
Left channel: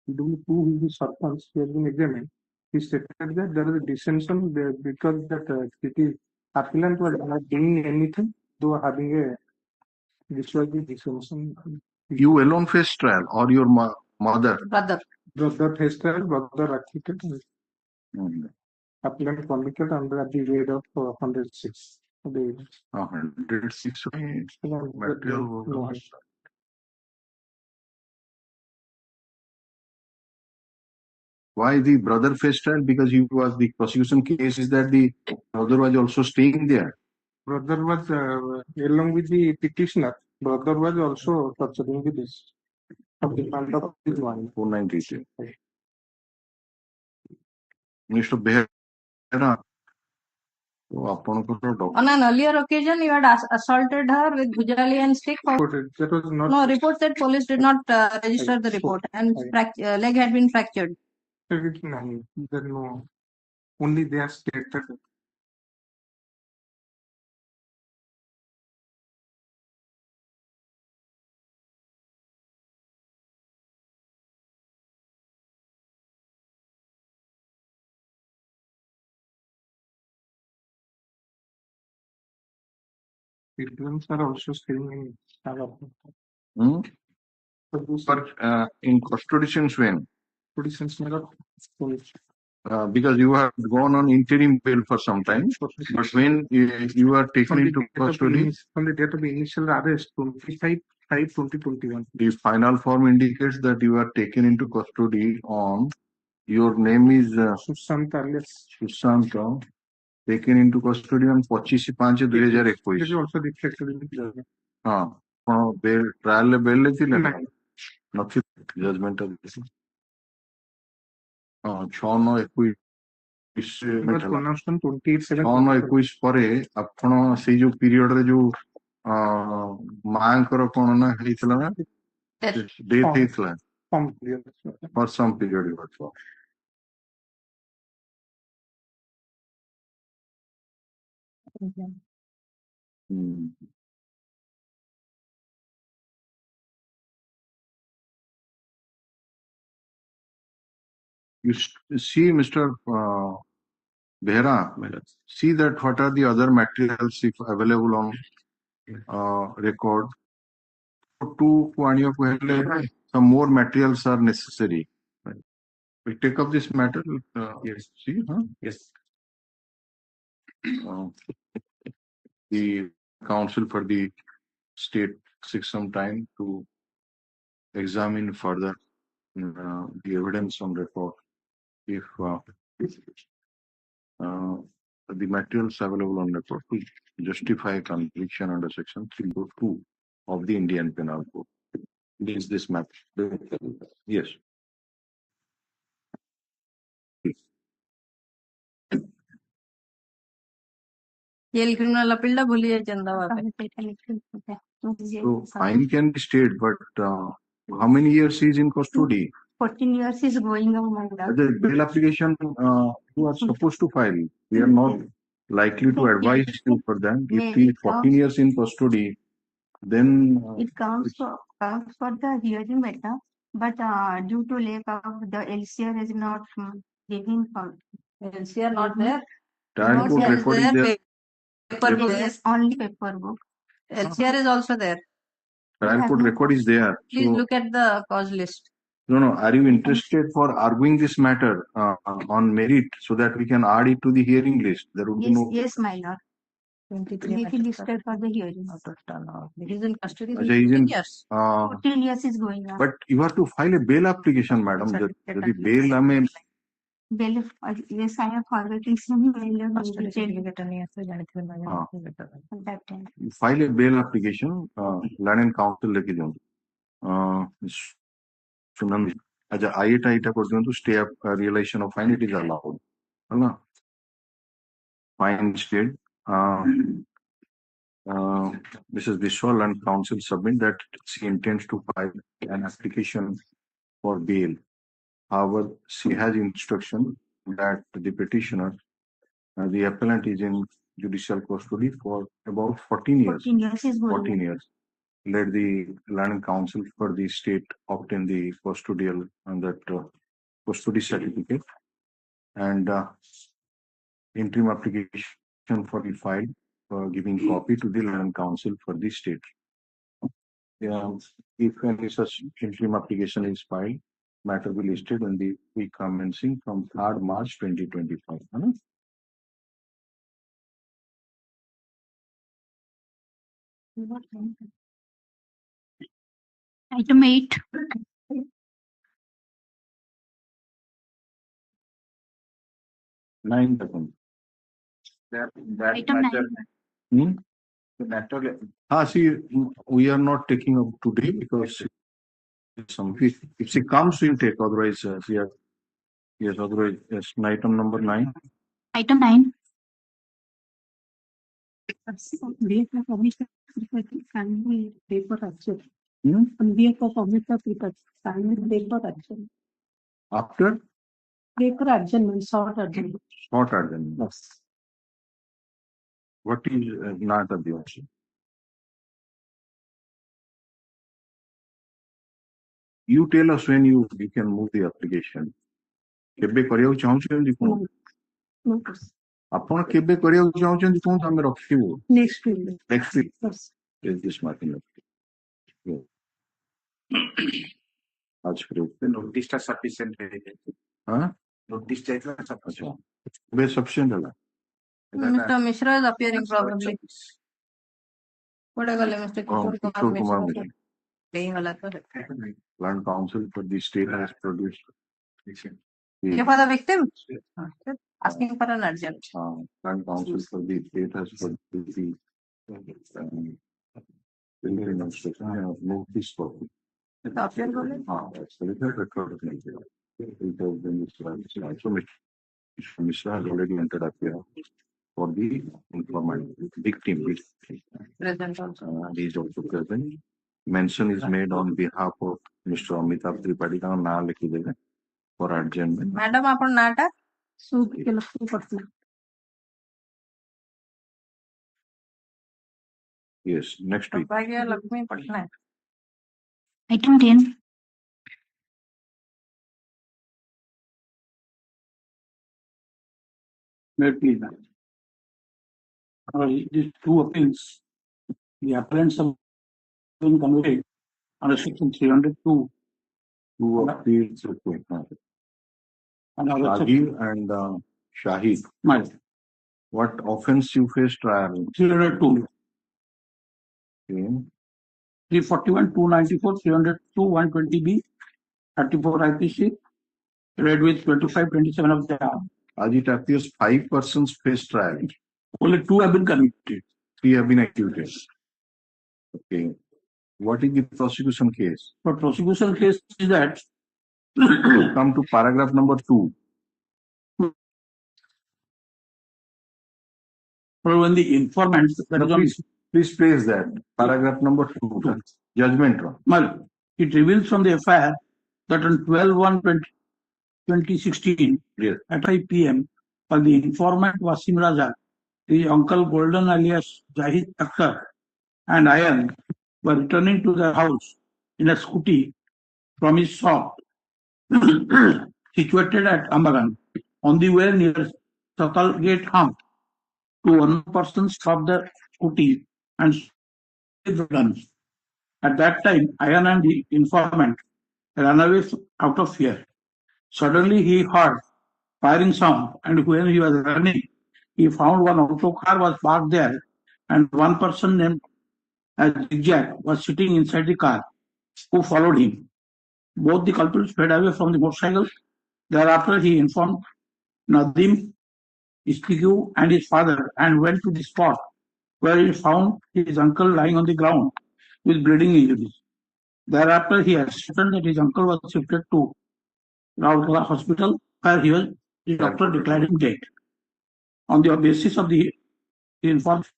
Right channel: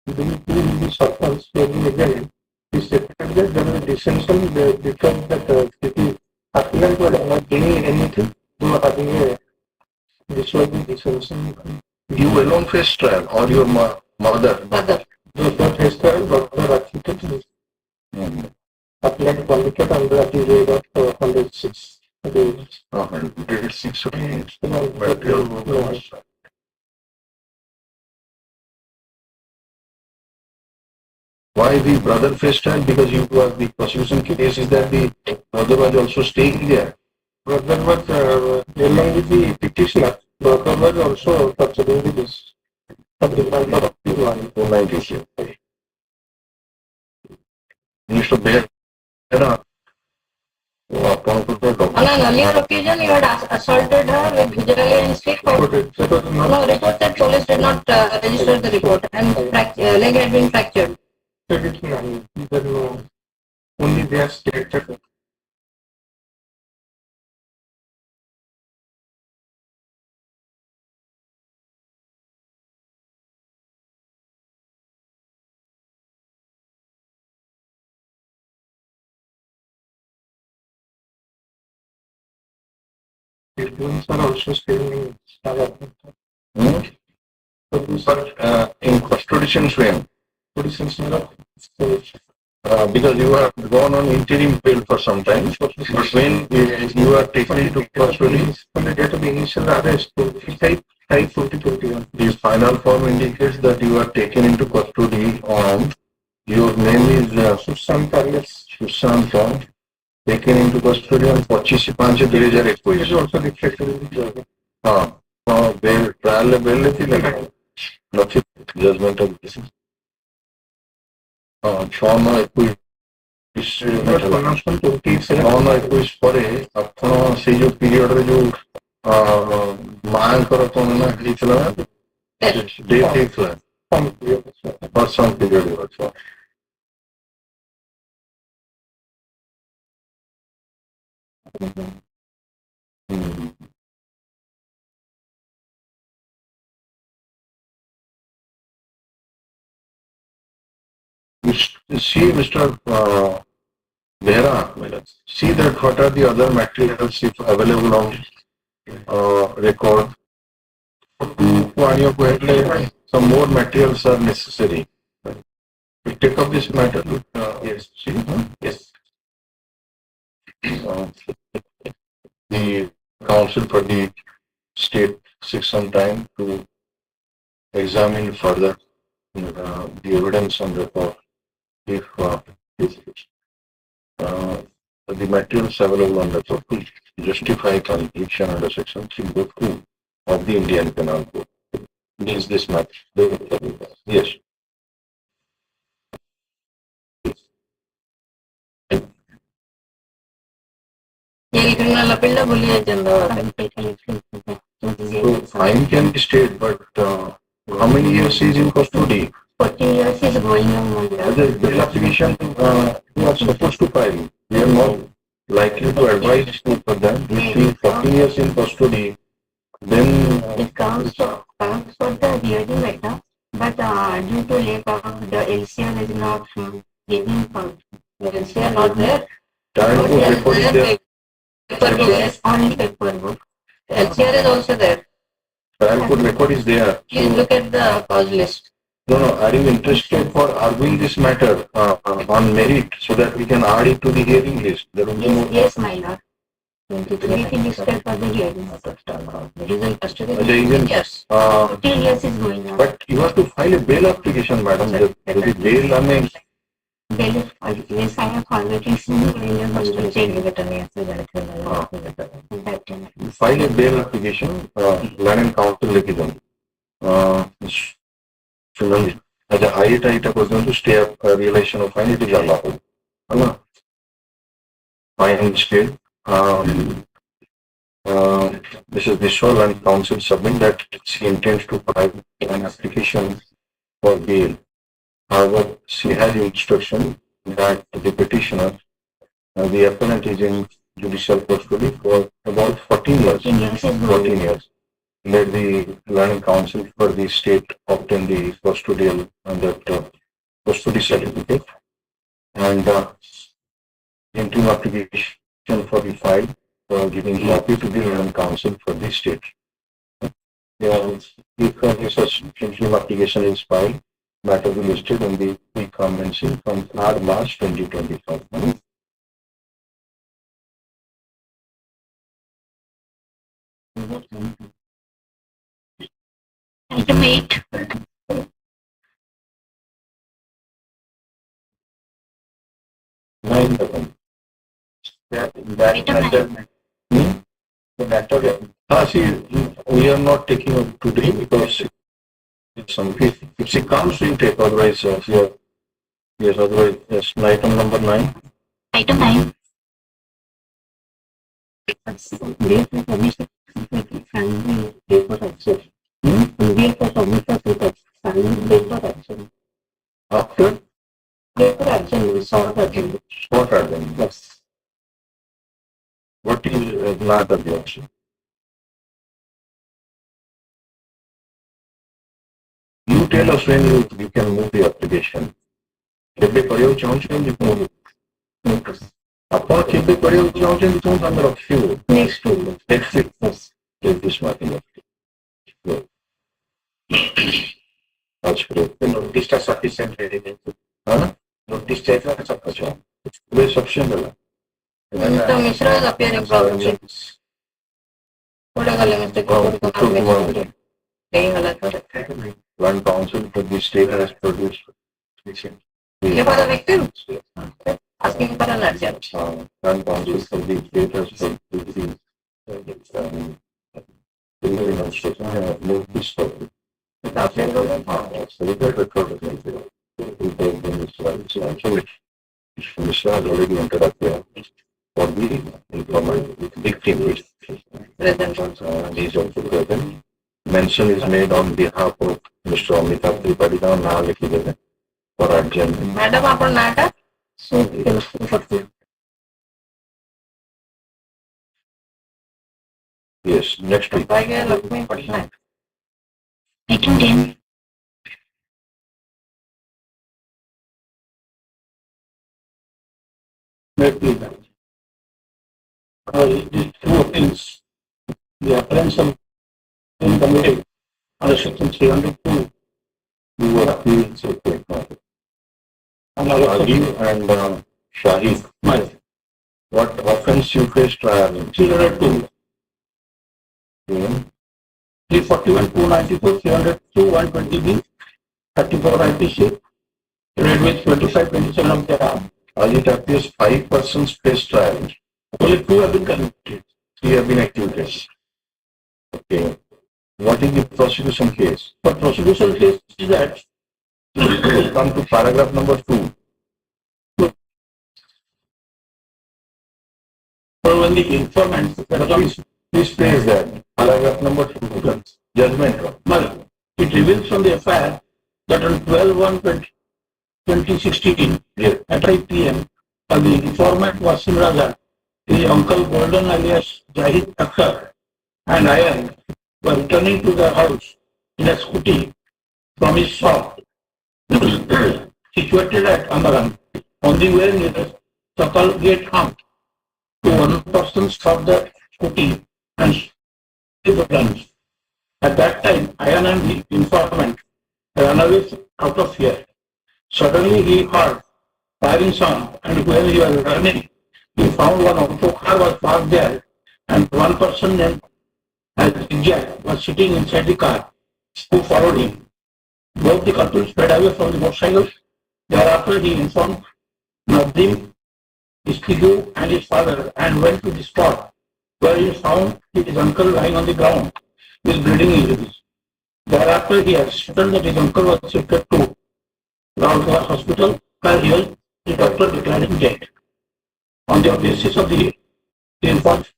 PW 2 will be short terms, again, he stated that there is a dissension because that the applicant was not doing anything, they were having a this was the dissension. You alone face trial or your mother? Mother. The face trial, brother acquitted, applicant convicted under the rate of 106. 106. Why the brother faced trial? Because you was the prosecution case is that the brother was also staying there. Brother was along with the petitioner. Brother was also pursuing the case of the matter of the one. 296. Mr. Behra, On an earlier occasion, you had assaulted her with Gujarati and stick. No, report that police did not register the report and leg had been fractured. Only they are stated. Films are also staying in But in custodian swim, because you have gone on interim bail for some time, but when you are taken into custody, on the date of the initial arrest, 2021. the final form indicates that you are taken into custody on, your name is Sushant alias. Sushant, taken into custody on 25/5/2021. It is also reflected in the judgment. Bail trial bail लेती Nothing judgment of this. 6/9/21 Pronouncement 27. 6/9/21 ପରେ ଆପଣ ସେଇ ଯୋଉ ପିରିୟଡରେ ଯୋଉ ମାଙ୍କର କଣ ନା ହେଇଥିଲା ଡେଥ୍ ହେଇଥିଲା or some period also. See, Mr. Behra, see that what are the other materials if available on record. Some more materials are necessary. We take up this matter. Yes. See? Yes. The counsel for the state takes some time to examine further the evidence on report. If the materials available on report to justify conviction under section 3.2 of the Indian Penal Code. Means this matter. Yes. Yale criminal appeal la boliye Chandra. So fine can be stayed, but how many years is in custody? 14 years is going on. The bill application you are supposed to file. We are not likely to advise you for them. We see 14 years in custody, then It counts for the hearing matter, but due to lack of the LCR is not giving for LCR not there. trial court record is there. Paper book. only paper book. LCR is also there. Trial court record record is there. Please look at the cause list. No, are you interested for arguing this matter on merit so that we can add it to the hearing list? There will be no. Yes, my lord. We can discuss for the hearing. It is in custody. There is an- Yes. 10 years is going on. But you have to file a bail application, madam. The bail, I mean, Yes, I have forwarded some file a bail application, land and council लेके जाओ. अच्छा, आईटा पर्यंत stay up realization of fine it is allowed. Allah. Fine stay. Mrs. Biswal and council submit that she intends to file an application for bail. However, she has instruction that the petitioner, the appellant is in judicial custody for about 14 years. 14 years is going 14 years. Let the learning council for the state obtain the custodial and that custody certificate and interim application for the file giving copy to the learning council for the state. If this interim application is filed, matter will be listed in the commencing from 3rd March 2025. Item 8. Nine seconds. That Item adjournment. The matter. See, we are not taking it today because if she comes, you take, otherwise, yes, otherwise, yes, item number 9. Item 9. Wait for permission. Sign the paper action. Wait for permission to sign the paper action. After Paper action, short action. short adjournment. Yes. What is not objection? You tell us when you can move the application. କେବେ କରିବାକୁ ଚାହୁଁଛନ୍ତି କୁହନ୍ତୁ. ଆପଣ କେବେ କରିବାକୁ ଚାହୁଁଛନ୍ତି କୁହନ୍ତୁ, ଆମେ ରଖିବୁ. Next week. Next week. Yes. Take this marking up. That's great. The notice is sufficient. Huh? Notice is sufficient. अच्छा. It's sufficient है. Mr. Mishra is appearing probably. What are the mistake? One council for the state has produced. You for the victim? Asking for an urgent. One council for the state has produced the notice for it. Mishra has already entered up here for the informant victim. Present also. And he is also present. Mention is made on behalf of Mr. Amitabh Tripathi now लिखी देंगे for adjournment. Madam, आपन नाटा? Yes, next week. Lakshmi Patnaik. Item 10. Maybe these two appeals, the appellants of the committee under section 302 Two appeals, okay. and other Rajiv and Shahid. my What offense you faced trial? 302, 341, 294, 302, 120B, 34 IPC, read with 25, 27 of the RAM. As it appears, 5 persons faced trial. Only 2 have been convicted. 3 have been acquitted. Okay. What is the prosecution case? For prosecution case is that Come to paragraph number 2. for when the informant, Please place that. Paragraph number 2. Judgment. well, it reveals from the FIR that on 12/1/2016 Yes. at 5 p.m. The informant Wasim Raza, the uncle Golden alias Jahid Akhtar, and Ayan were returning to their house in a scooty from his shop situated at Amaran. On the way near Sakal Gate Hump, one person stopped the scooty and the guns. At that time, Ayan and the informant ran away out of fear. Suddenly he heard firing sound, and when he was running, he found one auto car was parked there, and one person named Jack was sitting inside the car, who followed him. Both the culprits sped away from the motorcycle. Thereafter, he informed Nadim, S.K.Sahoo and his father, and went to the spot where he found his uncle lying on the ground with bleeding injuries. Thereafter, he ascertained that his uncle was shifted to Ratho hospital, where he was the doctor declaring dead. On the basis of the informant,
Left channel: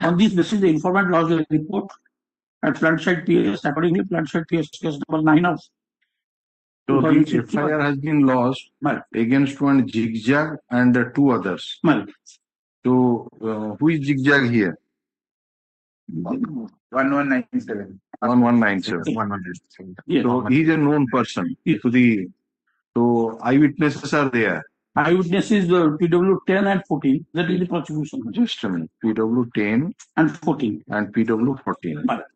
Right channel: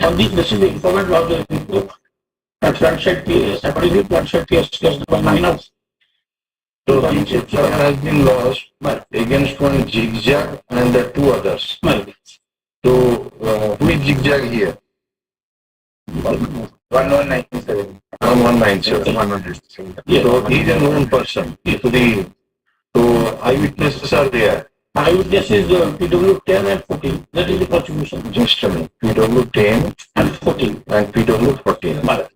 on this basis, the informant lodged a report at Flandshed PS, accordingly, Flandshed PS case number 9 of. So the FIR has been lodged against one zigzag and two others. So who is zigzag here? 1197. 1197. So he is a known person. So eyewitnesses are there. Eyewitnesses PW 10 and 14. That is the prosecution. Just a minute. PW 10 And 14. and PW 14.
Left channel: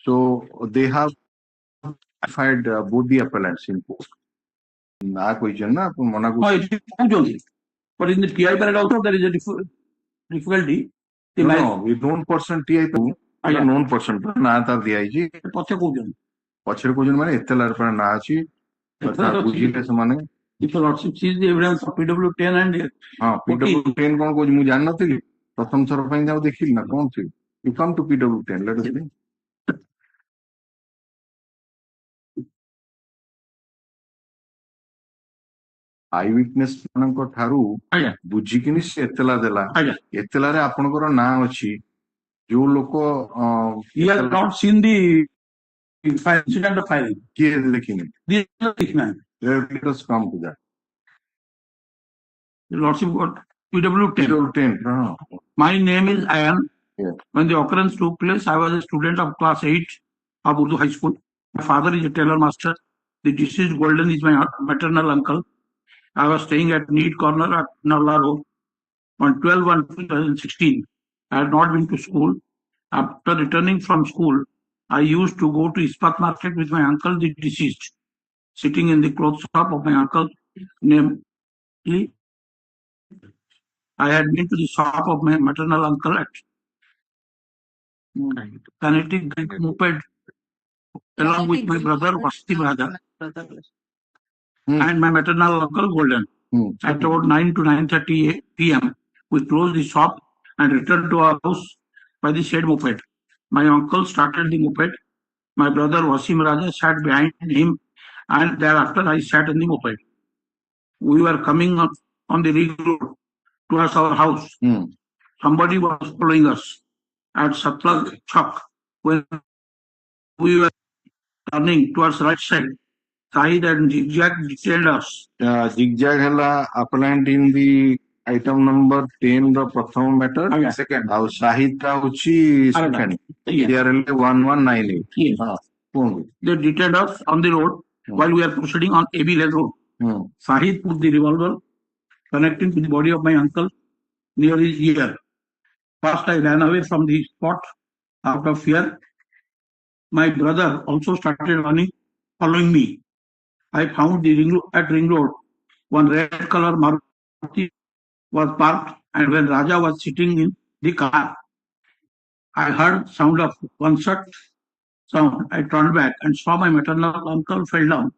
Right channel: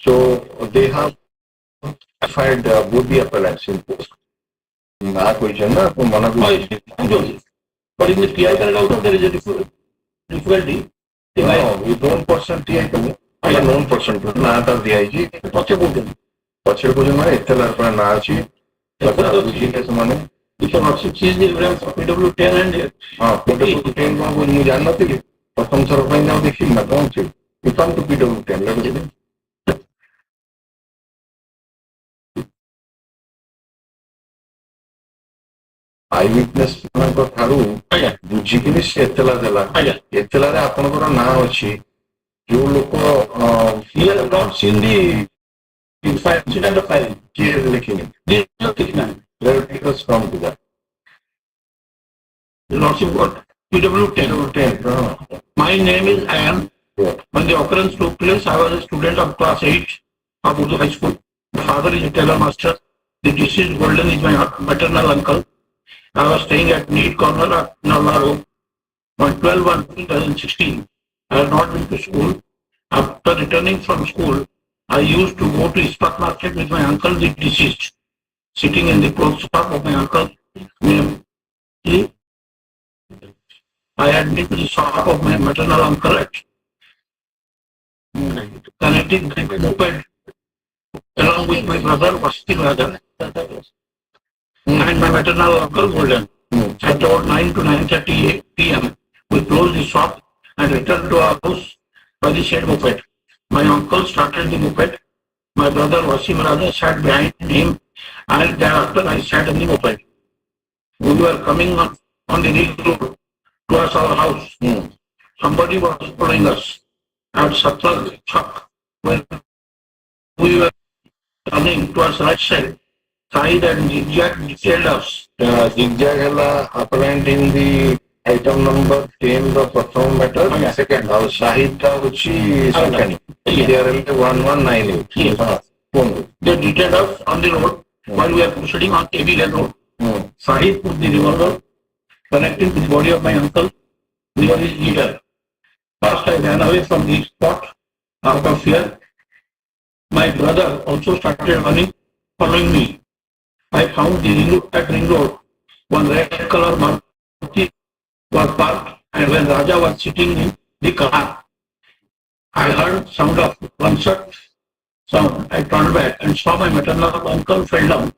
So they have identified both the appellants in post. Question na to mana No, it is found only. But in the PI period also there is a difficulty. no, we don't person TI2, I am known person to na ta DIG. Prosecution. पछिर को जमाने इत्तलार पर ना आची पता बुझी के समाने You cannot see the evidence of PW 10 and हाँ PW 10 को मुझे जानना थी प्रथम सरपाई ना देखी ना कौन सी you come to PW 10 let us see. Eyewitness ମାନଙ୍କ ଠାରୁ ବୁଝିକିନି ସେ ଏତଲା ଦେଲା ଏତଲାରେ ଆପଣଙ୍କର ନାଁ ଅଛି ଯୋଉ ଲୋକ he has not seen the incident of filing. କିଏ ଲେଖିନି This is not taken. let us come to that. Lordship got PW 10. 10 no. My name is Ayan. Yeah. When the occurrence took place, I was a student of class 8 of Urdu High School. My father is a tailor master. The deceased Golden is my maternal uncle. I was staying at Neat Corner at Nalla Road. On 12/1/2016, I had not been to school. After returning from school, I used to go to Ispat Market with my uncle, the deceased, sitting in the clothes shop of my uncle. I had been to the shop of my maternal uncle at Kinetic moped along with my brother Vasti Raja and my maternal uncle Golden. At about 9 to 9:30 p.m., we closed the shop and returned to our house by the said moped. My uncle started the moped. My brother Vasim Raja sat behind him, and thereafter I sat in the moped. We were coming on the ring road towards our house. Somebody was following us at Sattar Chak. When we were turning towards right side and zigzag detailed us. Zigzag hela appellant in the item number 10 the प्रथम matter second और Shahid का उची second here 1198 They detailed us on the road while we are proceeding on AB Lane Road. Shahid put the revolver connecting to the body of my uncle near his ear. First I ran away from the spot out of fear. My brother also started running, following me. I found the ring road. One red color Maruti was parked, and when Raja was sitting in the car, I heard sound of gunshot sound. I turned back and saw my maternal uncle fell down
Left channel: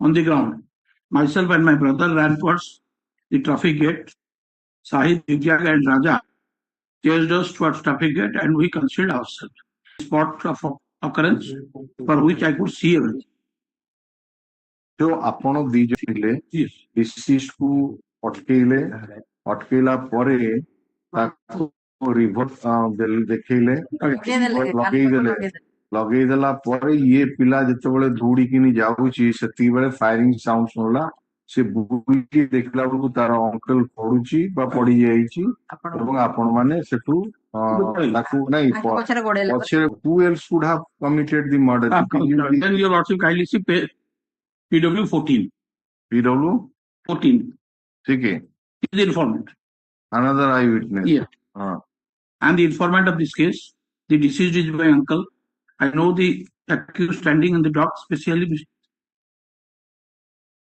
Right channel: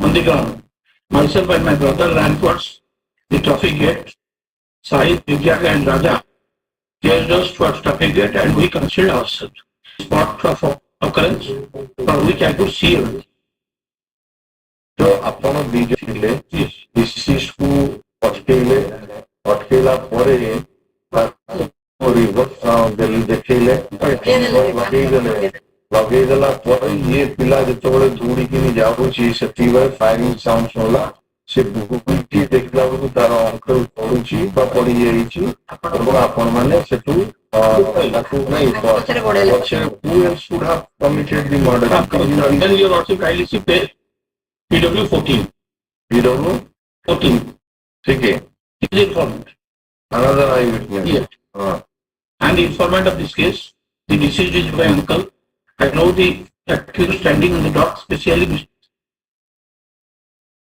on the ground. Myself and my brother ran towards the traffic gate. Sahid, Divya and Raja chased us towards traffic gate, and we concealed ourselves. Spot of occurrence for which I could see everything. जो आपण बीज थिले disease को अटकेला परे reverse देखेले लगेदेला परे ये पिला जेतबेले दौड़ी किनी जाउची सेती बेले फायरिंग साउंड सुनला से बुकी देखला बेलू तार अंकल पडुची बा पड़ी जाईची और आपण माने सेतु लाखो नहीं पछे who else would have committed the murder? Then you also kindly see PW 14. PW 14. ठीक है. He is informant. Another eyewitness. Yes. And the informant of this case, the deceased is my uncle. I know the accused standing on the dock, especially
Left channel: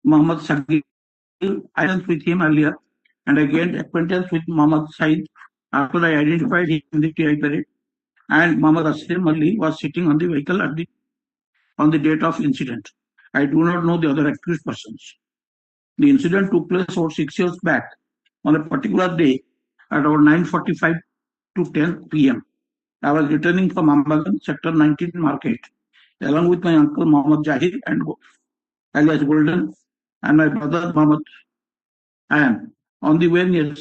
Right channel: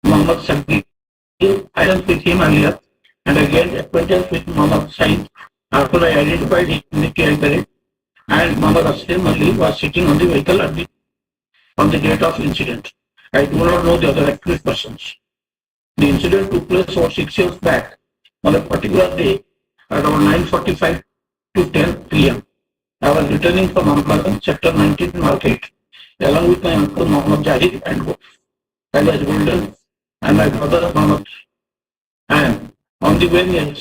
Muhammad Sagir. I was with him earlier and I gained acquaintance with Muhammad Said after I identified him in the TI and Muhammad Aslim Ali was sitting on the vehicle on the date of incident. I do not know the other accused persons. The incident took place over 6 years back on a particular day at around 9:45 to 10 p.m. I was returning from Ambalan, Sector 19 Market, along with my uncle Muhammad Jahid and I was Golden and my brother Muhammad. And on the way near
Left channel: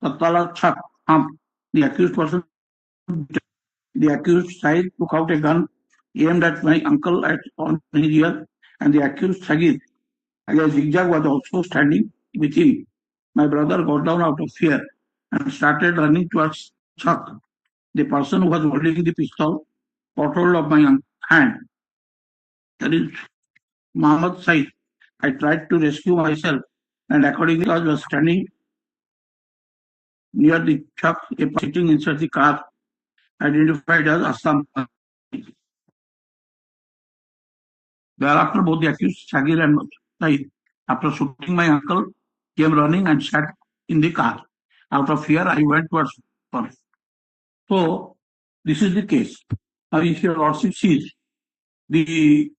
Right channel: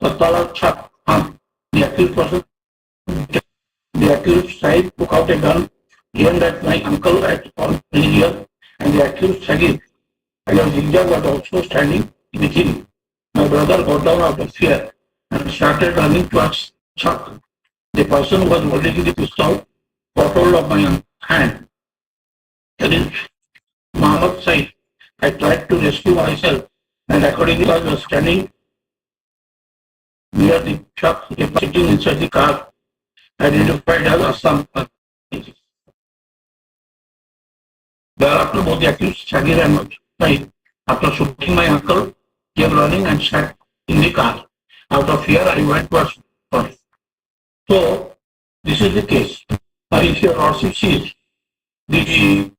Patala Chap, the accused person, the accused side took out a gun aimed at my uncle at on the rear, and the accused Sagir, against zigzag, was also standing with him. My brother got down out of fear and started running towards Chuck. The person who was holding the pistol got hold of my hand. That is Muhammad Said. I tried to rescue myself, and accordingly I was standing near the truck, sitting inside the car, identified as Assam. Thereafter, both the accused, Sagir and Said, after shooting my uncle, came running and sat in the car. Out of fear, I went towards her. So, this is the case. If your lordship sees, the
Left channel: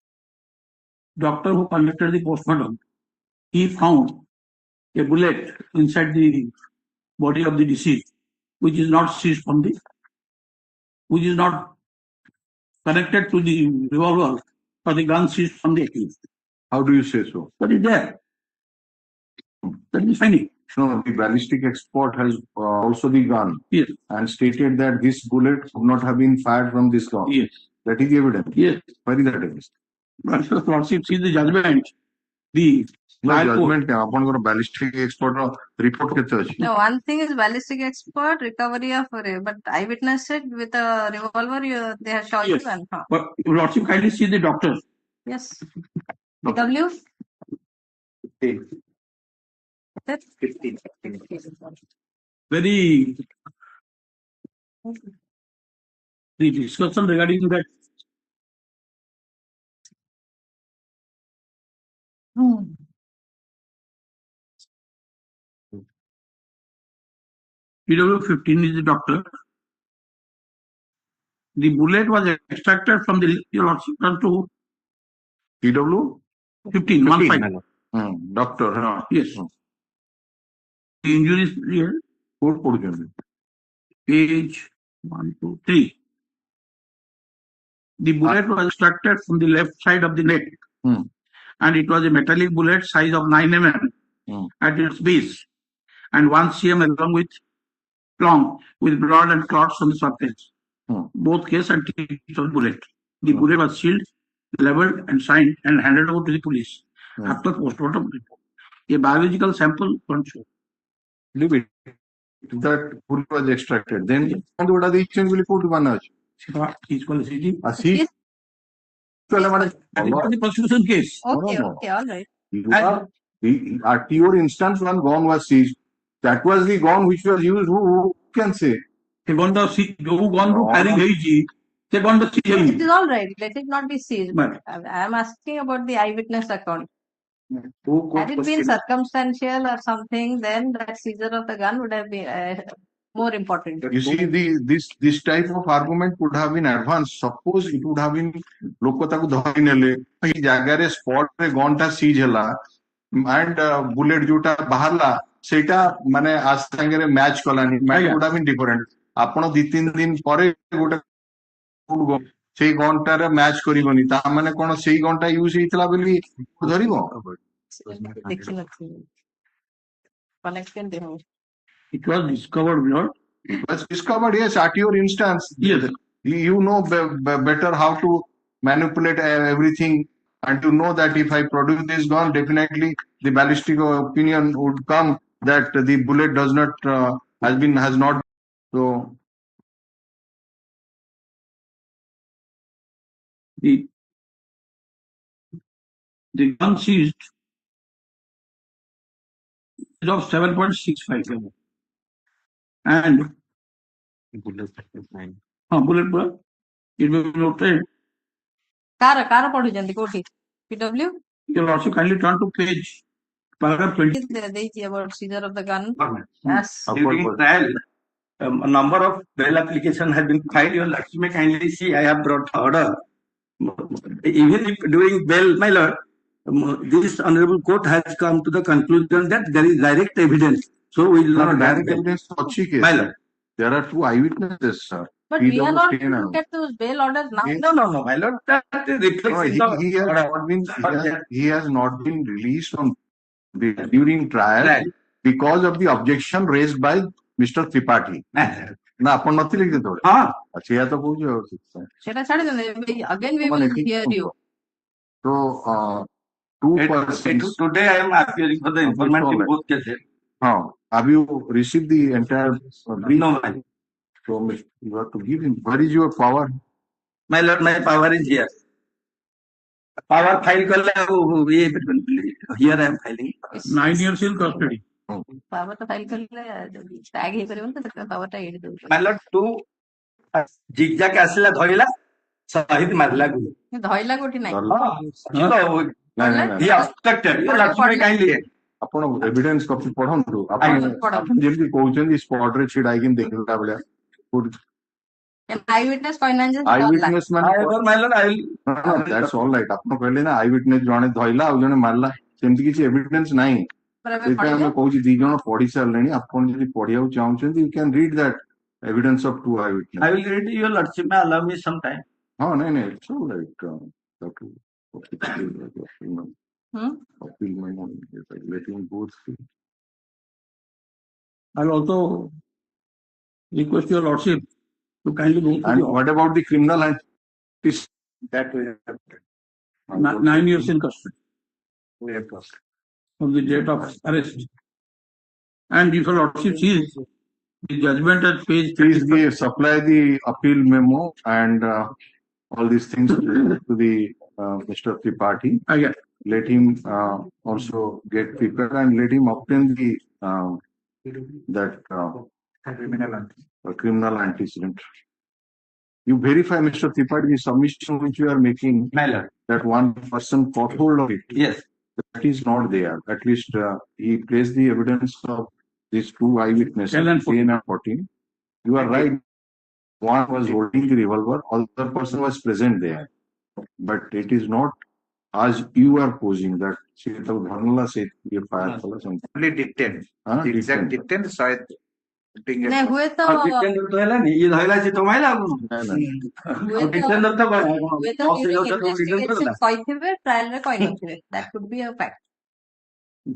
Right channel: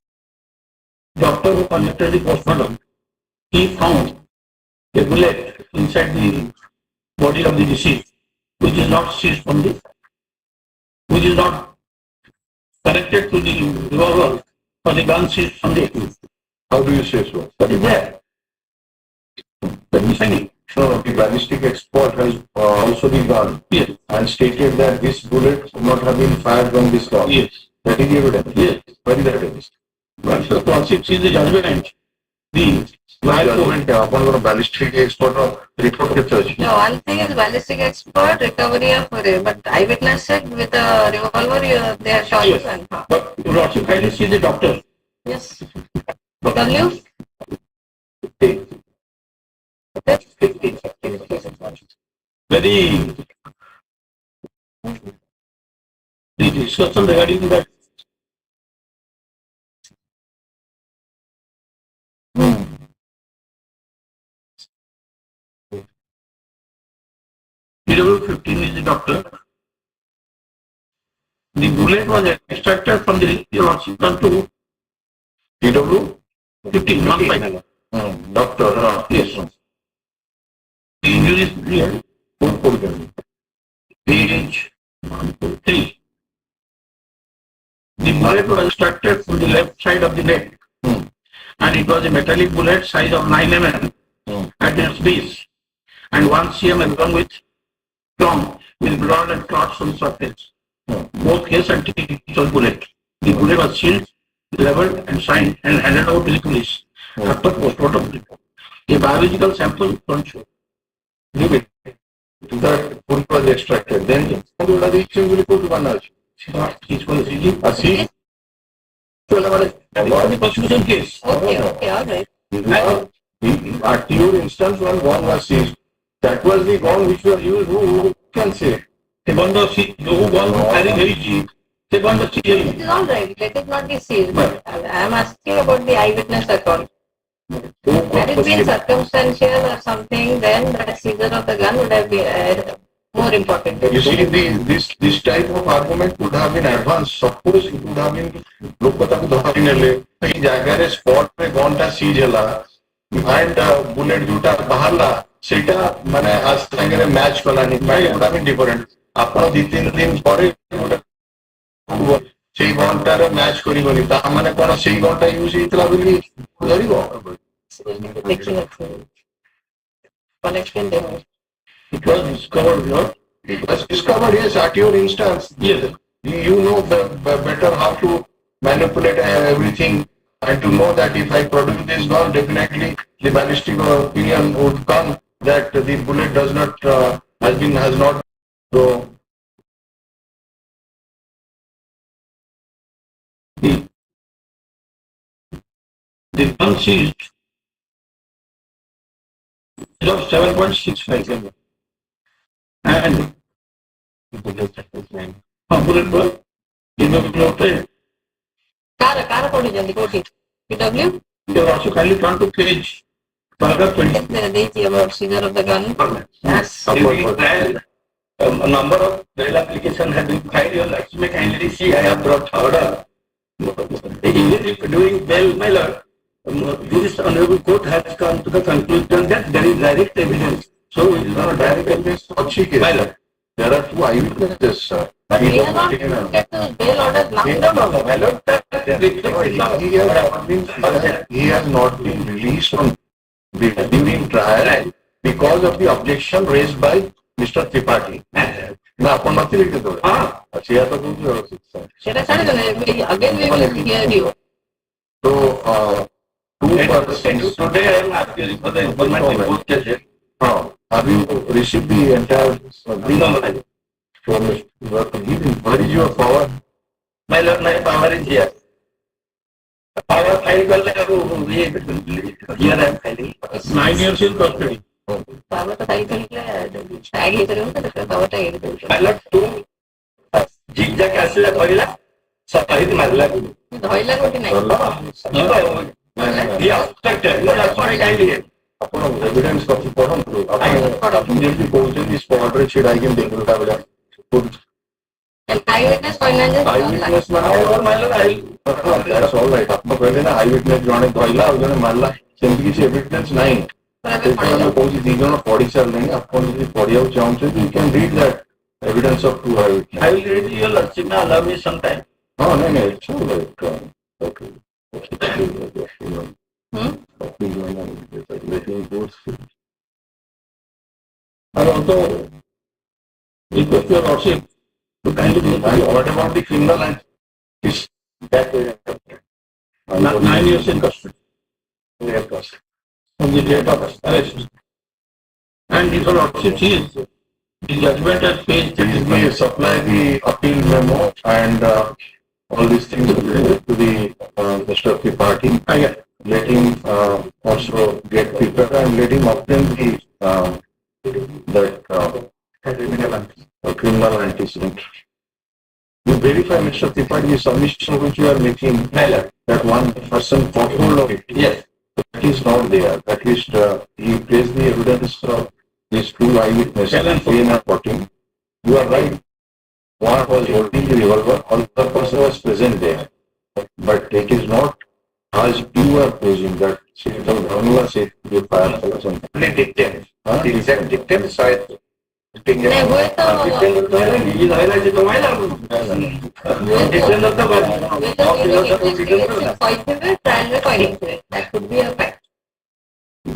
doctor who conducted the postmortem, he found a bullet inside the body of the deceased, which is not seized from the, which is not connected to the revolver or the gun seized from the accused. How do you say so? But is there? Let me find it. So the ballistic expert has also the gun Yes. and stated that this bullet would not have been fired from this gun. Yes. That is the evidence. Yes. Where is the evidence? Once the lordship sees the judgment, the High Court, ଆପଣଙ୍କର ballistic expert report କେତେ ଅଛି? No, one thing is ballistic expert, recovery of, but eyewitness said with a revolver, they have shot Yes. the gun. Huh? but lordship kindly see the doctor. Yes. W? 15. Very the discussion regarding that PW15 is the doctor. The bullet was extracted from the lordship to TW? 15, not 5. Doctor. Yes. The injury is clear. Page 1, 2, 3. The bullet was extracted from the left side of the neck, and it was a metallic bullet size of 9 mm at its base, and 1 cm along with long with blood and clots on the surface. Both case and typical bullet. The bullet was sealed, leveled, and signed and handed over to the police after postmortem report. A biological sample don't show. Leave it. That bullet was extracted. Then what are the exchange report one ଅଛି? He's for the CG. See? The prosecution case. Okay, okay, all right. At your instance, one gun was seized. That was the gun which was used. Who can say? ସେ ଗଣ୍ଡ ଯୋଉ ଗଣ୍ଡ firing ହେଇଛି ସେ ଗଣ୍ଡ It is all right. Let it not be sealed. But I am asking about the eyewitness account. Had it been circumstantial or something, then that seizure of the gun would have been more important. You see, this type of argument could have been advanced. Suppose it would have been ଲୋକ ତାକୁ ଧରି ନେଲେ ଏଇ ଜାଗାରେ spot ରେ gun ଟା seize ହେଲା and bullet ଯୋଉଟା ବାହାରିଲା ସେଇଟା ମାନେ ଆ ସାଙ୍ଗରେ ମ୍ୟାଚ୍ କଲାନି it would have been different. ଆପଣ 2-3 ଦିନ ପରେ ଗୋଟେ ସେଇ ଗନ୍ ଟାରେ ମ୍ୟାଚ୍ କରିବନି ତା ମାନେ କଣ ସେଇ ଗନ୍ ଟା ୟୁଜ ହେଇଥିଲା ବୋଲି ଧରିବ? Connection there. It was discovered what? It was discovered, yes, at your instance. Yes. You know better how to manipulate everything and to know that if I produce this gun, definitely the ballistic opinion would come that the bullet does not, has not, so. The gun seized is of 7.65 and bullet was It was noted. Car ପଢୁଛନ୍ତି କୋଉଠି PW You also kindly turn to page paragraph 20. ଦେଇଛି ଆମର senior of the government During trial, a number of bail applications have been filed. Your Lordship may kindly see, I have brought order. Even if during bail, my lord, this honorable court has come to the conclusion that there is direct evidence. So we will not Direct evidence अच्छी case. My lord. There are 2 eyewitnesses, sir. But we are not get to bail order now. No, my lord, that reflects No, in the- he has not been released from during trial because of the objection raised by Mr. Tripathi. ନା ଆପଣ ନଥିଲେ କି ସେତେବେଳେ? Ah, ସେଇଆ ତ କହୁଛି ଆଉ। ସେଟା ଛାଡ଼ିଦେଲେ again we will hear you. So, 2 persons. today I am asking for the information in both cases. Have you received the entire? No, my lord. So, you have to give him. Where is your power? My lord, my power is here. Power file करले अब ये here I am filing. 9 years in custody. ବାବା ତ cycle tag ହେଇପାରିବ ତ ବାବା tag ହେଇପାରିବ My lord, two zigzag ଆସିଲା ଧରିଲା ସହିତ ମାରିଲା ଗୁଳି. ଧଇଲା କୋଉଠି ନାହିଁ He obstructed. No, that's why kindly. ଆପଣ ଏଭିଡେନ୍ସ କପି ପଢନ୍ତୁ। ଆପଣ ଯେମିତି କହୁଛନ୍ତି ସ୍ପଟରେ ଛିଡା ହେଇକି ଦେଖିଲୁ ତା ଭଳିଆ। ଆଇ ୱିଟନେସ୍ କହିନାହାନ୍ତି ଆଇ ୱିଟନେସ୍ ମାନେ My lord, I will. that's all right। ଆପଣ କହିଲେ ନା ଆଇ ୱିଟନେସ୍ ଜଣେ ଧଇଲା ଆଉ ଜଣେ ମାରିଲା, ସେମିତି କିଛି ଏଭିଡେନ୍ସ ନାହିଁ। ସେଇଥିପାଇଁ ଆମେ କହୁଛି 2 ଜଣ ପଢି ସାରିଲେଣି। ଆପଣ ଯଦି ପଢିବାକୁ ଚାହୁଁଛନ୍ତି you can read that evidence of 2 eyewitnesses। I will read your lordship. Now allow me some time. ହଁ ନାଇଁ ନାଇଁ it's all right। Okay। Letting go through। I also request your Lordship to kindly go And to what about the criminal and this? That way. 9 years in custody Yes, from the date of arrest. And if your Lordship sees the judgment at page Please 35. supply the appeal memo and all these things to the Mr. Tripathi. Let him also get prepared and let him obtain the criminal antecedent. You verify, Mr. Tripathi, the submission which you are making, that one person foretold of it. Yes. That is not there. At least he placed the evidence of these 2 eyewitnesses. Tell and 3 and 14. You are right. One was holding the revolver, other person was present there. But it is not as you are posing that she told Dhanula said the fire or something. Only dictum. Exact dictum side. ନାଇଁ ହୁଏତ Dictator ଧଇଲାନି, ଇଏ ଧଇଲା ସେ କମାଇଲା ଆଉ। Dictator ତ କହିଥିବେ କହିଥିବେ ଟ୍ରାଏଲରେ କହିନଥିବେ that could be a fact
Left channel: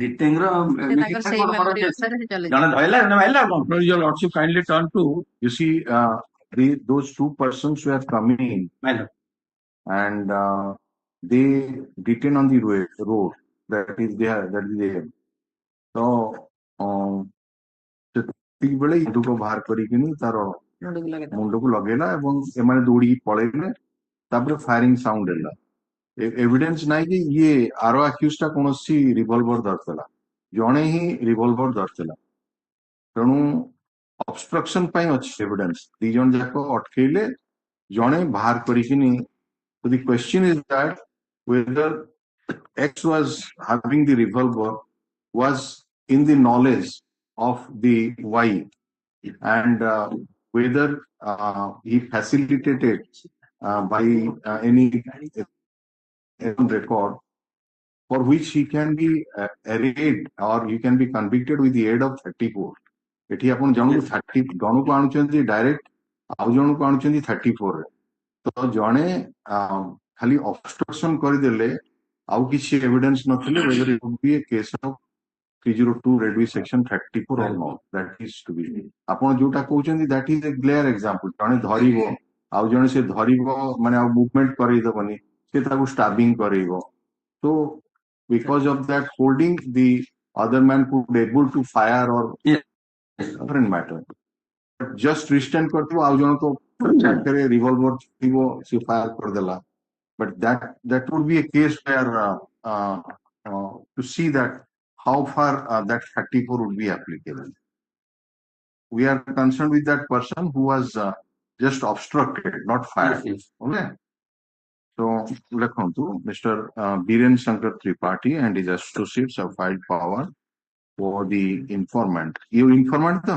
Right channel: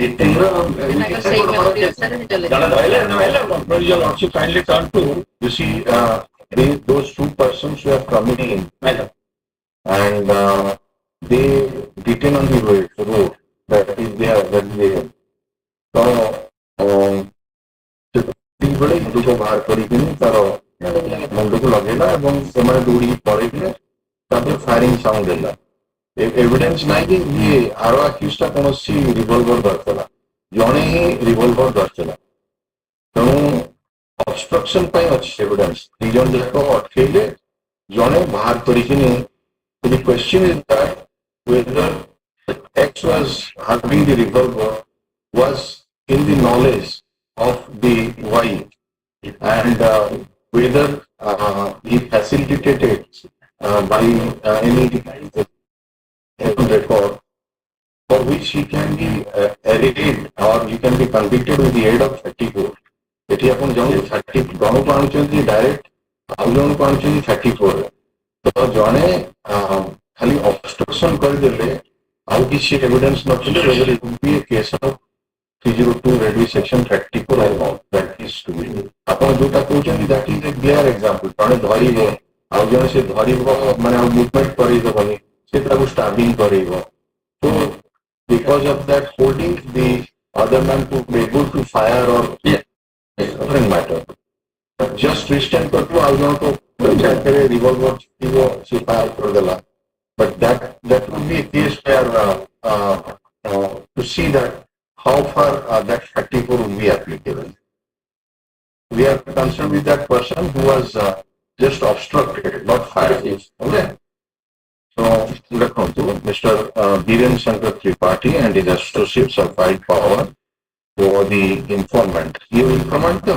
Dictator ତାଙ୍କର ସେଇ ମେଲୋଡି ଅନୁସାରେ ସେ ଚଲେଇବେ ଜଣେ ଧଇଲା ଜଣେ ମାଇଲା ଆଉ କଣ? Your Lordship kindly turn to You see, those 2 persons who have come in ମାଇଲା। and they detain on the road that is there. So, ବେଳେ ଇନ୍ଦୁକ ବାହାର କରିକି ତାର ମୁଣ୍ଡକୁ ଲଗେଇଲା ଏବଂ ସେମାନେ ଦୌଡ଼ିକି ପଳେଇଲେ। ତାପରେ ଫାୟାରିଂ ସାଉଣ୍ଡ ହେଲା। ଏଭିଡେନ୍ସ ନାହିଁ କି ଇଏ ଆର ଆକ୍ୟୁଜଟା କୌଣସି ରିଭଲଭର ଧରିଥିଲା, ଜଣେ ହିଁ ରିଭଲଭର ଧରିଥିଲା। ତେଣୁ ଅବଷ୍ଟ୍ରକ୍ସନ ପାଇଁ ଅଛି ଏଭିଡେନ୍ସ। 2 ଜଣ ଯାକ ଅଟକେଇଲେ, ଜଣେ ବାହାର କରିକି the question is that whether X was having the revolver was in the knowledge of the Y and whether he facilitated by any record for which he can be arraigned or he can be convicted with the aid of 34. ଏଠି ଆପଣ ଜଣକୁ 30 ଜଣକୁ ଆଣୁଛନ୍ତି direct, ଆଉ ଜଣକୁ ଆଣୁଛନ୍ତି 34 ରେ। ତ ଜଣେ ଖାଲି ଅବଷ୍ଟ୍ରକ୍ସନ କରିଦେଲେ ଆଉ କିଛି ଏଭିଡେନ୍ସ ନଥିଲେ whether it would be a case of 302 Reddy section 34 or not. That is to be. ଆପଣ ଯୋଉଟା କହୁଛନ୍ତି that is a clear example. ଜଣେ ଧରିବ ଆଉ ଜଣେ ସେ ଧରିବ ମାନେ ଆଉ ମୁଭମେଣ୍ଟ କରେଇଦେବନି, ସେ ତାକୁ ଷ୍ଟାବିଂ କରେଇବ। So because of that holding, the other man could be able to fire or different matter. But just restrain କରିବ ଆଉ ଜଣକୁ ଜାଗାରେ ରିଭଲଭର ଥିବ ସେ ଫାୟାର କରିଦେଲା। But that would be a case where to see that how far that 34 would be applicable. We are concerned with that person who was just obstructed, not fired. Okay. So, Mr. Dhiren Shankar Tripathi and his associates have filed power for the informant. You informant the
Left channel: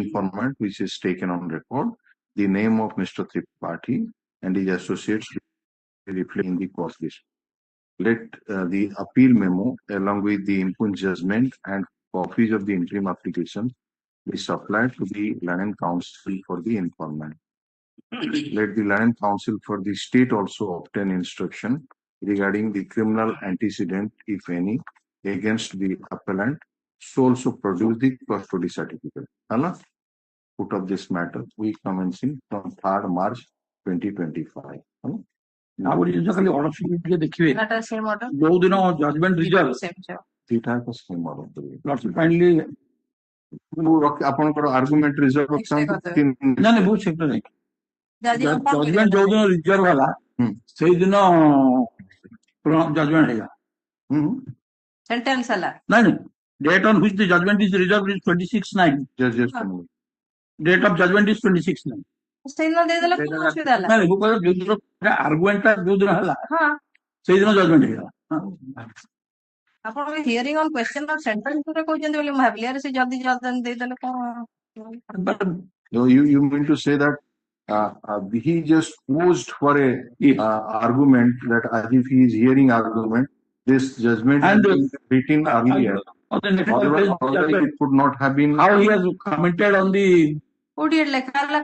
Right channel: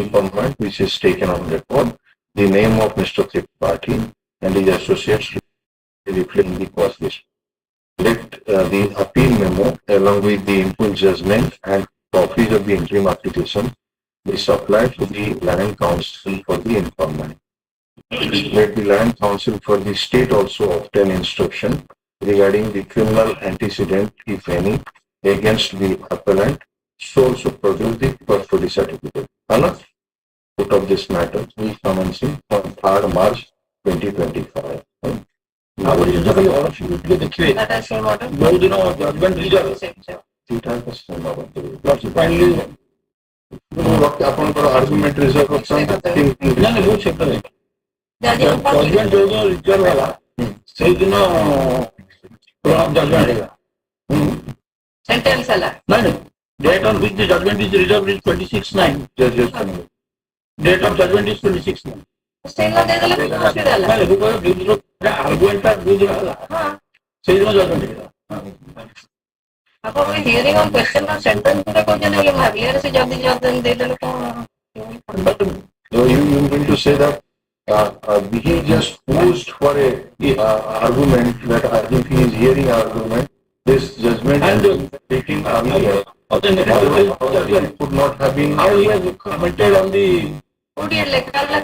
informant which is taken on record, the name of Mr. Tripathi and his associates reflecting the cause list. Let the appeal memo along with the input judgment and copies of the interim application be supplied to the Land Council for the informant. Let the Land Council for the state also obtain instruction regarding the criminal antecedent, if any, against the appellant, so also produce the custody certificate. Put of this matter, we commencing from 3rd March 2025. Now, what is the order to get the case? That I say what? No, judgment result. Finally, ଆପଣଙ୍କର argument reserve କରୁଛନ୍ତି judgement ଯୋଉଦିନ reserve ହେଲା ସେଇଦିନ judgement ହେଲା sentence ହେଲା ନାଇଁ date on which the judgment is reserved is 26/9. Date of judgment is 26/9. ସେଇଦିନ ଦେଇଦେଲେ କିଛି ଅସୁବିଧା ହେଲା ନାଇଁ ଯୋଉଦିନ ଆର୍ଗୁମେଣ୍ଟଟା ଯୋଉଦିନ ହେଲା ସେଇଦିନ ଜଜମେଣ୍ଟ ହେଲା ଆପଣ hearing on question on sentence ପୁରା କହିଛନ୍ତି ବୋଲି ଭାବିଲେ ସେ ଜଲ୍ଦି ଜଲ୍ଦି ଦେଇଦେଲେ କଣ You mean to say that he just posed for a argument that as if he is hearing argument, this judgment and taking earlier could not have been. How he has commented on the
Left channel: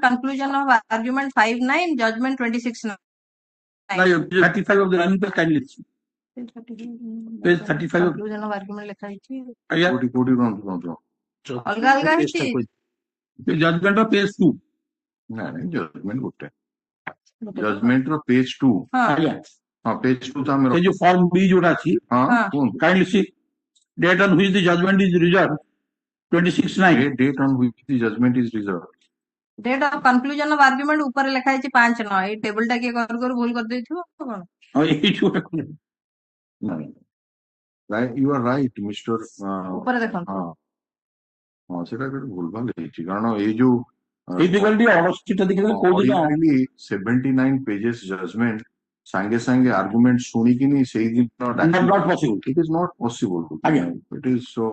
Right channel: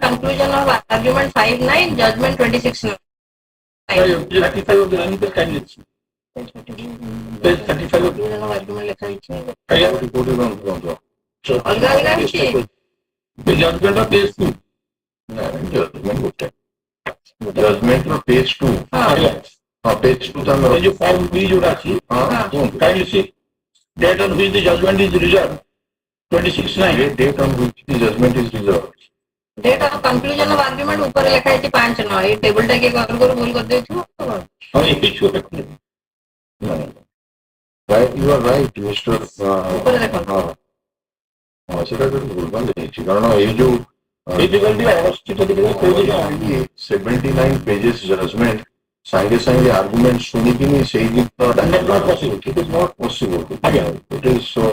conclusion of argument 5/9, judgment 26/9. 35 of the Anita Candidates. Page 35 of conclusion of argument ଲେଖା ହେଇଛି So, ଅଲଗା ଅଲଗା ହେଇଛି the judgment of page 2. judgment good. Judgment of page 2. Page 2 ये जो form B जोड़ा थी, can you see date on which the judgment is reserved 26/9. Date on which the judgment is reserved. Date of conclusion of argument ऊपर लिखा है 5/9 ये table टा के कर भूल कर देथियो और एक ही छोटा Right, you are right, Mr. ऊपर देखो সেটা তো ভুলভাল দেখছি কারণ এই যে এই ডিফিকাল্টি অবস্থিত দেখে কোড দিয়ে 79 পেজেস জাজমেন্ট সাইডে সাইডে আর্গুমেন্ট শুনিকিনি সেই দিন not possible. it is not possible it is so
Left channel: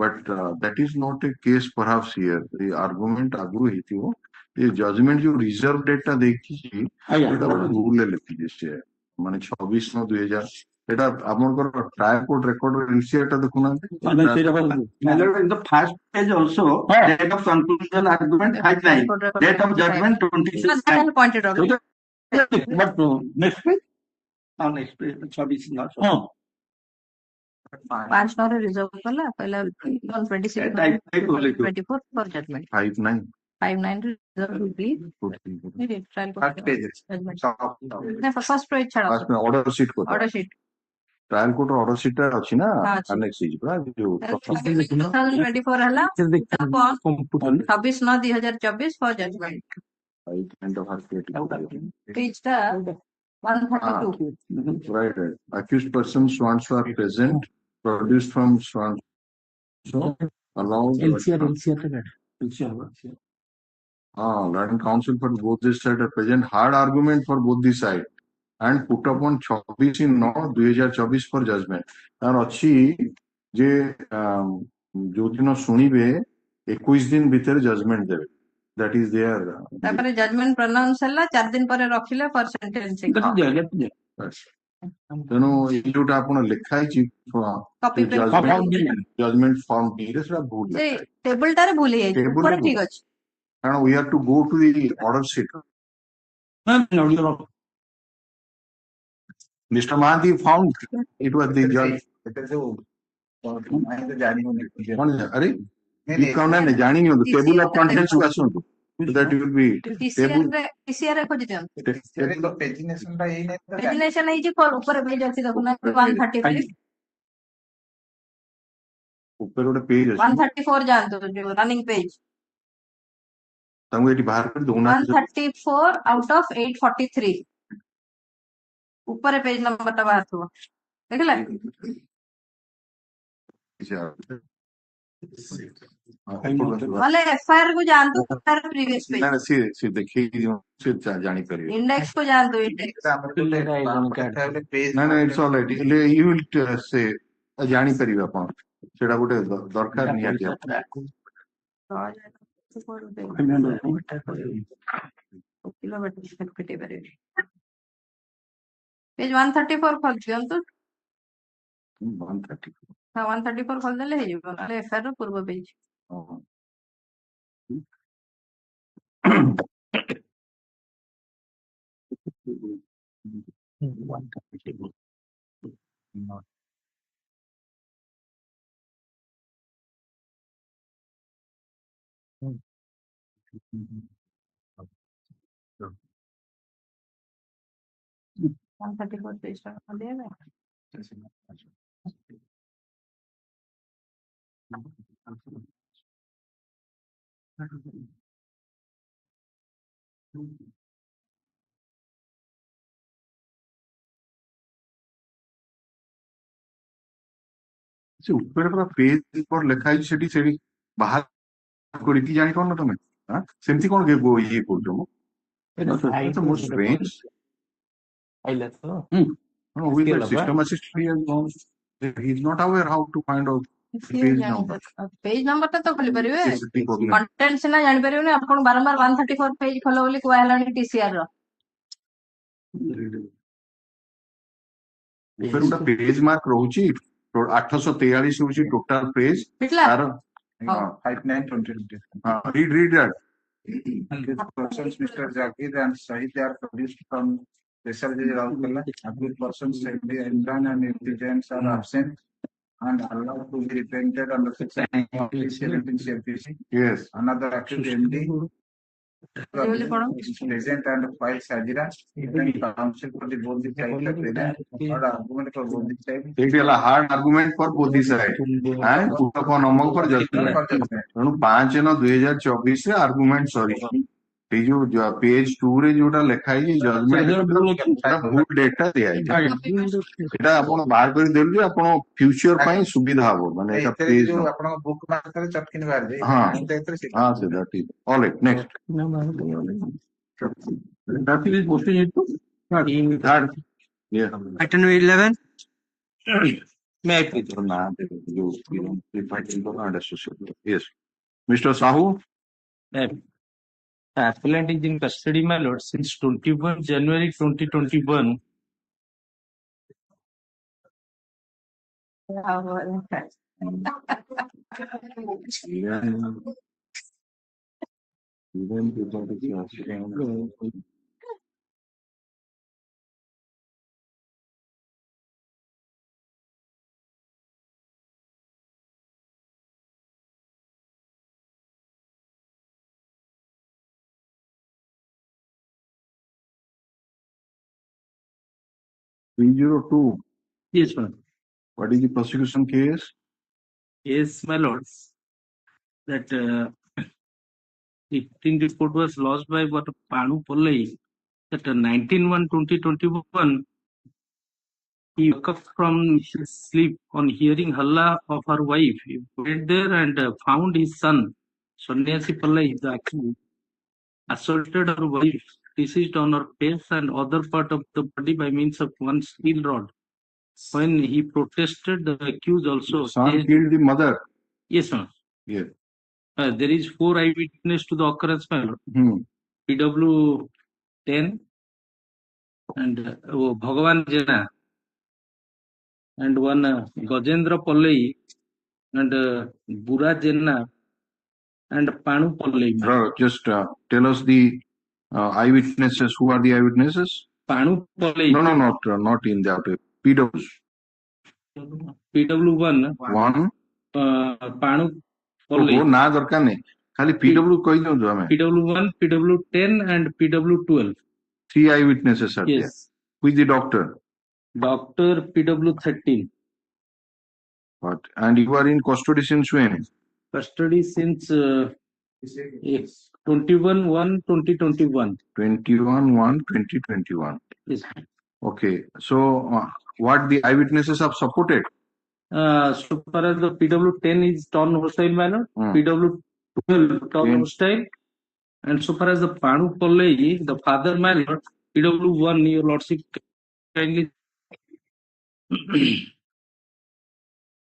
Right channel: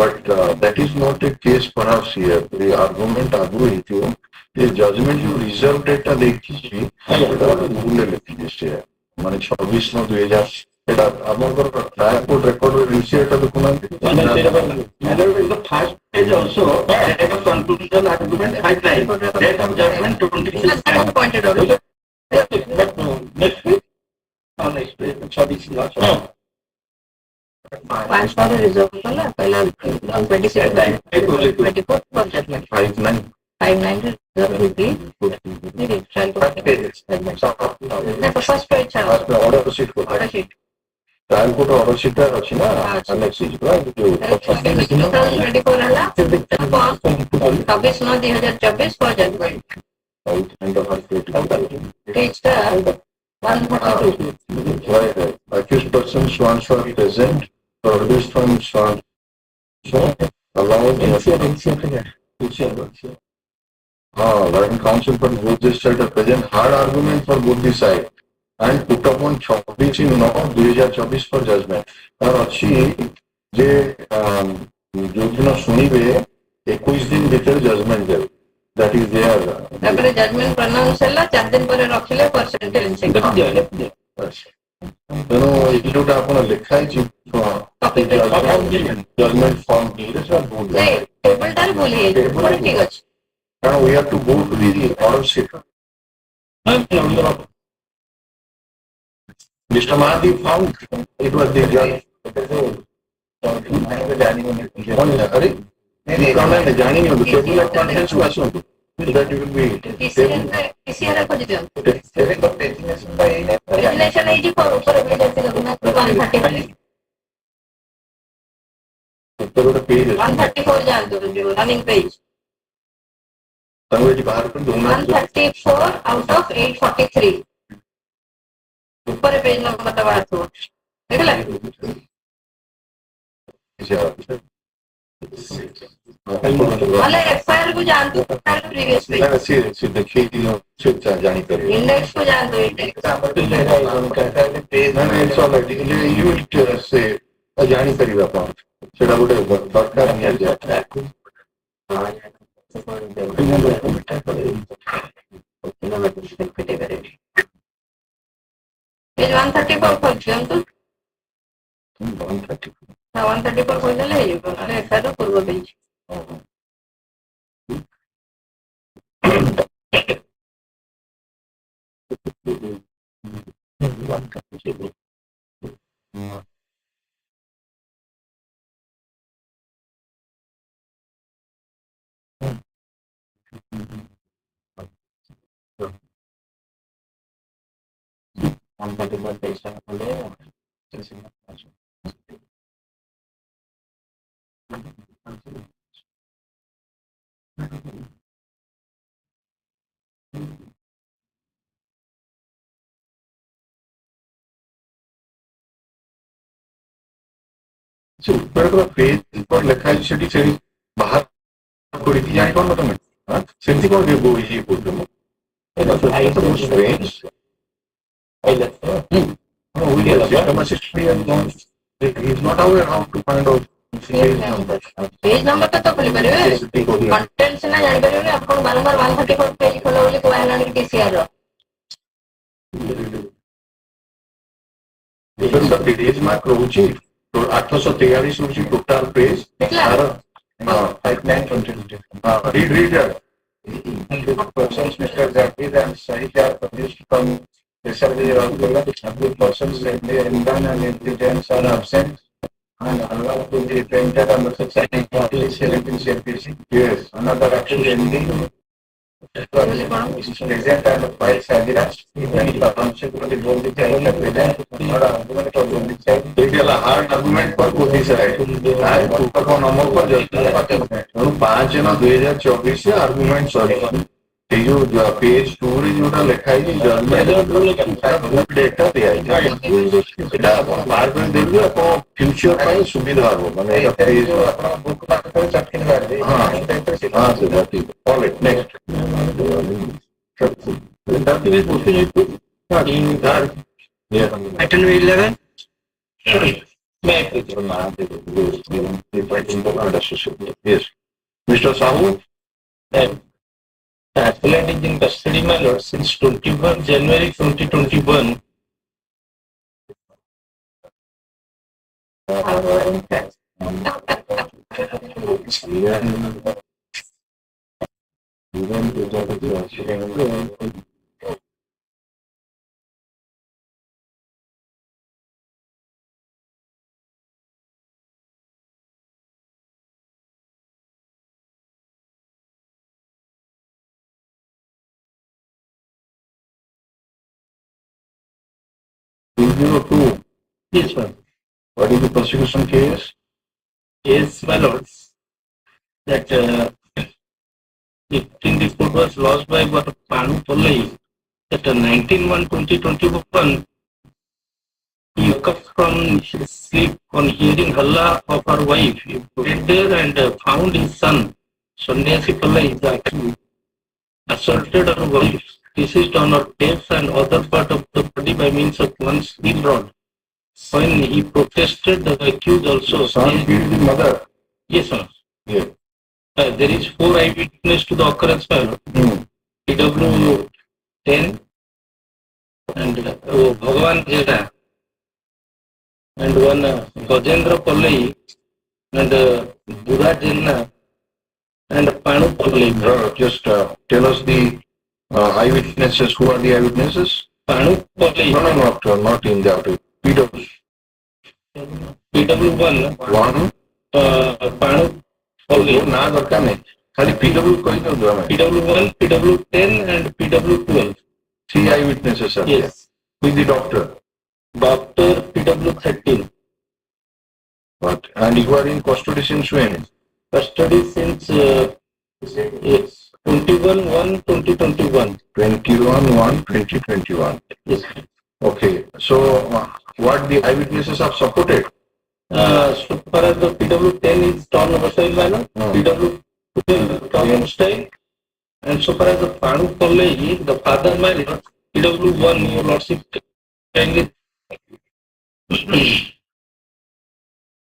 but that is not a case perhaps here the argument agro ହେଇଥିବ the judgment you reserved এটা ଦେଖିছি এটা ভুল লেখিছে মানে 26/9/2000 এটা আপনাদের ট্রায়াল কোড রেকর্ড রিসিভ এটা দেখুনাନ୍ତି in the first page also date of conclusion argument 5/9 date of judgment 26/9 pointed out but next week next page 26 पांच बार reserve कला पहला 26 24 पर जजमेंट 5/9 5/9 रिजर्व होगी नहीं ट्रायल first page ना फर्स्ट पेज छाड़ा order sheet को order sheet trial code order sheet ଅଛି ନା अनेक्स शीट रा जो 2024 हला 26/9/2024 for judgment page टा 142 right accused person sworn for present produced from sworn so allowed Land Council for both this side of present hard argument for both the side and put upon 26/9/2024 for judgment और अच्छी जे जो दिन सुनिबे 21 दिन भीतर judgment दे that is there तापर judgment pronounce होला 4 दिन पर रखिले पर सेंटेंस ତେଣୁ ଏଇ ଯୋଉଟା ଆପଣ ଲେଖା ହେଇଛି ଜଜମେଣ୍ଟ ଫର୍ମ टेबल टार बोली है ठीक अछि କାରଣ we have to go to the order sheet Mr. Mahdi found it was the judge ଜାଣିନି table of contents କୁ ଆସନ୍ତୁ so that you will be PCR को दियो डेजिग्नेशन है जी पर ऊपर भी जैसे करना 133 ऊपर ଗୋଟେ पेज 134 जान दो जो रनिंग पेज ତାଙ୍କୁ ଏଠି ବାହାର କରି ଦଉନା 134 आउट ऑफ 843 ऊपर पेज नंबर दबा दो देखला वाले एफआईआर को जान दो प्रीवियस पेज से देखिए से जानकारी इंडेक्स को जान दो index it's all right you will say जानकारी आपण सेटा गोटे दरकार नहीं पेज 134 खोल दियंतु 130 134 खोल देले हे जिवो नले एफआईआर पूर्व पेज से ऊपर पेज पर लिखा है सेठी से बाहर कोई जान कोन तुम हां सेमती कोन के गो ये बोल तुम it's strange he's not aware how to find out page number तो खोली परिबे कंटेंट्स ना जान परिबे ना आपण बारंबार 134 पेज खोलो बोली को आइलानी टीसीआर रो इवन द पेज मार्क रोची तो 843 रोची टोटल पेज तार read that persons Mr. Zakir and Sahid are published from research the persons in the environment and intelligence are absent and allowed to be printed on the section 17 CPC. yes Another actual ending present and files adherence even the consequently both the child and present or argument of both the child. एक वाला hard argument पर कोई side है उसका कौन number पर जाता है तो 5 जना 2024 से आर्गुमेंट सॉरी ये जो पेज 2 रे जोटा लिखा है जल्दी डेटा दिया है एटा अपन बाहर कर देबे अपन फ्यूचर ପାଇଁ ସୁବିଧା ହବ ମାନେ ଏଟା पेज ଆପଣ ବୁକ୍ ମାର୍କ ଚଟକିନ ମାରି ଦେଇ हां हां से जाती all it next that is question in that Item 11. yes Mr. Sahu The appellant is in custody, my lord, since 21 January 2021. Yes, sir. what is the prosecution case Yes, my lords. That 15 report was lost by what Panu Pollai. That 19/1/2021, he woke up from his sleep on hearing halla of her wife. He went there and found his son, Sanyasi Pollai, assaulted her wife, deceased on her face and other part of the body by means of one steel rod. When he protested, the accused also son said, killed the mother yes, sir. yeah There is 4 eyewitness to the occurrence, my lord. PW 10 and Bhagavan Jena and one Gajendra Pallai and Buddha Jena and Panu Pallai. just tell us the eyewitnesses who are the eyewitnesses Panu Pallai, not in the outer PW PW 1, one Panu Pallai, वो ना दरकार नहीं खाली PW कोई नहीं दो हमें PW 1, PW 10 and PW 12. 3 eyewitnesses are there Yes. with the doctor Doctor PW 13. but and you are in custody since when Custody since yes, 21/1/2021. 21/1/2021 Yes. okay so what the eyewitnesses have supported So far as the PW10 is torn hostile manner, PW12 torn hostile, and so far as the Panu Kollai, the father manner, PW1, your lordship kindly.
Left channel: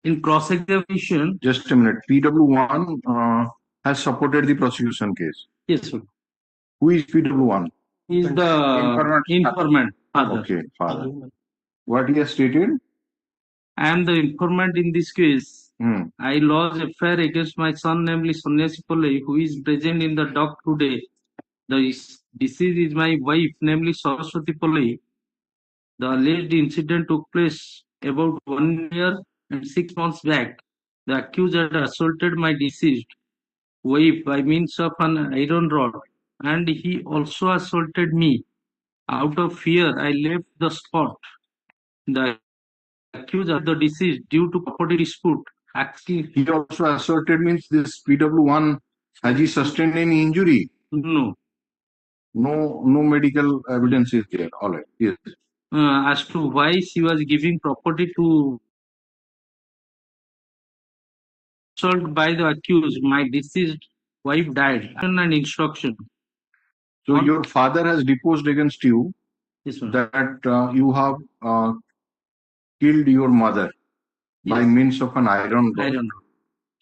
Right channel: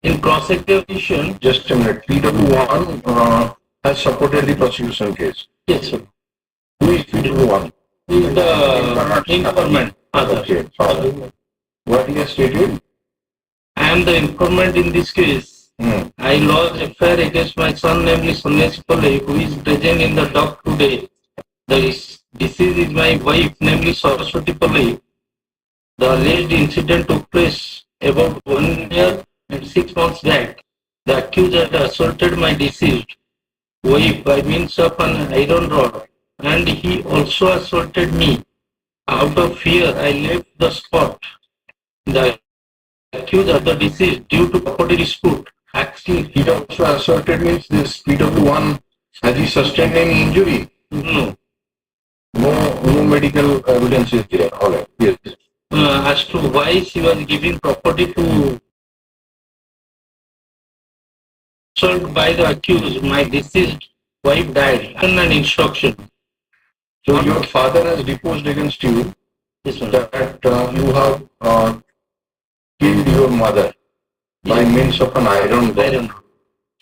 In cross-examination, Just a minute. PW1 has supported the prosecution case. yes, sir. Who is PW1? He is the informant. Okay. What he has stated? I am the informant in this case. Hmm. I lodged a affair against my son, namely Sanyasi Pillai, who is present in the dock today. The deceased is my wife, namely Saraswati Pillai. The alleged incident took place about 1 year and 6 months back. The accused had assaulted my deceased wife by means of an iron rod, and he also assaulted me. Out of fear, I left the spot. The accused of the deceased due to property dispute. Actually, He also asserted means this PW1, has he sustained any injury? no. No medical evidence is there. All right. Yes. As to why she was giving property to assault by the accused, my deceased wife died. And an instruction. So your father has deposed against you Yes, sir. that you have killed your mother by means of an iron rod. Iron.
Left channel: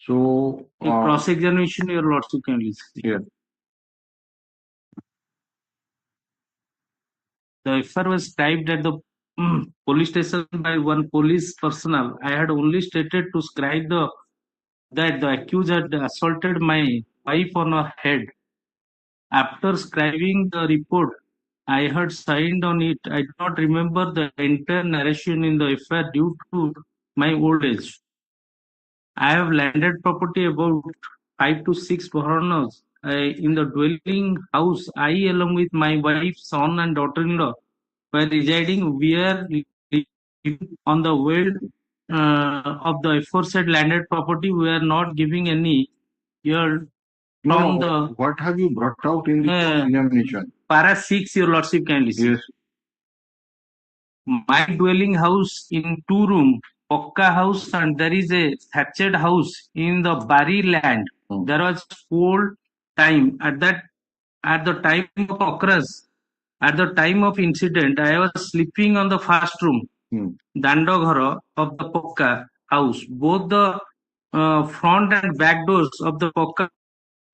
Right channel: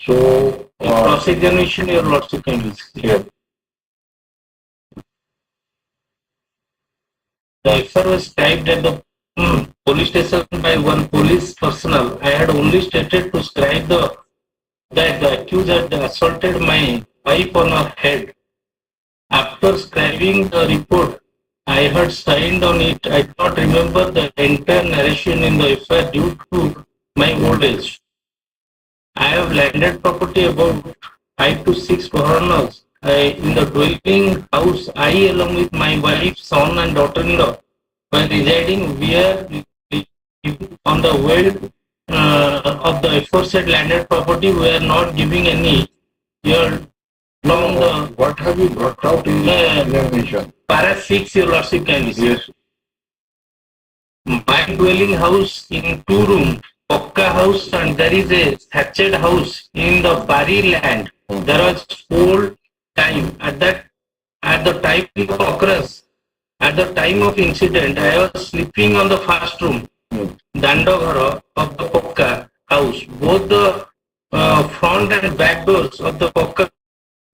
So In cross-examination, your lordship can use. here. The FR was typed at the police station by one police personnel. I had only stated to scribe that the accused had assaulted my wife on her head. After scribing the report, I had signed on it. I do not remember the entire narration in the FR due to my old age. I have landed property about 5 to 6 foreigners in the dwelling house. I, along with my wife, son, and daughter-in-law, were residing where on the world of the aforesaid landed property. We are not giving any here from the What have you brought out in the examination? para 6, your lordship kindly. Yes. My dwelling house in 2 room, Pokka house, and there is a thatched house in the Bari land. There was old time at the time of occurrence. At the time of incident, I was sleeping on the first room, Dandaghara of the Pokka house. Both the front and back doors of the Pokka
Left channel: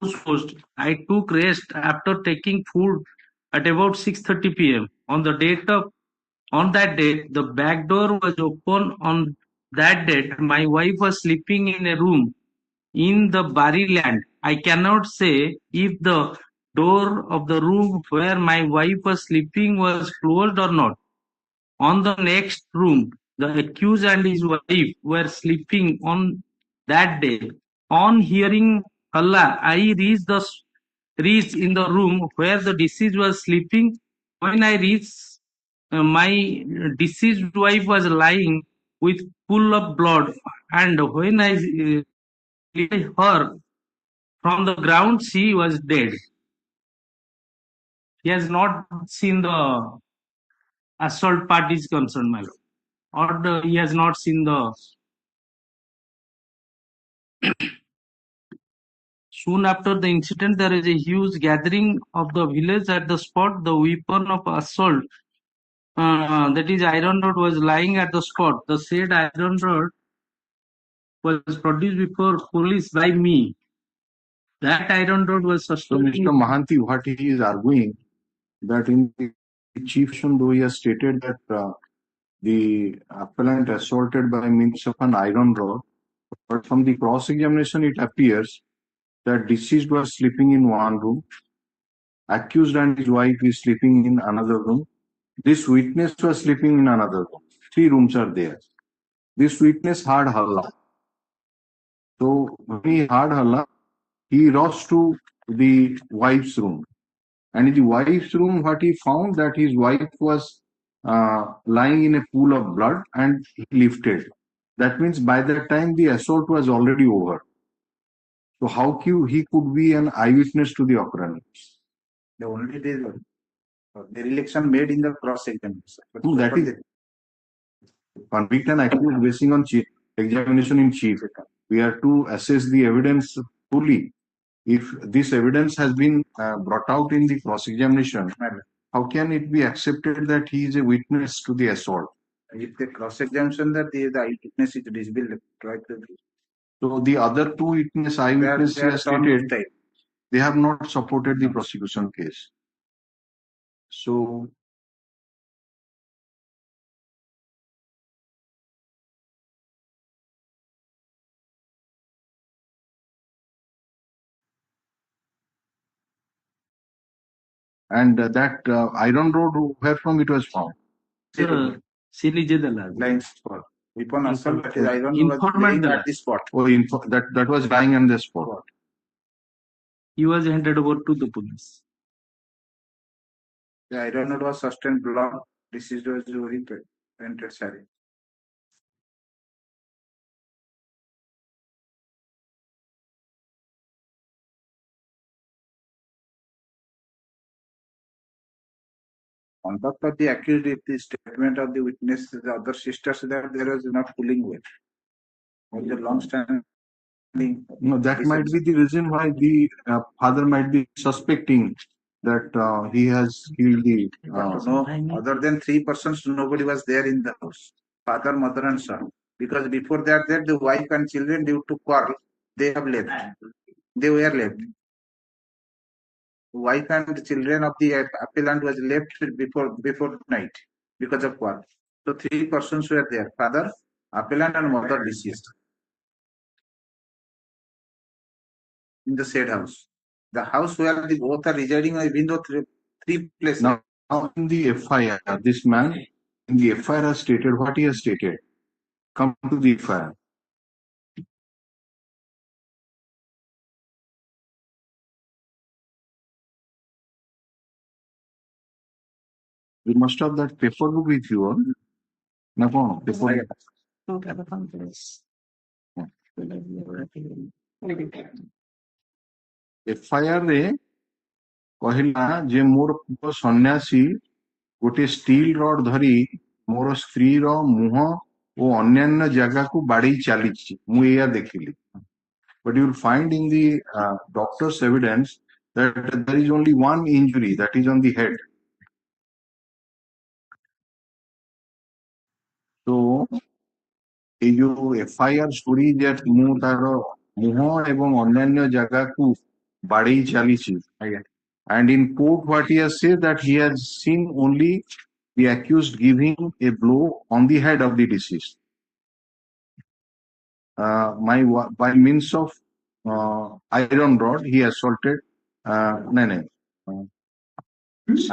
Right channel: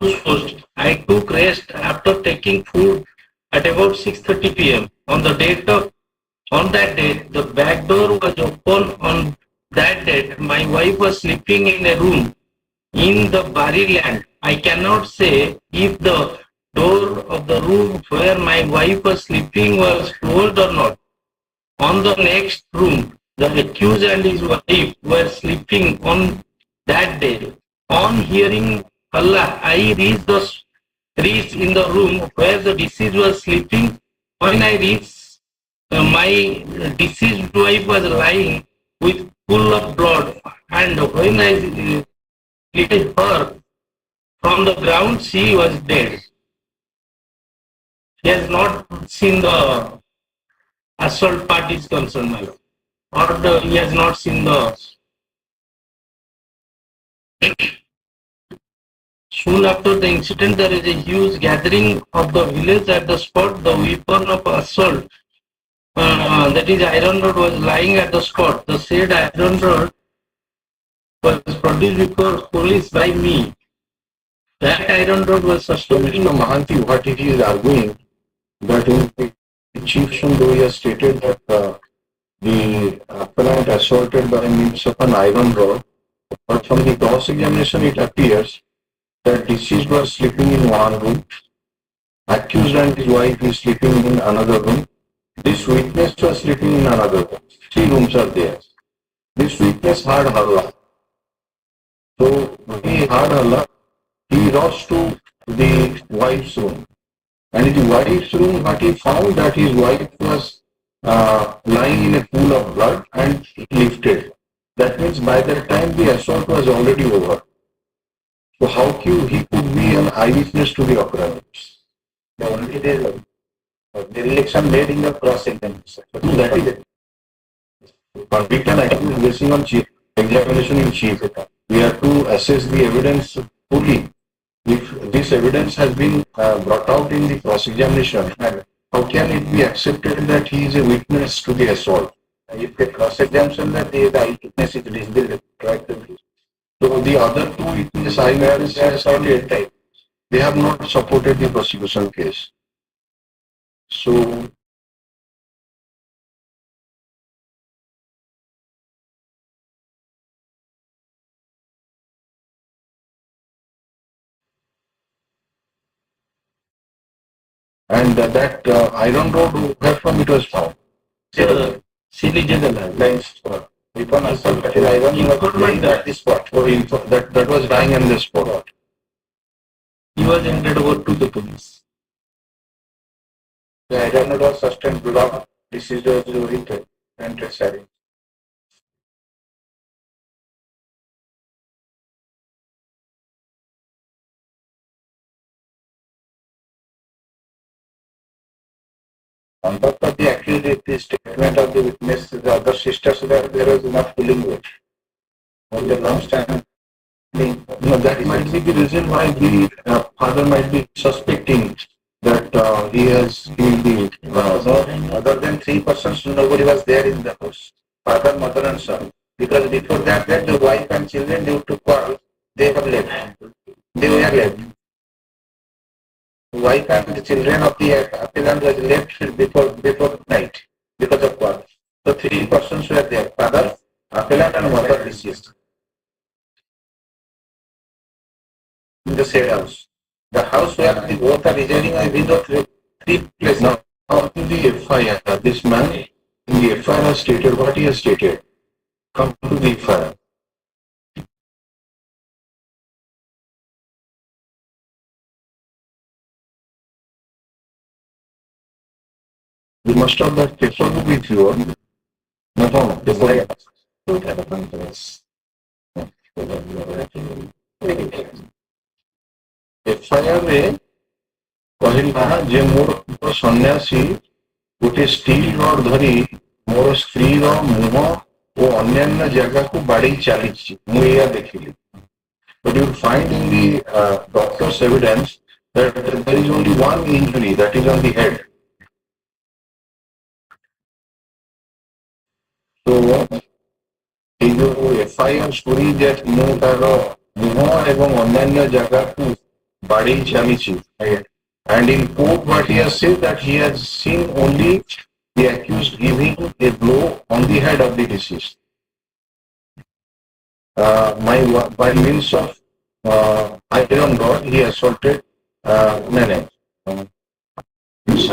house closed. I took rest after taking food at about 6:30 p.m. On that date, the back door was open. On that date, my wife was sleeping in a room in the Bari land. I cannot say if the door of the room where my wife was sleeping was closed or not. On the next room, the accused and his wife were sleeping on that day. On hearing Allah, I reached in the room where the deceased was sleeping. When I reached, my deceased wife was lying with full of blood, and when I lifted her from the ground, she was dead. He has not seen the assault parties concerned, my lord, or he has not seen the. Soon after the incident, there is a huge gathering of the village at the spot. The weapon of assault, that is iron rod, was lying at the spot. The said iron rod was produced before police by me. That iron rod was So sustained. Mr. Mahanti, what he is arguing that in the chief though he has stated that the appellant assaulted by means of an iron rod, but from the cross-examination it appears that deceased was sleeping in one room, accused and his wife is sleeping in another room, this witness was sleeping in another room. 3 rooms are there. This witness heard halla. So when he heard halla, he rushed to the wife's room. And in the wife's room, what he found that his wife was lying in a pool of blood and he lifted. That means by that time the assault was already over. So how he could be an eyewitness to the occurrence? The only the dereliction made in the cross-examination. That is it. Convict and accused basing on examination in chief. We have to assess the evidence fully. If this evidence has been brought out in the cross-examination, how can it be accepted that he is a witness to the assault? If the cross-examination that the eyewitness is disproved, right? So the other two witnesses eyewitnesses have stated they have not supported the prosecution case. So and that iron rod where from it was found. Blind spot. Upon assault, that is iron was lying at the spot. Or that was lying on the spot. He was handed over to the police. The iron rod was sustained block. This is the written and necessary. On top of the accused, the statement of the witness, the other sisters, there is enough pulling weight. On the long standing, That might be the reason why the father might be suspecting that he has killed the. other than 3 persons, nobody was there in the house. Father, mother, and son. Because before that, the wife and children due to quarrel, they have left. They were left. Wife and the children of the appellant was left before night because of quarrel. So 3 persons were there: father, appellant, and mother deceased. In the said house. The house where the both are residing is in the three places. Now, in the FIR, this man in the FIR has stated what he has stated. Come to the FIR. You must have that paper book with you. No, paper. FIR रे କହିଲା ଯେ ମୋର ସନ୍ନ୍ୟାସୀ ଗୋଟେ steel rod ଧରି ମୋର ସ୍ତ୍ରୀର ମୁହଁ ଓ ଅନ୍ୟାନ୍ୟ ଜାଗାକୁ ବାଡେଇ ଚାଲିଛି ମୁଁ ଏଇଆ ଦେଖିଲି. But you will find in the doctor's evidence that there is only one injury, that is on the head. So এই ଯୋଉ FIR story that ମୁଁ ତାର ମୁହଁ ଏବଂ ଅନ୍ୟାନ୍ୟ ଜାଗାକୁ ବାଡେଇ ଚାଲିଛି. And in court, what he has said that he has seen only the accused giving a blow on the head of the deceased. By means of iron rod, he assaulted.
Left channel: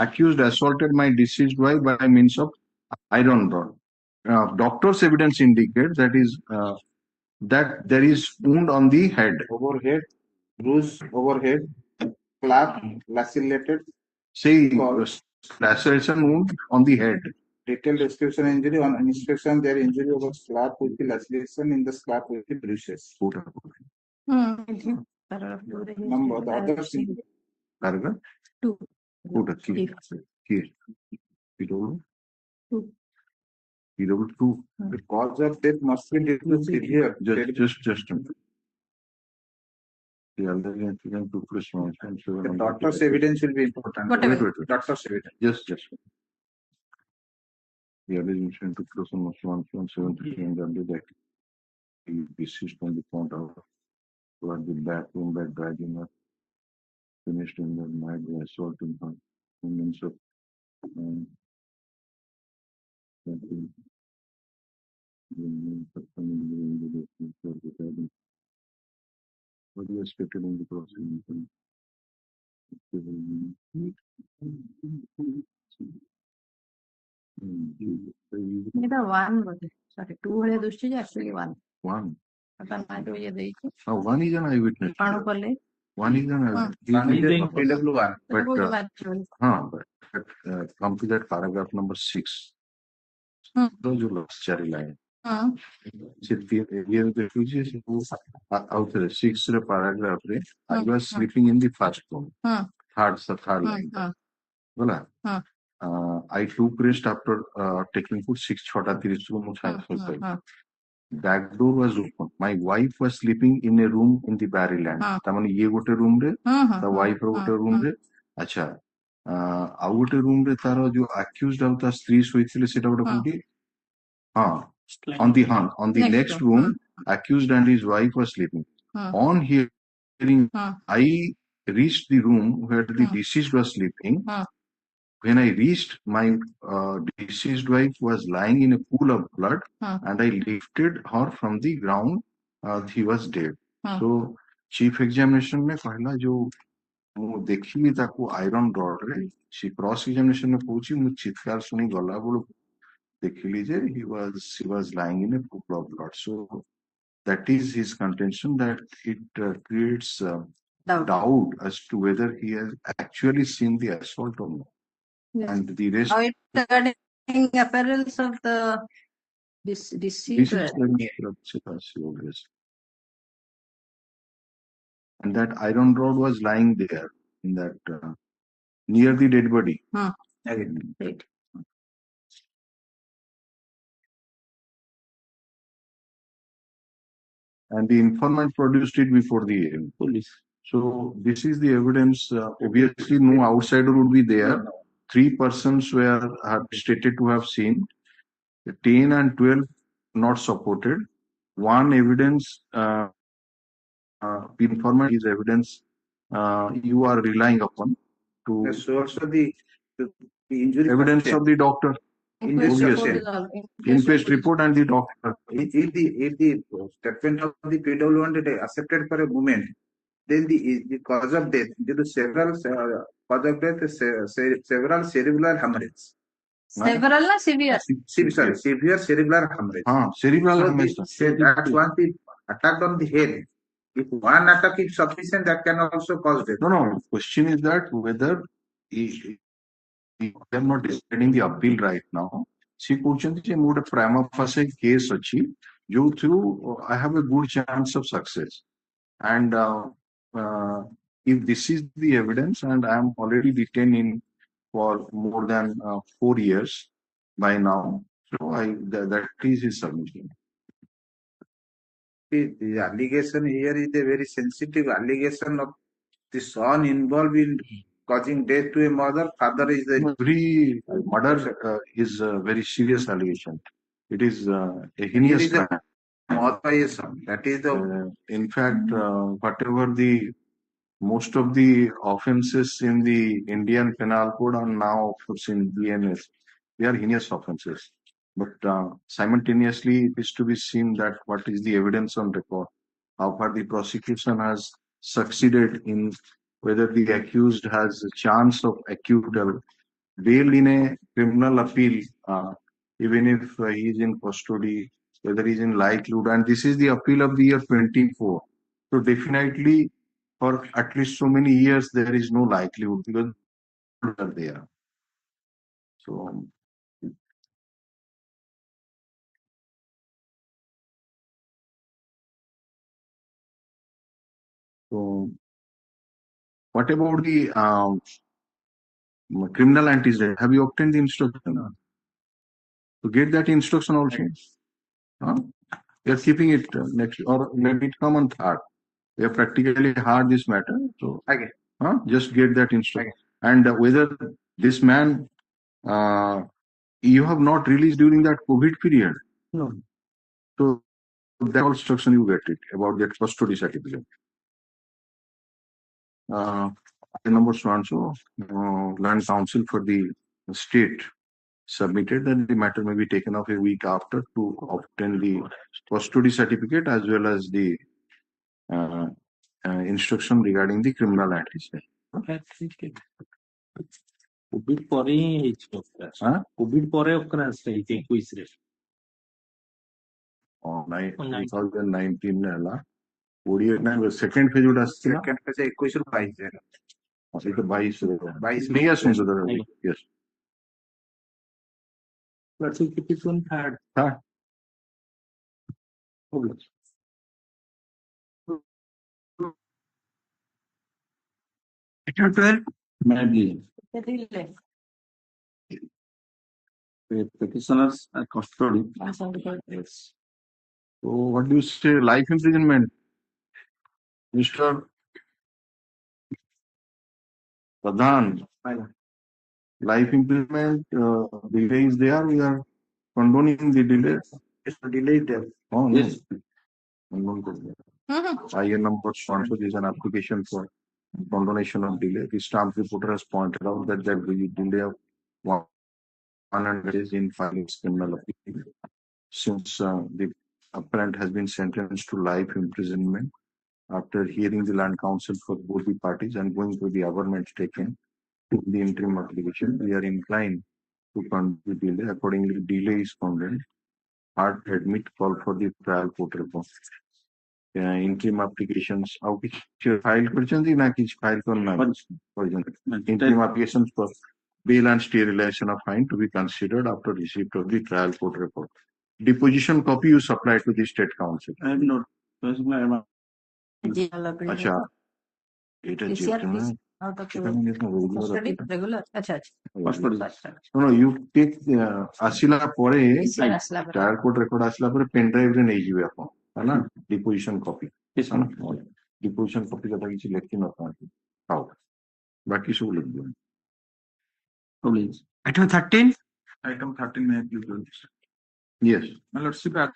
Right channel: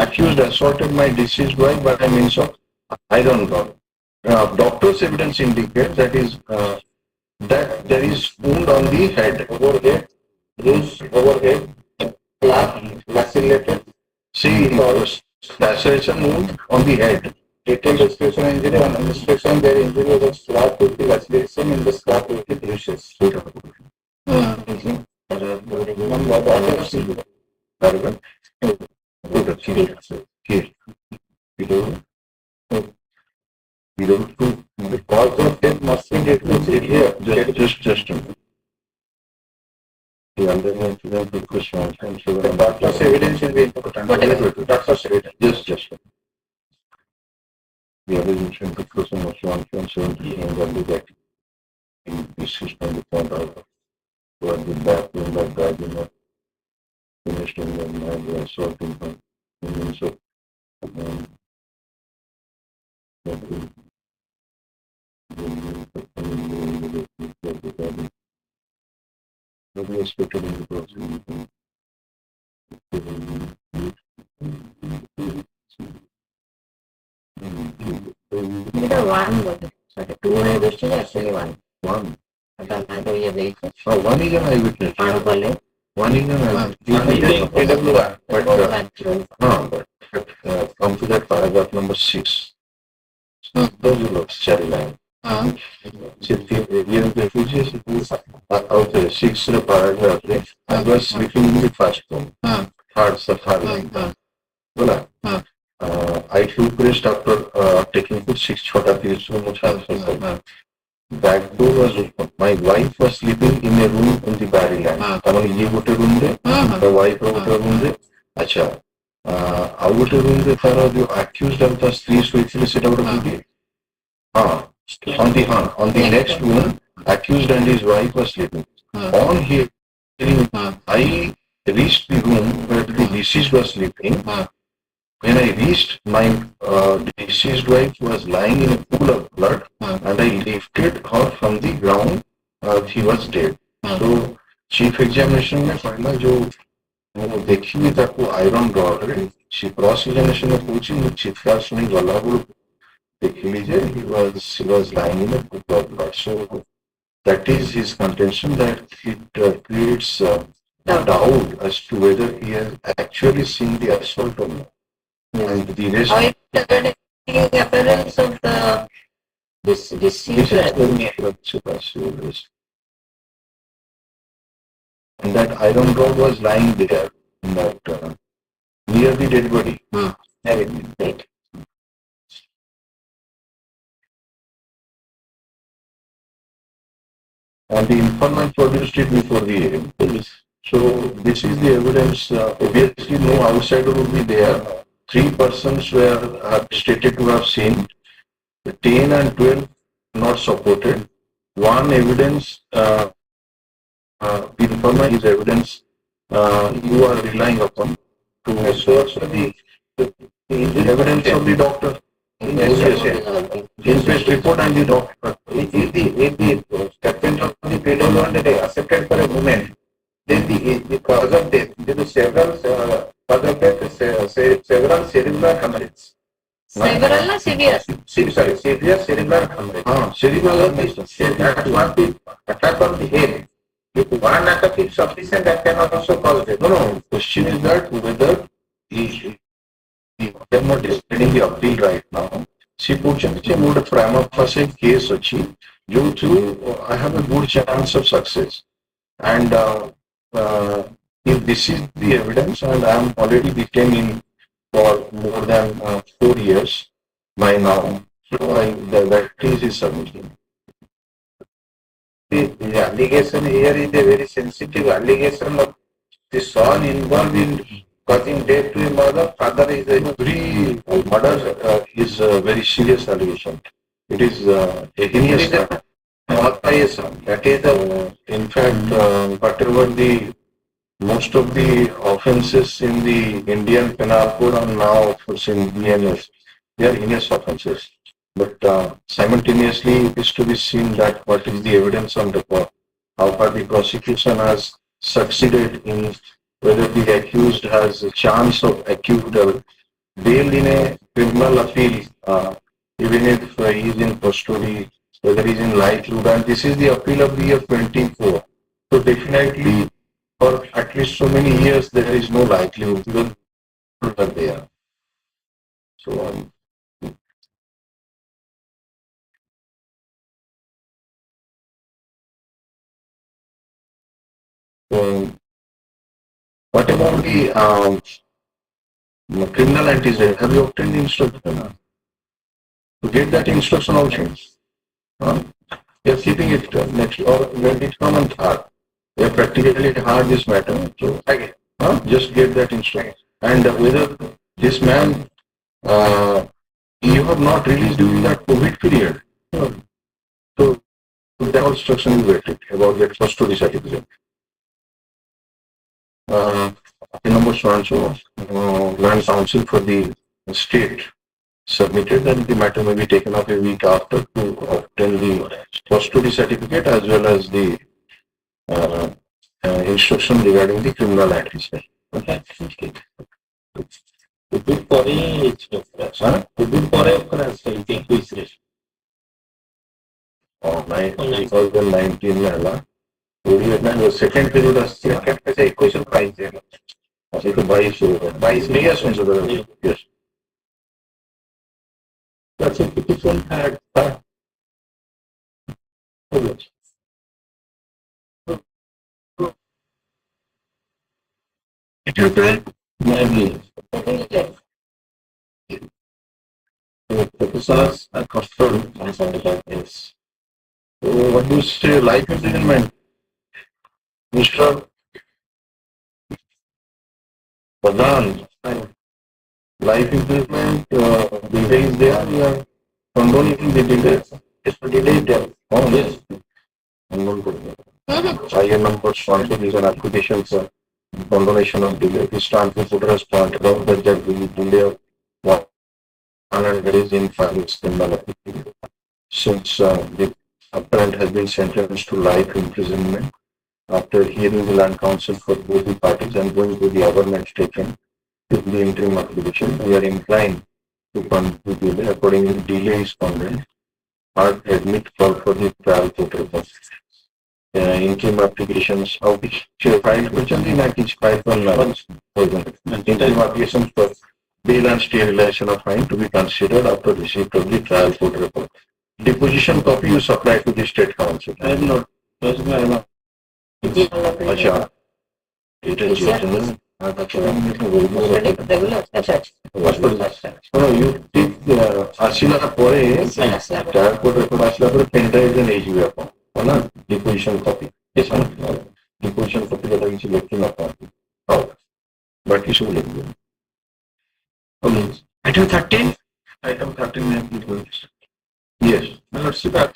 Accused assaulted my deceased wife by means of iron rod. Doctor's evidence indicates that there is wound on the head, Overhead, bruise, overhead, clap, lacerated. See, laceration wound on the head. Detailed description injury. On inspection, their injury was slap with the laceration in the scalp with the bruises. Very well. Good. Here. The cause of death must be declared here. Just a minute. The underlying incident will question. The doctor's evidence will be important. Doctor's evidence. Just. The evidence will be question of 1.7 and that the system is found out. So the back in the dragging of finished in the mind, the assaulting her. And so, nobody expected in the process. Two eyewitnesses, actually one. One. But another is very One is an eyewitness. One is an eyewitness. But come to that paragraph number 6. Those who look cherry line. Refugees out the 6th paragraph, I was sleeping in the first room. Third line. Well, I took rest after taking food 6 chota 30 room. back door was open. My wife was sleeping in a room in the Barryland. ताମାନେ ये ଗୋଟେ room रे, the wife ର ଗୋଟେ room ରେ, अच्छा, ଆଉ ଗୋଟେ room ରେ ତାର ଯୋଉ accused ଆଉ ତା ସ୍ତ୍ରୀ ଶୋଇଥିଲେ ସେଟା ଗୋଟେ କୋଉଠି? On the next room, accused and his wife were sleeping. On hearing, I reached the room where the deceased was sleeping. When I reached, my deceased wife was lying in a pool of blood, and I lifted her from the ground. She was dead. So, chief examination में पहला जो वो देखी नहीं था को iron rod रे, she cross examination में पूछी मुझे चित्कार सुनी गला वो देखी लीजिए she was lying in a pool of blood. So that is his contention that it creates doubt as to whether he has actually seen the assault or not. And the rest How it regarding the appearance of this deceased. And that iron rod was lying there in that near the dead body. Right. And the informant produced it before the police. So this is the evidence. Obviously, no outsider would be there. 3 persons were stated to have seen. 10 and 12 not supported. One evidence, the informant is evidence you are relying upon to source the evidence of the doctor. Inquest report and the doctor. If the statement of the pedal is accepted for a moment, then the cause of death, there are several cause of death, several cerebral hemorrhage. Several na severe? Sorry, severe cerebral hemorrhage. Cerebral hemorrhage. That was the attack on the head. If one attack is sufficient, that can also cause death. No. Question is that whether he are not deciding the appeal right now. See, fortunately, more prima facie case achi, due to I have a good chance of success. And if this is the evidence, and I am already detained for more than 4 years by now, so that is his submission. The allegation here is a very sensitive allegation of the son involved in causing death to a mother. Father is Every murder is a very serious allegation. It is a heinous crime. That is the In fact, whatever the most of the offences in the Indian Penal Code are now offences in BNS. They are heinous offences. But simultaneously, it is to be seen that what is the evidence on record, how far the prosecution has succeeded in whether the accused has a chance of acute bail in a criminal appeal, even if he is in custody, whether he is in likelihood, and this is the appeal of the year 24. So definitely, for at least so many years, there is no likelihood because are there. So what about the criminal antecedent? Have you obtained the instruction? To get that instruction also? They are keeping it next or maybe it's come on third. They are practically hard this matter. So just get that instruction. And whether this man, you have not released during that COVID period. So that instruction you get it about that custody certificate. Number so Grand Council for the state submitted, and the matter may be taken up a week after to obtain the custody certificate as well as the instruction regarding the criminal antecedent. Because the 19 la, second period as second equation price. So the vice yes. That's a petition had that. Maybe. The petitioners are custody. Yes. So what do you say, life imprisonment? Mr. Pradhan, life imprisonment, delay is there, we are condoning the delay. It's a delay there. Oh, yes. Higher numbers, quantities and applications for condonation of delay. This Stanford Reporter has pointed out that there will be delay of 100 days in filing criminal application. Since the appellant has been sentenced to life imprisonment after hearing the land counsel for both the parties and going through the government taken to the interim application, we are inclined to conclude delay. Accordingly, delay is condemned. Or admit call for the trial court report. Interim applications of which filed which are the 95 interim applications for bail and sterilization of fine to be considered after receipt of the trial court report. Deposition copy you supply to the state council. I have not. अच्छा it is written. Regular, अच्छा No, you take আসিলা পরে trial court report আসিলা পরে pen drive রে নিয়ে যাবে আপনি না deposition copy deposition copy যেটা কিছু লিখতে না পারে বাকি সব লিখবে Item 13. item 13 yes let's see that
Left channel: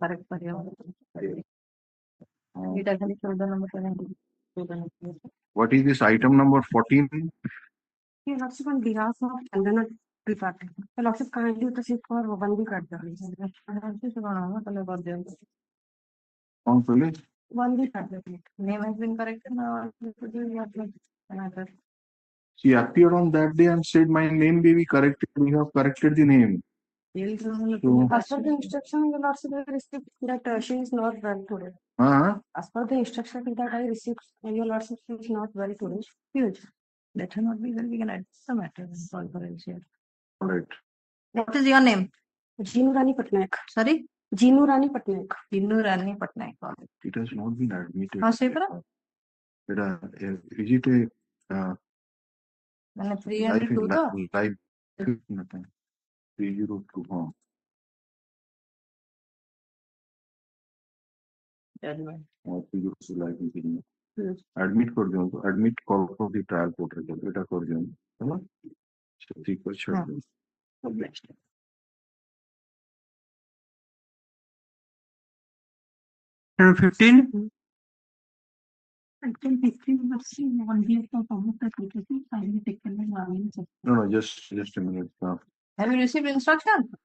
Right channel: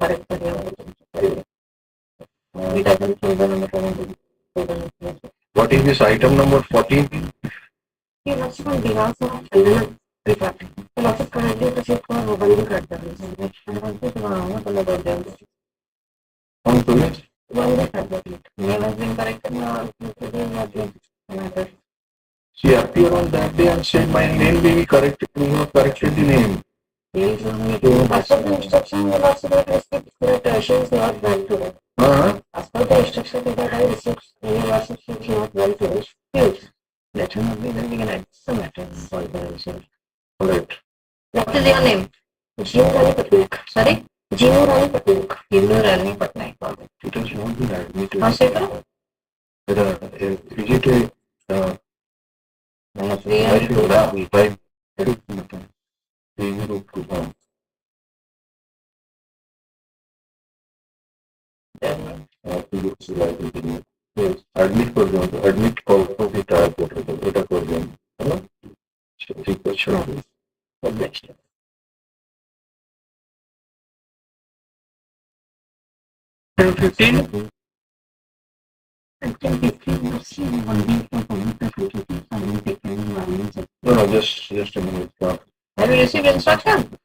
correct it doesn't show the number. What is this item number 14? He was on behalf of Chandana Department. And also currently the chief for Bandi Karta. On premise? One day Karta. Name has been corrected now. She appeared on that day and said my name may be corrected. You have corrected the name. As per the instruction, will also receive that she is not well today. As per the instruction that I received, also she is not well today. Huge. Let her not be then we can add some matter for the issue. Correct. What is your name? Jinu Rani Patnaik. Sorry? Jinu Rani Patnaik. Hindu Rani Patnaik. It has not been admitted. हाँ से करो. Is it a मैंने 302 का. type? Admit कर दो तो admit call को भी try कर दो बेटा कर दो है ना ठीक है चलो next 15. no just a minute Have you received instruction?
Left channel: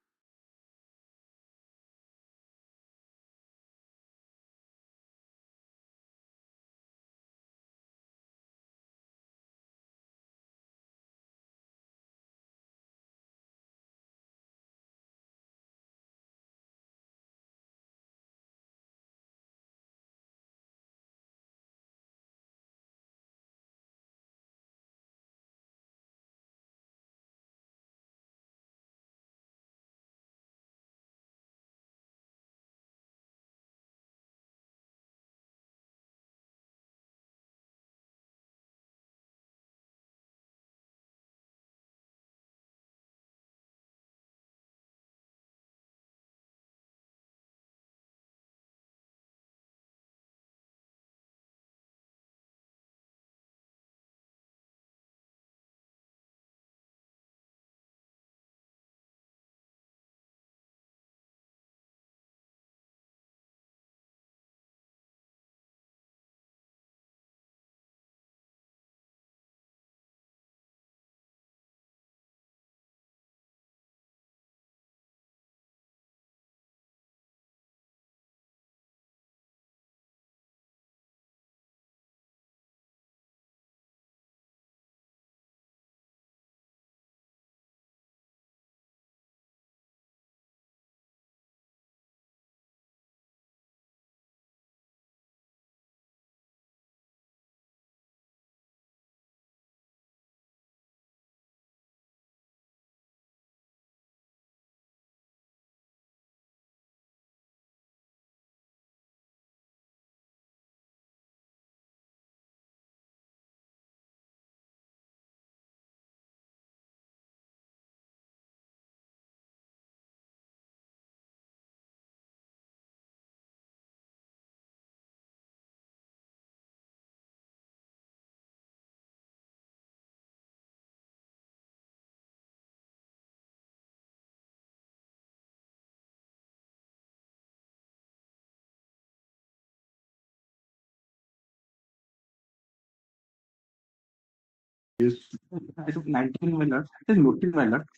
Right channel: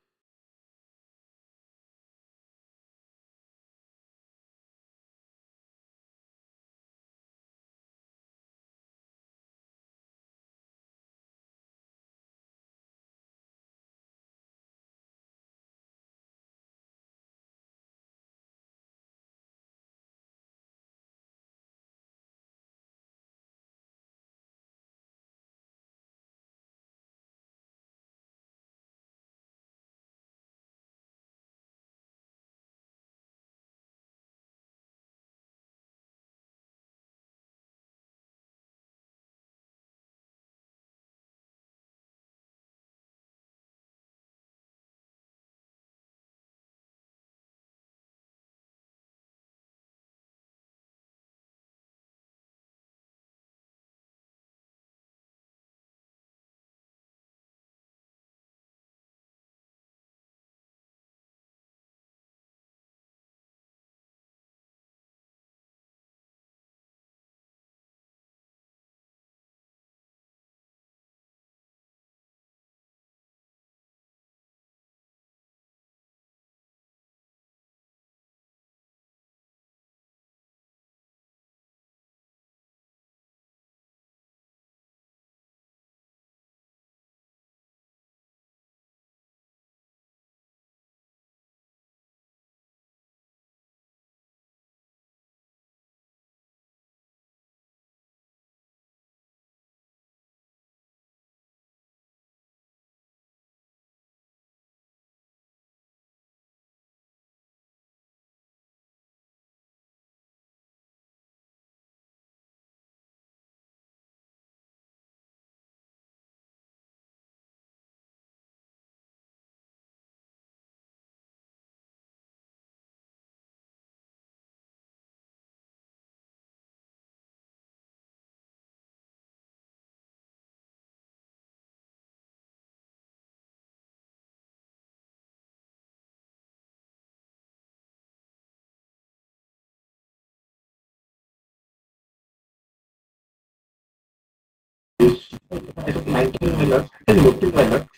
It is 19 minutes, 14 minutes.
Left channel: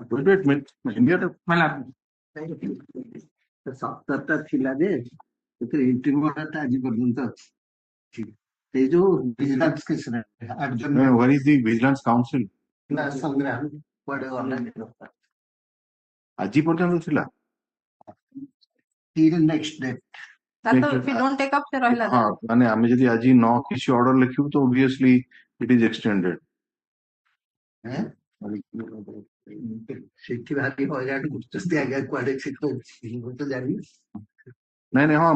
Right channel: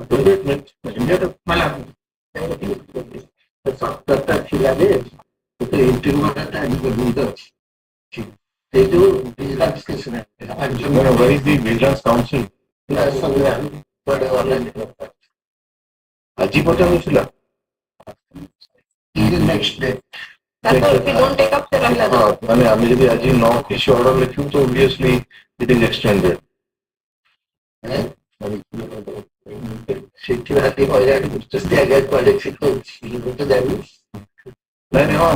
Adjournment, immediate मला ते जो vigilance case है, where is the vigilance council? ଆଜି ପର୍ଯ୍ୟନ୍ତ ଥିଲା next day. That's if we don't take up the ରହିଲା. ହଁ ମାନେ ଆମେ ଯଦି ଆଜି 9 କିଛି ଅର୍ଡର ଲେଖିବୁ ତ obviously it is extended. ସେଠି ରାତି ହଇରାଣ କରୁଛନ୍ତି ଆଜ୍ଞା କୁଆଡେ ସେ ତ ଜାଣିନି ନାଇଁ ନାଇଁ ହଁ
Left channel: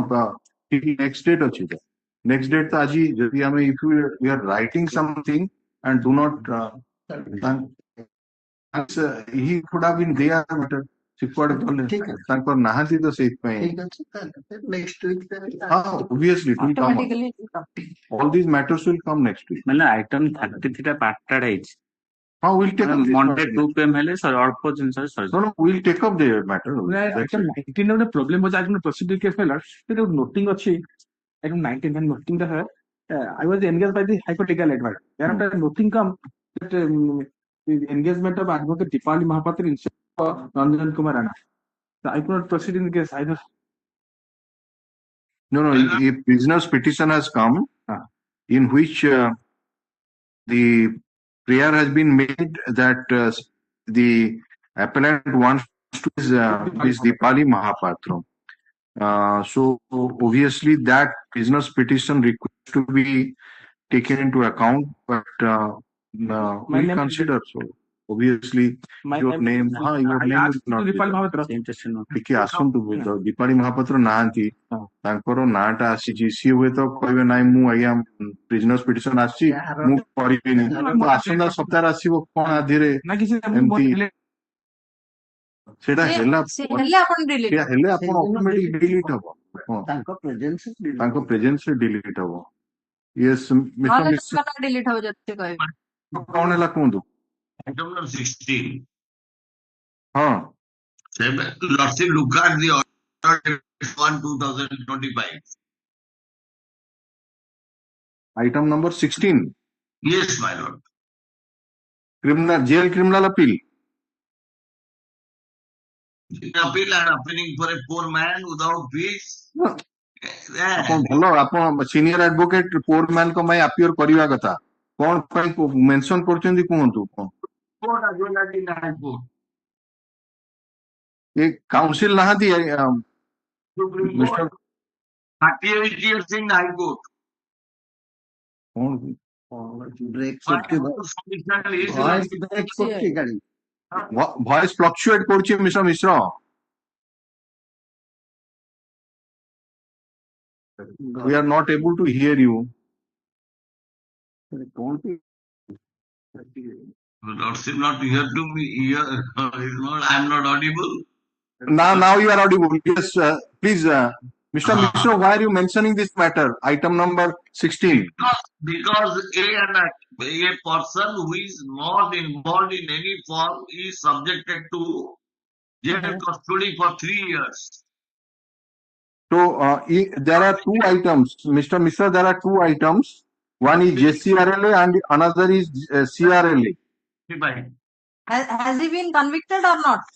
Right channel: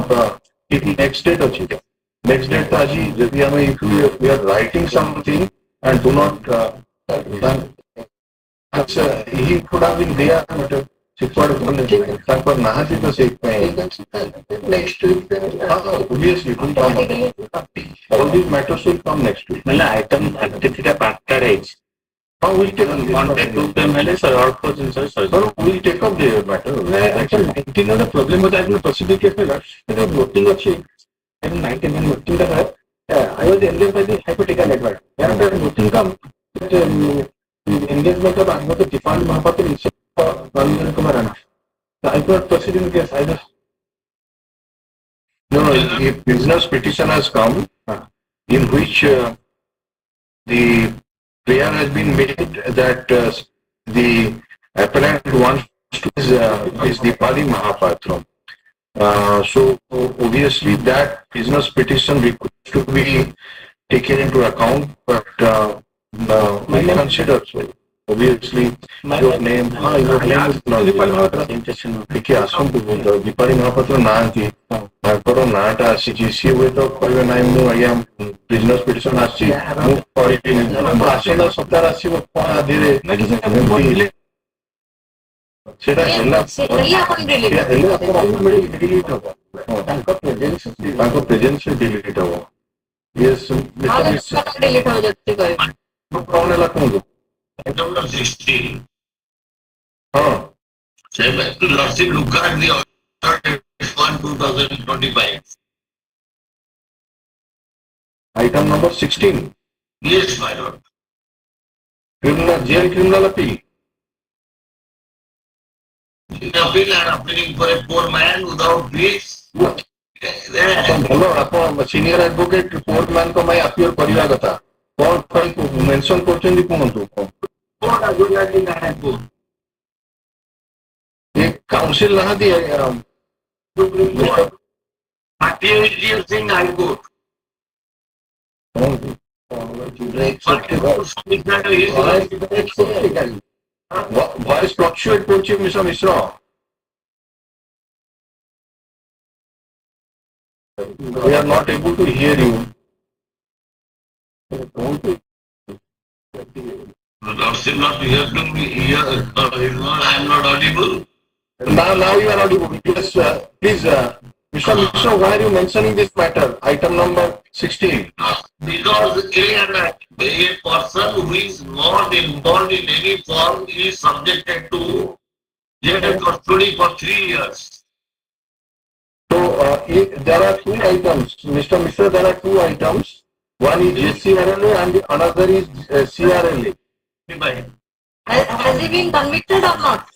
ଠିକ next date ଅଛି ତ next date ତ ଆଜି ଯଦି ଆମେ if we are writing something and do not ଆଚ୍ଛା he could have been there but ସେ କୁଆଡେ ଗଲେ ତାଙ୍କର ନାହାନ୍ତି ତ ସେଇଥିପାଇଁ next week obviously it will come all these matters will come next week. ମାନେ ଆଇଟମ 33 ଟା ପାର୍ଟଟା ହେଇଛି We'll take up this Monday matter. 2 PM ହେଲେ sir, ଅଳ୍ପ ଜିନିଷ ସରିଯିବ। No, we'll take up the matter. Actually, 19 ଗୋଟେ ପ୍ରୋବ୍ଲେମ ଅଛି ଆପଣ ପ୍ରୋସିଡିଂ କେସ୍ ନେଲା କିନ୍ତୁ ନୋଟିଂ ଅଛି 19 ନୋଟିଂ ଟା I was engaged by the hypothetical advice. There are nothing come that engagement of advocate defined Mahapatra instead of government to Marana. The High Court proceeding case either. No, a business petition has come in which the prayer has been made that the appellant wants to is Dipali Mahapatra. So obviously that business petition requires to be taken into account, but we consider so. Obviously, your name is not ଟିକେ ଆସନ୍ତୁ ଦୀପାଳି ମହାପାତ୍ର ନାହାନ୍ତି ତାଙ୍କର ନାଁଟା ଆସିଛି ସିଏ ହୁଏତ କହିବେ ନାହିଁ ମୁଁ ଆଜ୍ଞା ବିଜନେସ୍ ପିଟିସନ ଆସିଛି ମୁଁ କରିବିନି ଆସନ୍ତା ସପ୍ତାହରେ ଆସିବ କଣ ଆଧିରେ ସେଇଟା ହେଲା ହେଲେ ଆପଣ ଅଟୋମେଟିକ ଡିଲିଟ ହବ ତାଙ୍କ ପ୍ରେଜେନ୍ସରେ ଡିଲିଟ ହବ ୟେସ୍ ଡିଲିଟ୍ ହବ ଯଦି କହିବେ କଣ ହେଲା କୁହନ୍ତୁ Item number 16. ହଁ Say back to Lordship, look at the order 1/2025. item number 16 Yes, my lord. criminal appeal In appeal and appealing for a poor man without fees. ଆପଣ ଭଲ ଆପଣ ସିନିୟର ଆଡଭୋକେଟ କୋର୍ଟ ମାନଙ୍କ ପାଇଁ ଆପିୟର କରିବା କଥା କଣ ପାଇଁ ମେନସନ କରୁଛନ୍ତି କୁହନ୍ତୁ What are going on in the High Court? A council ନାହାନ୍ତି Supreme Court. RTI Singh High Court. Voice fluctuate କରୁଛି Mishra Mishra we are not able to hear you The Lordship not here to me here. I am not audible. now you are audible yes please Mr. Mishra, why are you mentioning this matter item number 16 Because a person who is not involved in any form is subjected to jail custody for 3 years. so there are two items Mr. Mishra, there are two items one is JCRLA and the another is CRLA has he been convicted or not